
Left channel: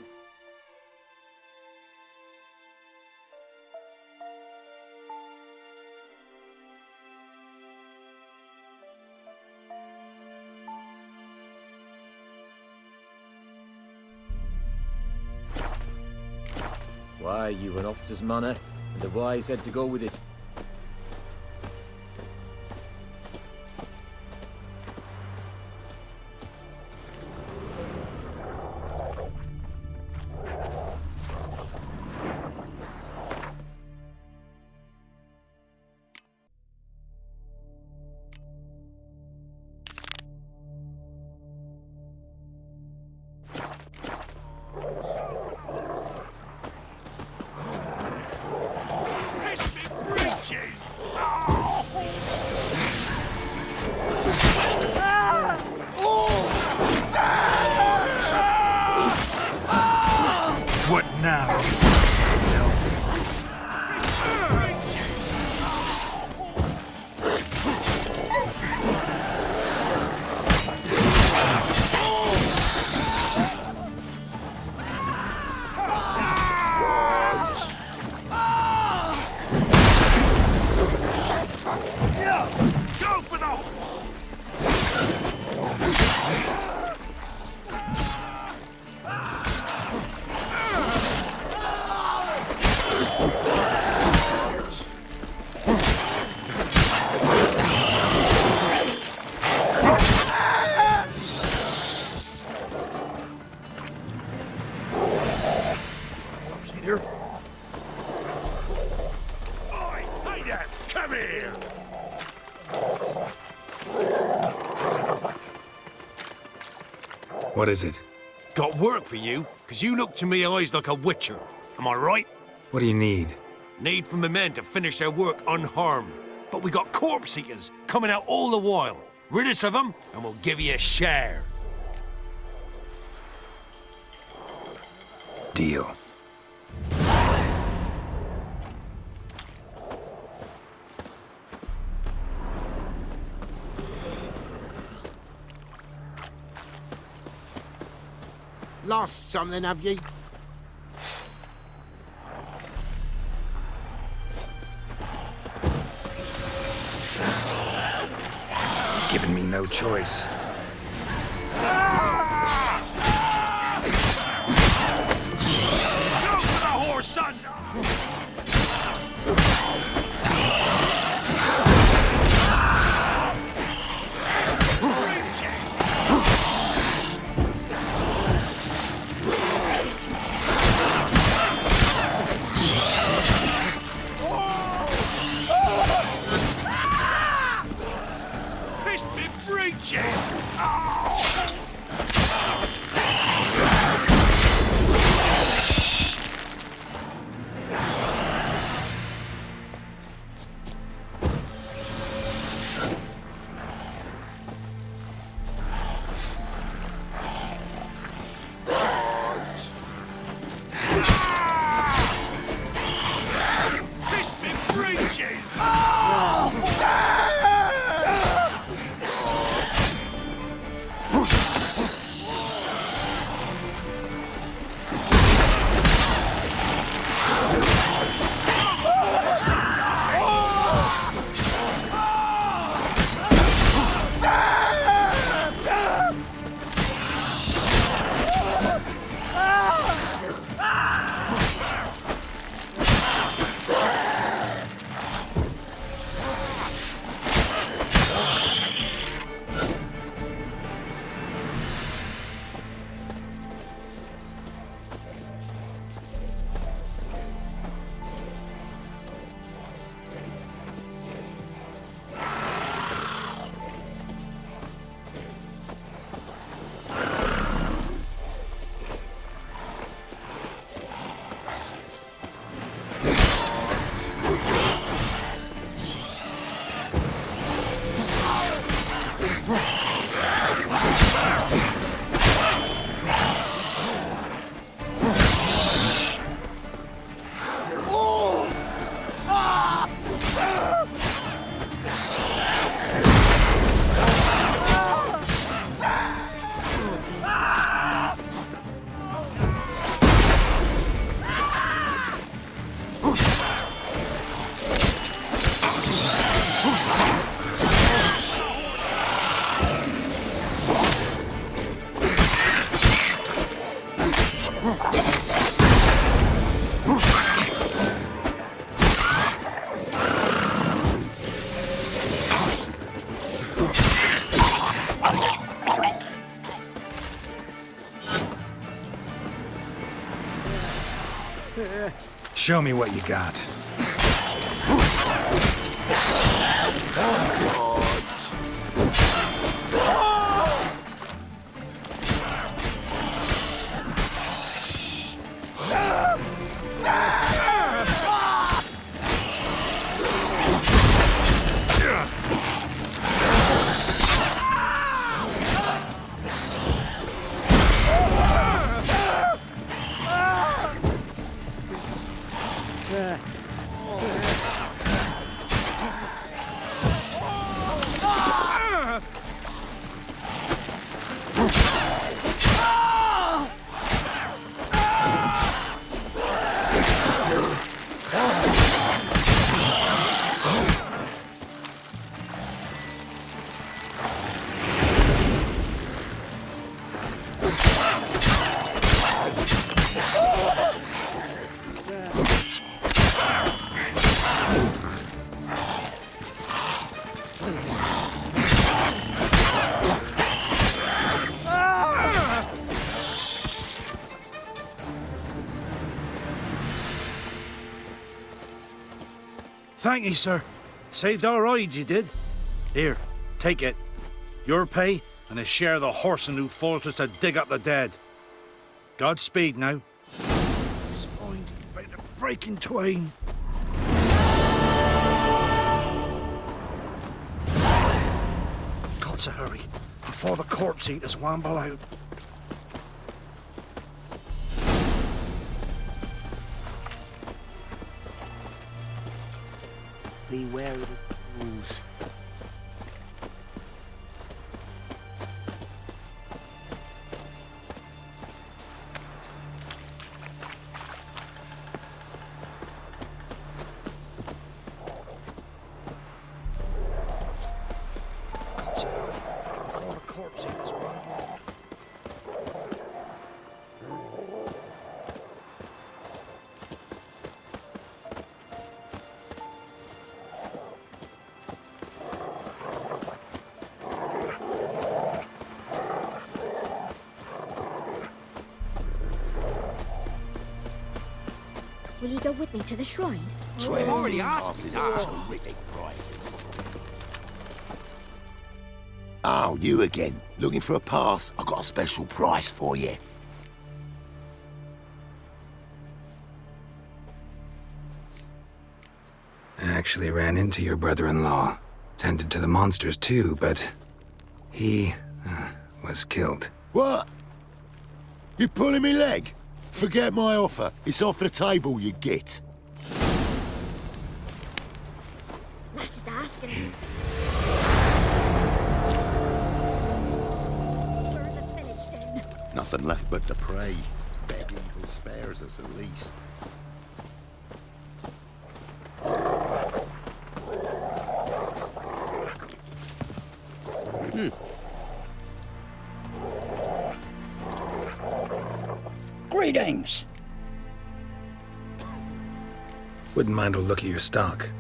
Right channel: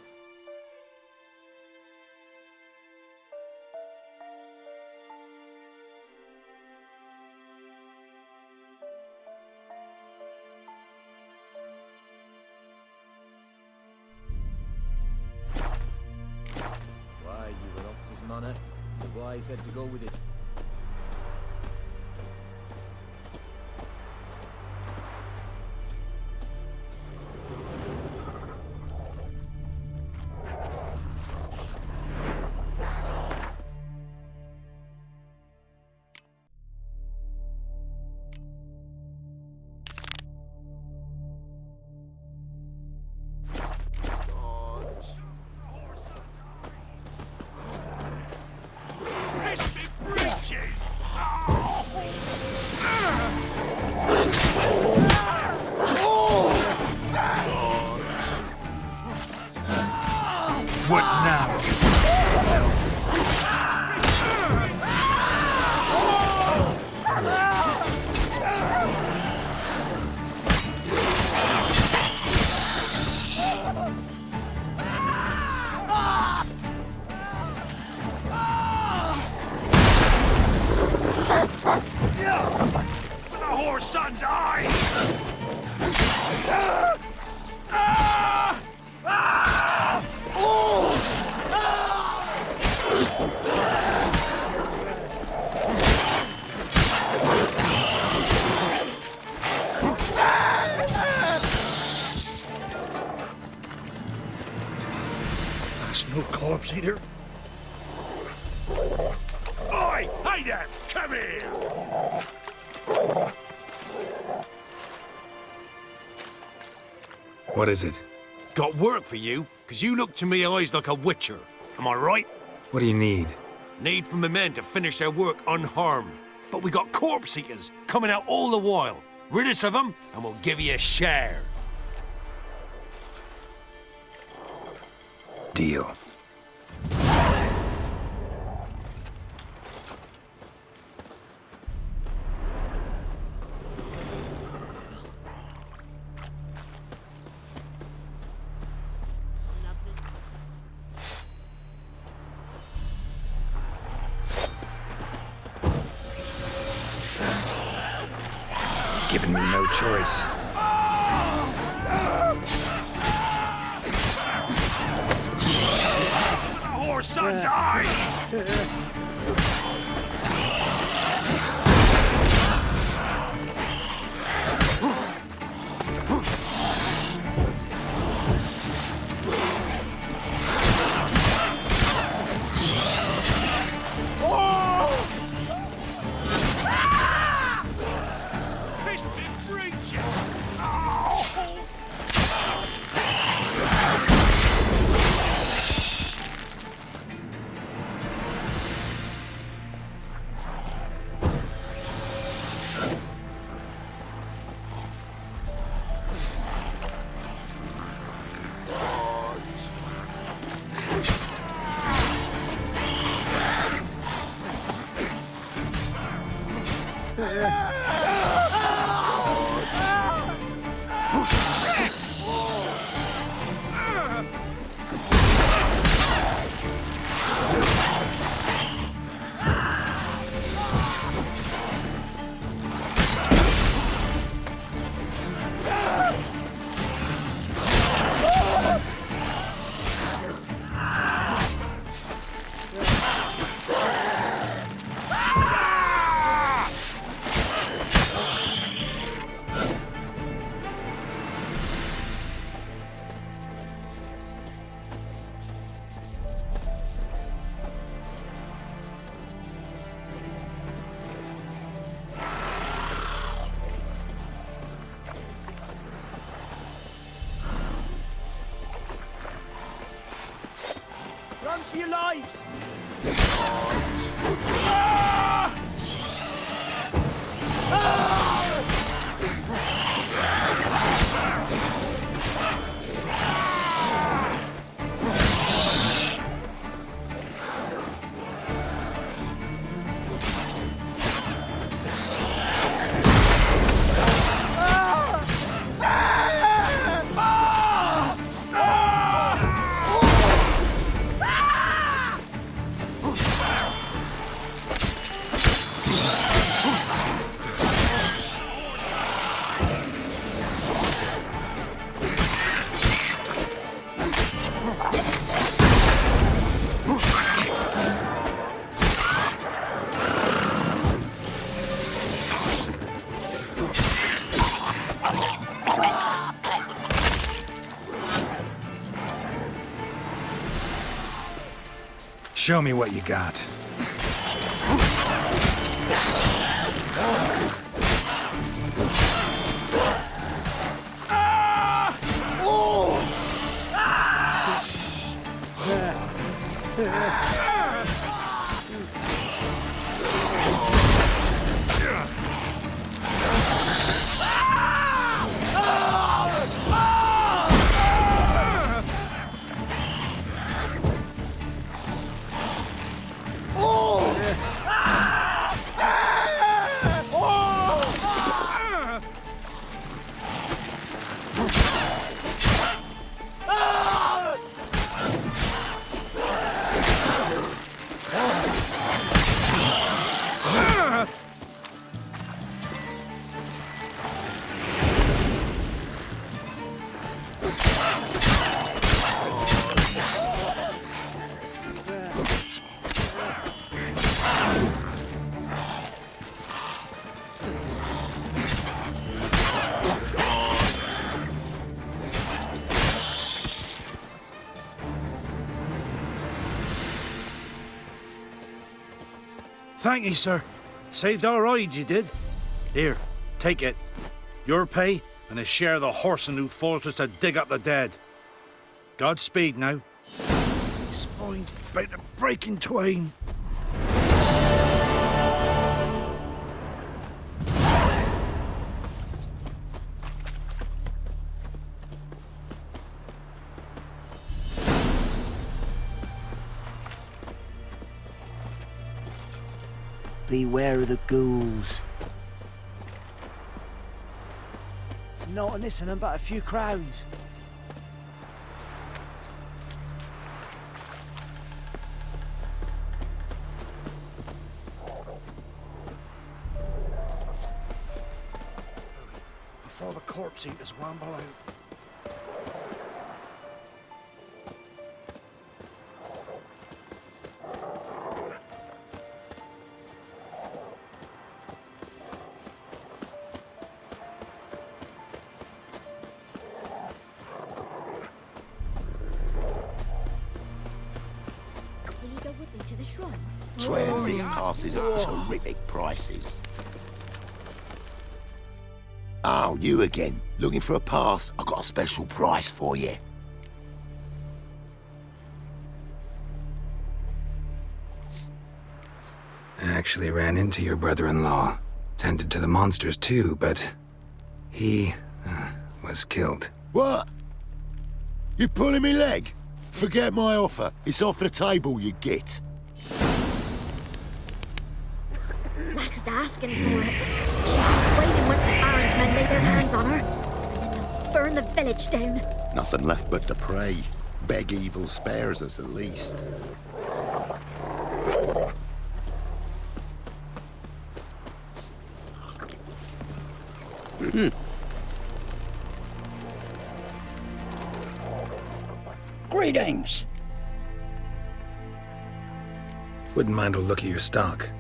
Why, you've an officer's manner, and a wise head to go with it. What now? Go for the whore's son's eyes! There's no corpse either. Oi! Hey there! Come here! What is it? Got work for you, because you look to me eyes like a witcher. Am I right? What do you need? Need for my men to finish their work unharmed. But we got corpse eaters coming out all the while. Rid us of them, and we'll give you a share. Deal. Lost something, have you? Giving me no choice. The whore's son's eyes! Fist me breaches! Show me what you got. Thank you, sir. Saved our rides, you did. Here, take it. Your pay and a share of the horsing who forced us to dig up the dead. Godspeed now. My spine's about to break in twain. God's a hurry, before the corpse eaters wamble out. Beware of the ghouls. Not listening, but a few crows. God's a hurry, before the corpse eaters wamble out. Will you go with me to the shrine? Transit passes at terrific prices. Oh, you again. Looking for a pass? I've got a special price for you. I actually ran into your brother-in-law. Tended to the monsters too, but he was killed. What? You pulling me leg? Forget my offer. It's off the table, you git. Lass is asking for it. Waiting once the Barons men lay their hands on her. Burn the village down. Nothing left but to pray. Beg evil spares us at least. Greetings. Wouldn't mind a look at your stock.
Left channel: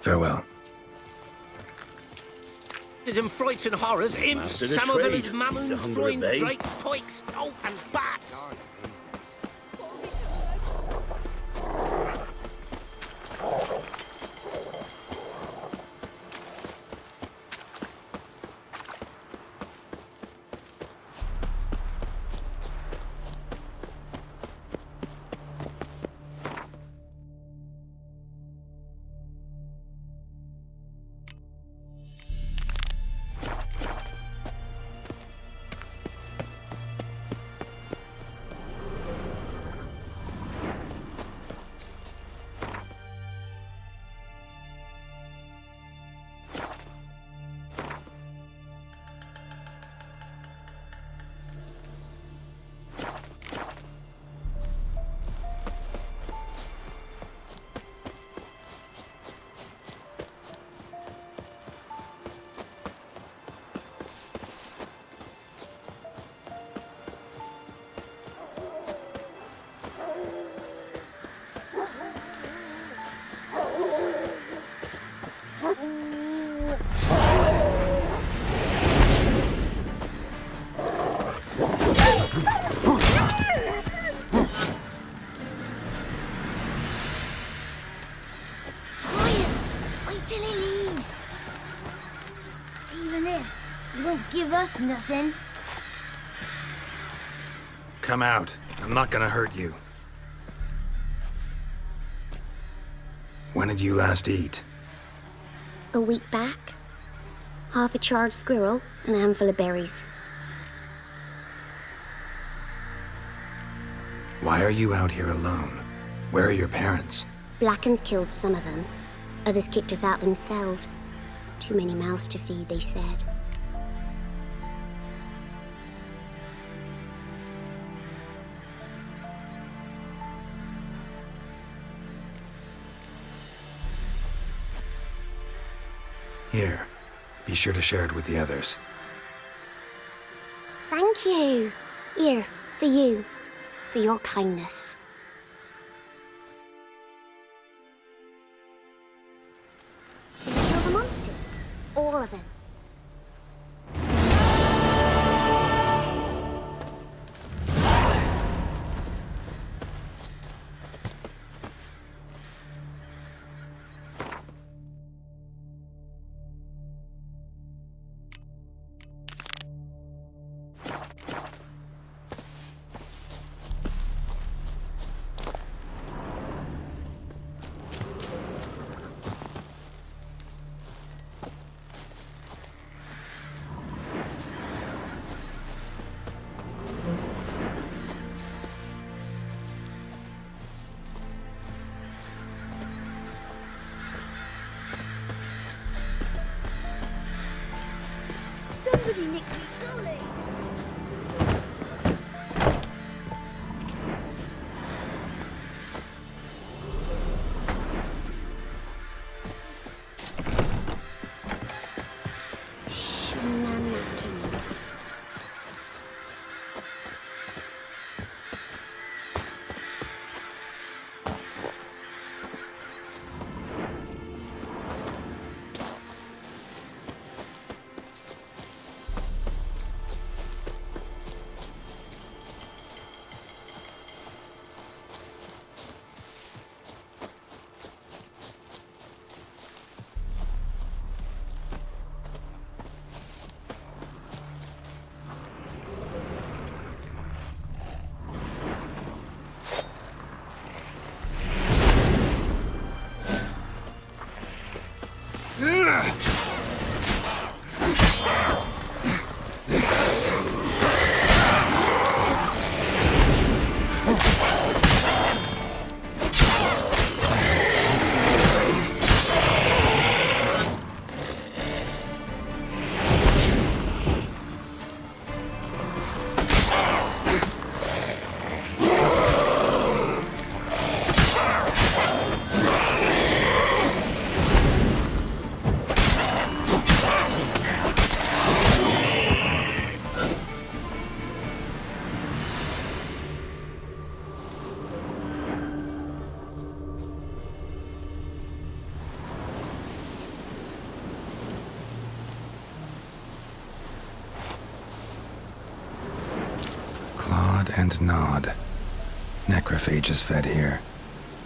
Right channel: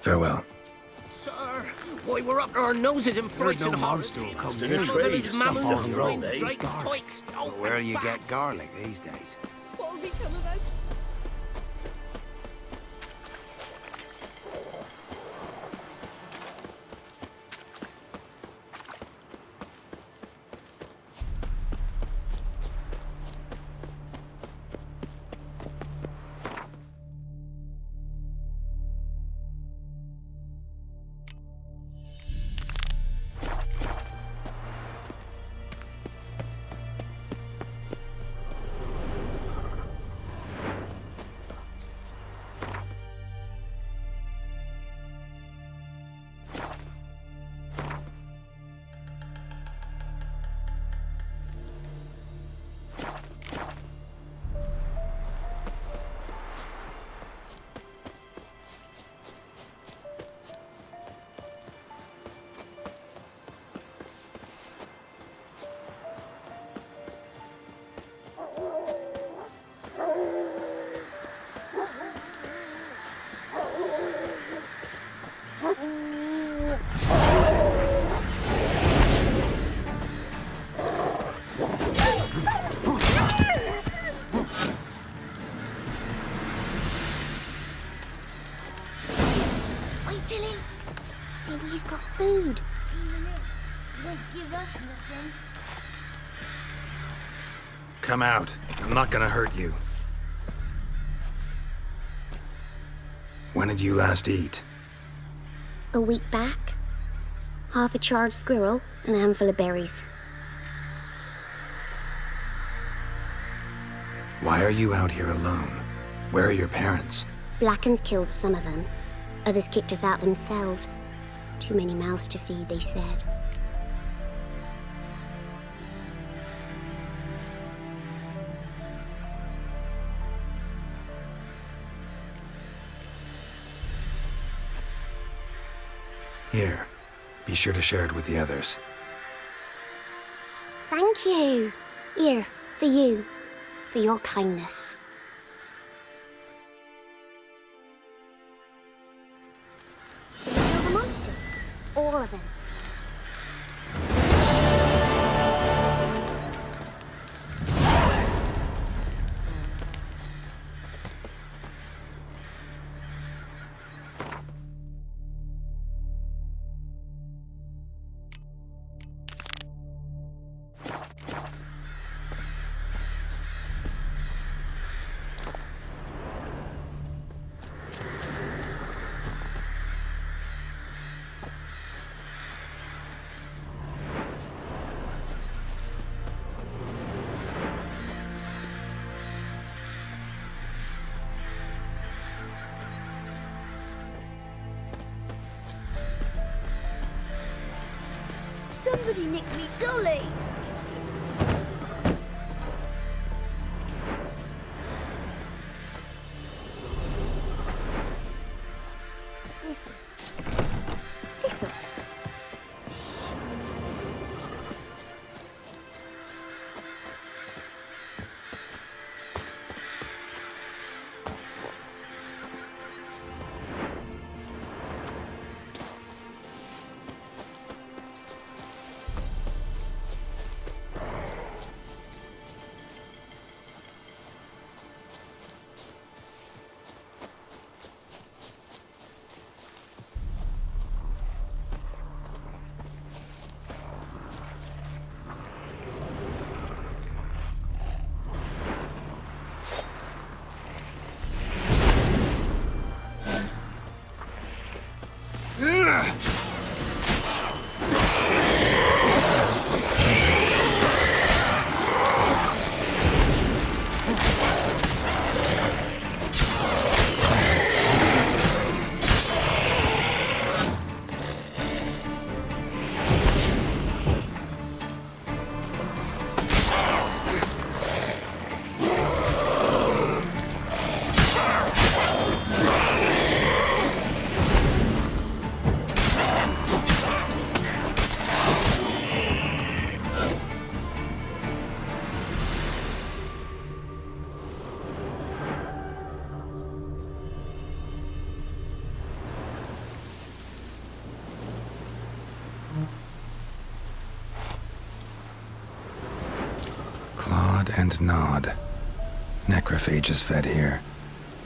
Farewell. Why, we're up to our noses in frights and horrors. Imps, Samovillas, Mammons, throwing drakes, pikes. Oh, Where you bats. get garlic these days? What'll become of us? Wait till he leaves. Maybe he's got food, even if he won't give us nothing. Come out. I'm not gonna hurt you. When did you last eat? A week back. Half a charred squirrel and a handful of berries. Why are you out here alone? Where are your parents? Blackens killed some of them. Others kicked us out themselves. Too many mouths to feed, they said. Here, be sure to share it with the others. Thank you. Here, for you. For your kindness. Did we kill the monsters? All of them. Somebody nicked me dolly. Listen. Shenanigans. And nod. Necrophages fed here,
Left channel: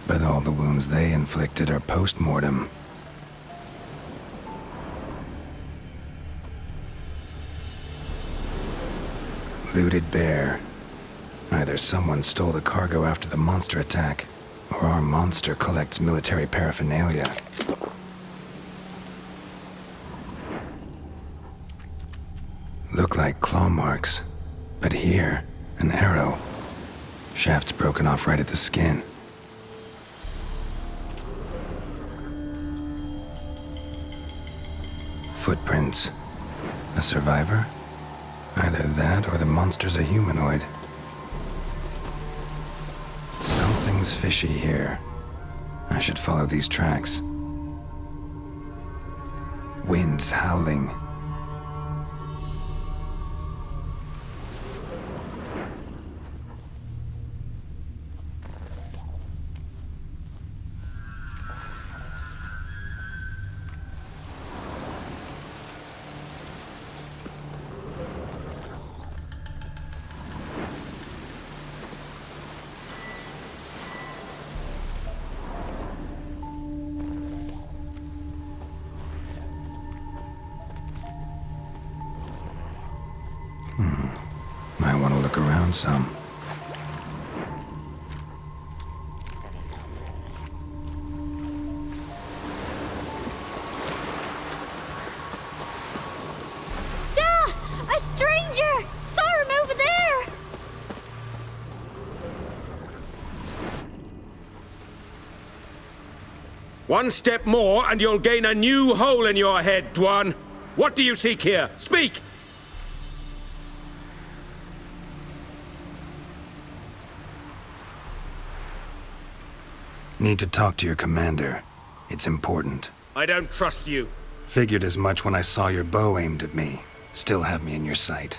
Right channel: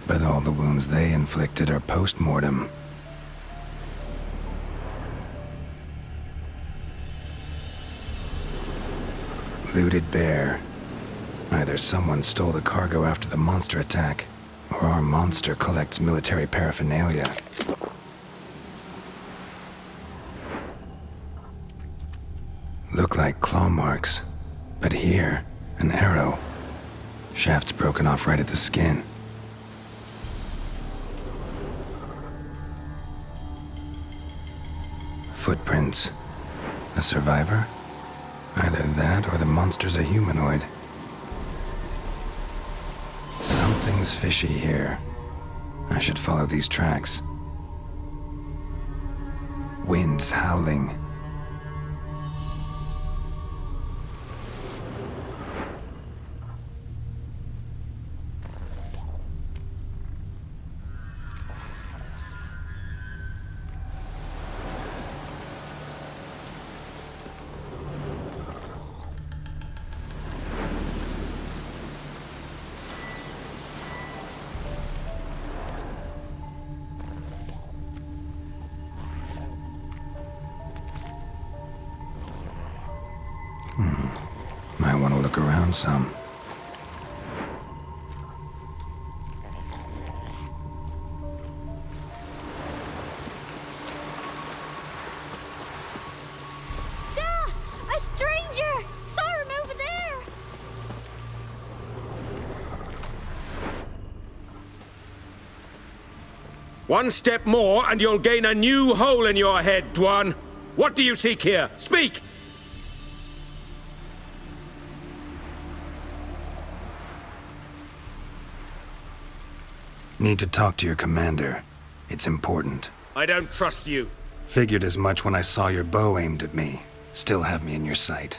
but all the wounds they inflicted are post-mortem. Looted bear. Either someone stole the cargo after the monster attack, or our monster collects military paraphernalia. Look like claw marks, but here, an arrow. Shaft's broken off right at the skin. Footprints. A survivor? Either that or the monster's a humanoid. Something's fishy here. I should follow these tracks. Winds howling. look around some. A stranger! Saw him over there! One step more, and you'll gain a new hole in your head, Dwan. What do you seek here? Speak! Need to talk to your commander. It's important. I don't trust you. Figured as much when I saw your bow aimed at me. Still have me in your sight.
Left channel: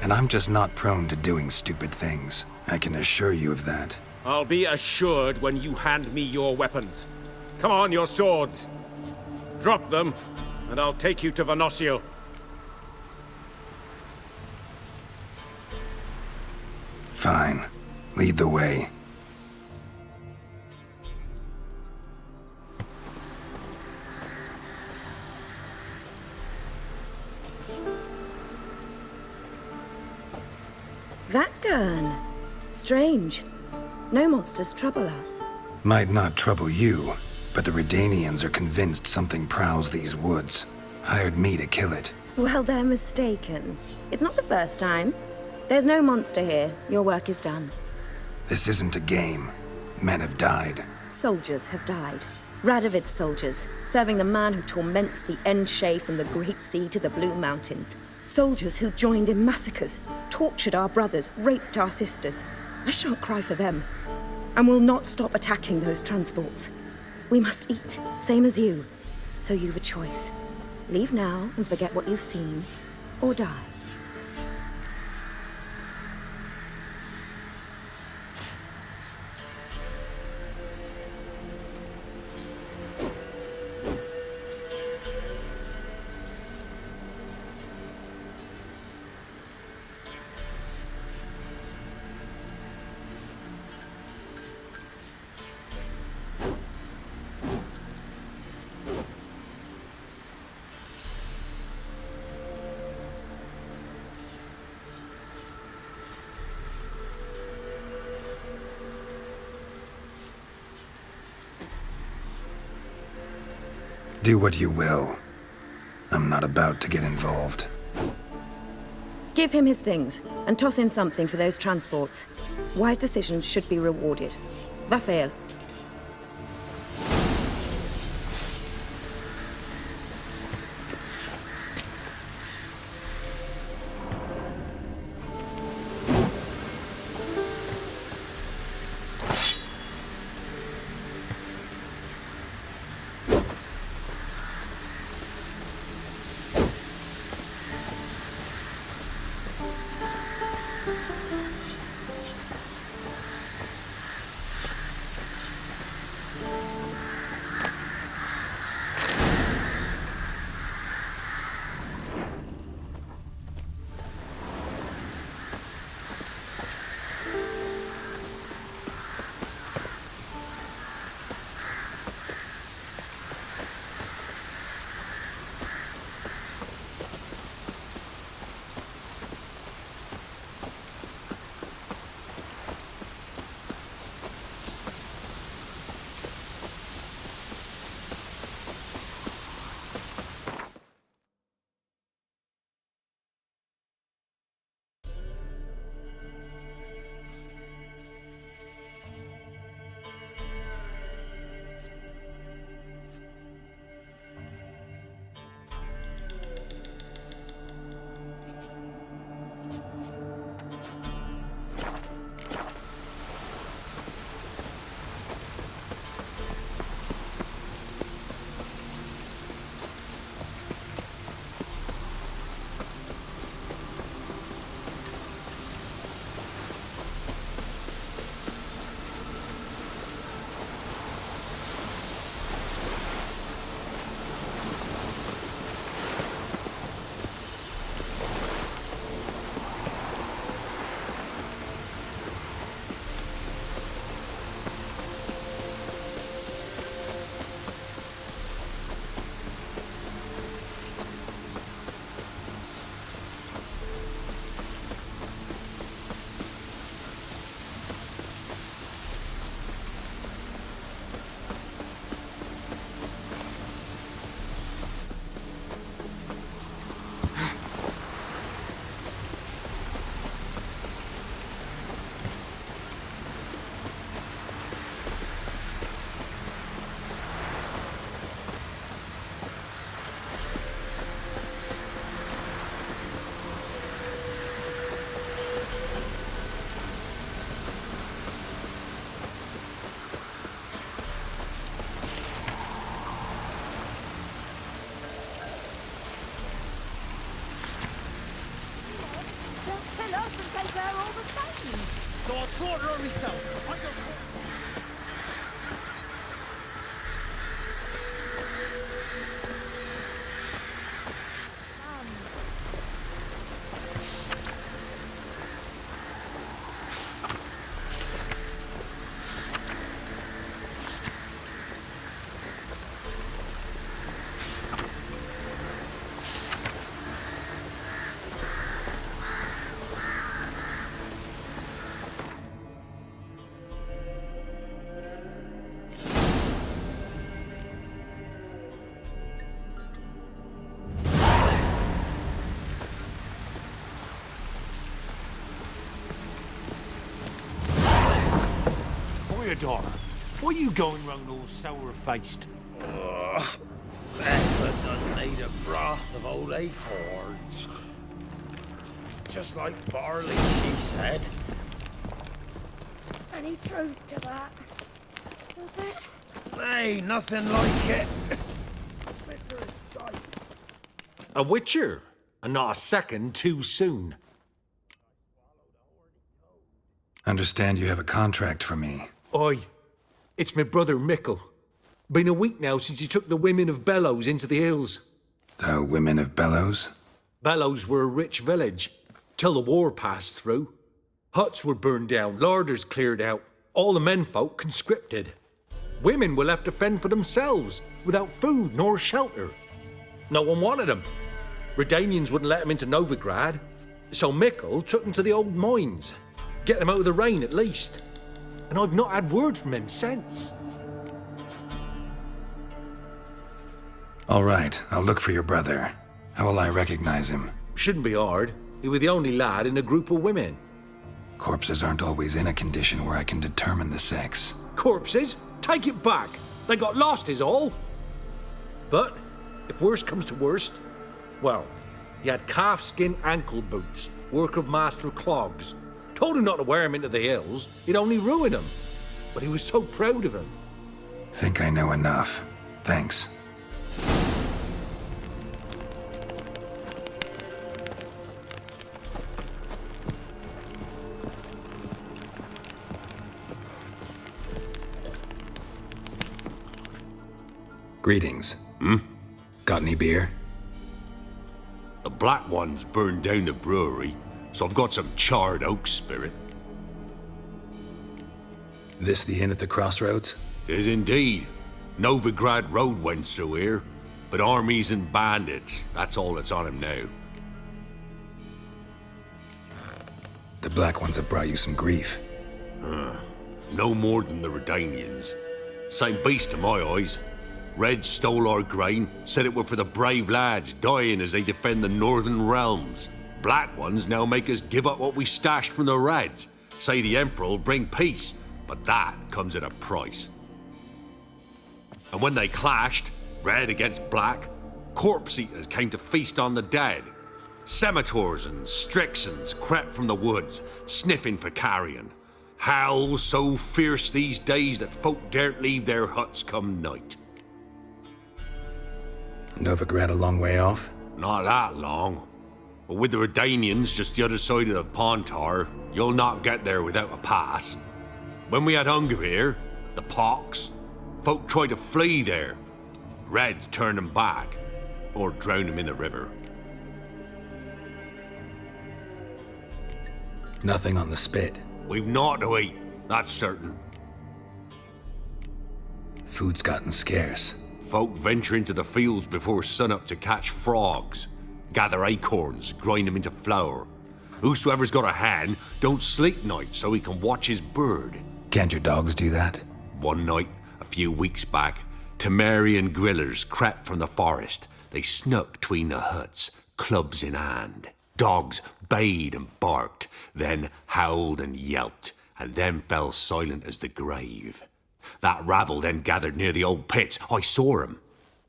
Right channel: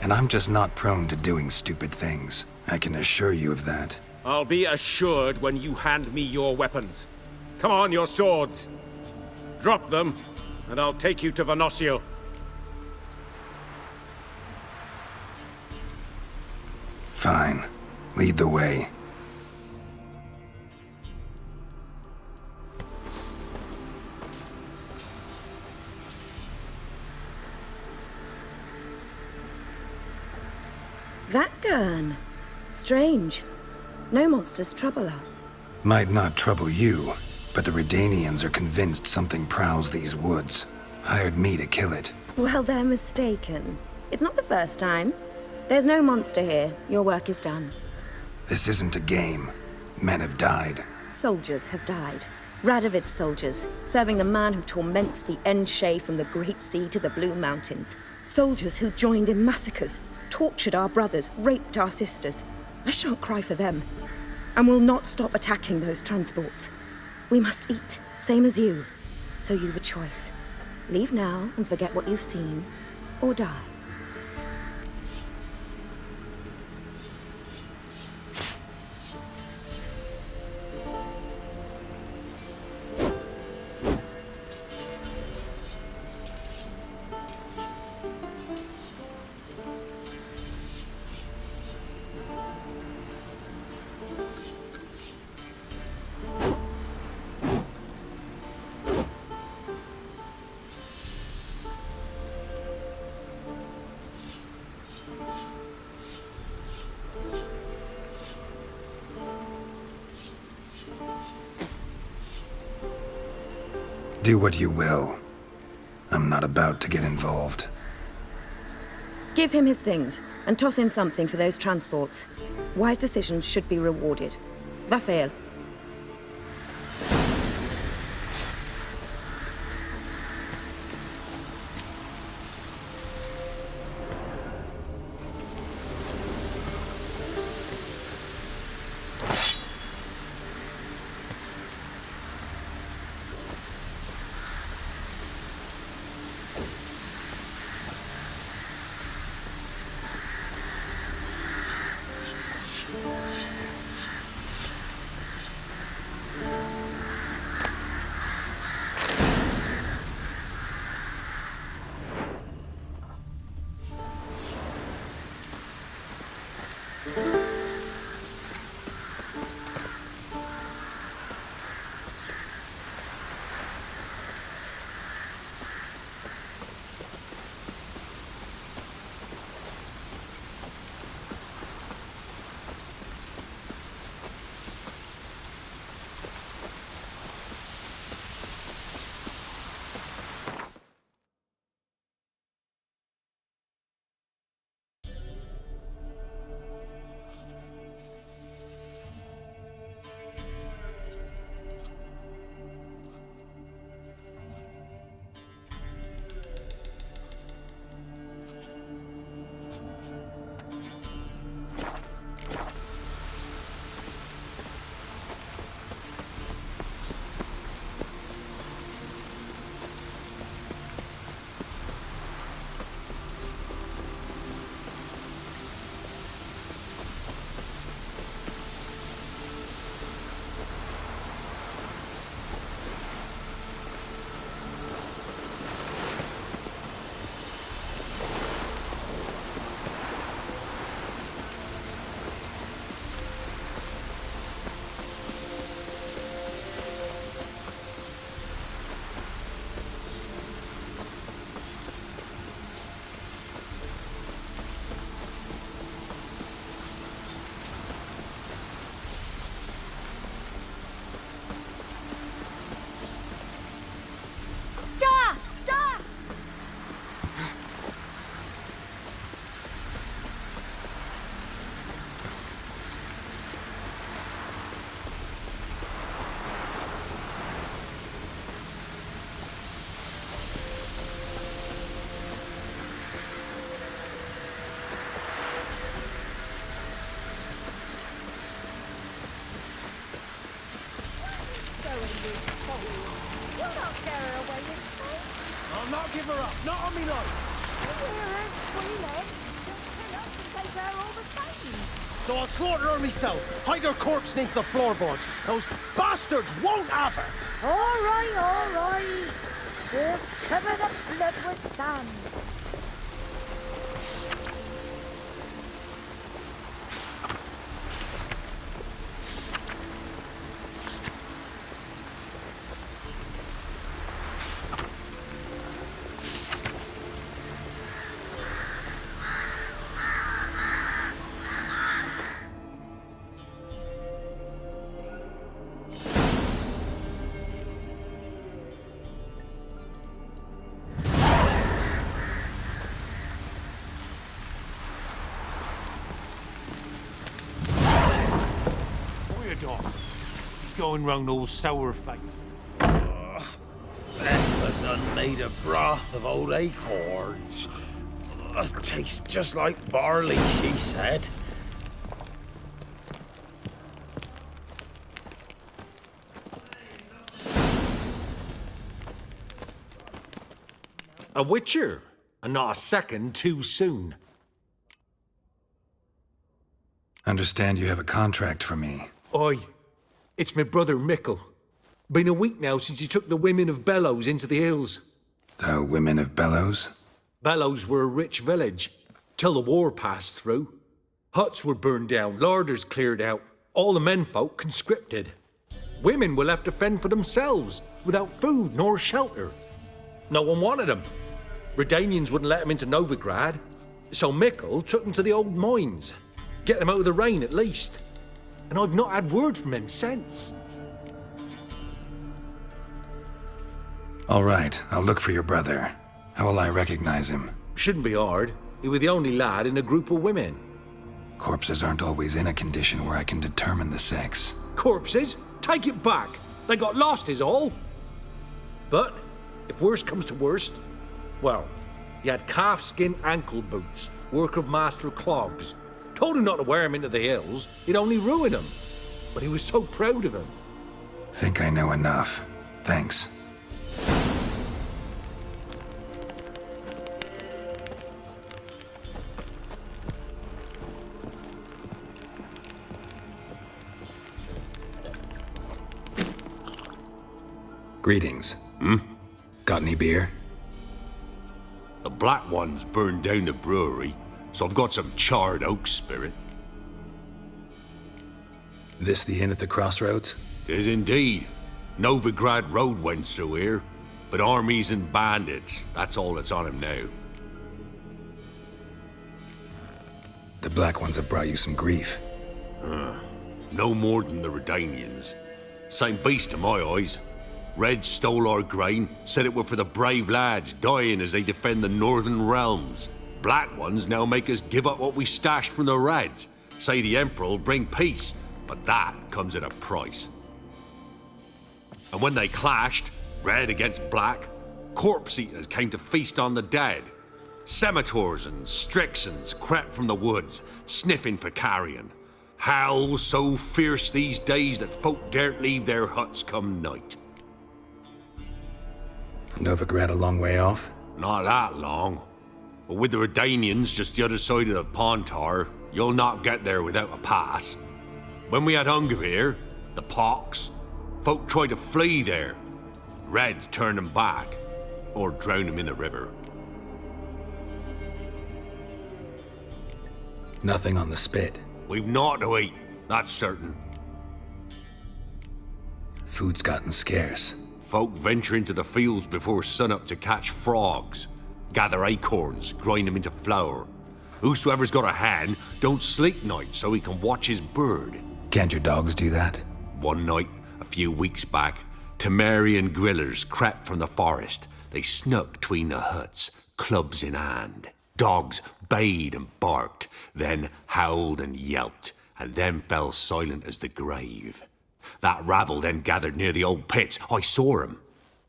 And I'm just not prone to doing stupid things. I can assure you of that. I'll be assured when you hand me your weapons. Come on, your swords. Drop them, and I'll take you to Venosio. Fine. Lead the way. That gun. Strange. No monsters trouble us. Might not trouble you, but the Redanians are convinced something prowls these woods. Hired me to kill it. Well, they're mistaken. It's not the first time. There's no monster here. Your work is done. This isn't a game. Men have died. Soldiers have died. Radovid's soldiers, serving the man who torments the Enshe from the Great Sea to the Blue Mountains. Soldiers who joined in massacres, tortured our brothers, raped our sisters. I shan't cry for them, and will not stop attacking those transports. We must eat, same as you. So you've a choice. Leave now and forget what you've seen, or die. Do what you will. I'm not about to get involved. Give him his things, and toss in something for those transports. Wise decisions should be rewarded. Vafael. give her up, not on me life. They'll kill us and take her all the same. So I'll slaughter her myself, hide her corpse neath the floorboards. Those bastards won't have her. All right. We'll cover the blood with sand. Dog, what are you going round all sour-faced? Thecla done made a broth of old acorns. It tastes just like barley, she said. Any truth to that? Hey, nothing like it. A witcher, and not a second too soon. Understand you have a contract for me. Oi, it's my brother Mickle. Been a week now since he took the women of Bellows into the hills. The women of Bellows? Bellows were a rich village, till the war passed through. Huts were burned down, larders cleared out, all the menfolk conscripted. Women were left to fend for themselves, without food nor shelter. No one wanted them. Redanians wouldn't let them into Novigrad, so Mickle took them to the old mines. Get them out of the rain at least. And I've not had word from him since. All right, I'll look for your brother. How will I recognize him? Shouldn't be hard. He was the only lad in a group of women. Corpses aren't always in a condition where I can determine the sex. Corpses? Take it back. They got lost is all. But, if worst comes to worst, well, he had calfskin ankle boots, work of master clogs. Told him not to wear him into the hills, he'd only ruin him. But he was so proud of him. Think I know enough. Thanks. Greetings. Got any beer? The Black Ones burned down the brewery, so I've got some charred oak spirit. This the inn at the crossroads? 'Tis indeed. Novigrad Road went through here, but armies and bandits, that's all that's on him now. The Black Ones have brought you some grief. No more than the Redanians. Same beast to my eyes. Reds stole our grain, said it were for the brave lads dying as they defend the northern realms. Black Ones now make us give up what we stashed from the Reds. Say the Emperor'll bring peace, but that comes at a price. And when they clashed, Red against Black, corpse eaters came to feast on the dead. Scimitars and Strixons crept from the woods, sniffing for carrion. Howls so fierce these days that folk daren't leave their huts come night. Novigrad a long way off? Not that long. But with the Redanians just the other side of the Pontar, you'll not get there without a pass. When we had hunger here, the pox, folk tried to flee there. Reds turned them back, or drowned them in the river. Nothing on the spit. We've naught to eat, that's certain. Food's gotten scarce. Folk venture into the fields before sunup to catch frogs, gather acorns, grind them into flour. Whosoever's got a hand don't sleep nights so he can watch his bird. Can't your dogs do that? One night, a few weeks back, Temerian grillers crept from the forest. They snuck between the huts, clubs in hand. Dogs bayed and barked, then howled and yelped, and then fell silent as the grave. That rabble then gathered near the old pits. I saw 'em.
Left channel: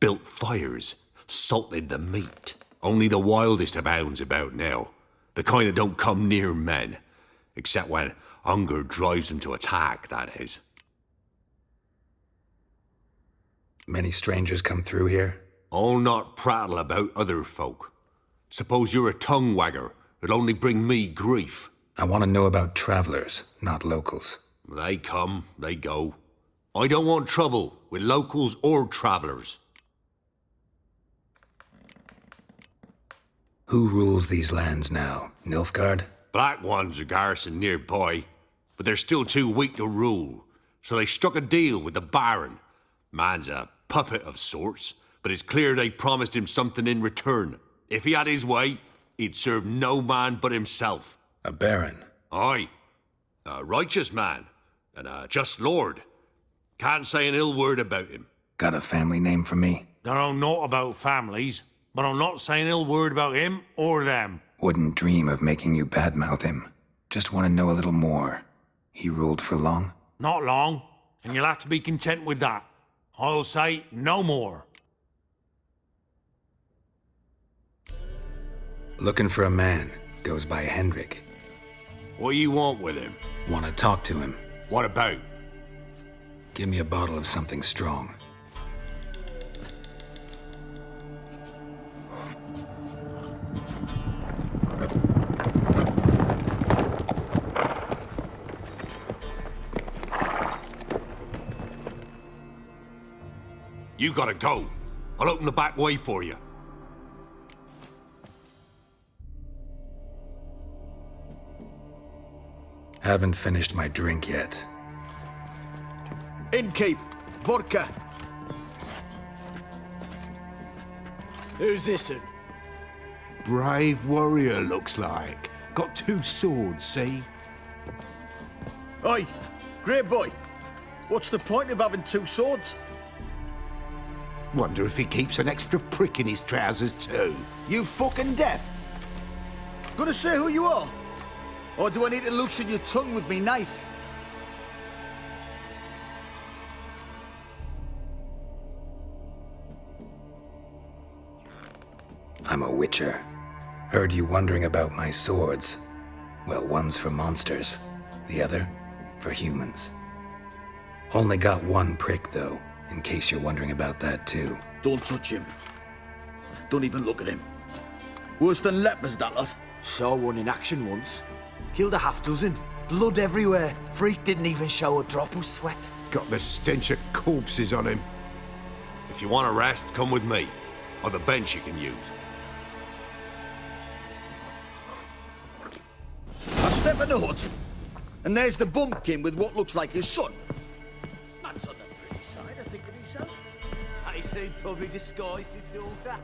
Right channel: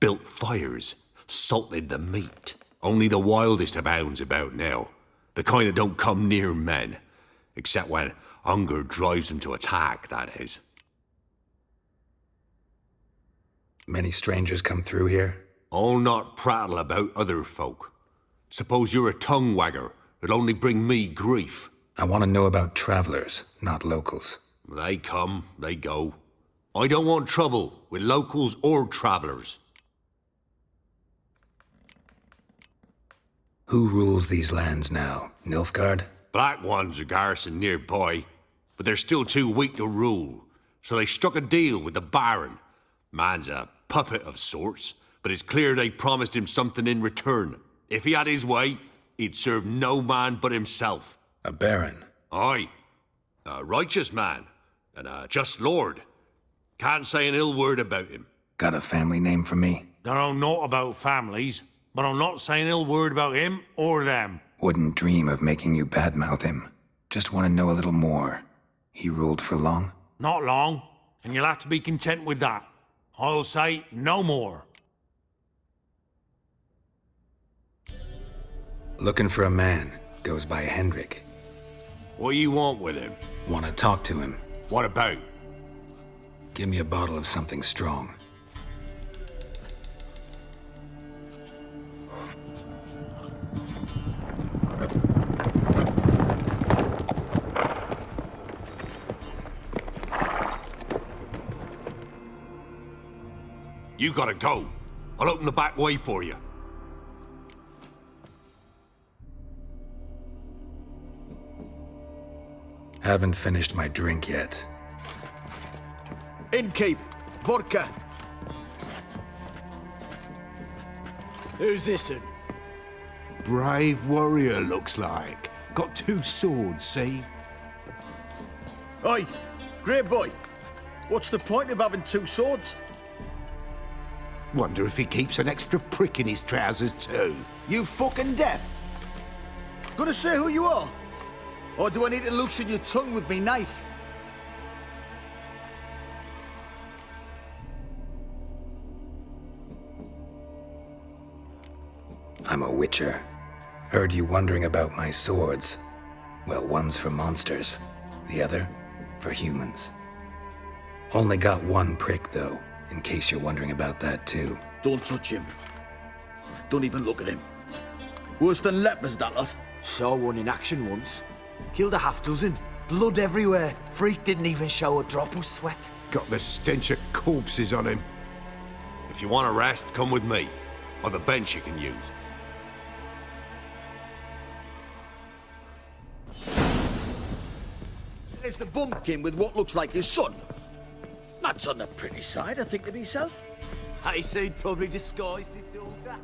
Built fires, salted the meat. Only the wildest of hounds about now. The kind that don't come near men. Except when hunger drives them to attack, that is. Many strangers come through here? I'll not prattle about other folk. Suppose you're a tongue wagger. It'll only bring me grief. I want to know about travelers, not locals. They come, they go. I don't want trouble with locals or travelers. Who rules these lands now? Nilfgaard? Black ones are garrisoned nearby, but they're still too weak to rule. So they struck a deal with the Baron. Man's a puppet of sorts, but it's clear they promised him something in return. If he had his way, he'd serve no man but himself. A Baron? Aye. A righteous man, and a just lord. Can't say an ill word about him. Got a family name for me? Don't know naught about families, but I'm not saying ill word about him or them. Wouldn't dream of making you badmouth him. Just want to know a little more. He ruled for long? Not long, and you'll have to be content with that. I'll say no more. Looking for a man. Goes by Hendrik. What do you want with him? Want to talk to him. What about? Give me a bottle of something strong. You gotta go. I'll open the back way for you. Haven't finished my drink yet. Innkeep! Vodka! Who's this'n? Brave warrior, looks like. Got 2 swords, see? Oi! Great boy! What's the point of having 2 swords? Wonder if he keeps an extra prick in his trousers too. You fucking deaf! Gonna say who you are? Or do I need to loosen your tongue with me knife? I'm a witcher. Heard you wondering about my swords. Well, one's for monsters, the other for humans. Only got 1 prick, though, in case you're wondering about that, too. Don't touch him. Don't even look at him. Worse than lepers, that lot. Saw one in action once. Killed a half-dozen. Blood everywhere. Freak didn't even show a drop of sweat. Got the stench of corpses on him. If you want a rest, come with me. I've a bench you can use. Now step in the hut. And there's the bumpkin with what looks like his son. That's on the pretty side, I think to myself. I say he'd probably disguised his daughter.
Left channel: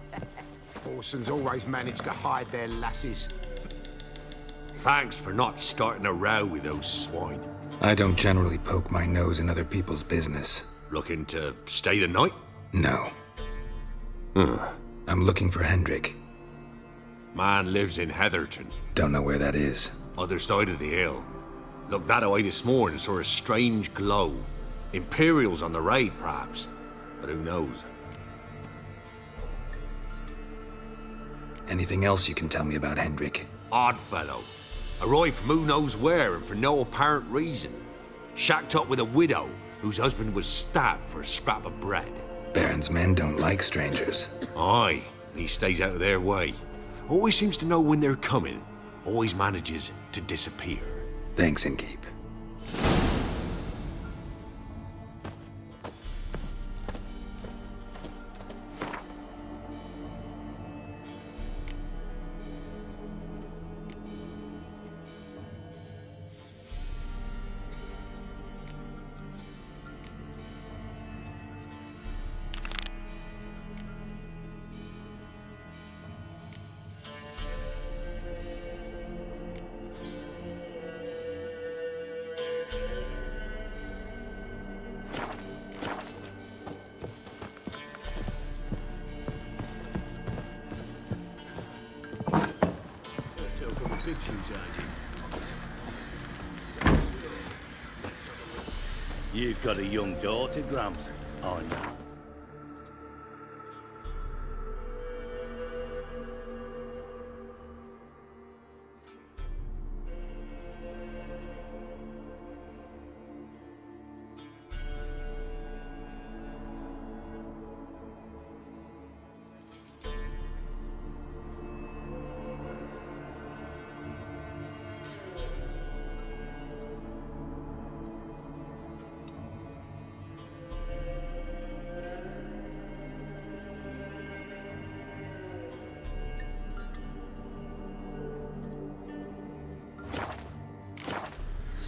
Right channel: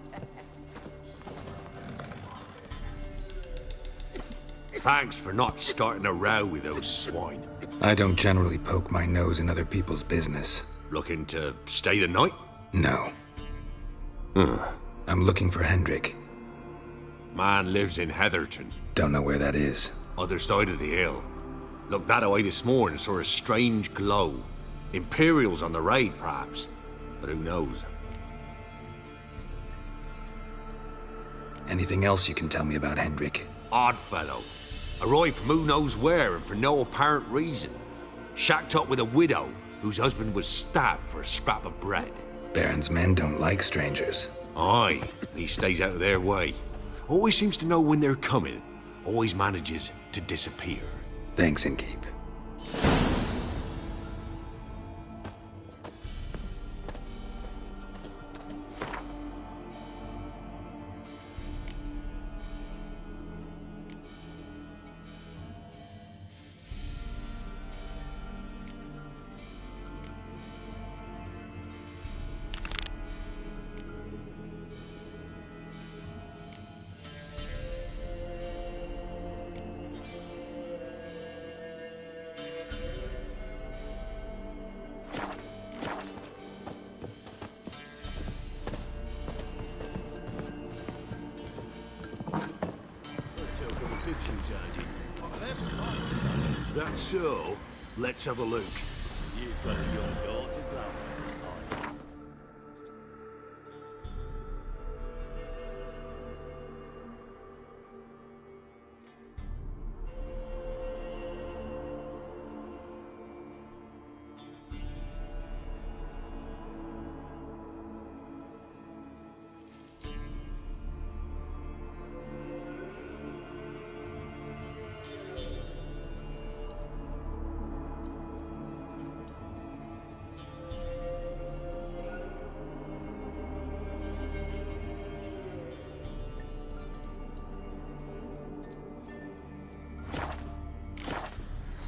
Orsons always manage to hide their lasses. Thanks for not starting a row with those swine. I don't generally poke my nose in other people's business. Looking to stay the night? No. I'm looking for Hendrik. Man lives in Heatherton. Don't know where that is. Other side of the hill. Looked that away this morning, saw a strange glow. Imperials on the raid, perhaps. But who knows? Anything else you can tell me about Hendrik? Odd fellow. Arrived from who knows where and for no apparent reason. Shacked up with a widow whose husband was stabbed for a scrap of bread. Baron's men don't like strangers. Aye, and he stays out of their way. Always seems to know when they're coming. Always manages to disappear. Thanks, Innkeep. That's so. Let's have a look. You've got a young daughter, Gramps. I know.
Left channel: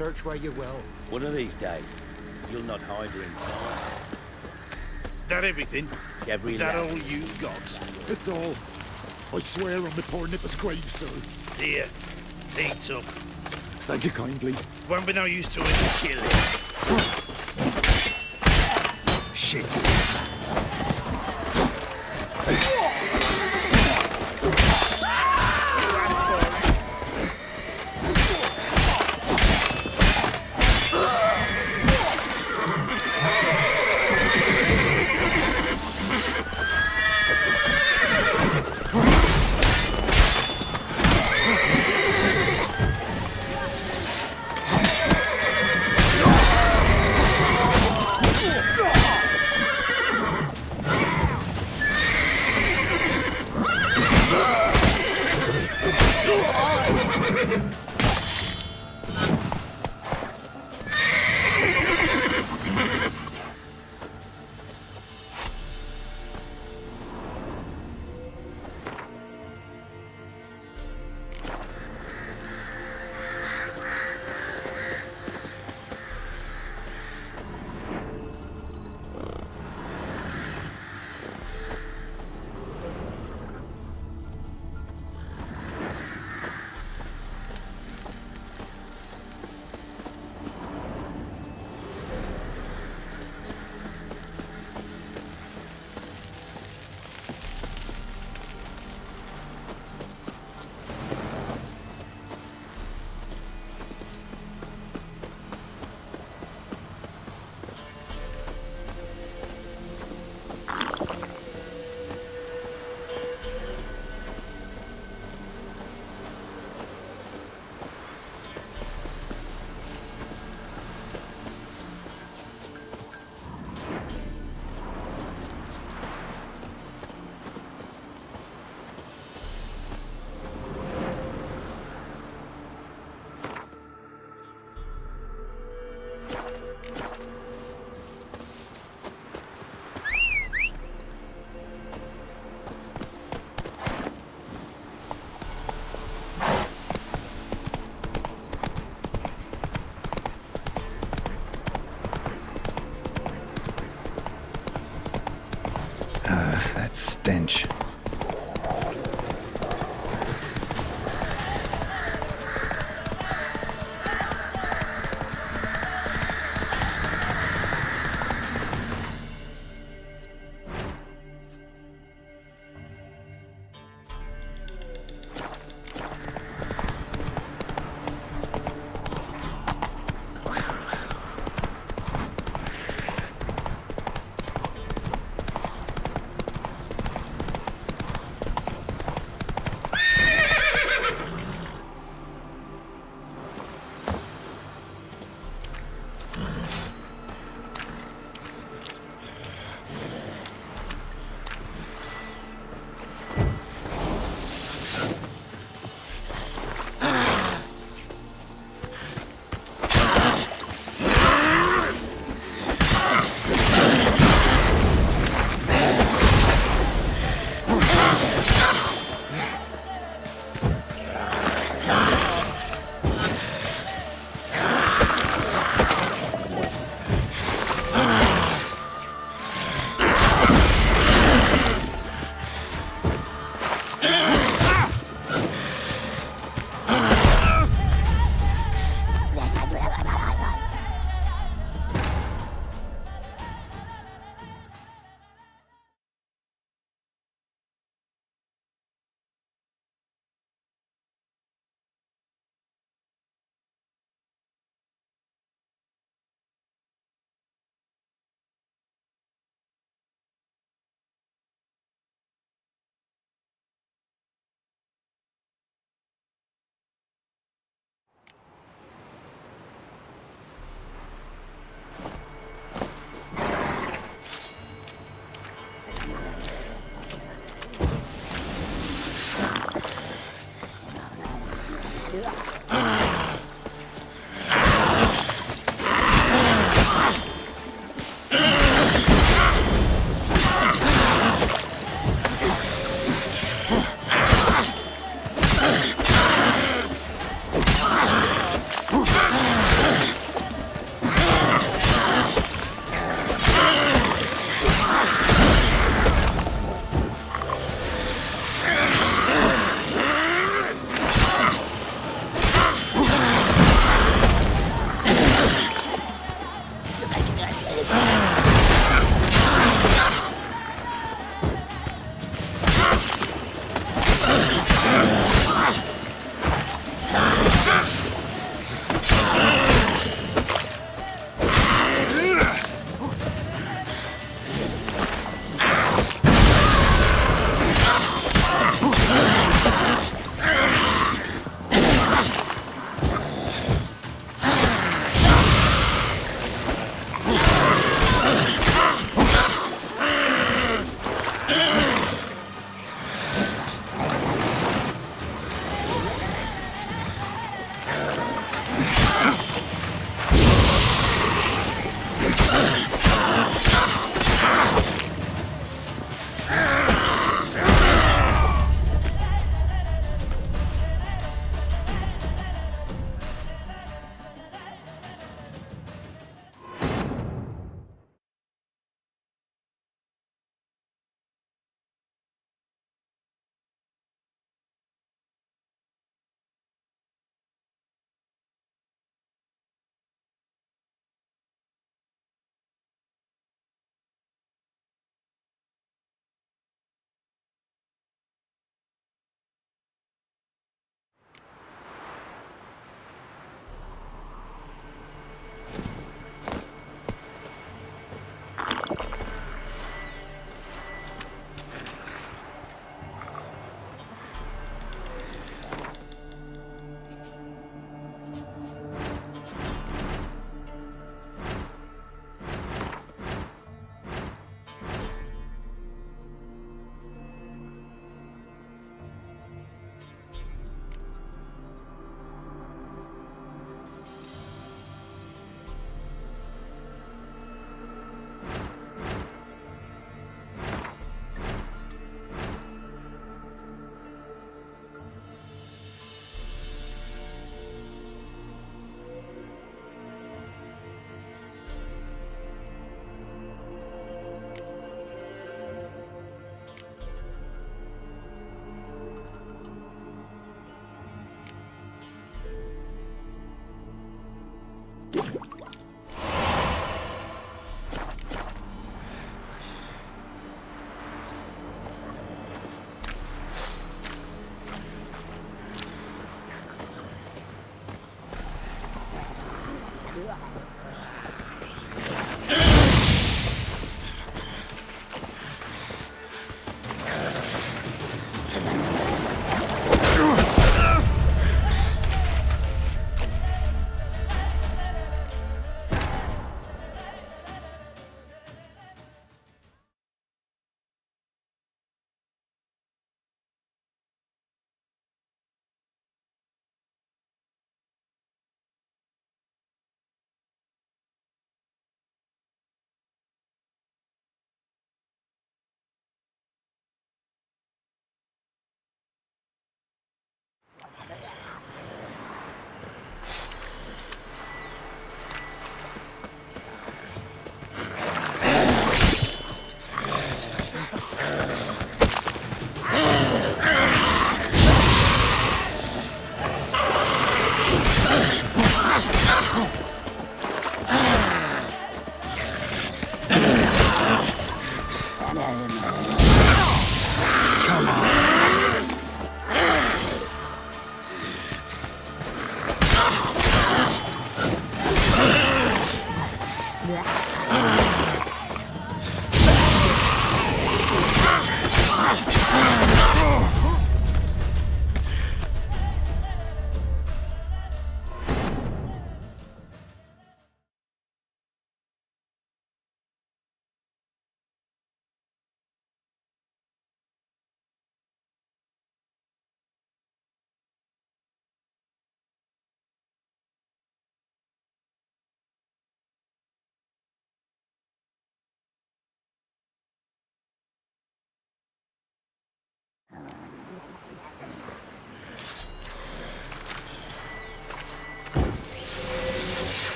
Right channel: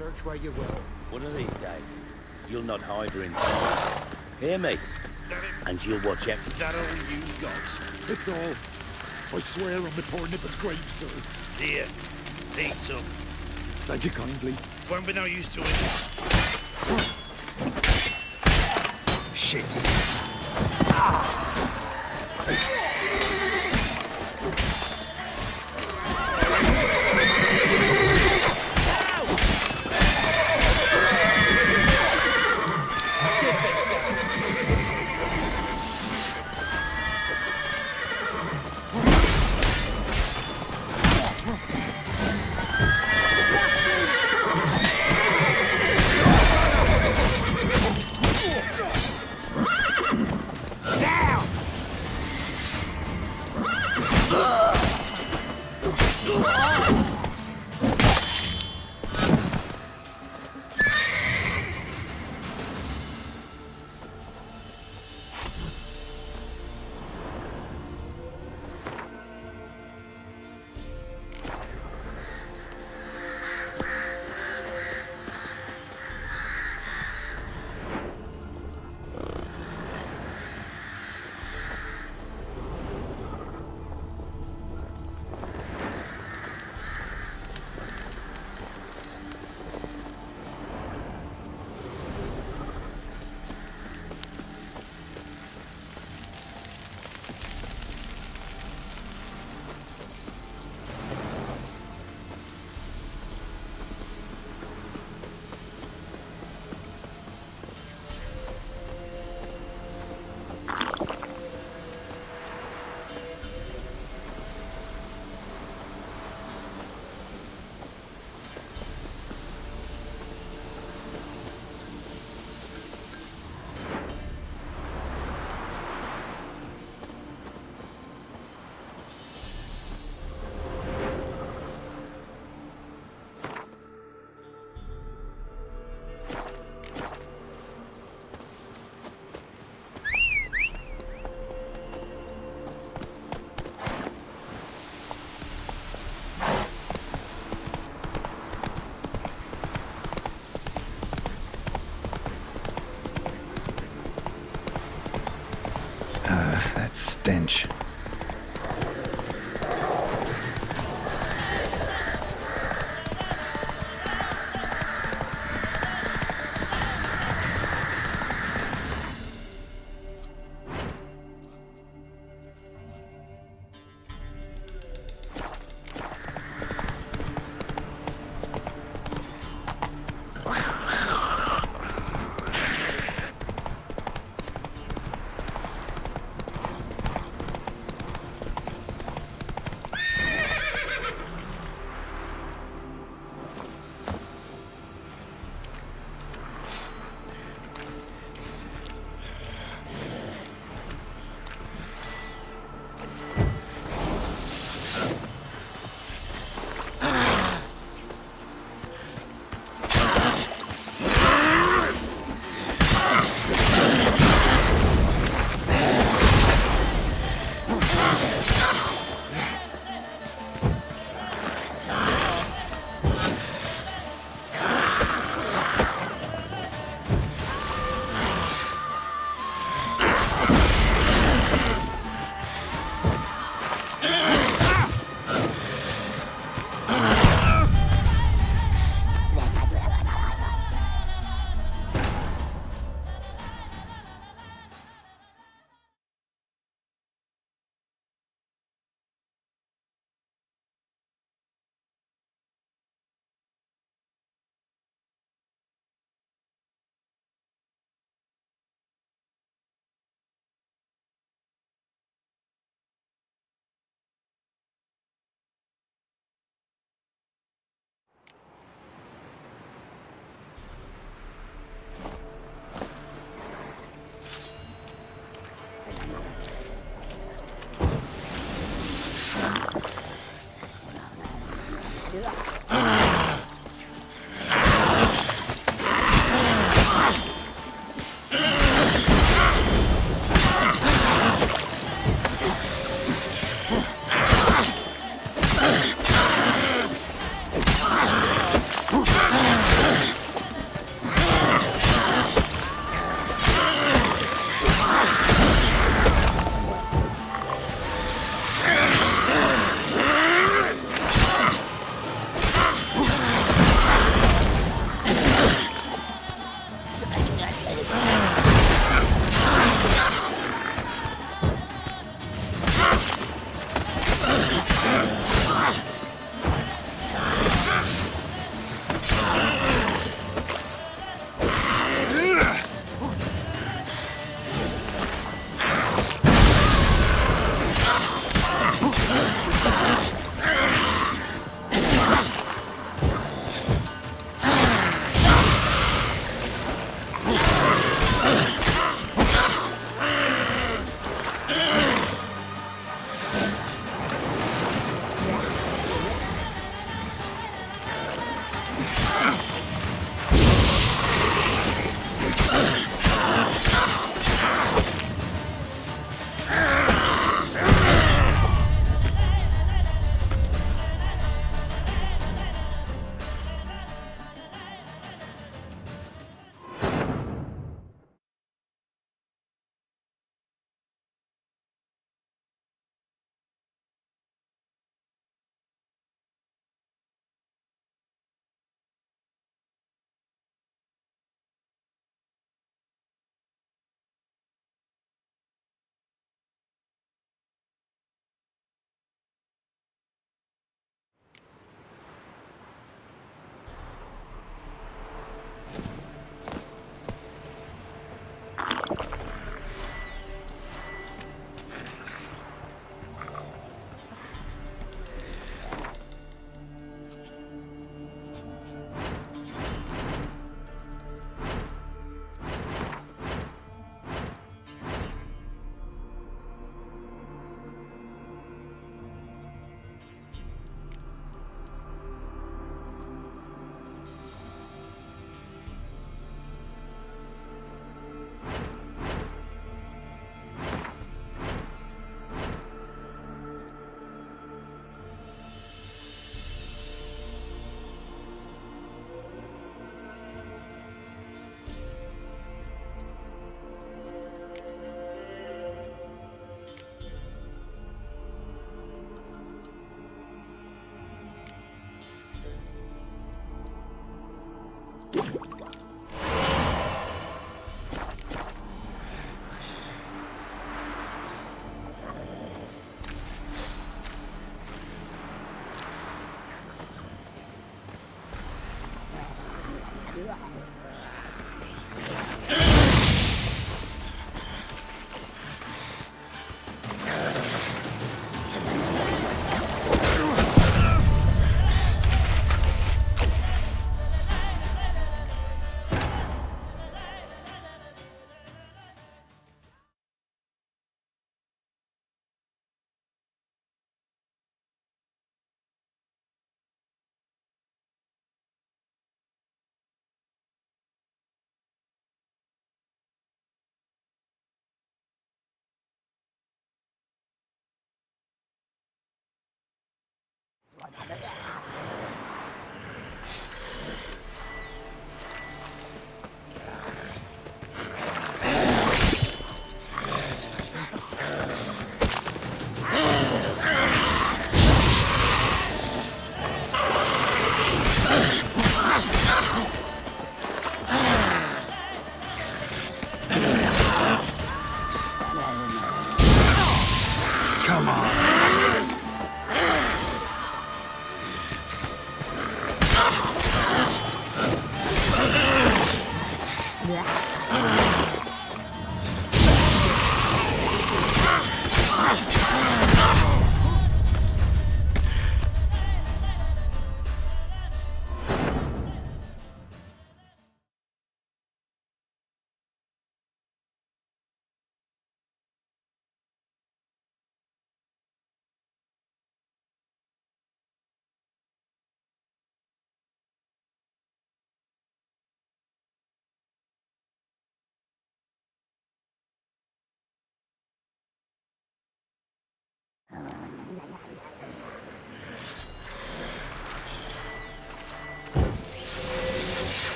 search where you will. One of these days, you'll not hide her in time. Hear me? That everything? And you'll watch every That lap. all you got? It's all. I swear on my poor nipper's grave, sir. Here, eat some. Thank you kindly. Won't be no use to it. Shit. That stench.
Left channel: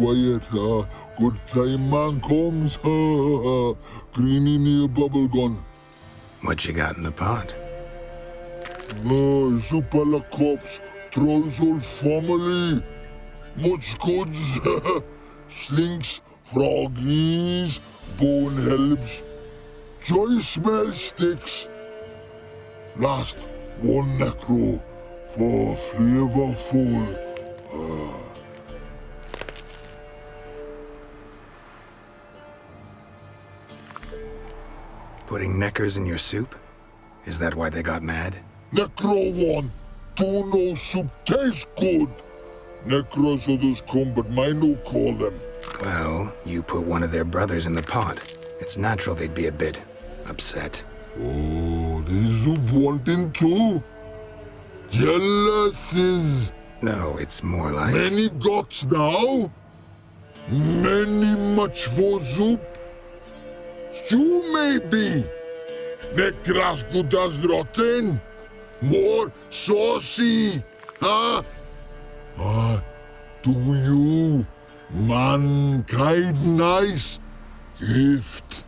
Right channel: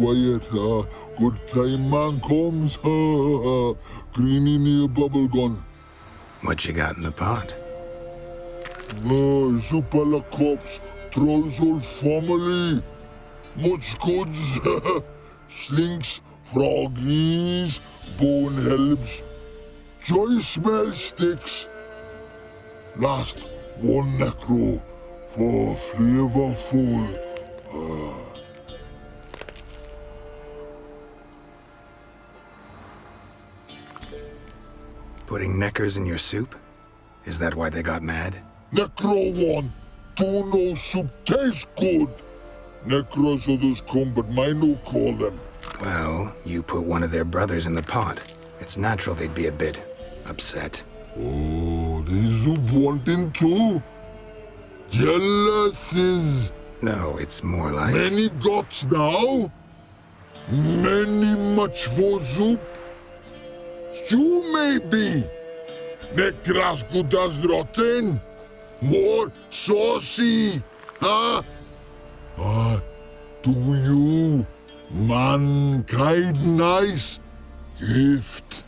quiet, good time man comes, greeny near bubble gun. What you got in the pot? Soup a la cops, trolls whole family. Much goods, slinks, froggies, bone helps, joy smell sticks. Last one necro for flavorful. Putting neckers in your soup? Is that why they got mad? Necro one, do no soup taste good. Necros others come, but mine no call them. Well, you put one of their brothers in the pot. It's natural they'd be a bit upset. Oh, they soup wanting too? Jealousies. No, it's more like... Many gods now? Many much for soup? Stew maybe? Necras good as rotten? More saucy, huh? Do you, mankind nice gift?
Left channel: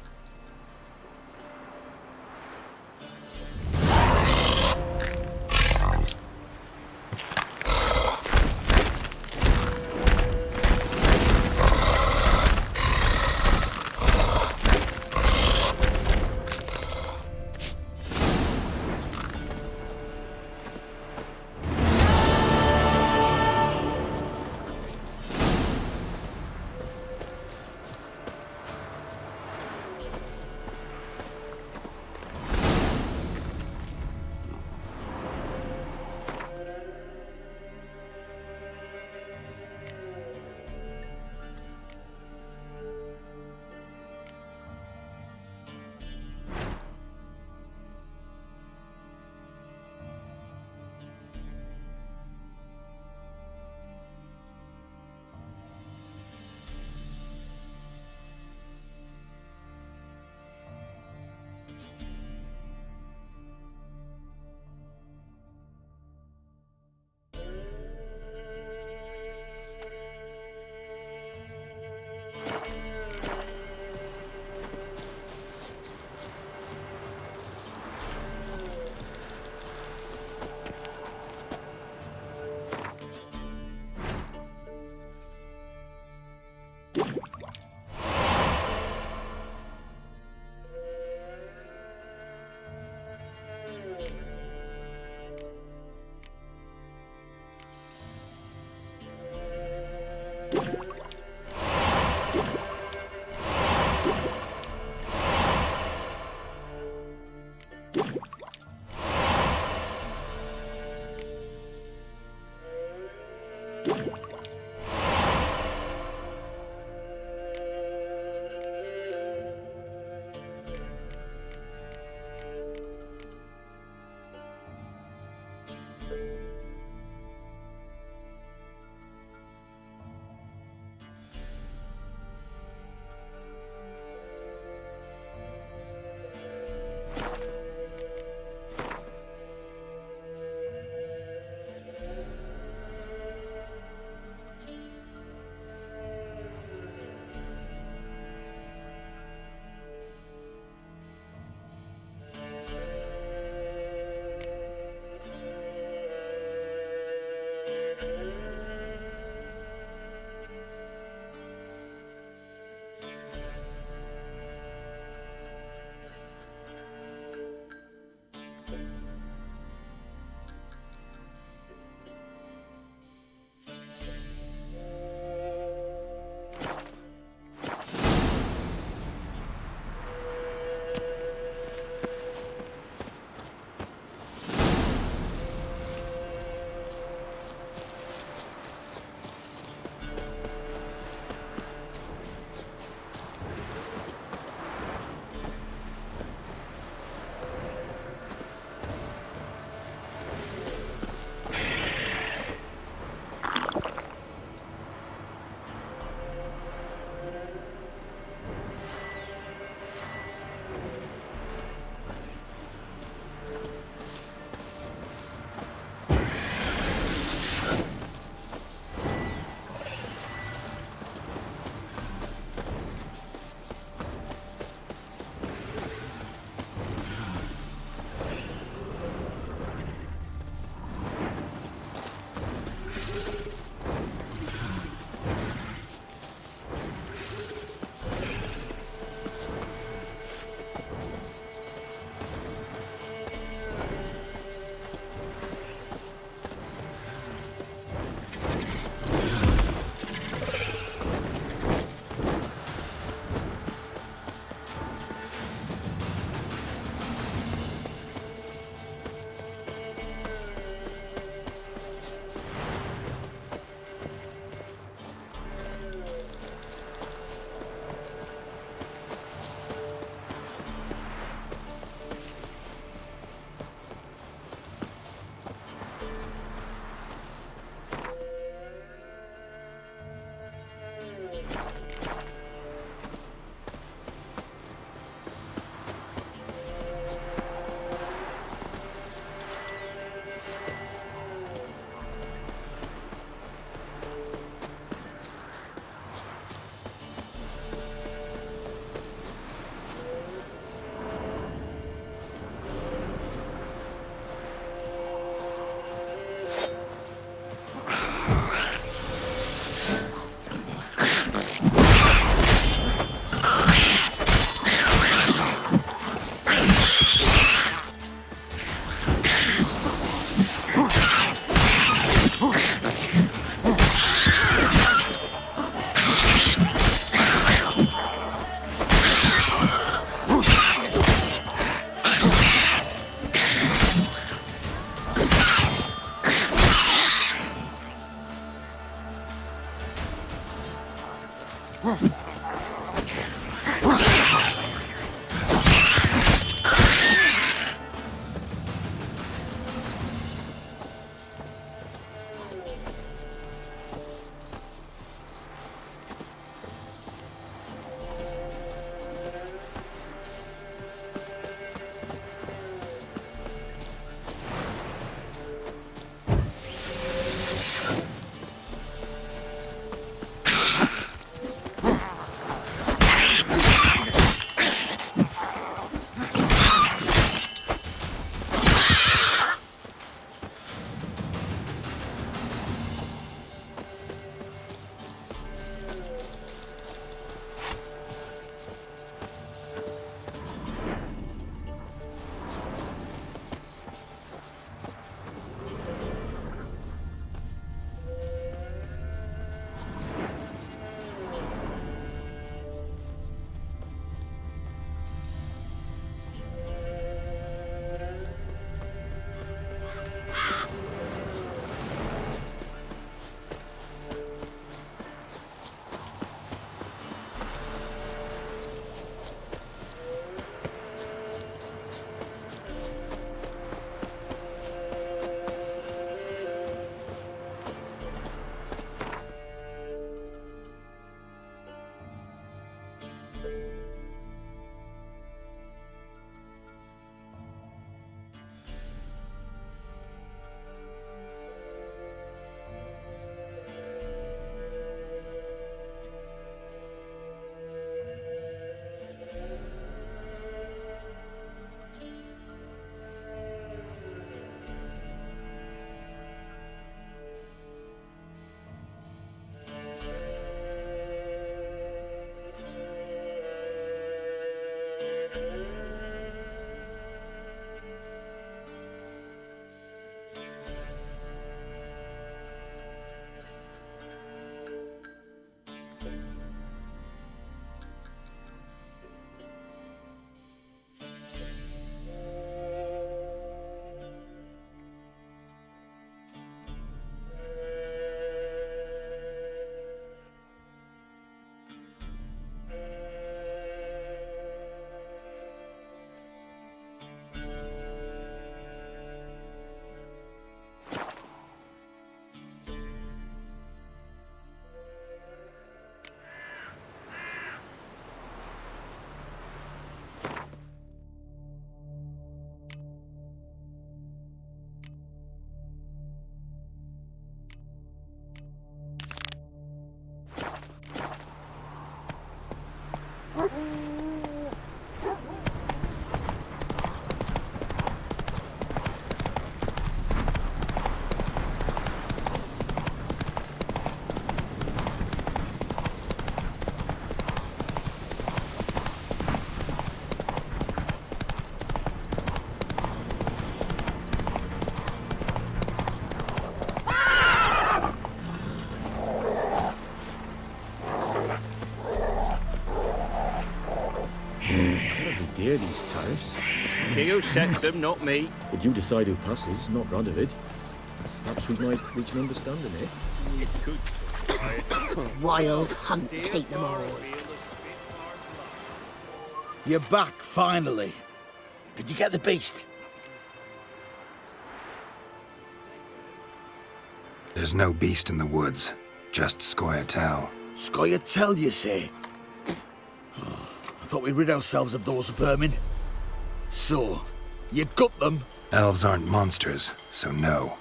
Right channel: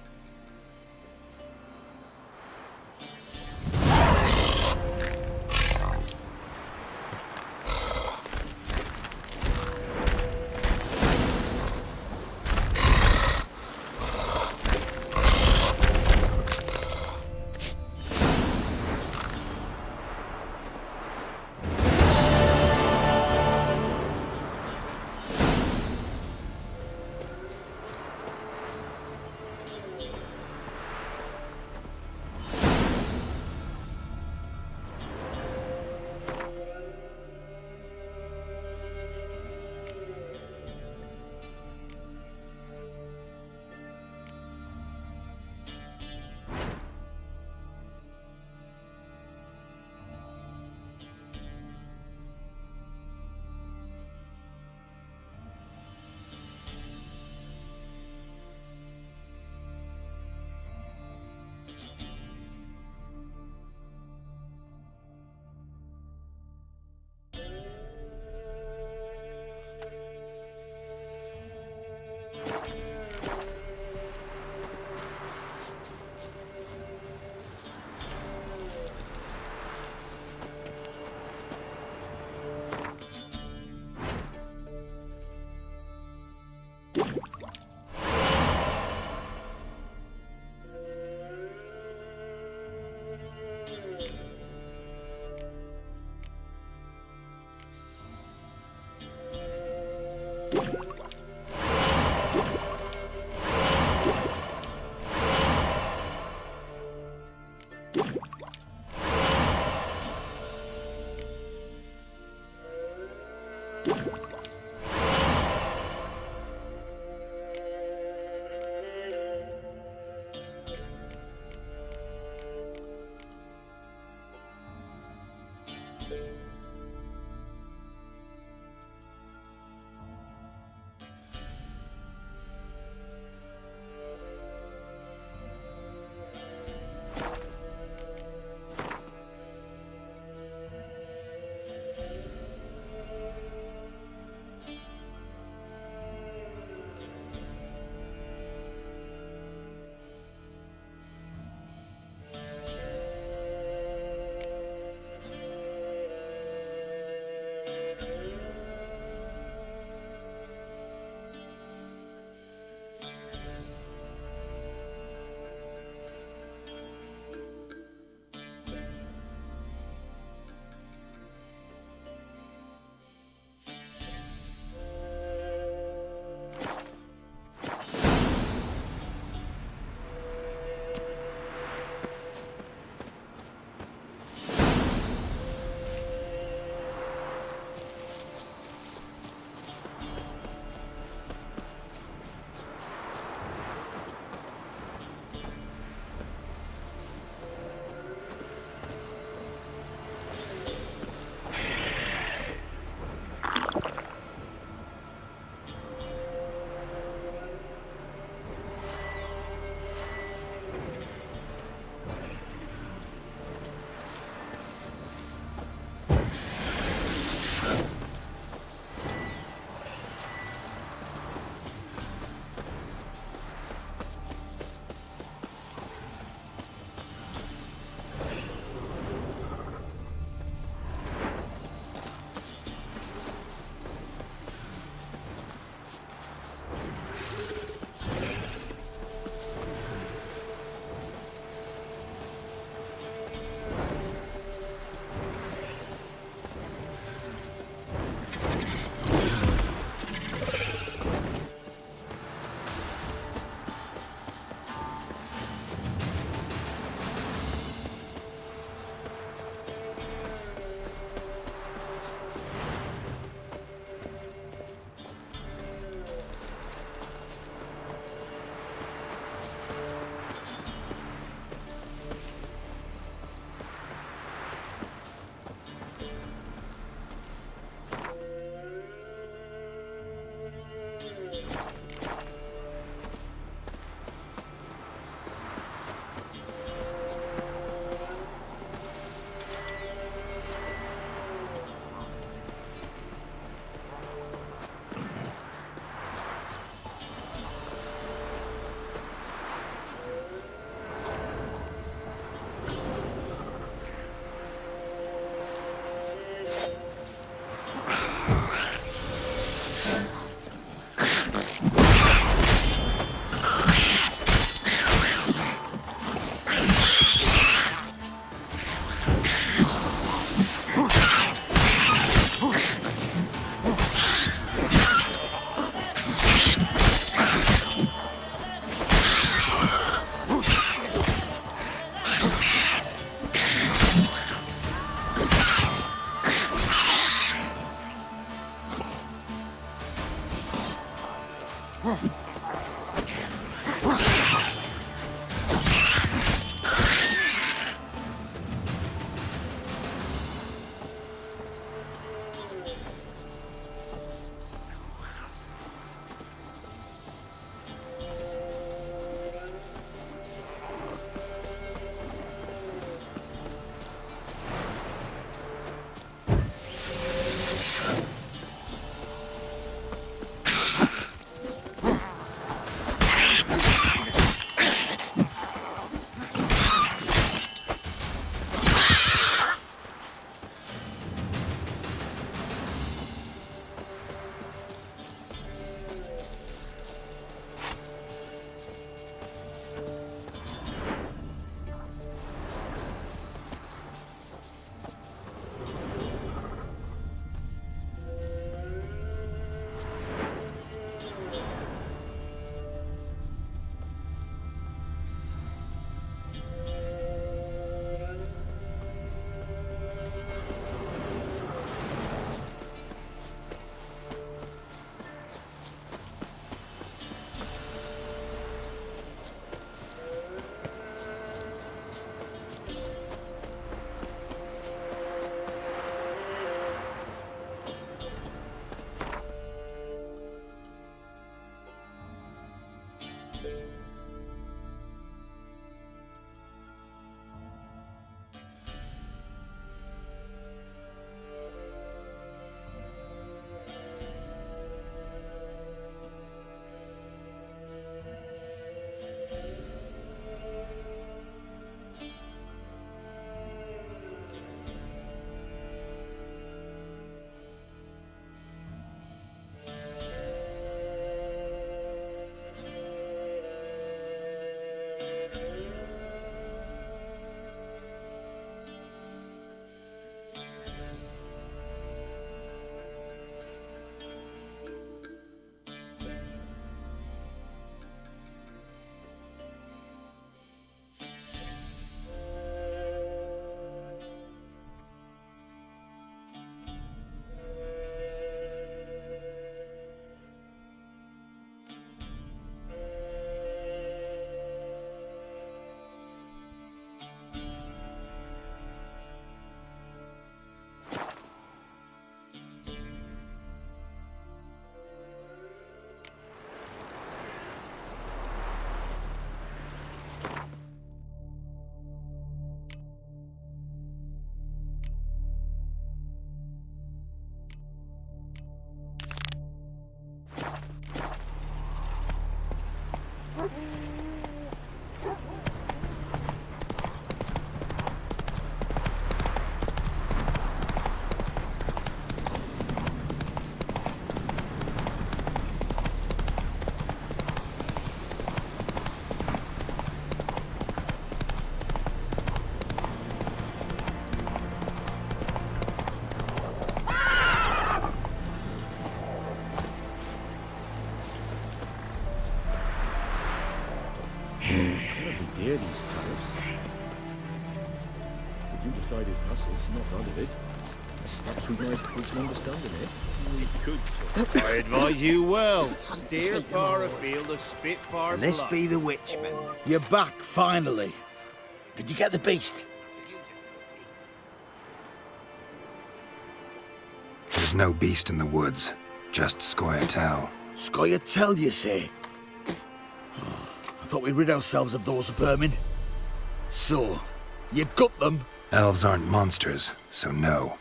Dear these tariffs. It's the king who sets them, not me. But you decide who passes, not Radovid. Perhaps we might reach an understanding, eh? We could. I advise you well. Steer far afield of Spitfire This blood. be the Witchman. You're back, finally. Did you get the beast? There's no beast in the woods, just Scoia'tael. Scoia'tael, you say? I thought we'd rid ourselves of those vermin. So, you got them? Elves aren't monsters, so no.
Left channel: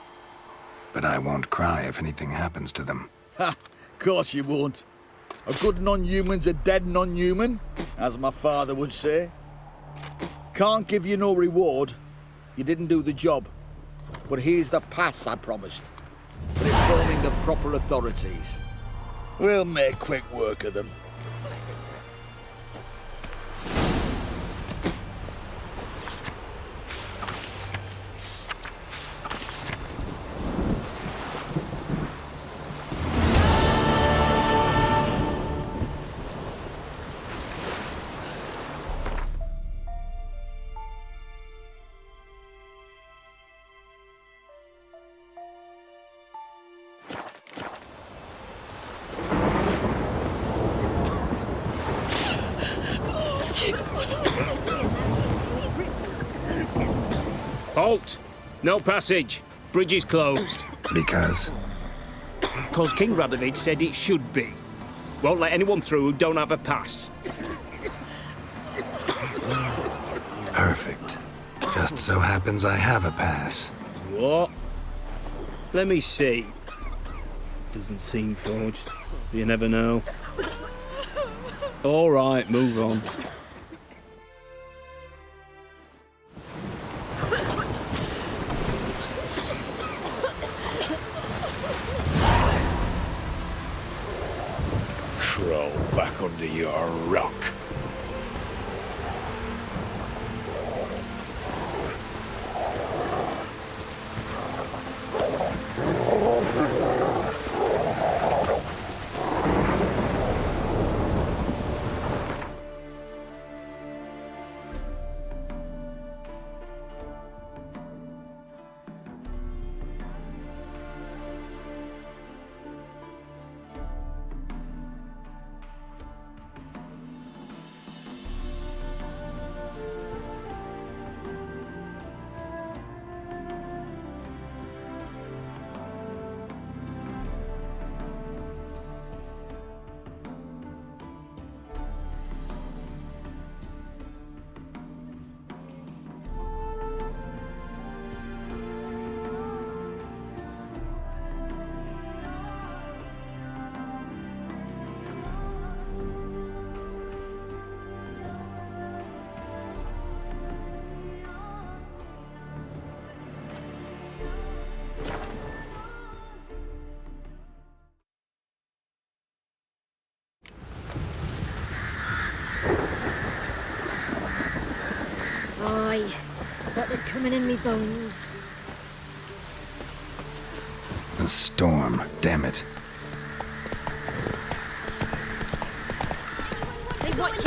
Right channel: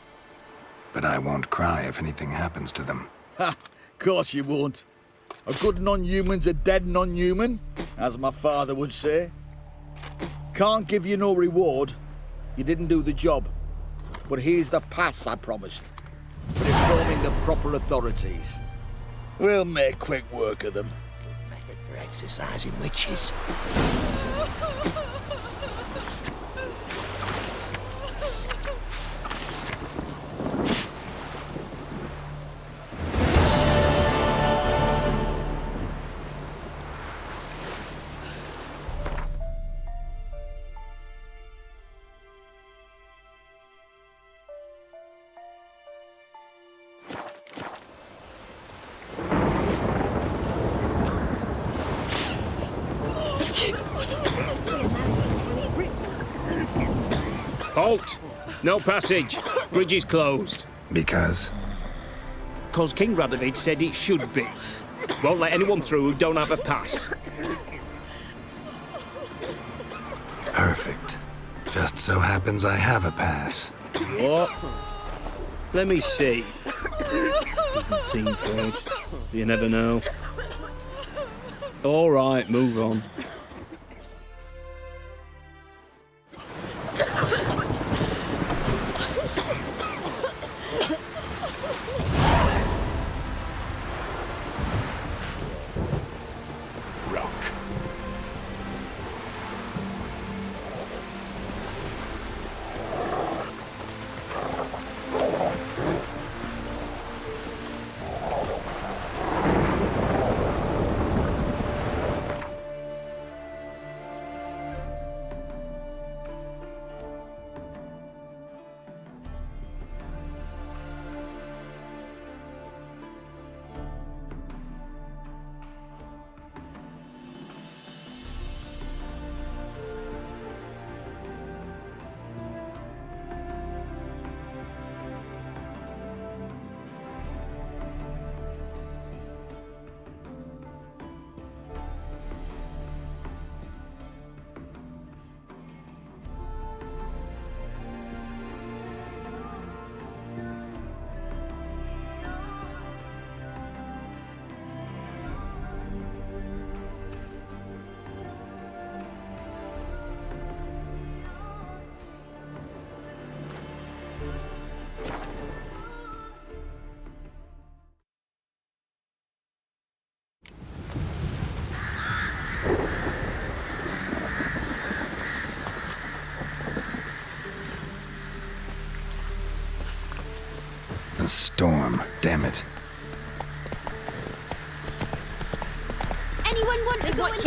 But I won't cry if anything happens to them. Ha! Course you won't. A good non-human's a dead non-human, as my father would say. Can't give you no reward. You didn't do the job. But here's the pass I promised, for informing the proper authorities. We'll make quick work of them. Method for exercising witches. Halt! No passage. Bridge is closed. Because? 'Cause King Radovid said it should be. Won't let anyone through who don't have a pass. Perfect. Just so happens I have a pass. What? Let me see. Doesn't seem forged. You never know. All right, move on. Crawl back under your rock. Aye, got them coming in me bones. A storm, damn it. Anyone want to Watch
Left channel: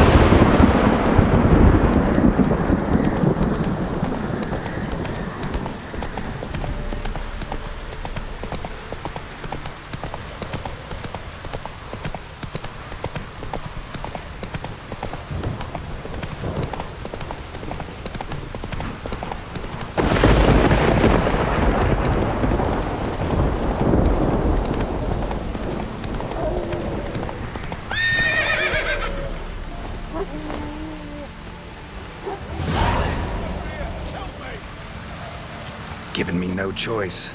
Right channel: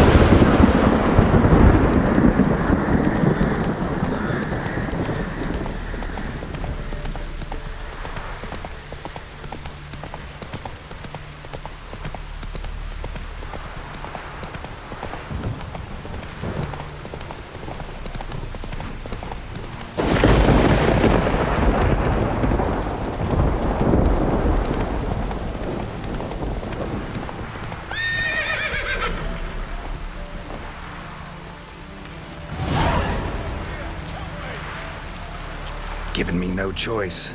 Given me no choice.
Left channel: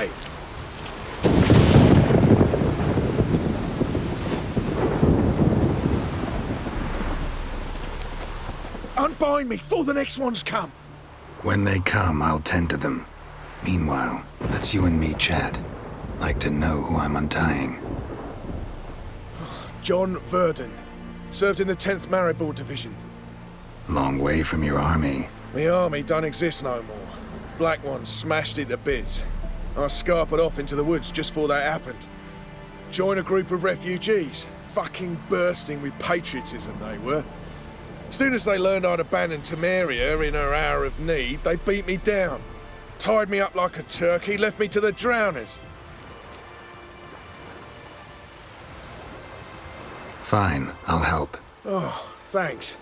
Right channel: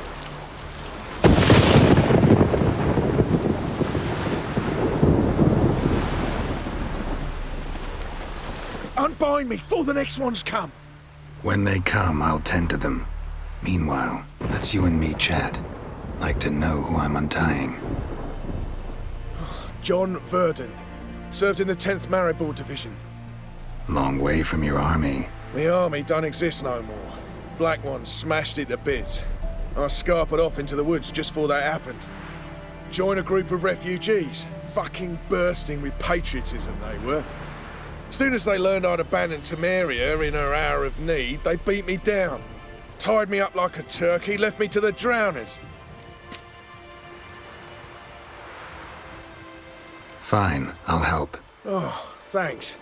me! Unbind me before the next ones come! When they come, I'll tend to them. Meanwhile, let's you and me chat. Like to know who I'm untying. John Verdon. Served in the 10th Maribor Division. Long way from your army. The army don't exist no more. Black Ones smashed it to bits. I scarpered off into the woods just before that happened. Joined a group of refugees. Fucking bursting with patriotism they were. As soon as they learned I'd abandoned Temeria in her hour of need, they beat me down. Tied me up like a turkey, left me to the drowners. Fine, I'll help. Oh, thanks.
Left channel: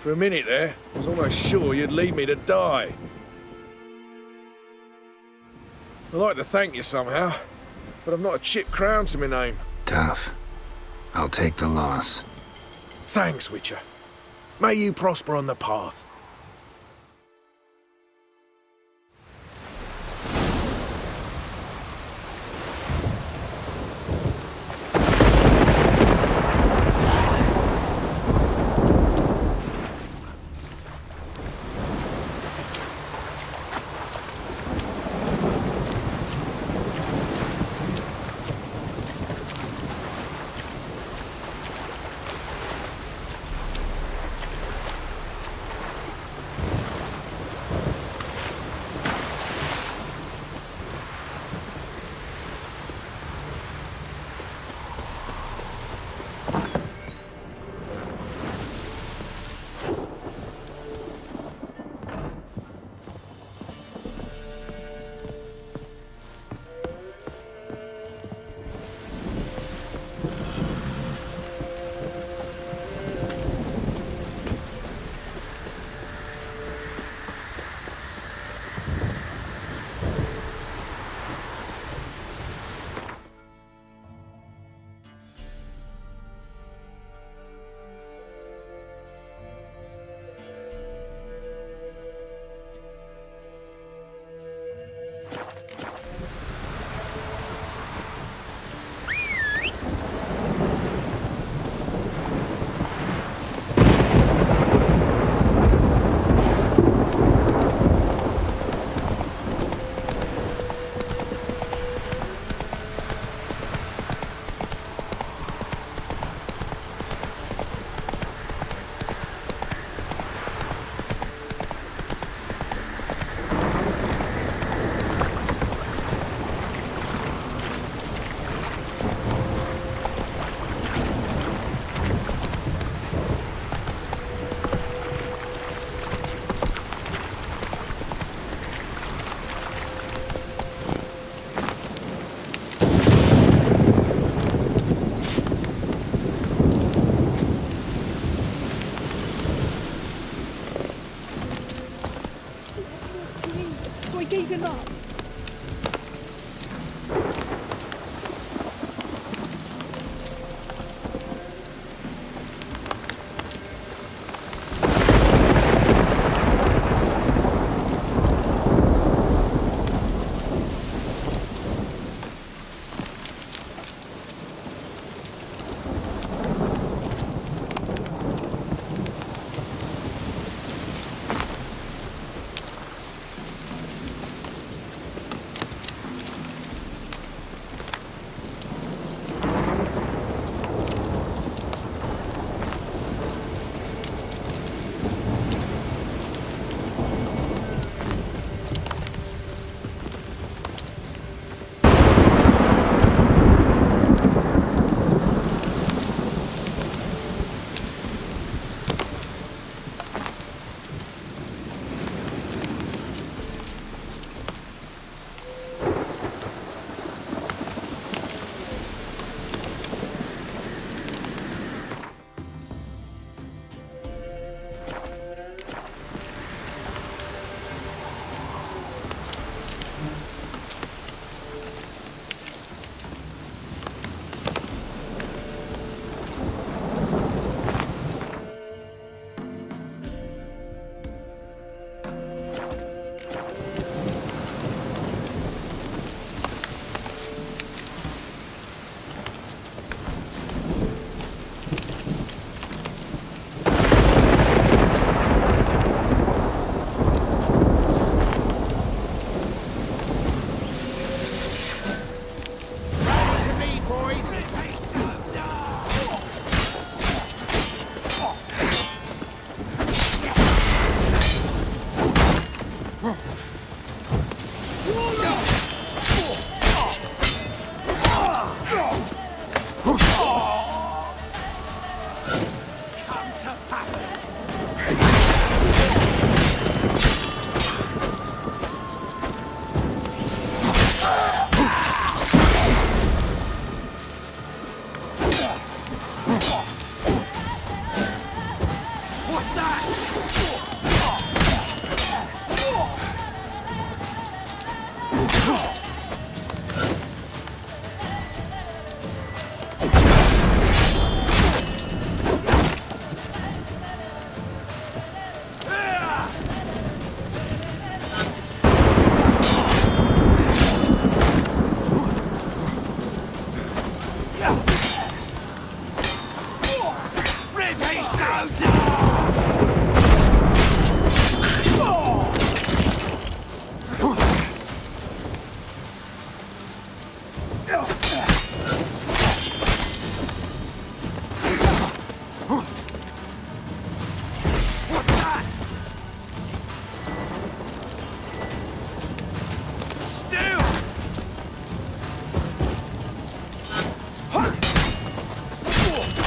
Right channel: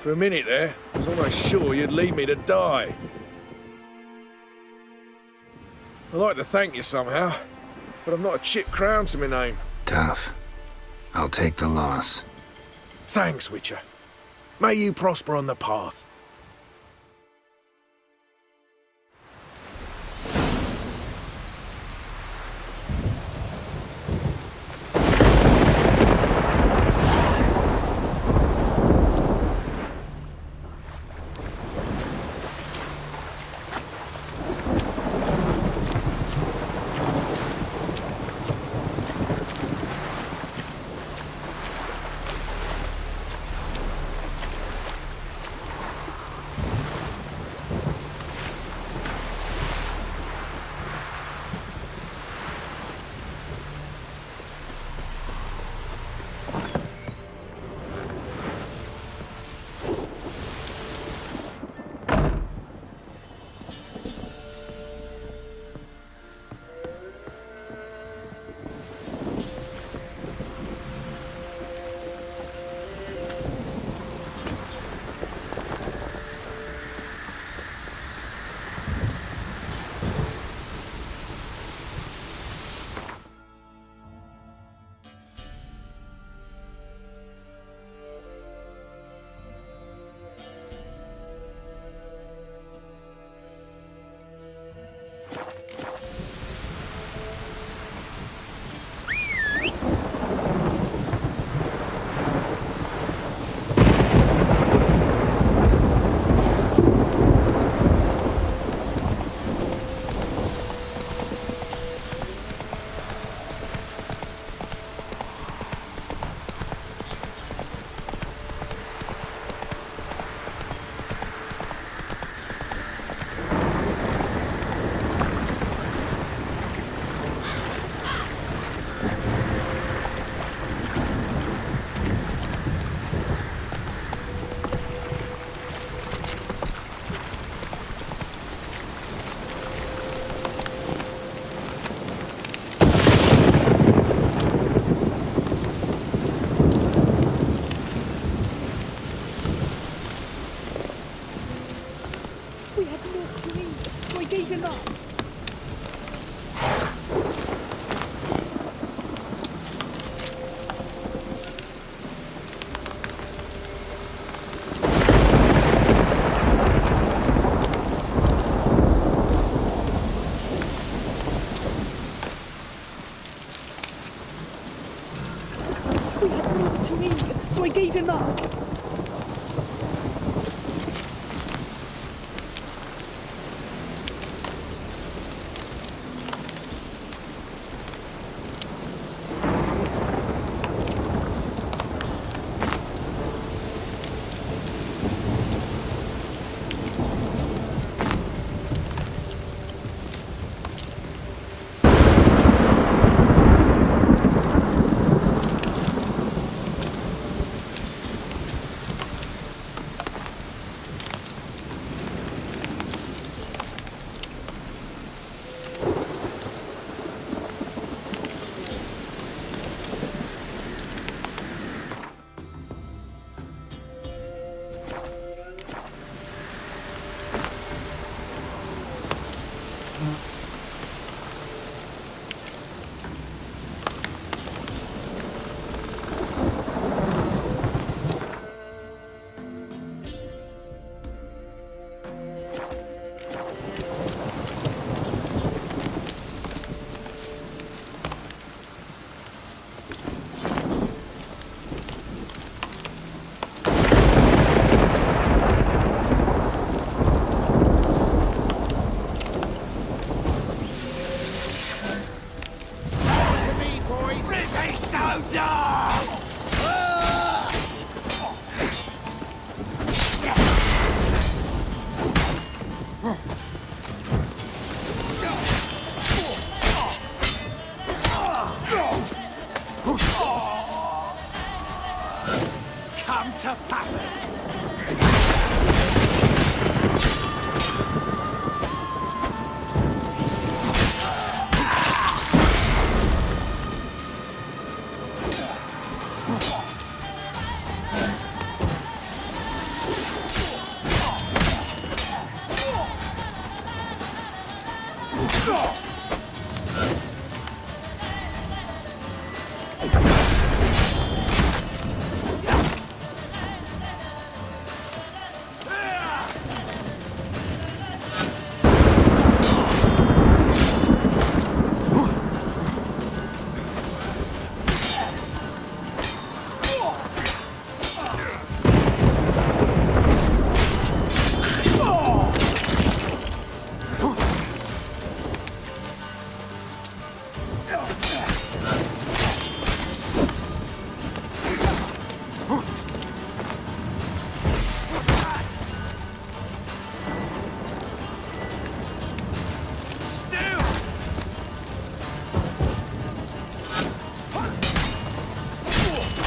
For a minute there, I was almost sure you'd leave me to die. I'd like to thank you somehow, but I've not a chip crown to my name. Tough. I'll take the loss. Thanks, Witcher. May you prosper on the path.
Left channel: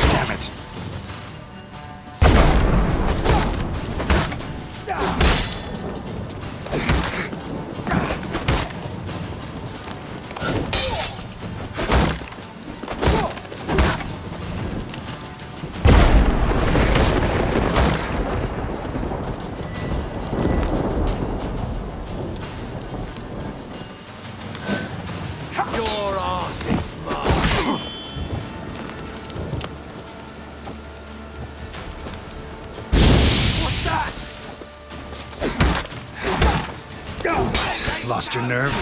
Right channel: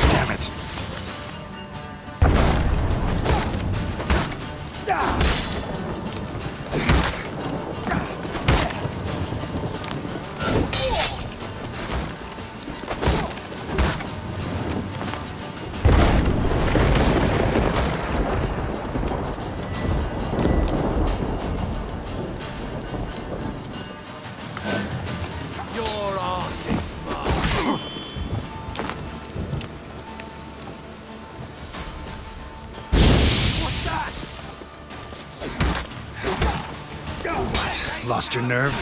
Damn it. Your arse is mine. What's that? Lost your nerve?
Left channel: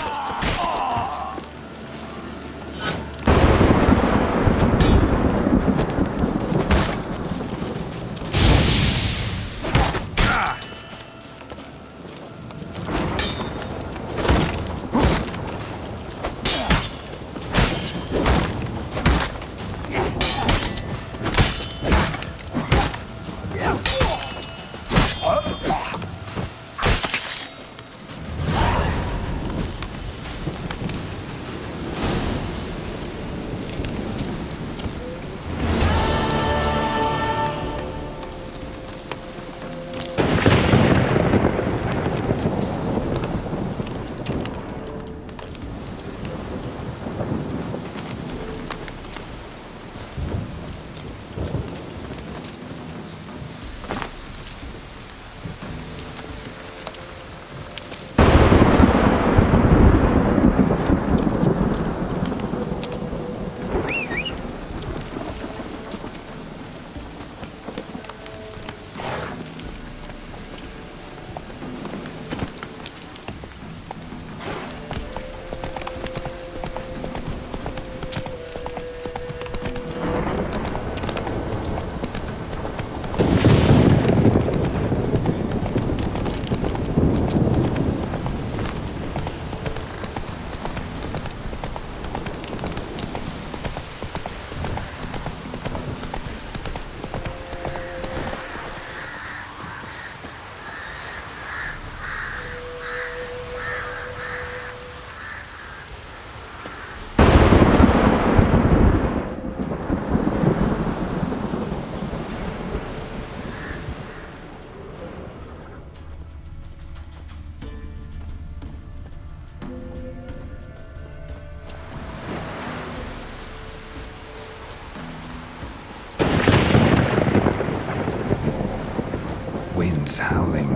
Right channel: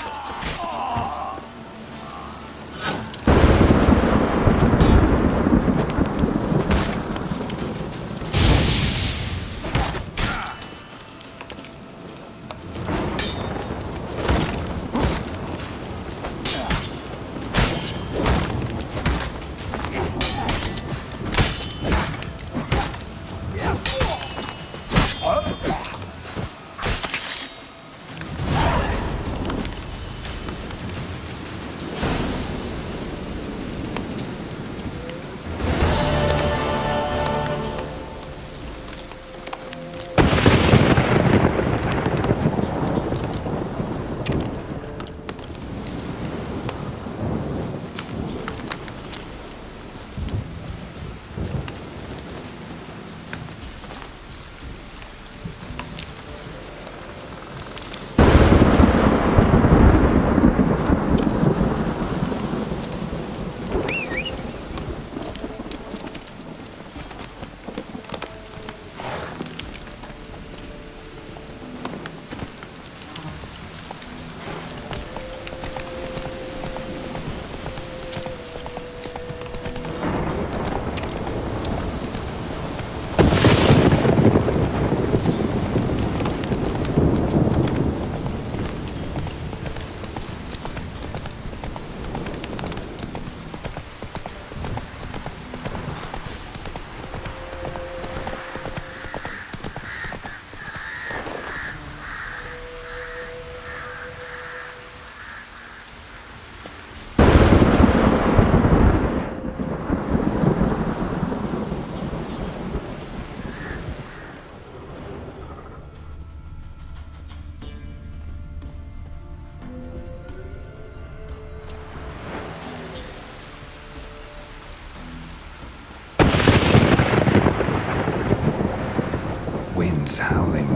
Wind's howling.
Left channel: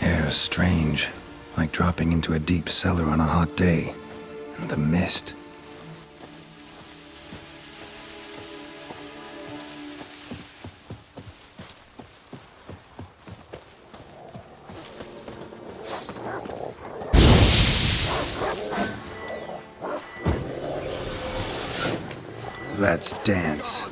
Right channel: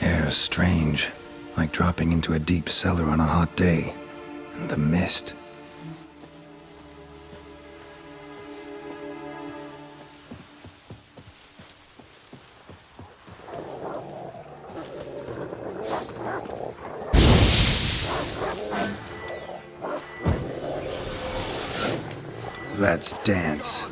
Air's strange, like dropping into a deep cellar on a hot day. And the mist. Let's dance.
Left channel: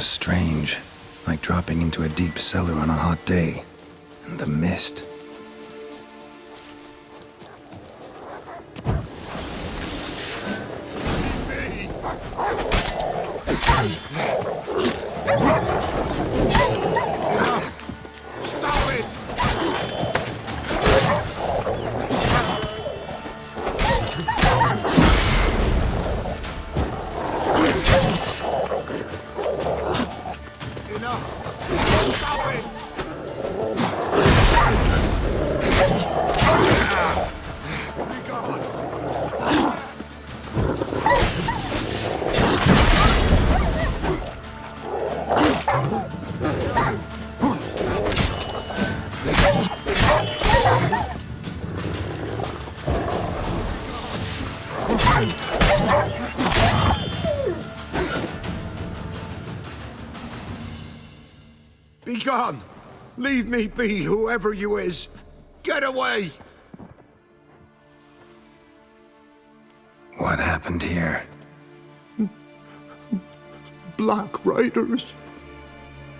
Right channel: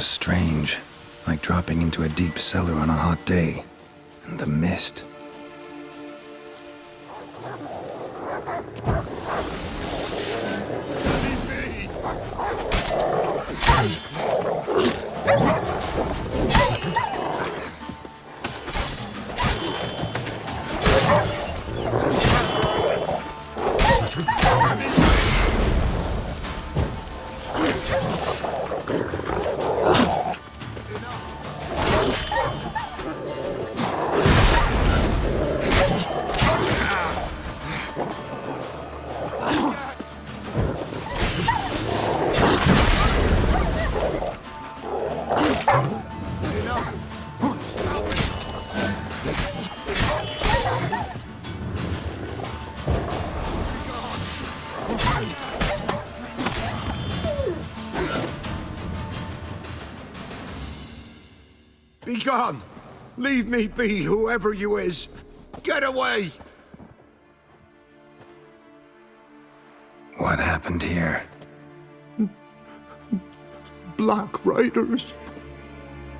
was strange, like dropping into a deep cellar on a hot day. And the mist. Be gone! Leave me be, whoever you is! Get away! What happened here? Black Riders.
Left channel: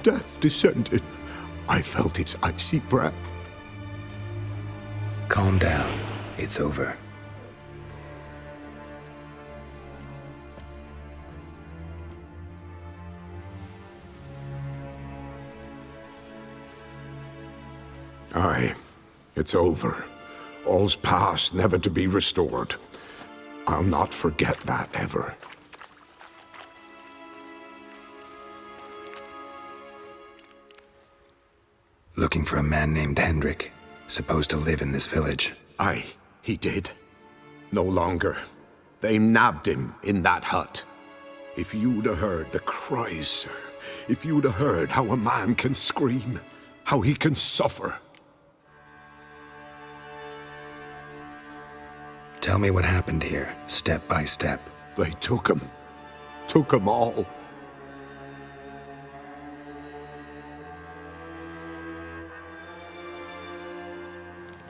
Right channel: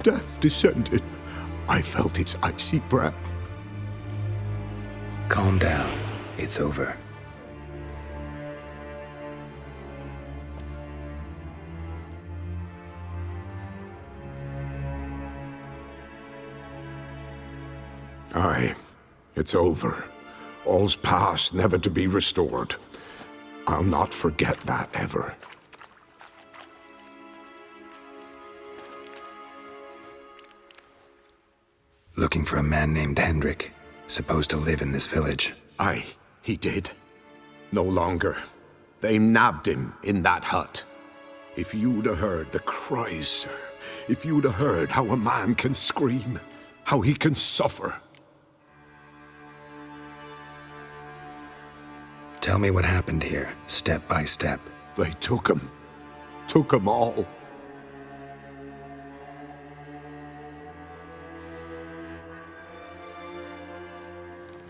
Death descended. I felt its icy breath. Calm down. It's over. Aye, it's over. All's past, never to be restored. I'll not forget that ever. Looking for a man named Hendrik, supposed to live in this village. Aye, he did. No longer. They nabbed him in that hut. If you'd have heard the cries, sir, if you'd have heard how a man can scream, how he can suffer. Tell me what happened here, step by step. They took him. Took him all.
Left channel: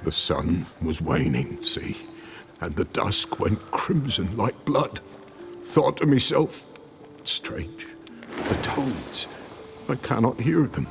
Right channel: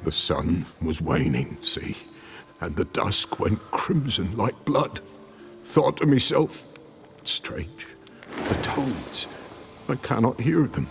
The sun was waning, see, and the dusk went crimson like blood. Thought to myself, strange, the toads, I cannot hear them.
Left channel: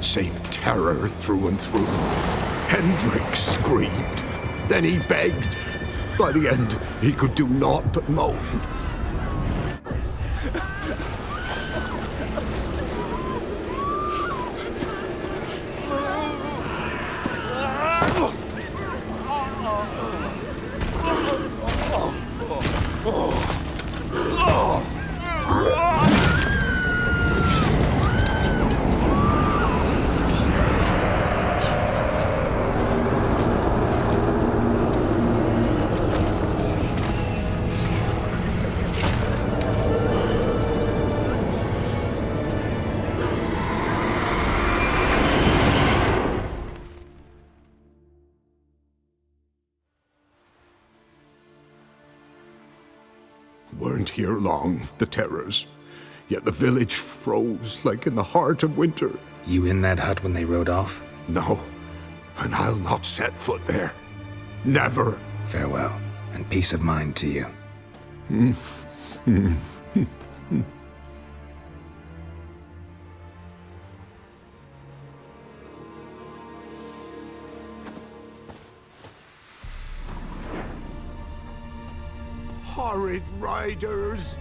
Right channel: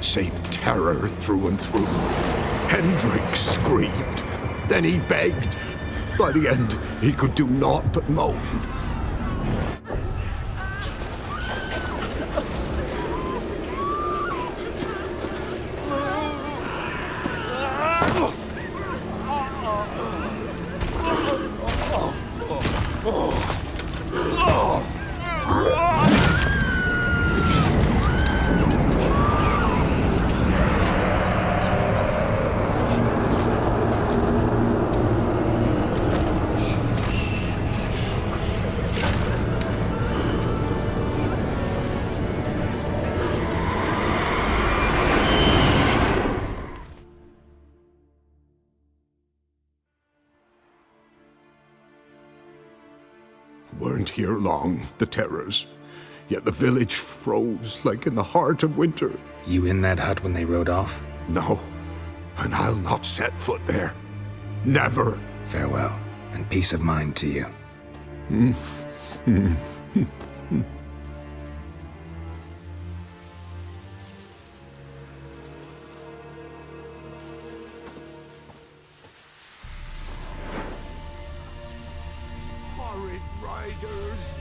Save terror through and through. Hendrik screamed. Then he begged. By the end, he could do naught but moan. Weren't here long, the terrors. Yet the village froze like in the heart of winter. You in that hut when they rode off? No, and I'll not set foot there. Never. Farewell, and peace of mind to you. Horrid riders!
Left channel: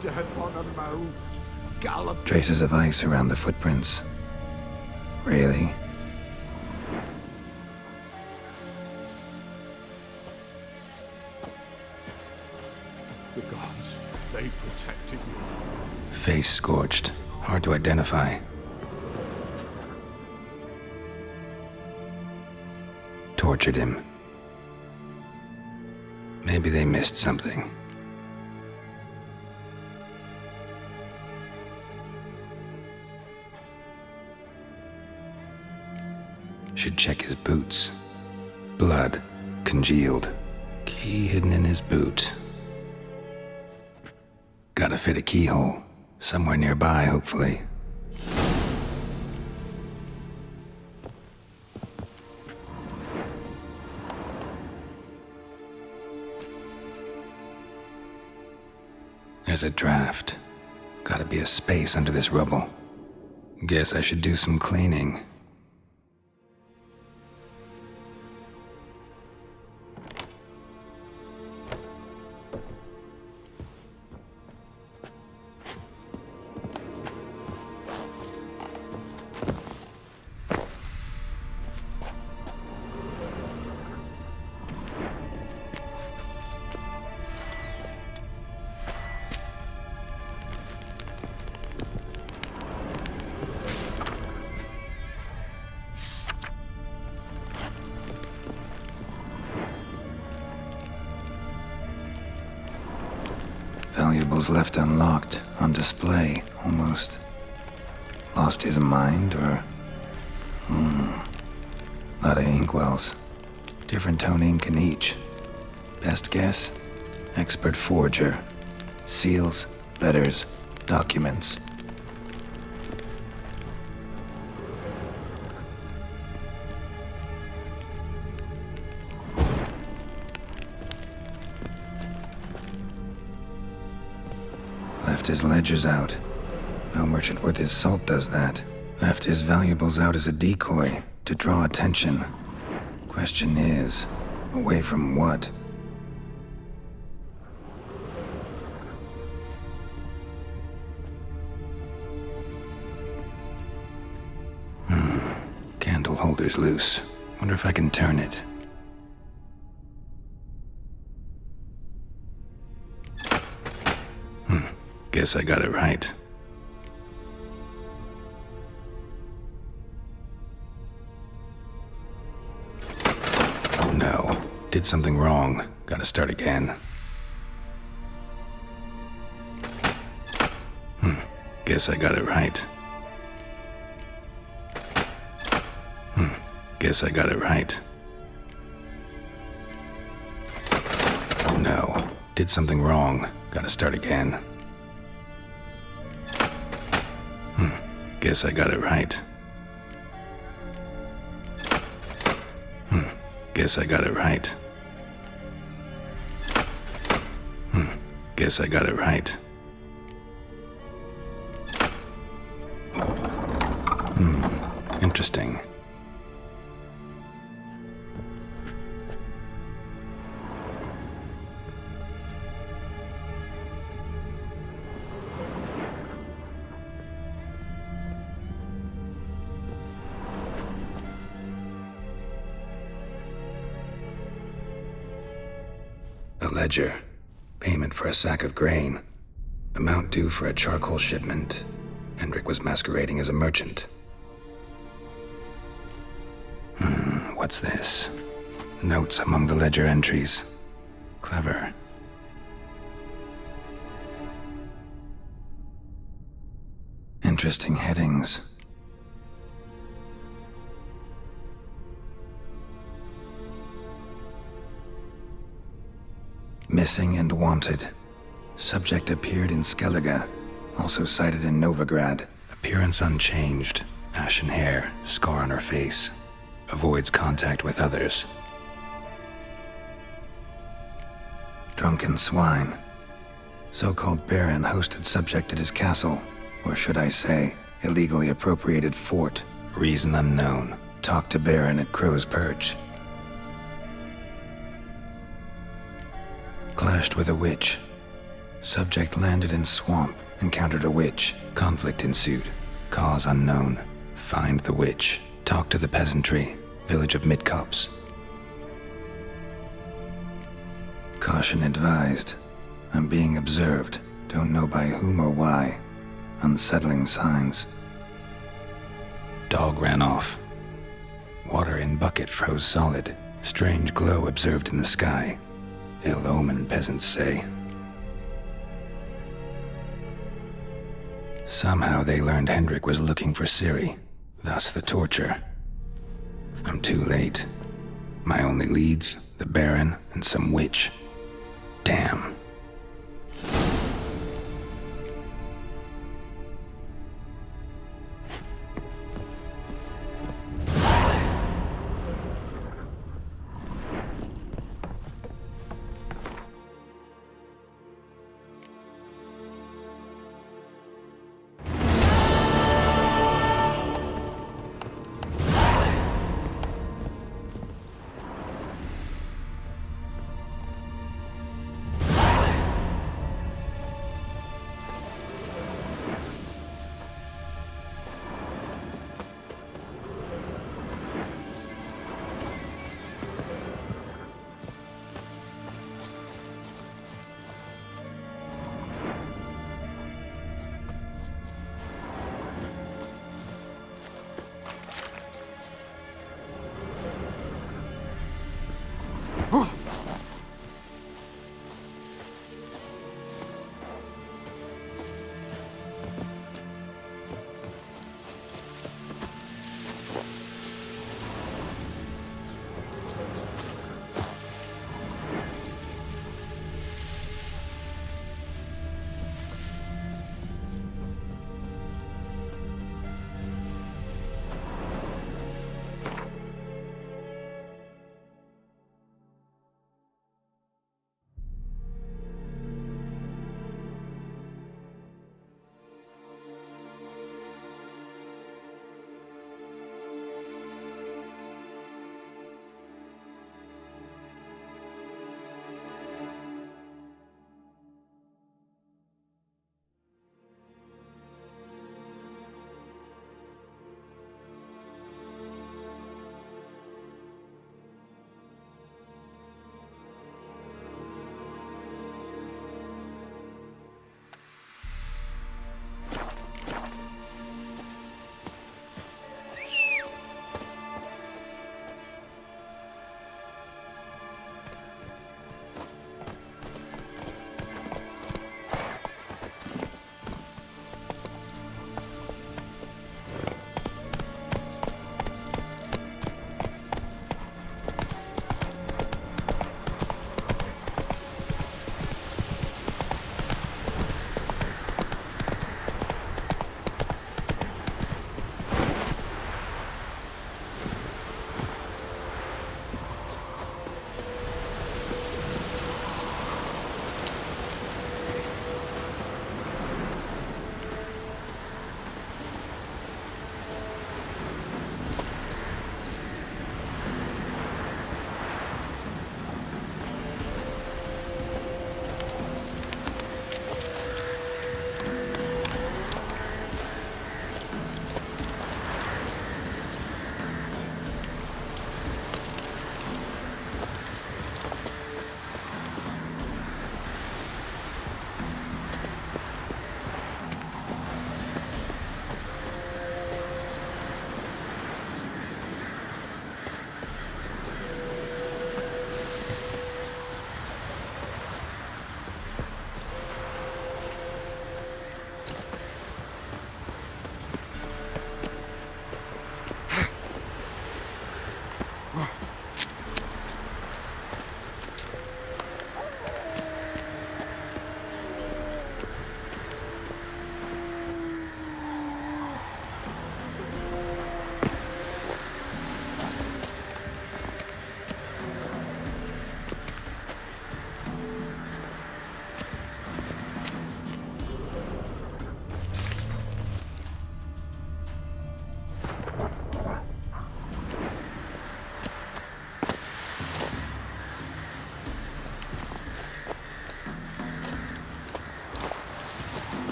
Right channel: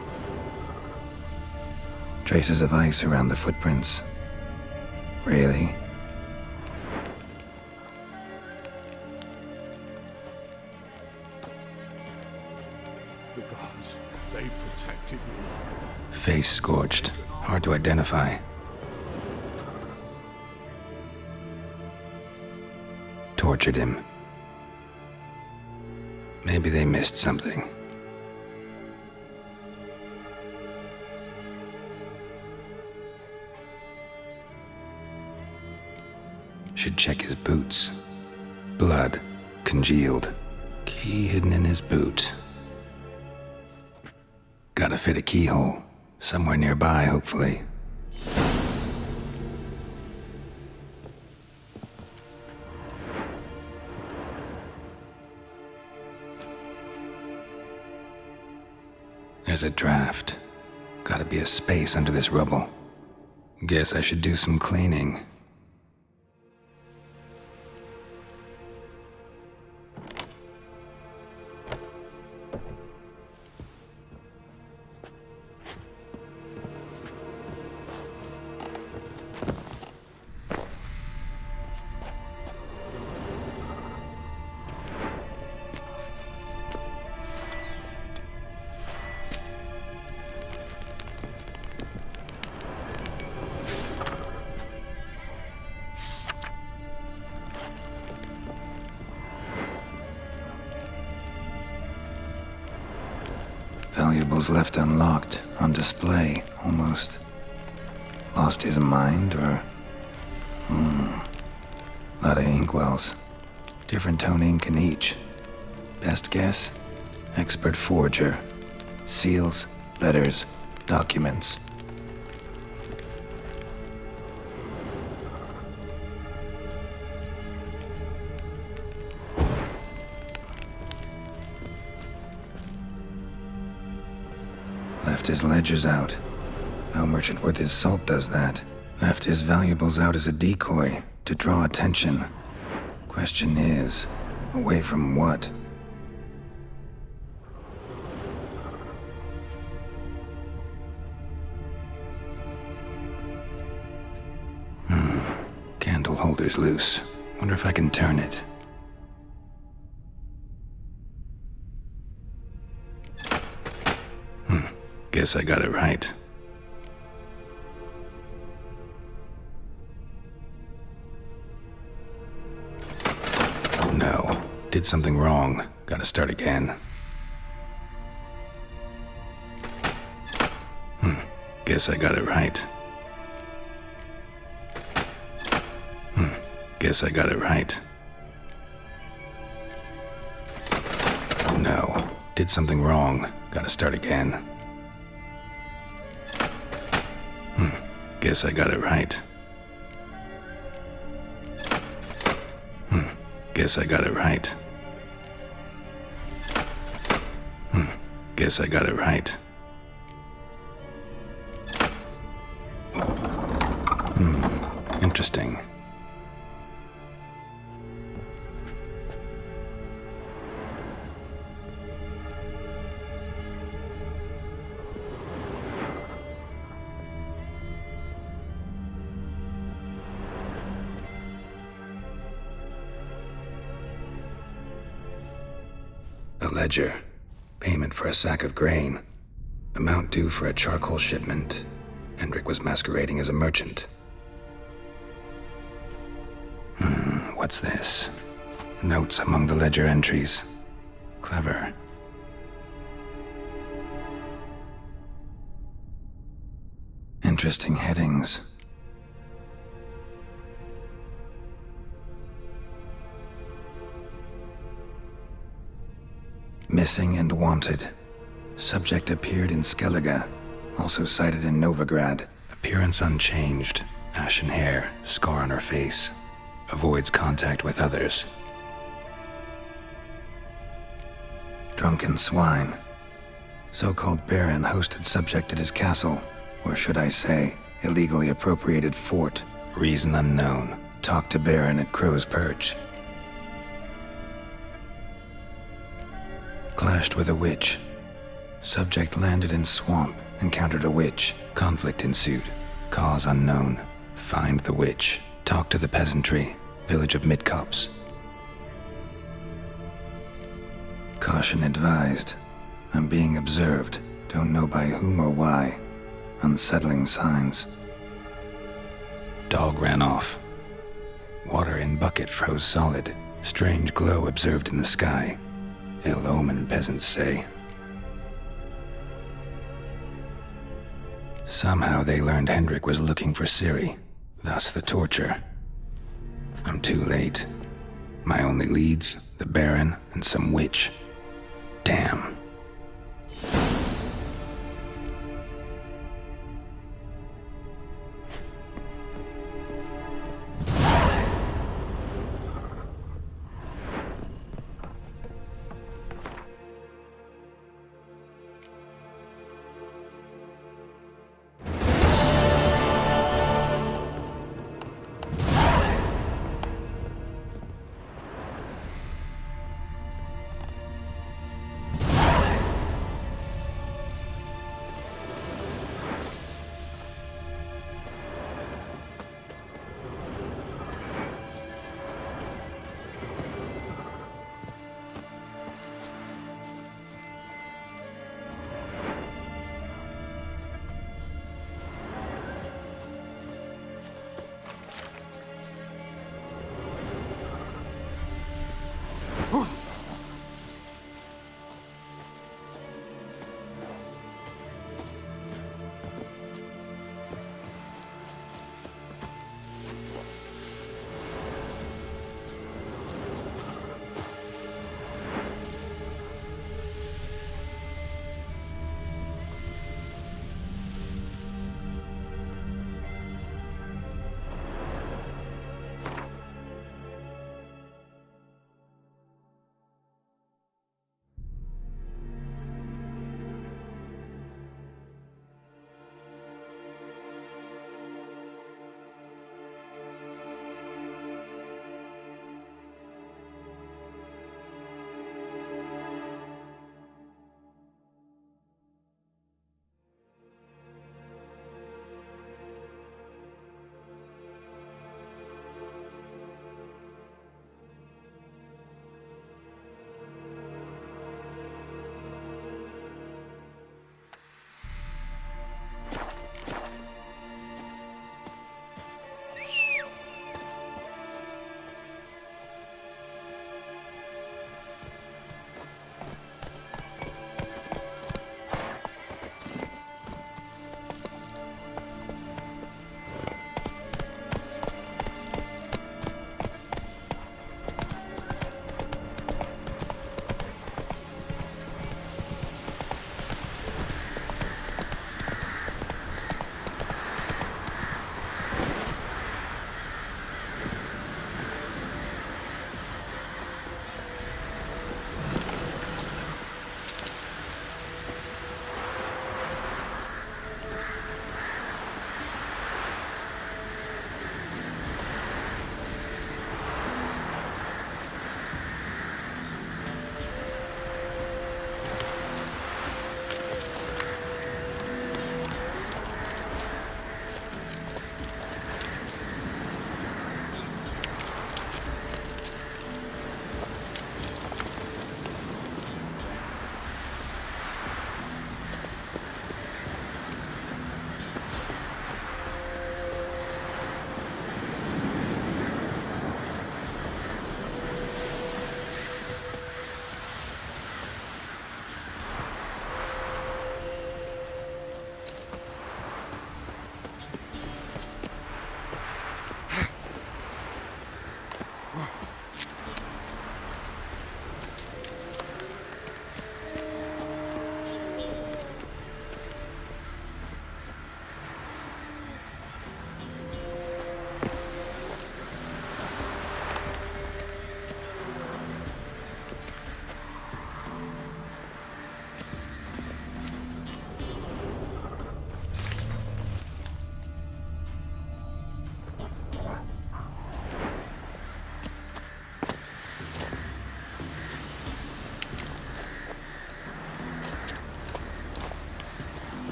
Death on a mound, gallop. Traces of ice around the footprints. Really? The gods, they protected me. Face scorched, hard to identify. Tortured him. Maybe they missed something. Should check his boots. Blood, congealed. Key hidden in his boot. Gotta fit a keyhole. Somewhere nearby, hopefully. There's a draft. Gotta be a space under this rubble. Guess I should do some cleaning. Valuables left unlocked, on display, almost. Lost his mind, or... Lot of inkwells. Different tone ink in each. Best guess? Expert forger. Seals, letters, documents. Left his ledgers out. No merchant worth his salt does that. Left his valuables out as a decoy, to draw attention. Question is, away from what? Candle holder's loose. Wonder if I can turn it. Guess I got it right. No. Did something wrong. Gotta start again. Guess I got it right. Guess I got it right. No. Did something wrong. Gotta start again. Guess I got it right. Guess I got it right. Guess I got it right. Interesting. A ledger. Payment for a sack of grain. Amount due for a charcoal shipment. Hendrik was masquerading as a merchant. What's this? Notes among the ledger entries. Clever. Interesting headings. Missing and wanted. Subject appeared in Skellige, also sighted in Novigrad. Appearance unchanged. Ashen hair, scar on her face. Avoids contact with others. Drunken swine. So-called baron hosted subject at his castle, or should I say, illegally appropriated fort. Reason unknown. Talked to baron at Crow's Perch. Clashed with a witch. Subject landed in swamp, encountered a witch. Conflict ensued. Cause unknown. Find the witch. Talk to the peasantry. Village of Midcopse. Caution advised. I'm being observed. Don't know by whom or why. Unsettling signs. Dog ran off. Water in bucket froze solid. Strange glow observed in the sky. Ill omen, peasants say. Somehow they learned Hendrik was looking for Ciri, thus the torture. I'm too late. My only leads, the Baron and some witch. Damn.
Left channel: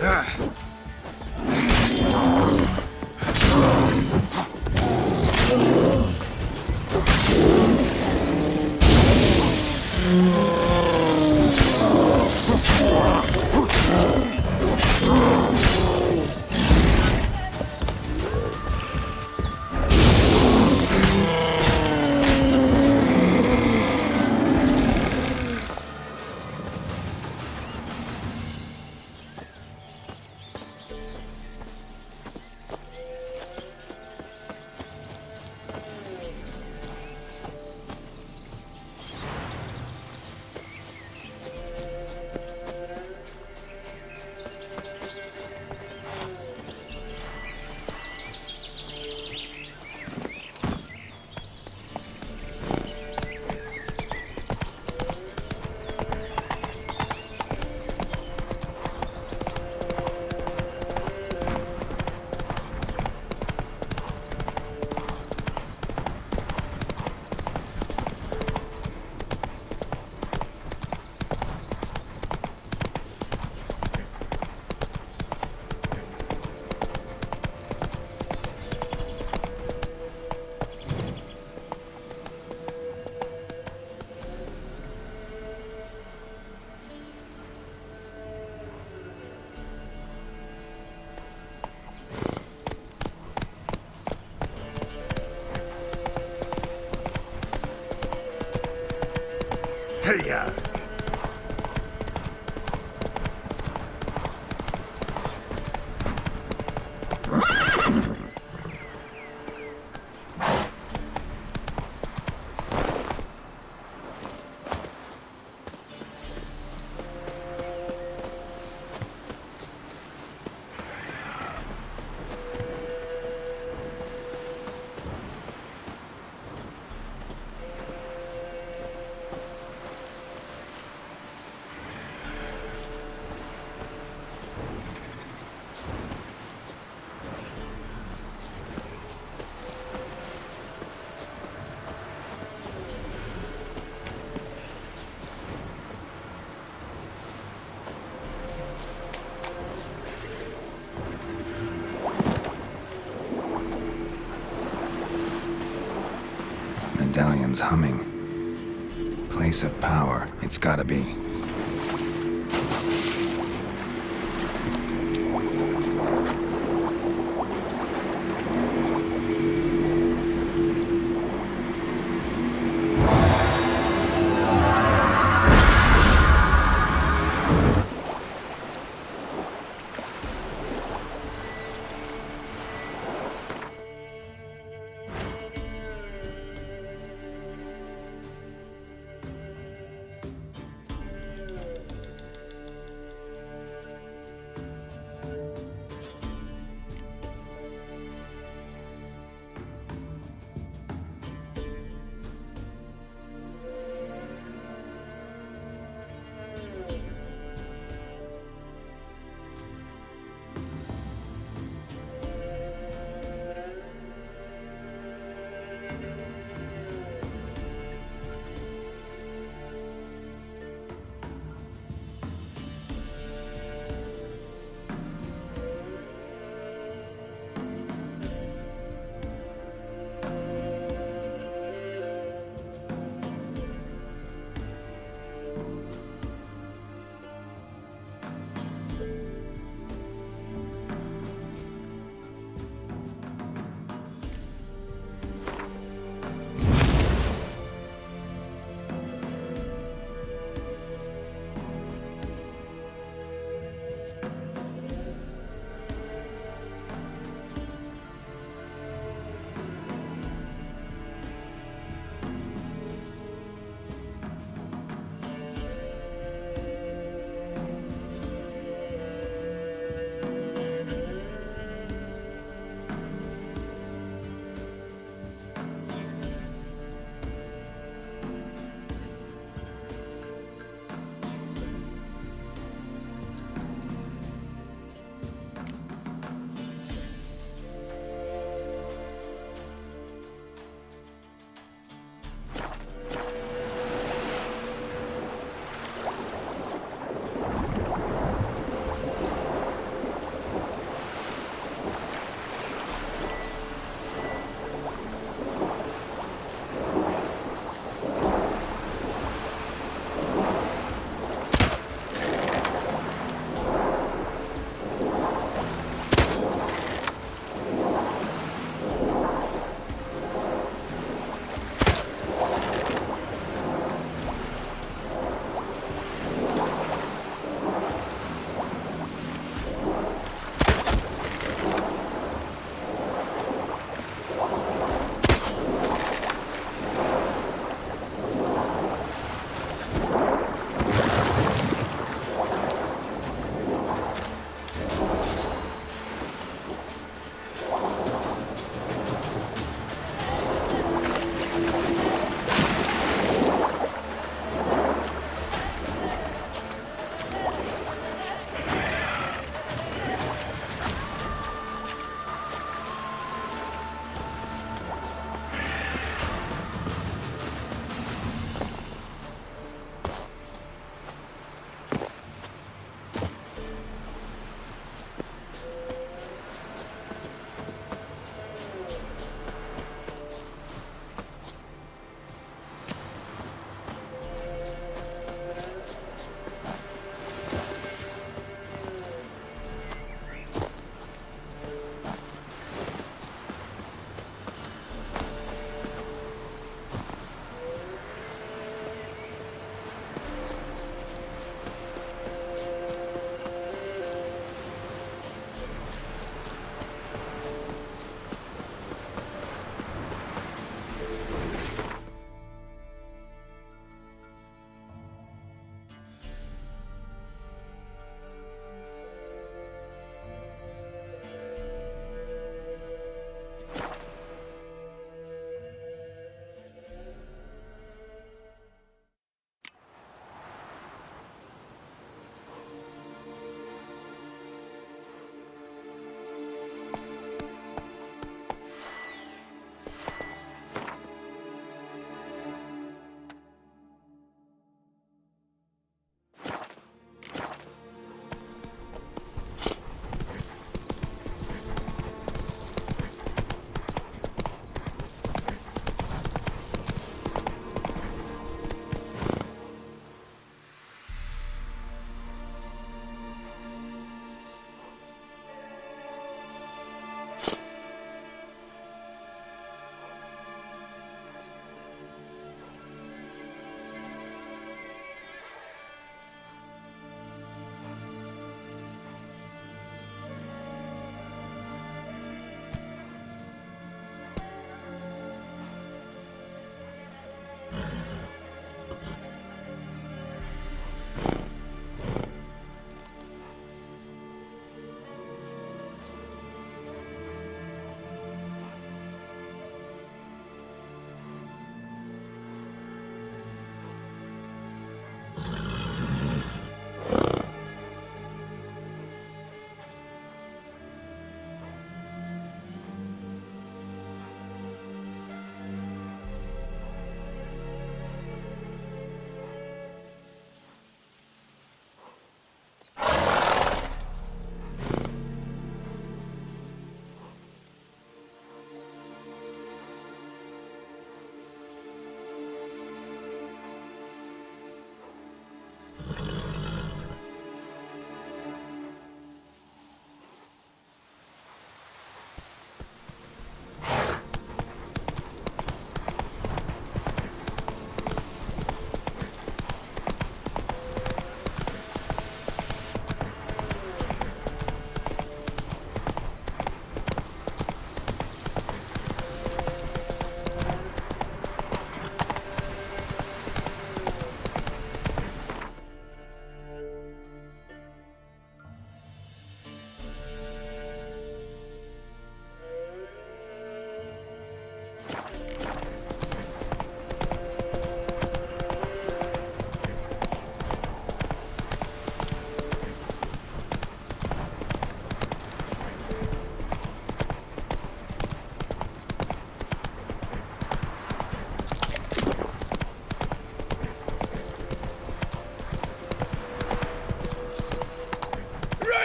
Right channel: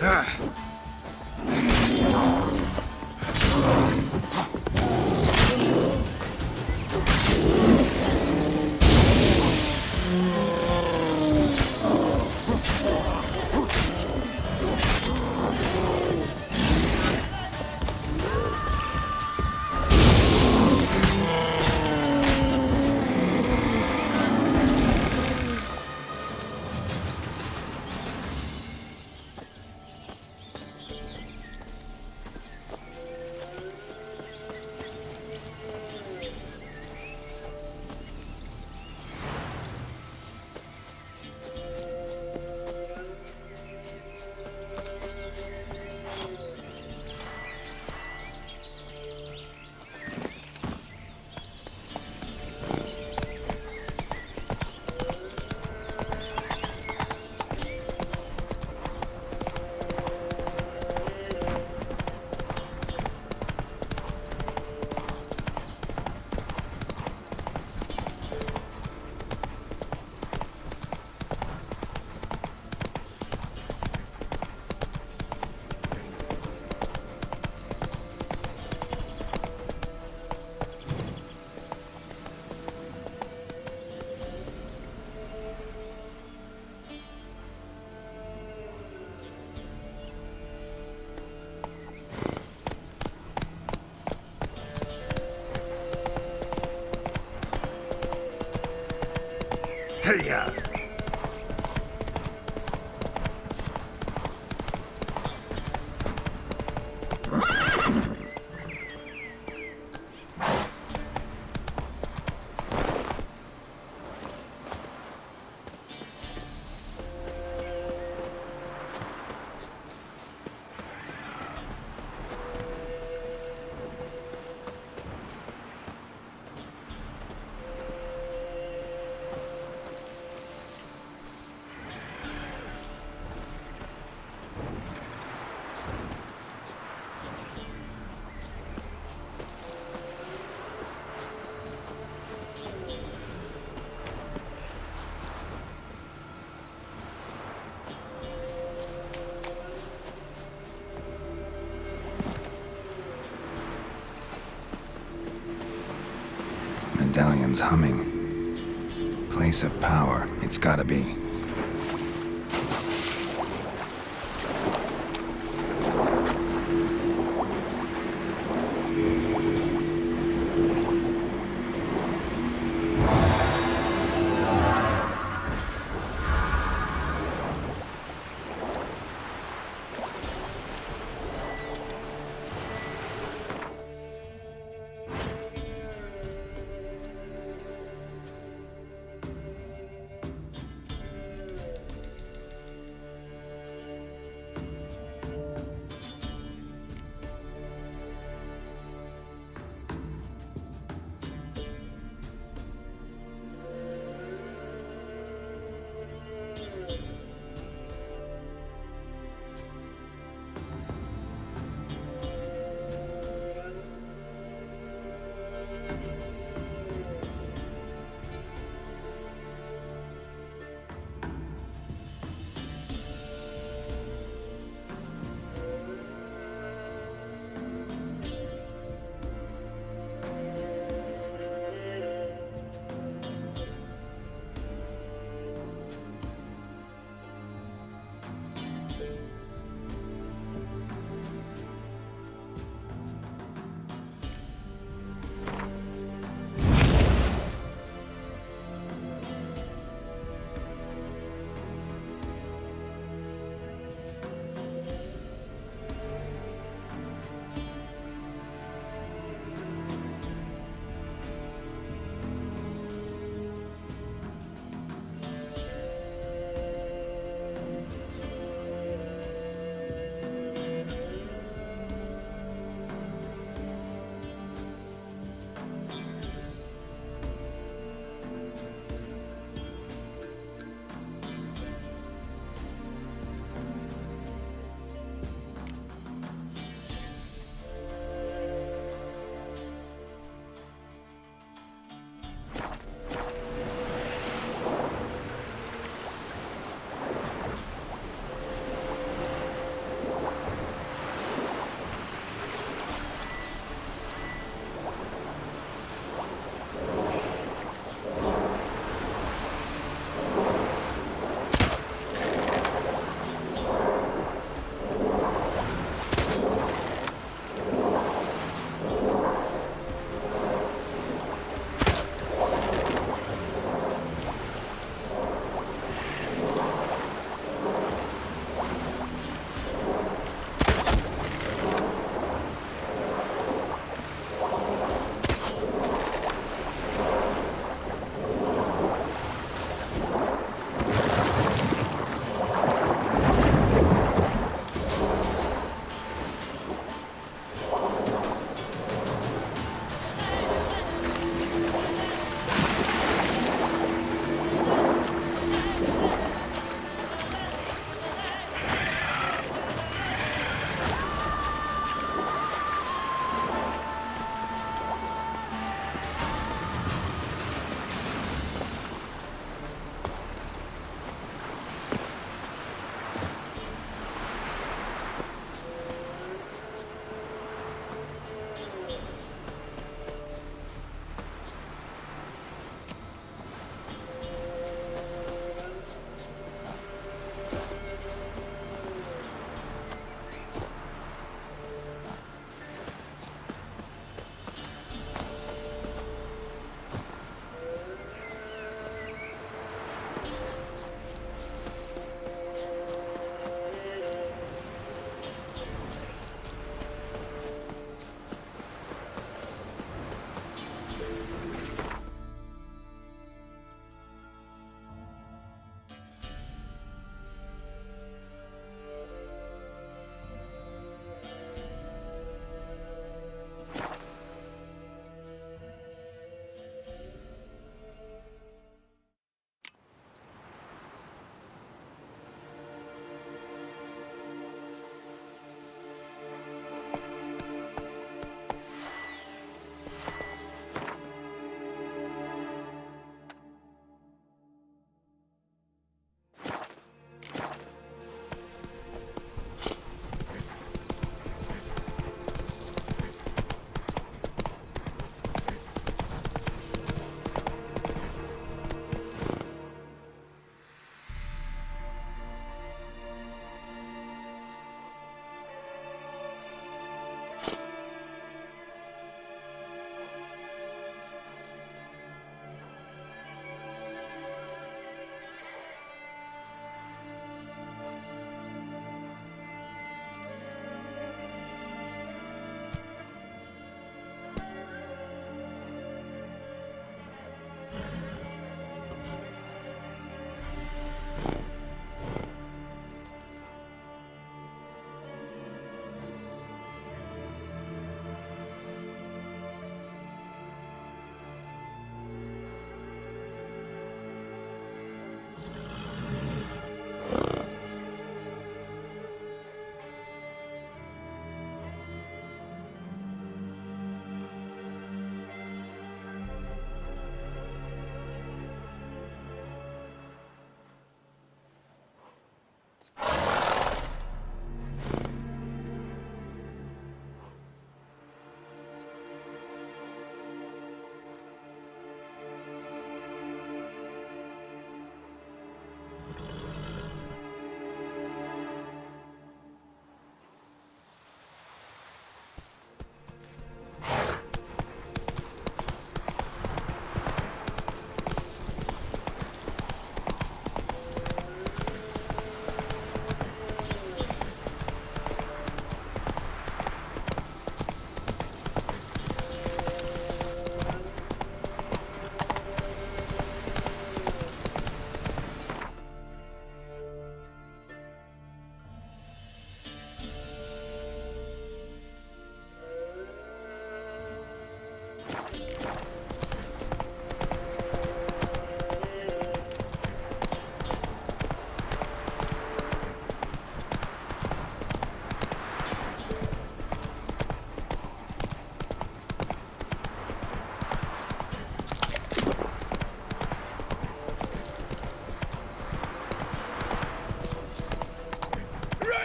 Hey-ya! Medallion's humming. Place of power, it's gotta be.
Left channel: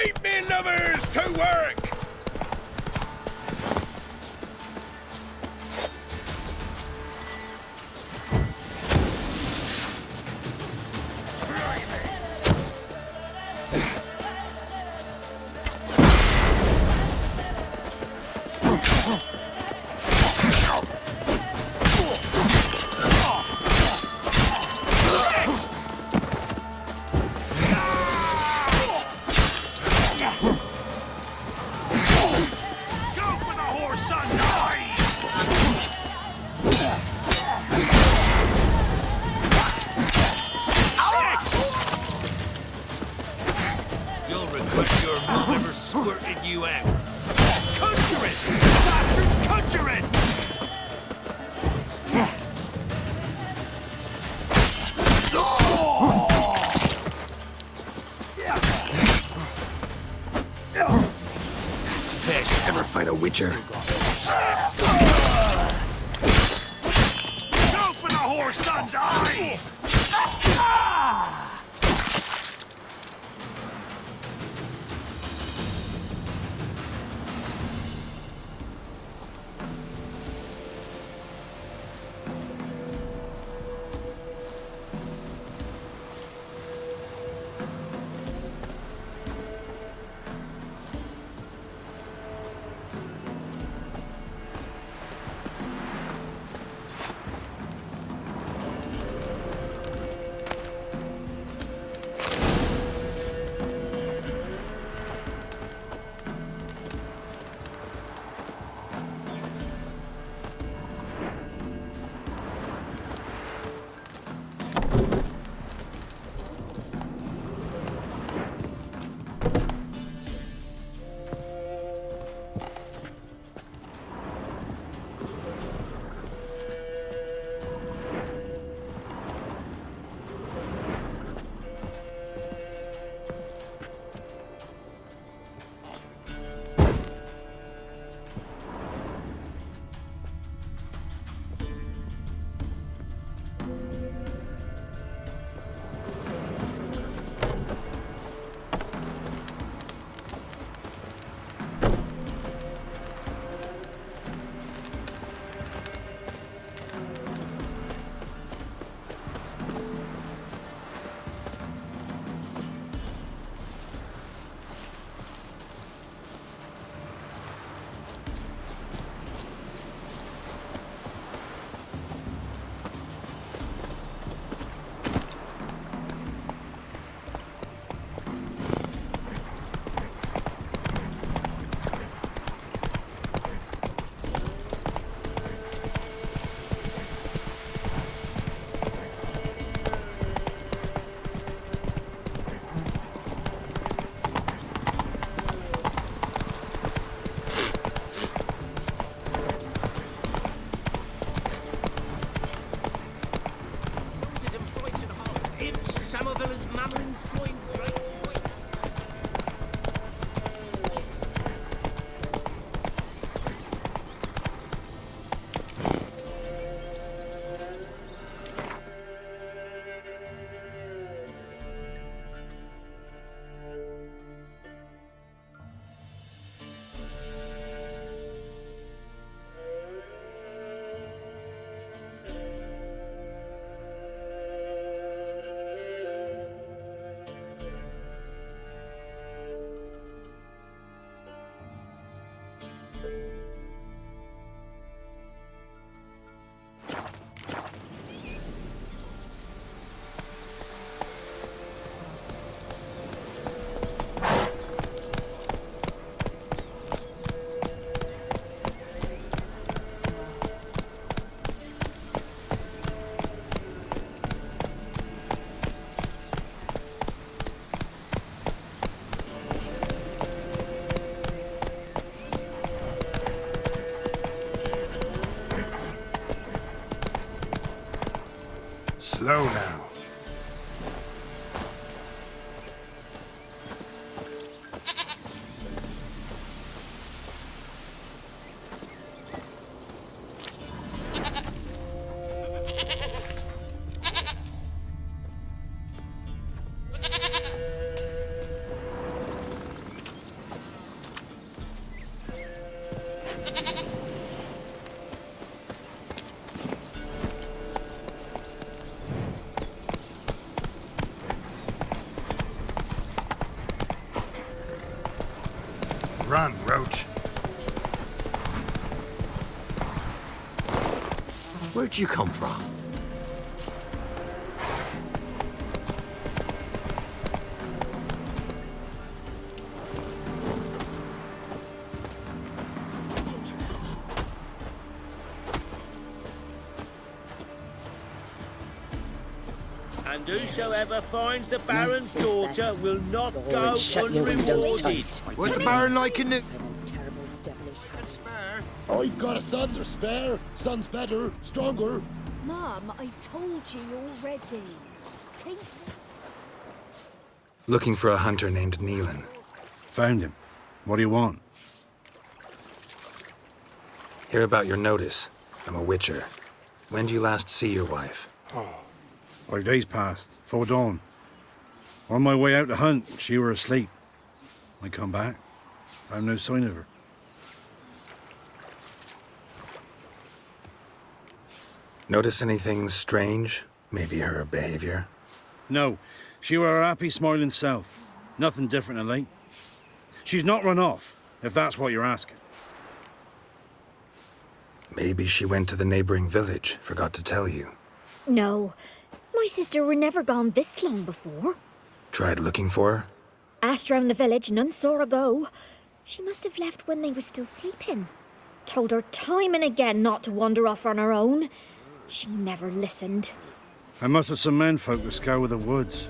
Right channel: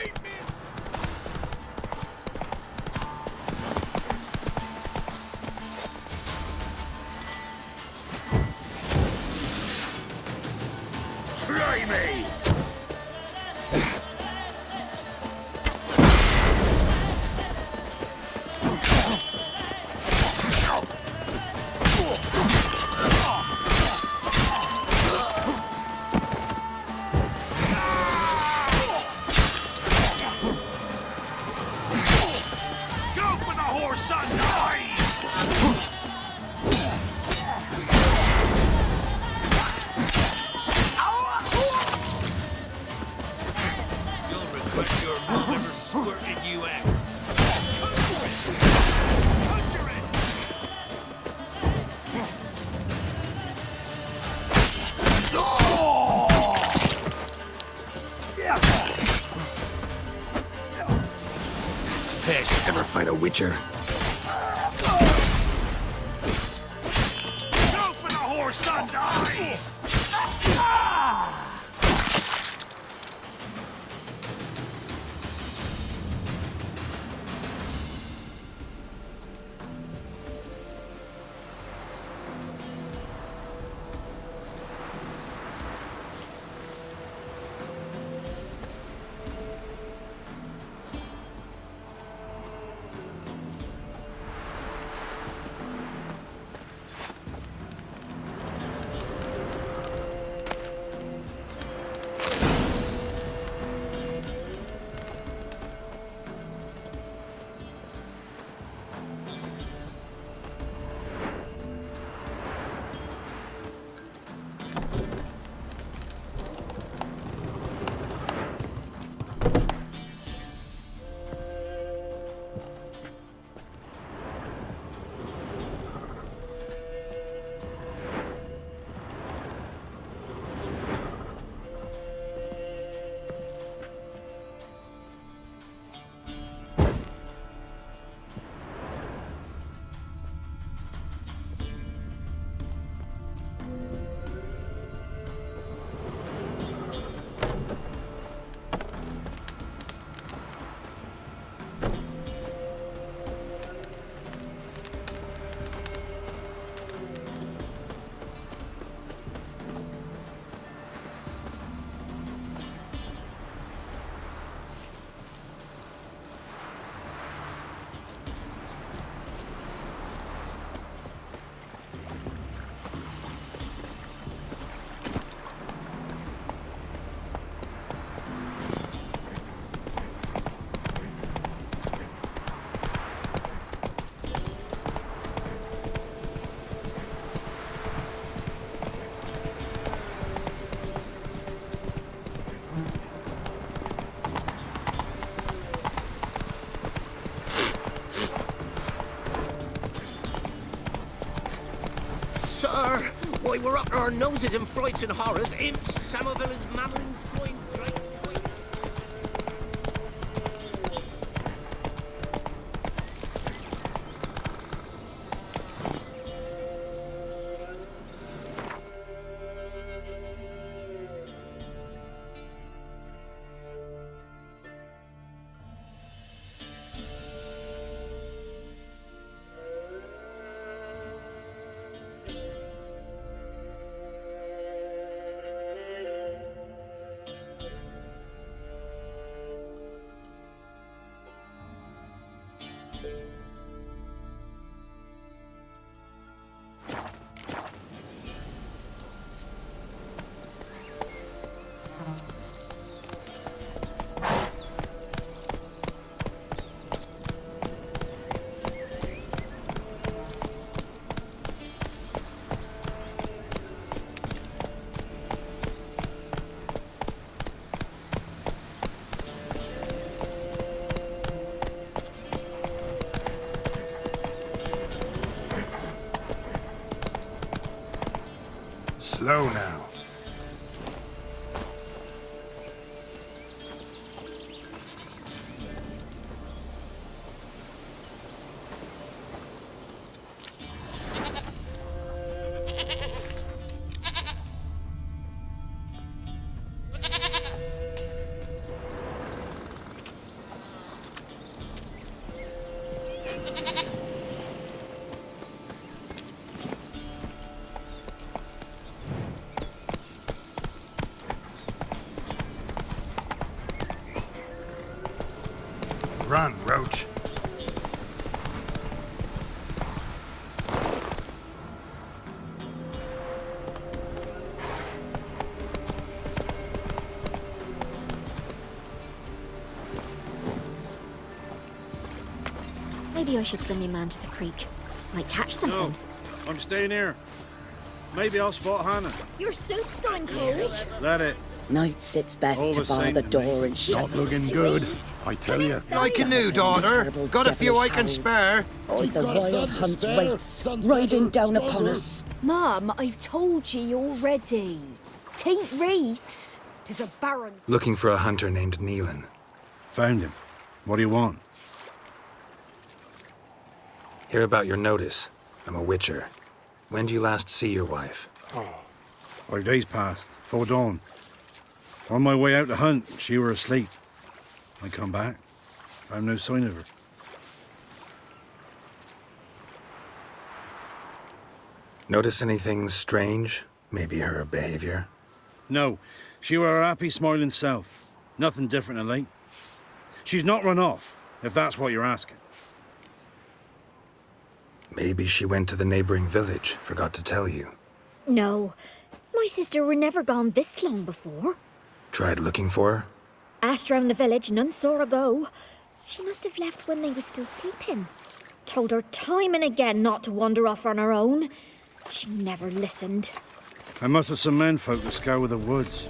Keep me lovers to work! Try me! Squirted you out. Conjure it! Bastards, conjure it! Piss. Ever fight a witcher? Go for the horse son's eyes! Noses and frights and horrors, imps, Samovillas, mammalins, flying drakes. Slow now. Run, Roach. Where'd you come from? Maybe I should send your man to the creek. Might catch something. No, I'm staying here. Maybe I'll spot Hannah. Your suit's gone, And Gary. whosoever finds the Baron's it's best to bar the door and shut your windows tight. I tell you. Like a new daughter. Got a few I can spare. I've got a son to spare. Son's riding down upon us. Mum, I've told ye already. Tain't wreaths. 'Tis a baron's. Looking for a hunter named Neelan. Found him. What do you want? Hear about your notice. I'm a witcher. When do you last see your wife? 5 days passed, 'fore dawn. On my way out to hunt, she were asleep. I come back, found no sign of her. Notice anything strange? Maybe her behavior? No, she were her happy, smiling self. Nothing different of late. She's not run off, if that's what you're asking. Maybe she went to the neighboring village, forgot to tell you. No. My sister were never gone this long before. Tried looking for her? Asked round the village, none saw her go. She must have left when they were still sleeping. Told her time and again not to wander off on her own. She never listened. I mustered some menfolk to scour the woods.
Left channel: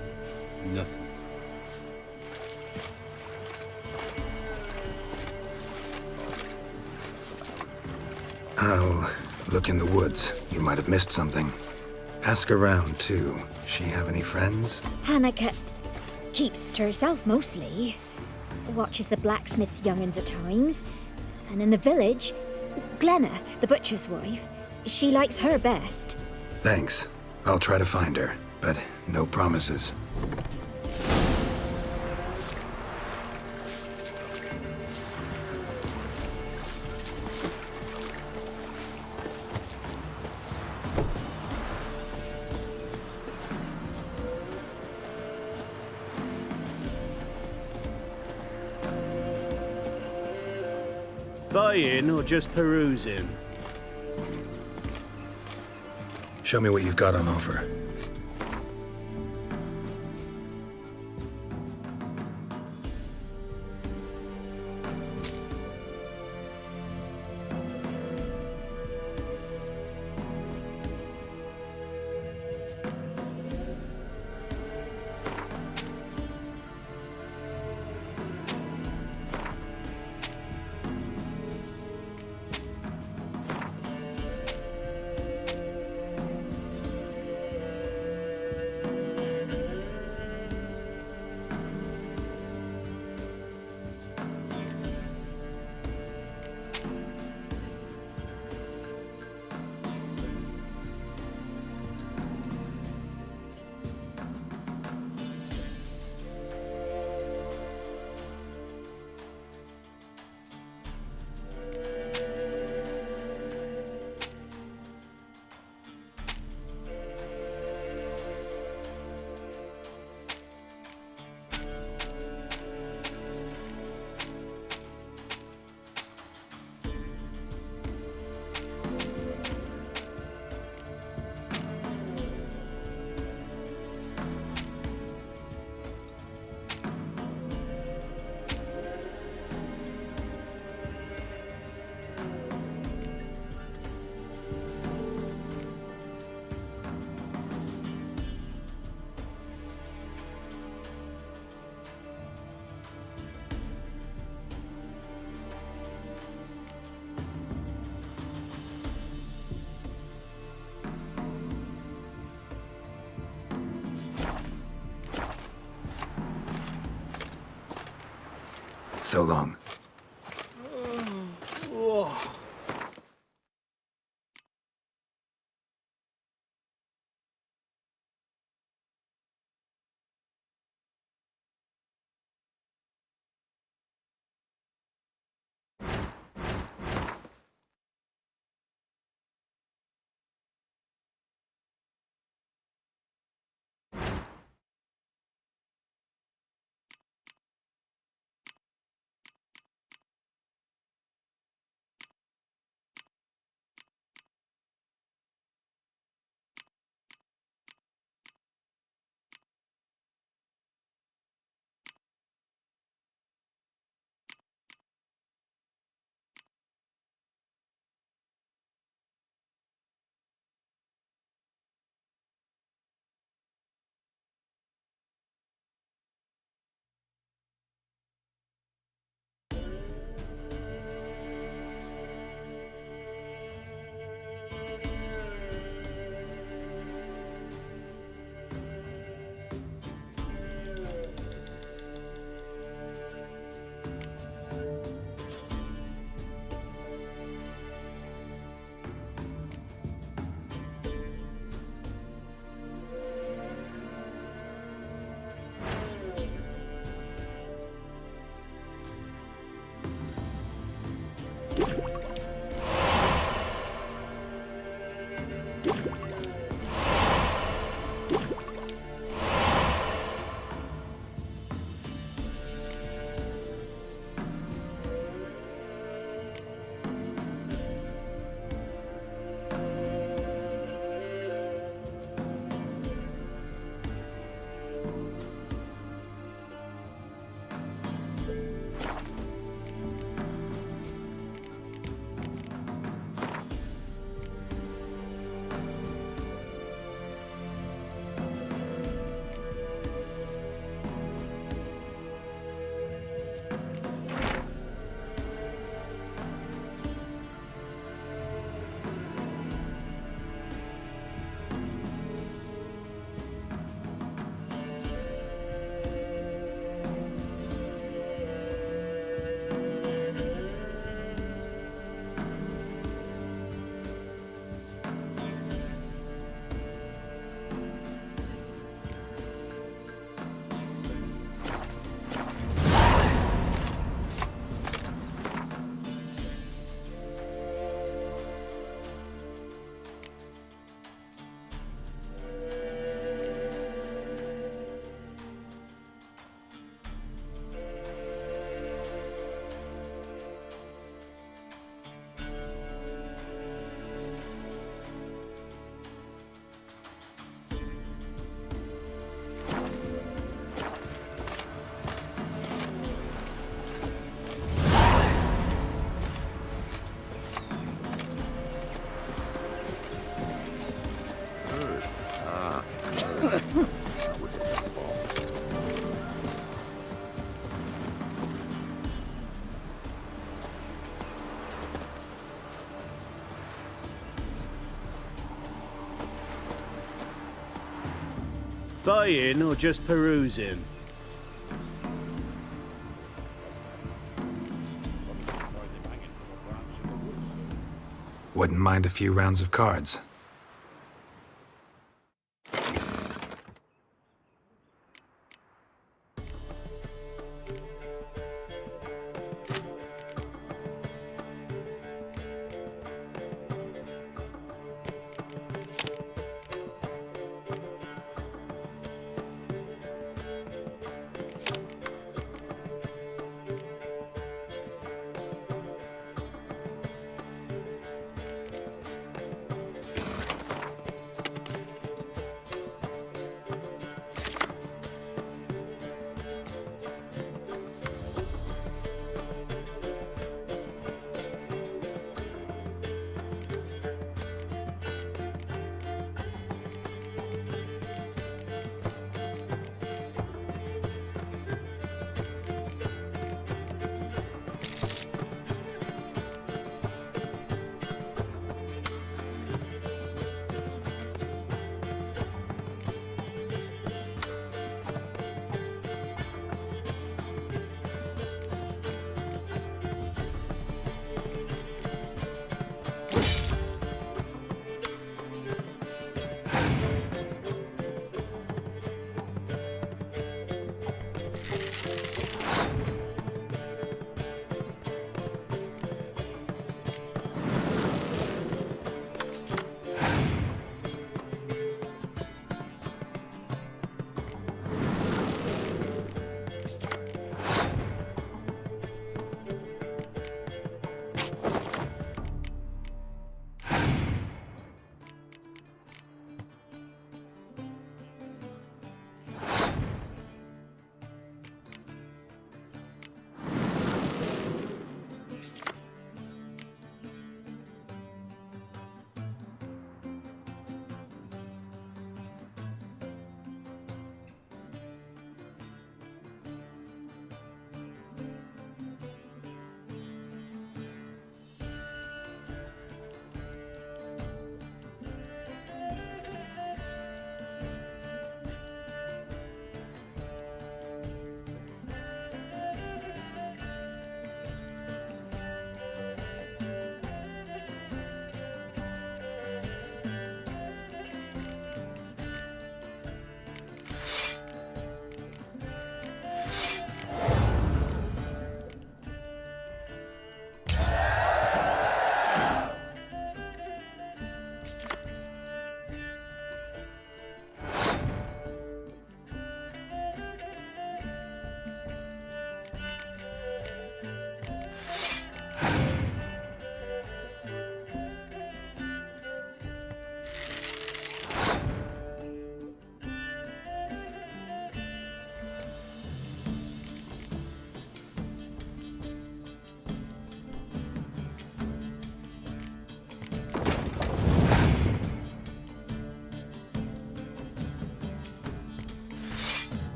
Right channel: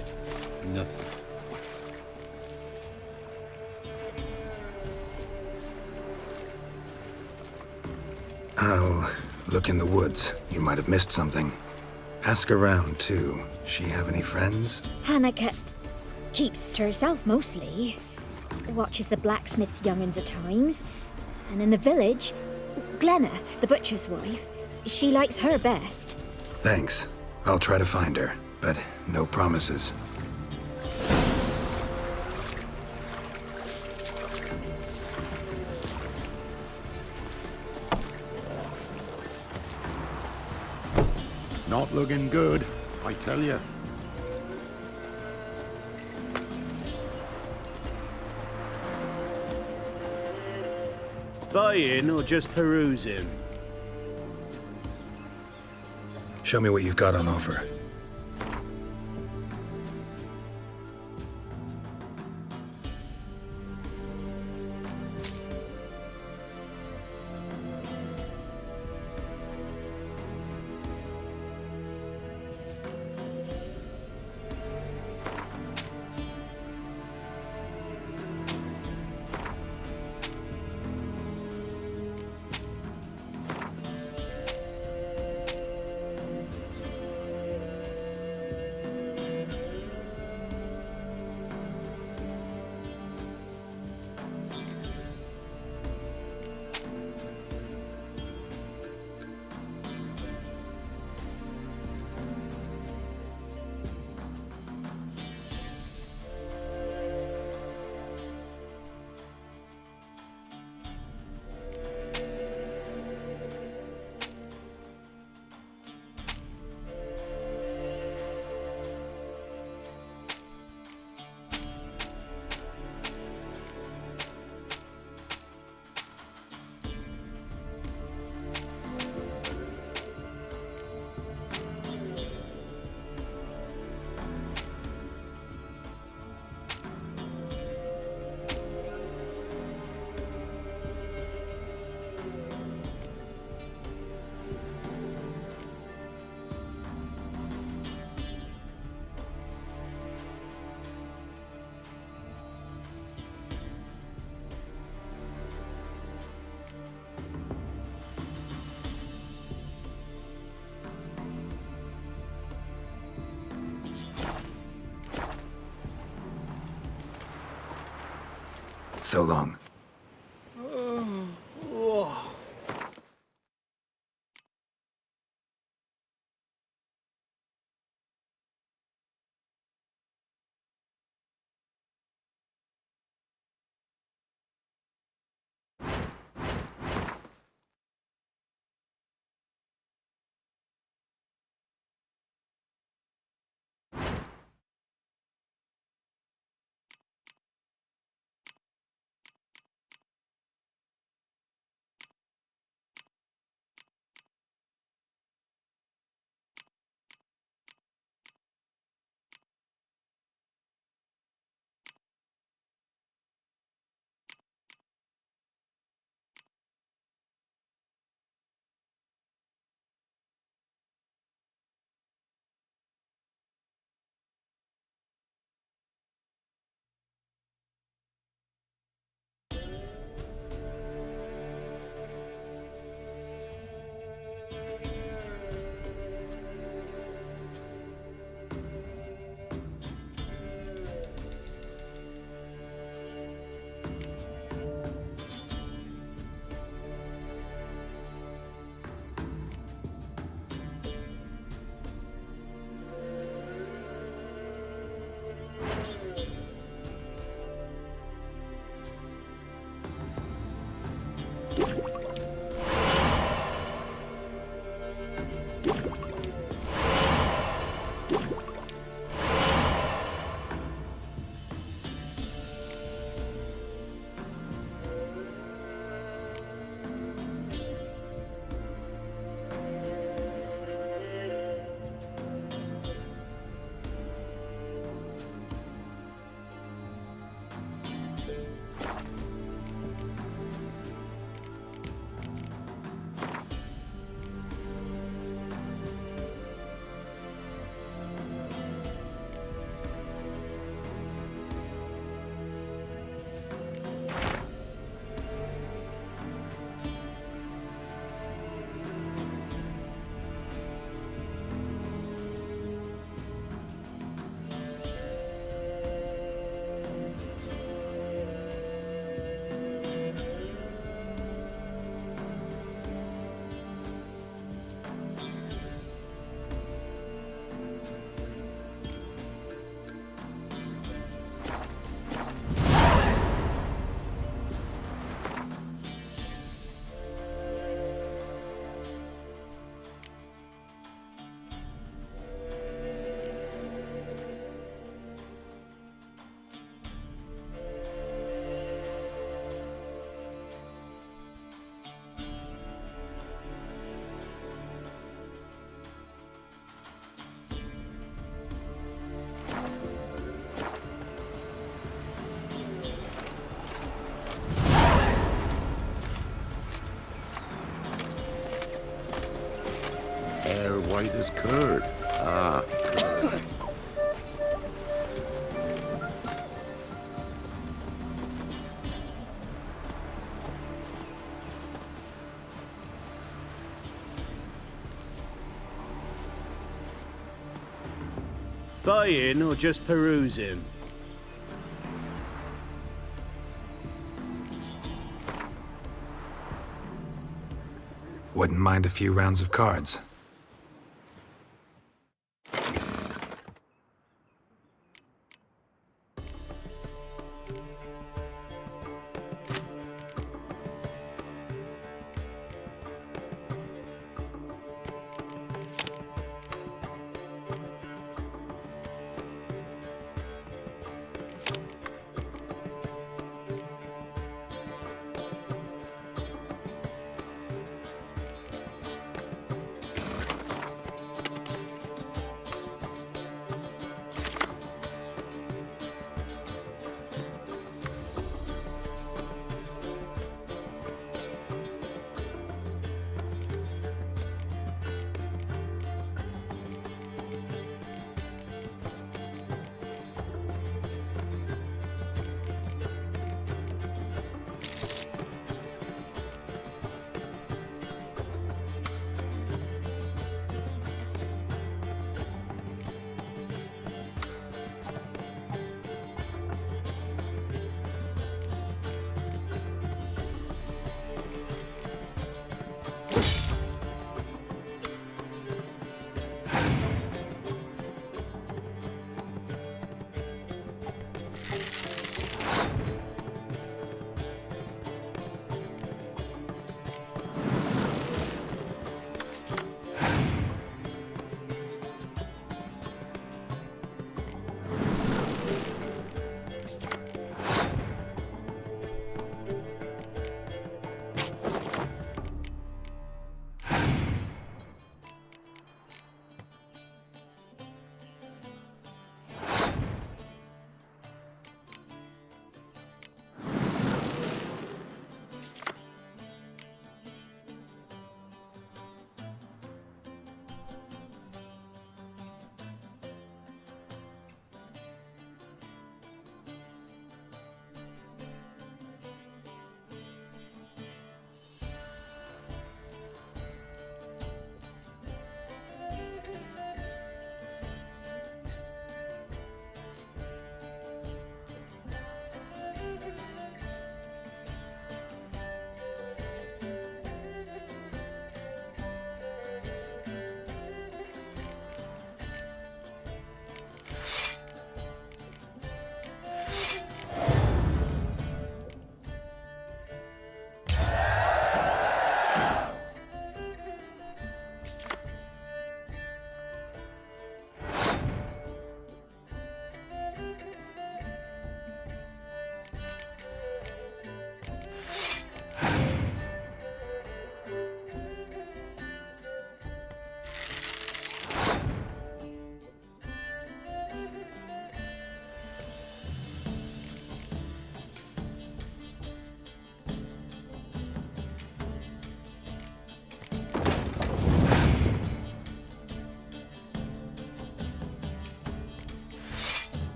Nothing. I'll look in the woods. You might have missed something. Ask around, too. She have any friends? Hannah keeps to herself mostly. Watches the blacksmith's young'uns at times. And in the village, Glenna, the butcher's wife, she likes her best. Thanks. I'll try to find her, but no promises. Not looking good, I tell you. Buying or just perusing? Show me what you've got on offer. So long. 'Tis curd. Ah, curd. Buying or just perusing? Wouldn't mind a few rounds of cards.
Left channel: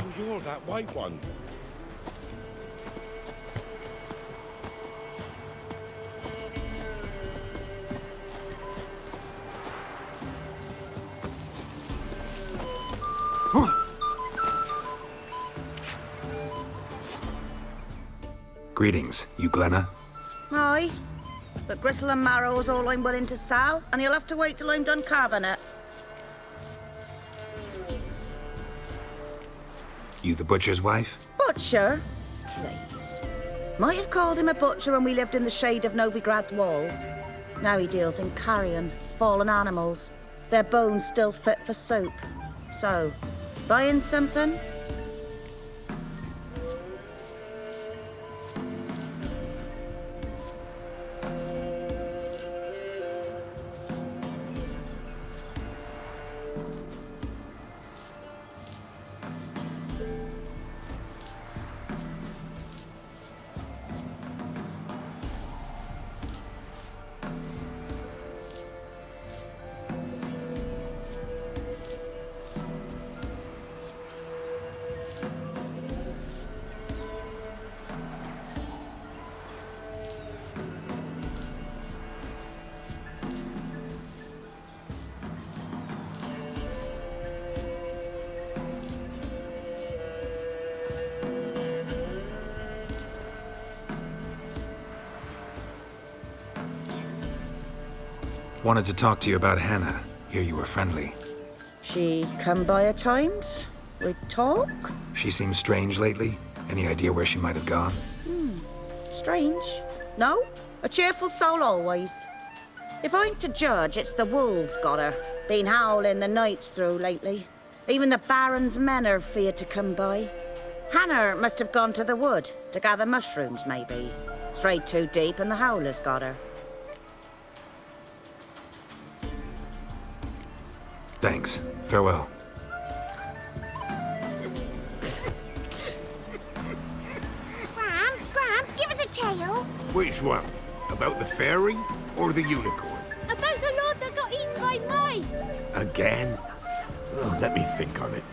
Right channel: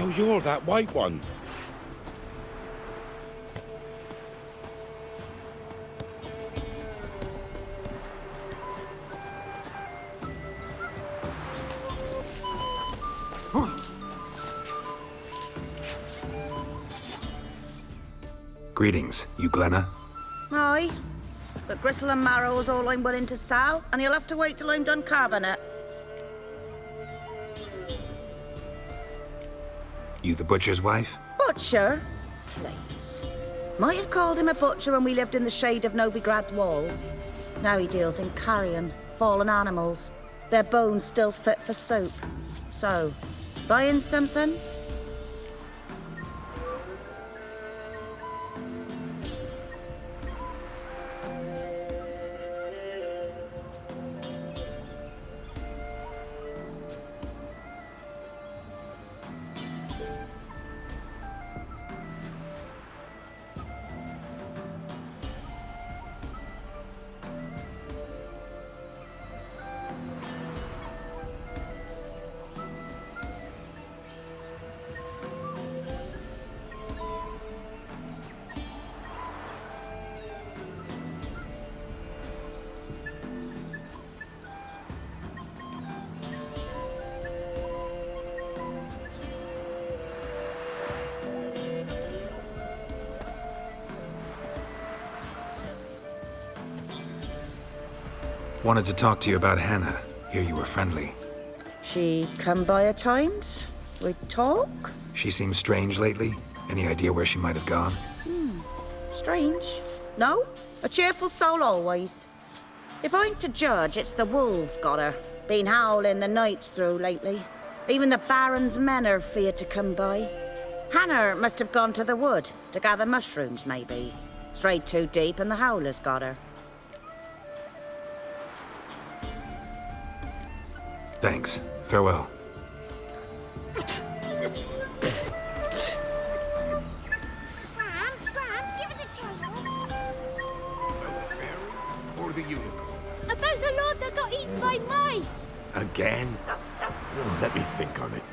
So you're that white one. Greetings, you Glenna? Aye. But gristle and marrow is all I'm willing to sell, and you'll have to wait till I'm done carving it. You the butcher's wife? Butcher? Please. Might have called him a butcher when we lived in the shade of Novigrad's walls. Now he deals in carrion, fallen animals. Their bones still fit for soup. So, buying something? Wanted to talk to you about Hannah. Hear you were friendly. She come by at times? We talk? She seems strange lately. Any idea where she might have gone? Strange. No? A cheerful soul always. If I'm to judge, it's the wolves got her. Been howling the nights through lately. Even the Baron's men are feared to come by. Hannah must have gone to the wood to gather mushrooms, maybe. Strayed too deep and the howlers got her. Thanks. Farewell. Grams, give us a tale. Which one? About the fairy or the unicorn? About the lord that got eaten by mice. Again? Oh, let me think on it.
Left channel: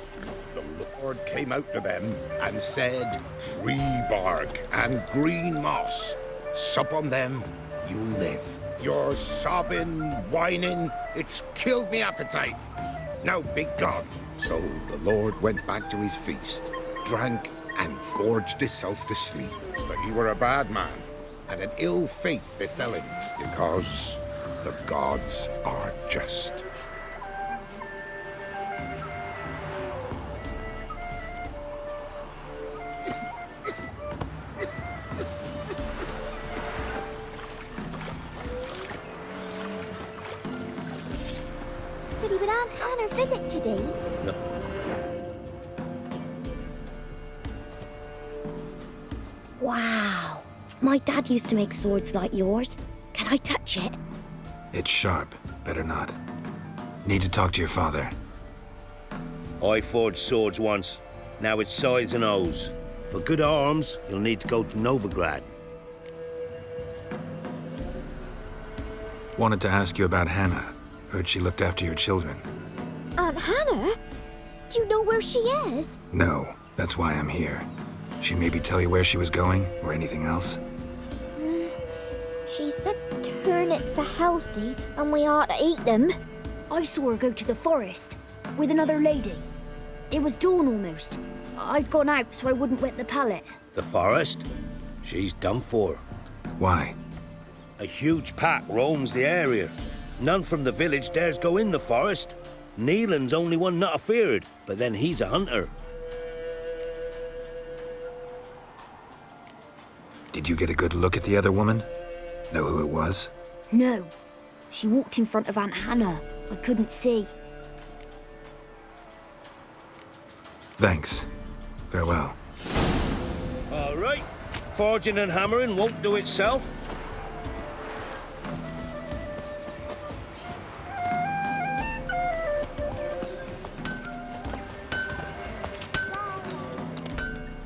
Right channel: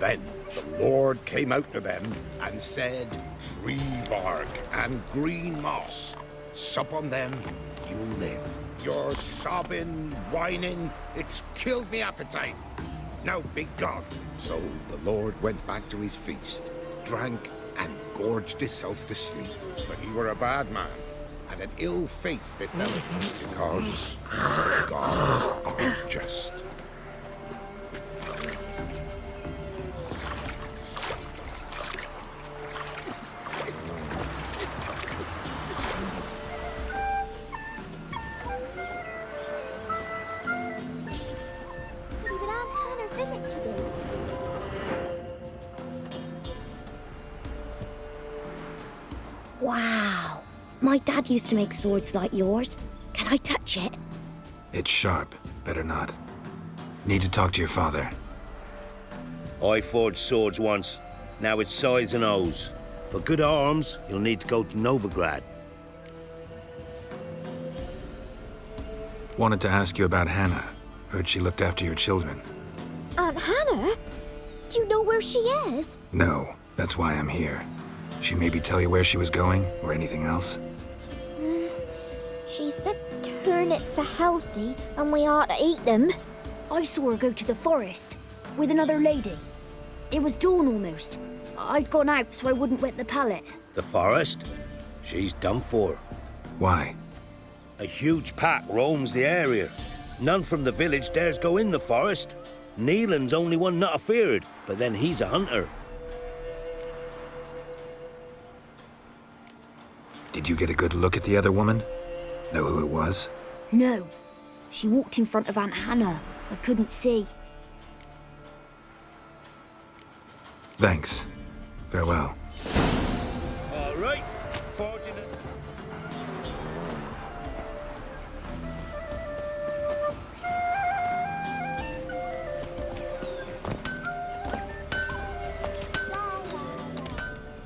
Then the Lord came out to them and said, "Tree bark and green moss, sup on them, you'll live. You're sobbing, whining, it's killed me appetite. Now be gone." So the Lord went back to his feast, drank, and gorged himself to sleep. But he were a bad man, and an ill fate befell him, because the gods are just. Did he would Aunt Hannah visit today? No. Wow. My dad used to make swords like yours. Can I touch it? It's sharp. Better not. Need to talk to your father. I forged swords once. Now it's scythes and hoes. For good arms, you'll need to go to Novigrad. Wanted to ask you about Hannah. Heard she looked after your children. Aunt Hannah? Do you know where she is? No, that's why I'm here. She maybe tell you where she was going, or anything else? She said turnips are healthy and we ought to eat them. I saw her go to the forest with another lady. It was dawn almost. I'd gone out so I wouldn't wet the pallet. The forest? She's done for. Why? A huge pack roams the area. None from the village dares go in the forest. Neelan's only one not afeared, but then he's a hunter. Did you get a good look at the other woman? Know who it was? No. She walked in front of Aunt Hannah. I couldn't see. Thanks. Farewell. All right. Forging and hammering won't do itself.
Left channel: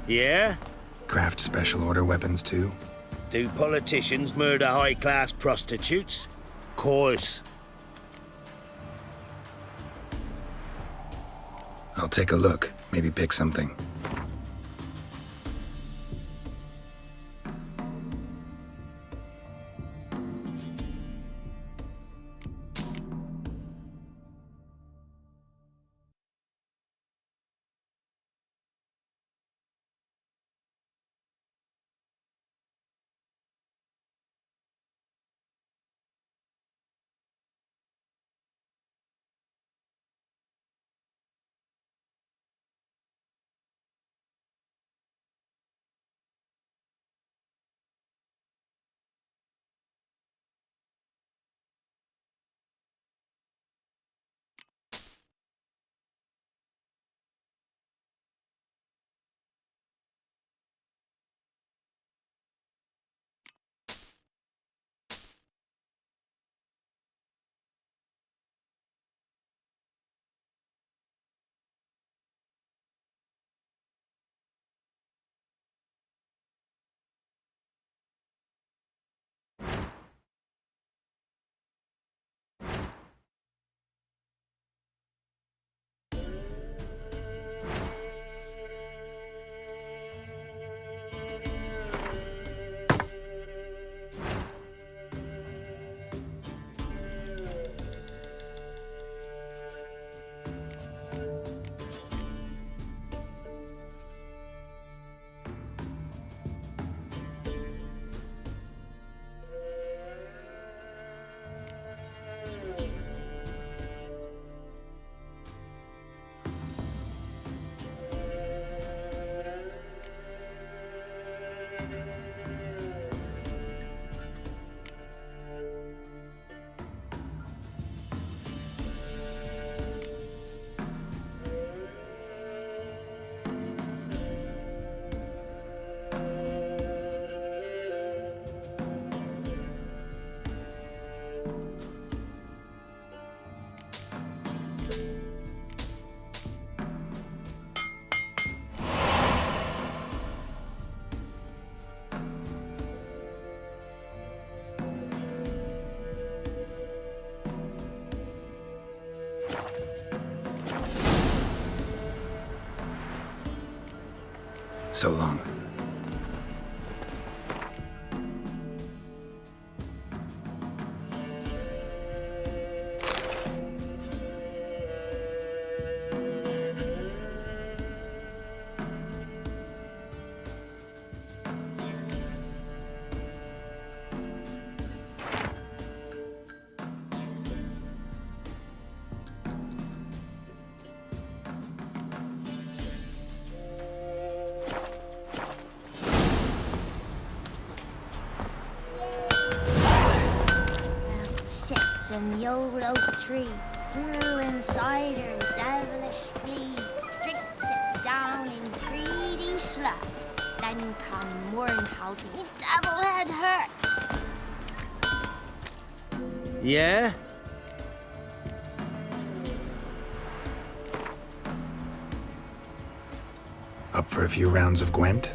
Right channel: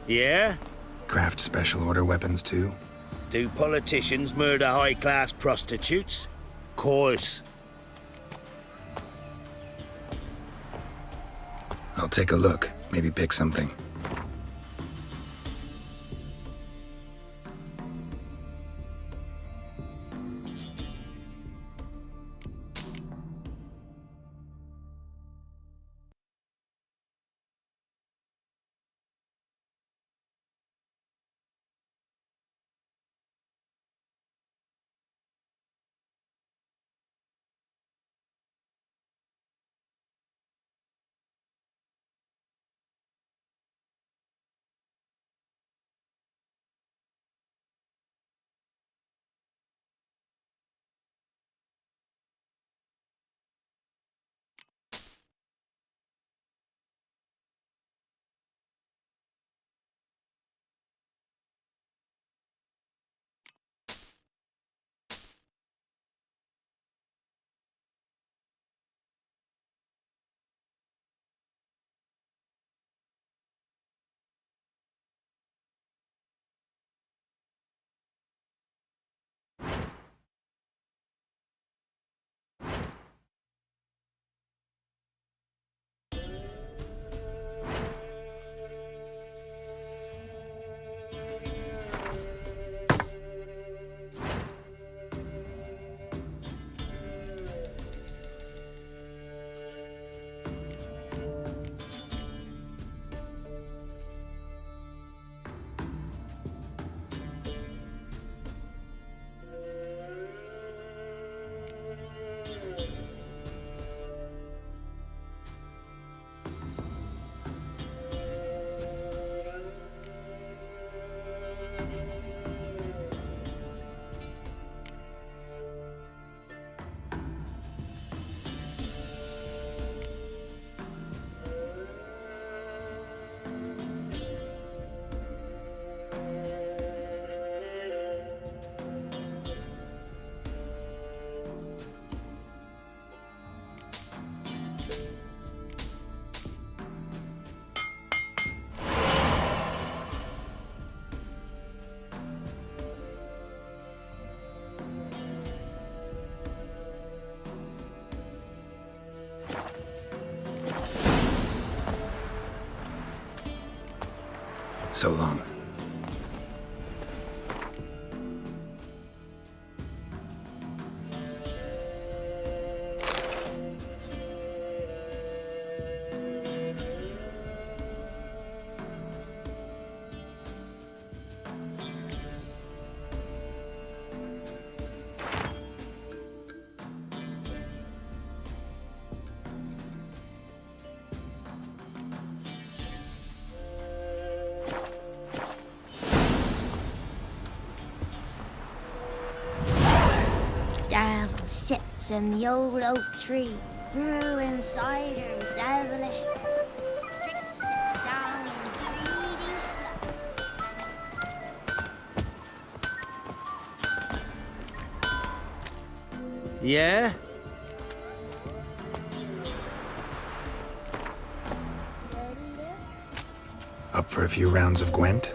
Yeah? Craft special order weapons too? Do politicians murder high-class prostitutes? Course. I'll take a look. Maybe pick something. So long. Sits in the old oak tree, brewing cider with devilish speed. Drinks it down in greedy slugs. Then come morning calls, me devil head hurts. Yeah? Up for a few rounds of Gwent?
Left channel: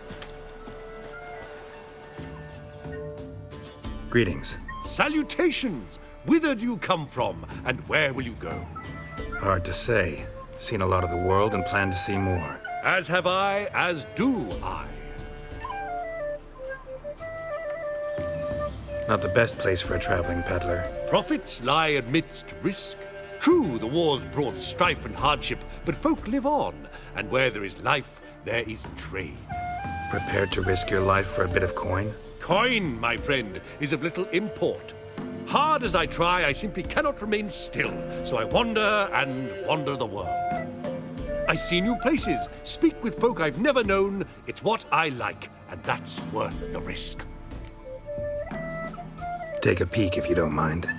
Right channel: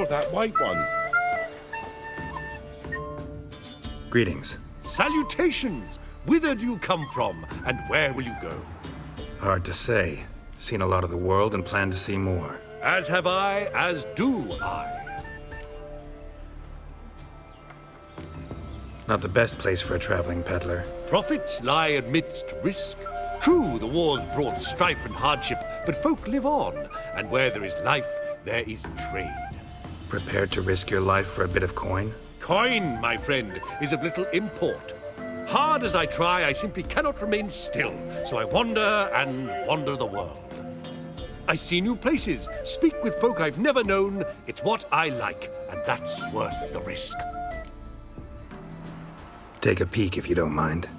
You're that white one. Greetings. Salutations! Whither do you come from, and where will you go? Hard to say. Seen a lot of the world and plan to see more. As have I, as do I. Not the best place for a traveling peddler. Profits lie amidst risk. True, the war's brought strife and hardship, but folk live on, and where there is life, there is trade. Prepared to risk your life for a bit of coin? Coin, my friend, is of little import. Hard as I try, I simply cannot remain still, so I wander and wander the world. I see new places, speak with folk I've never known. It's what I like, and that's worth the risk. Take a peek if you don't mind.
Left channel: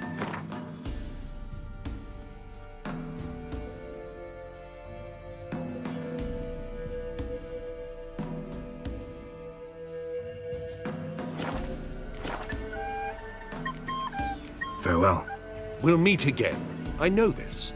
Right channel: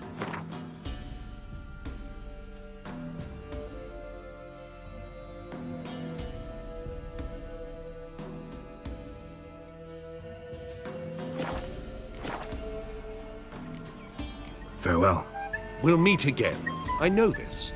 Farewell. We'll meet again. I know this.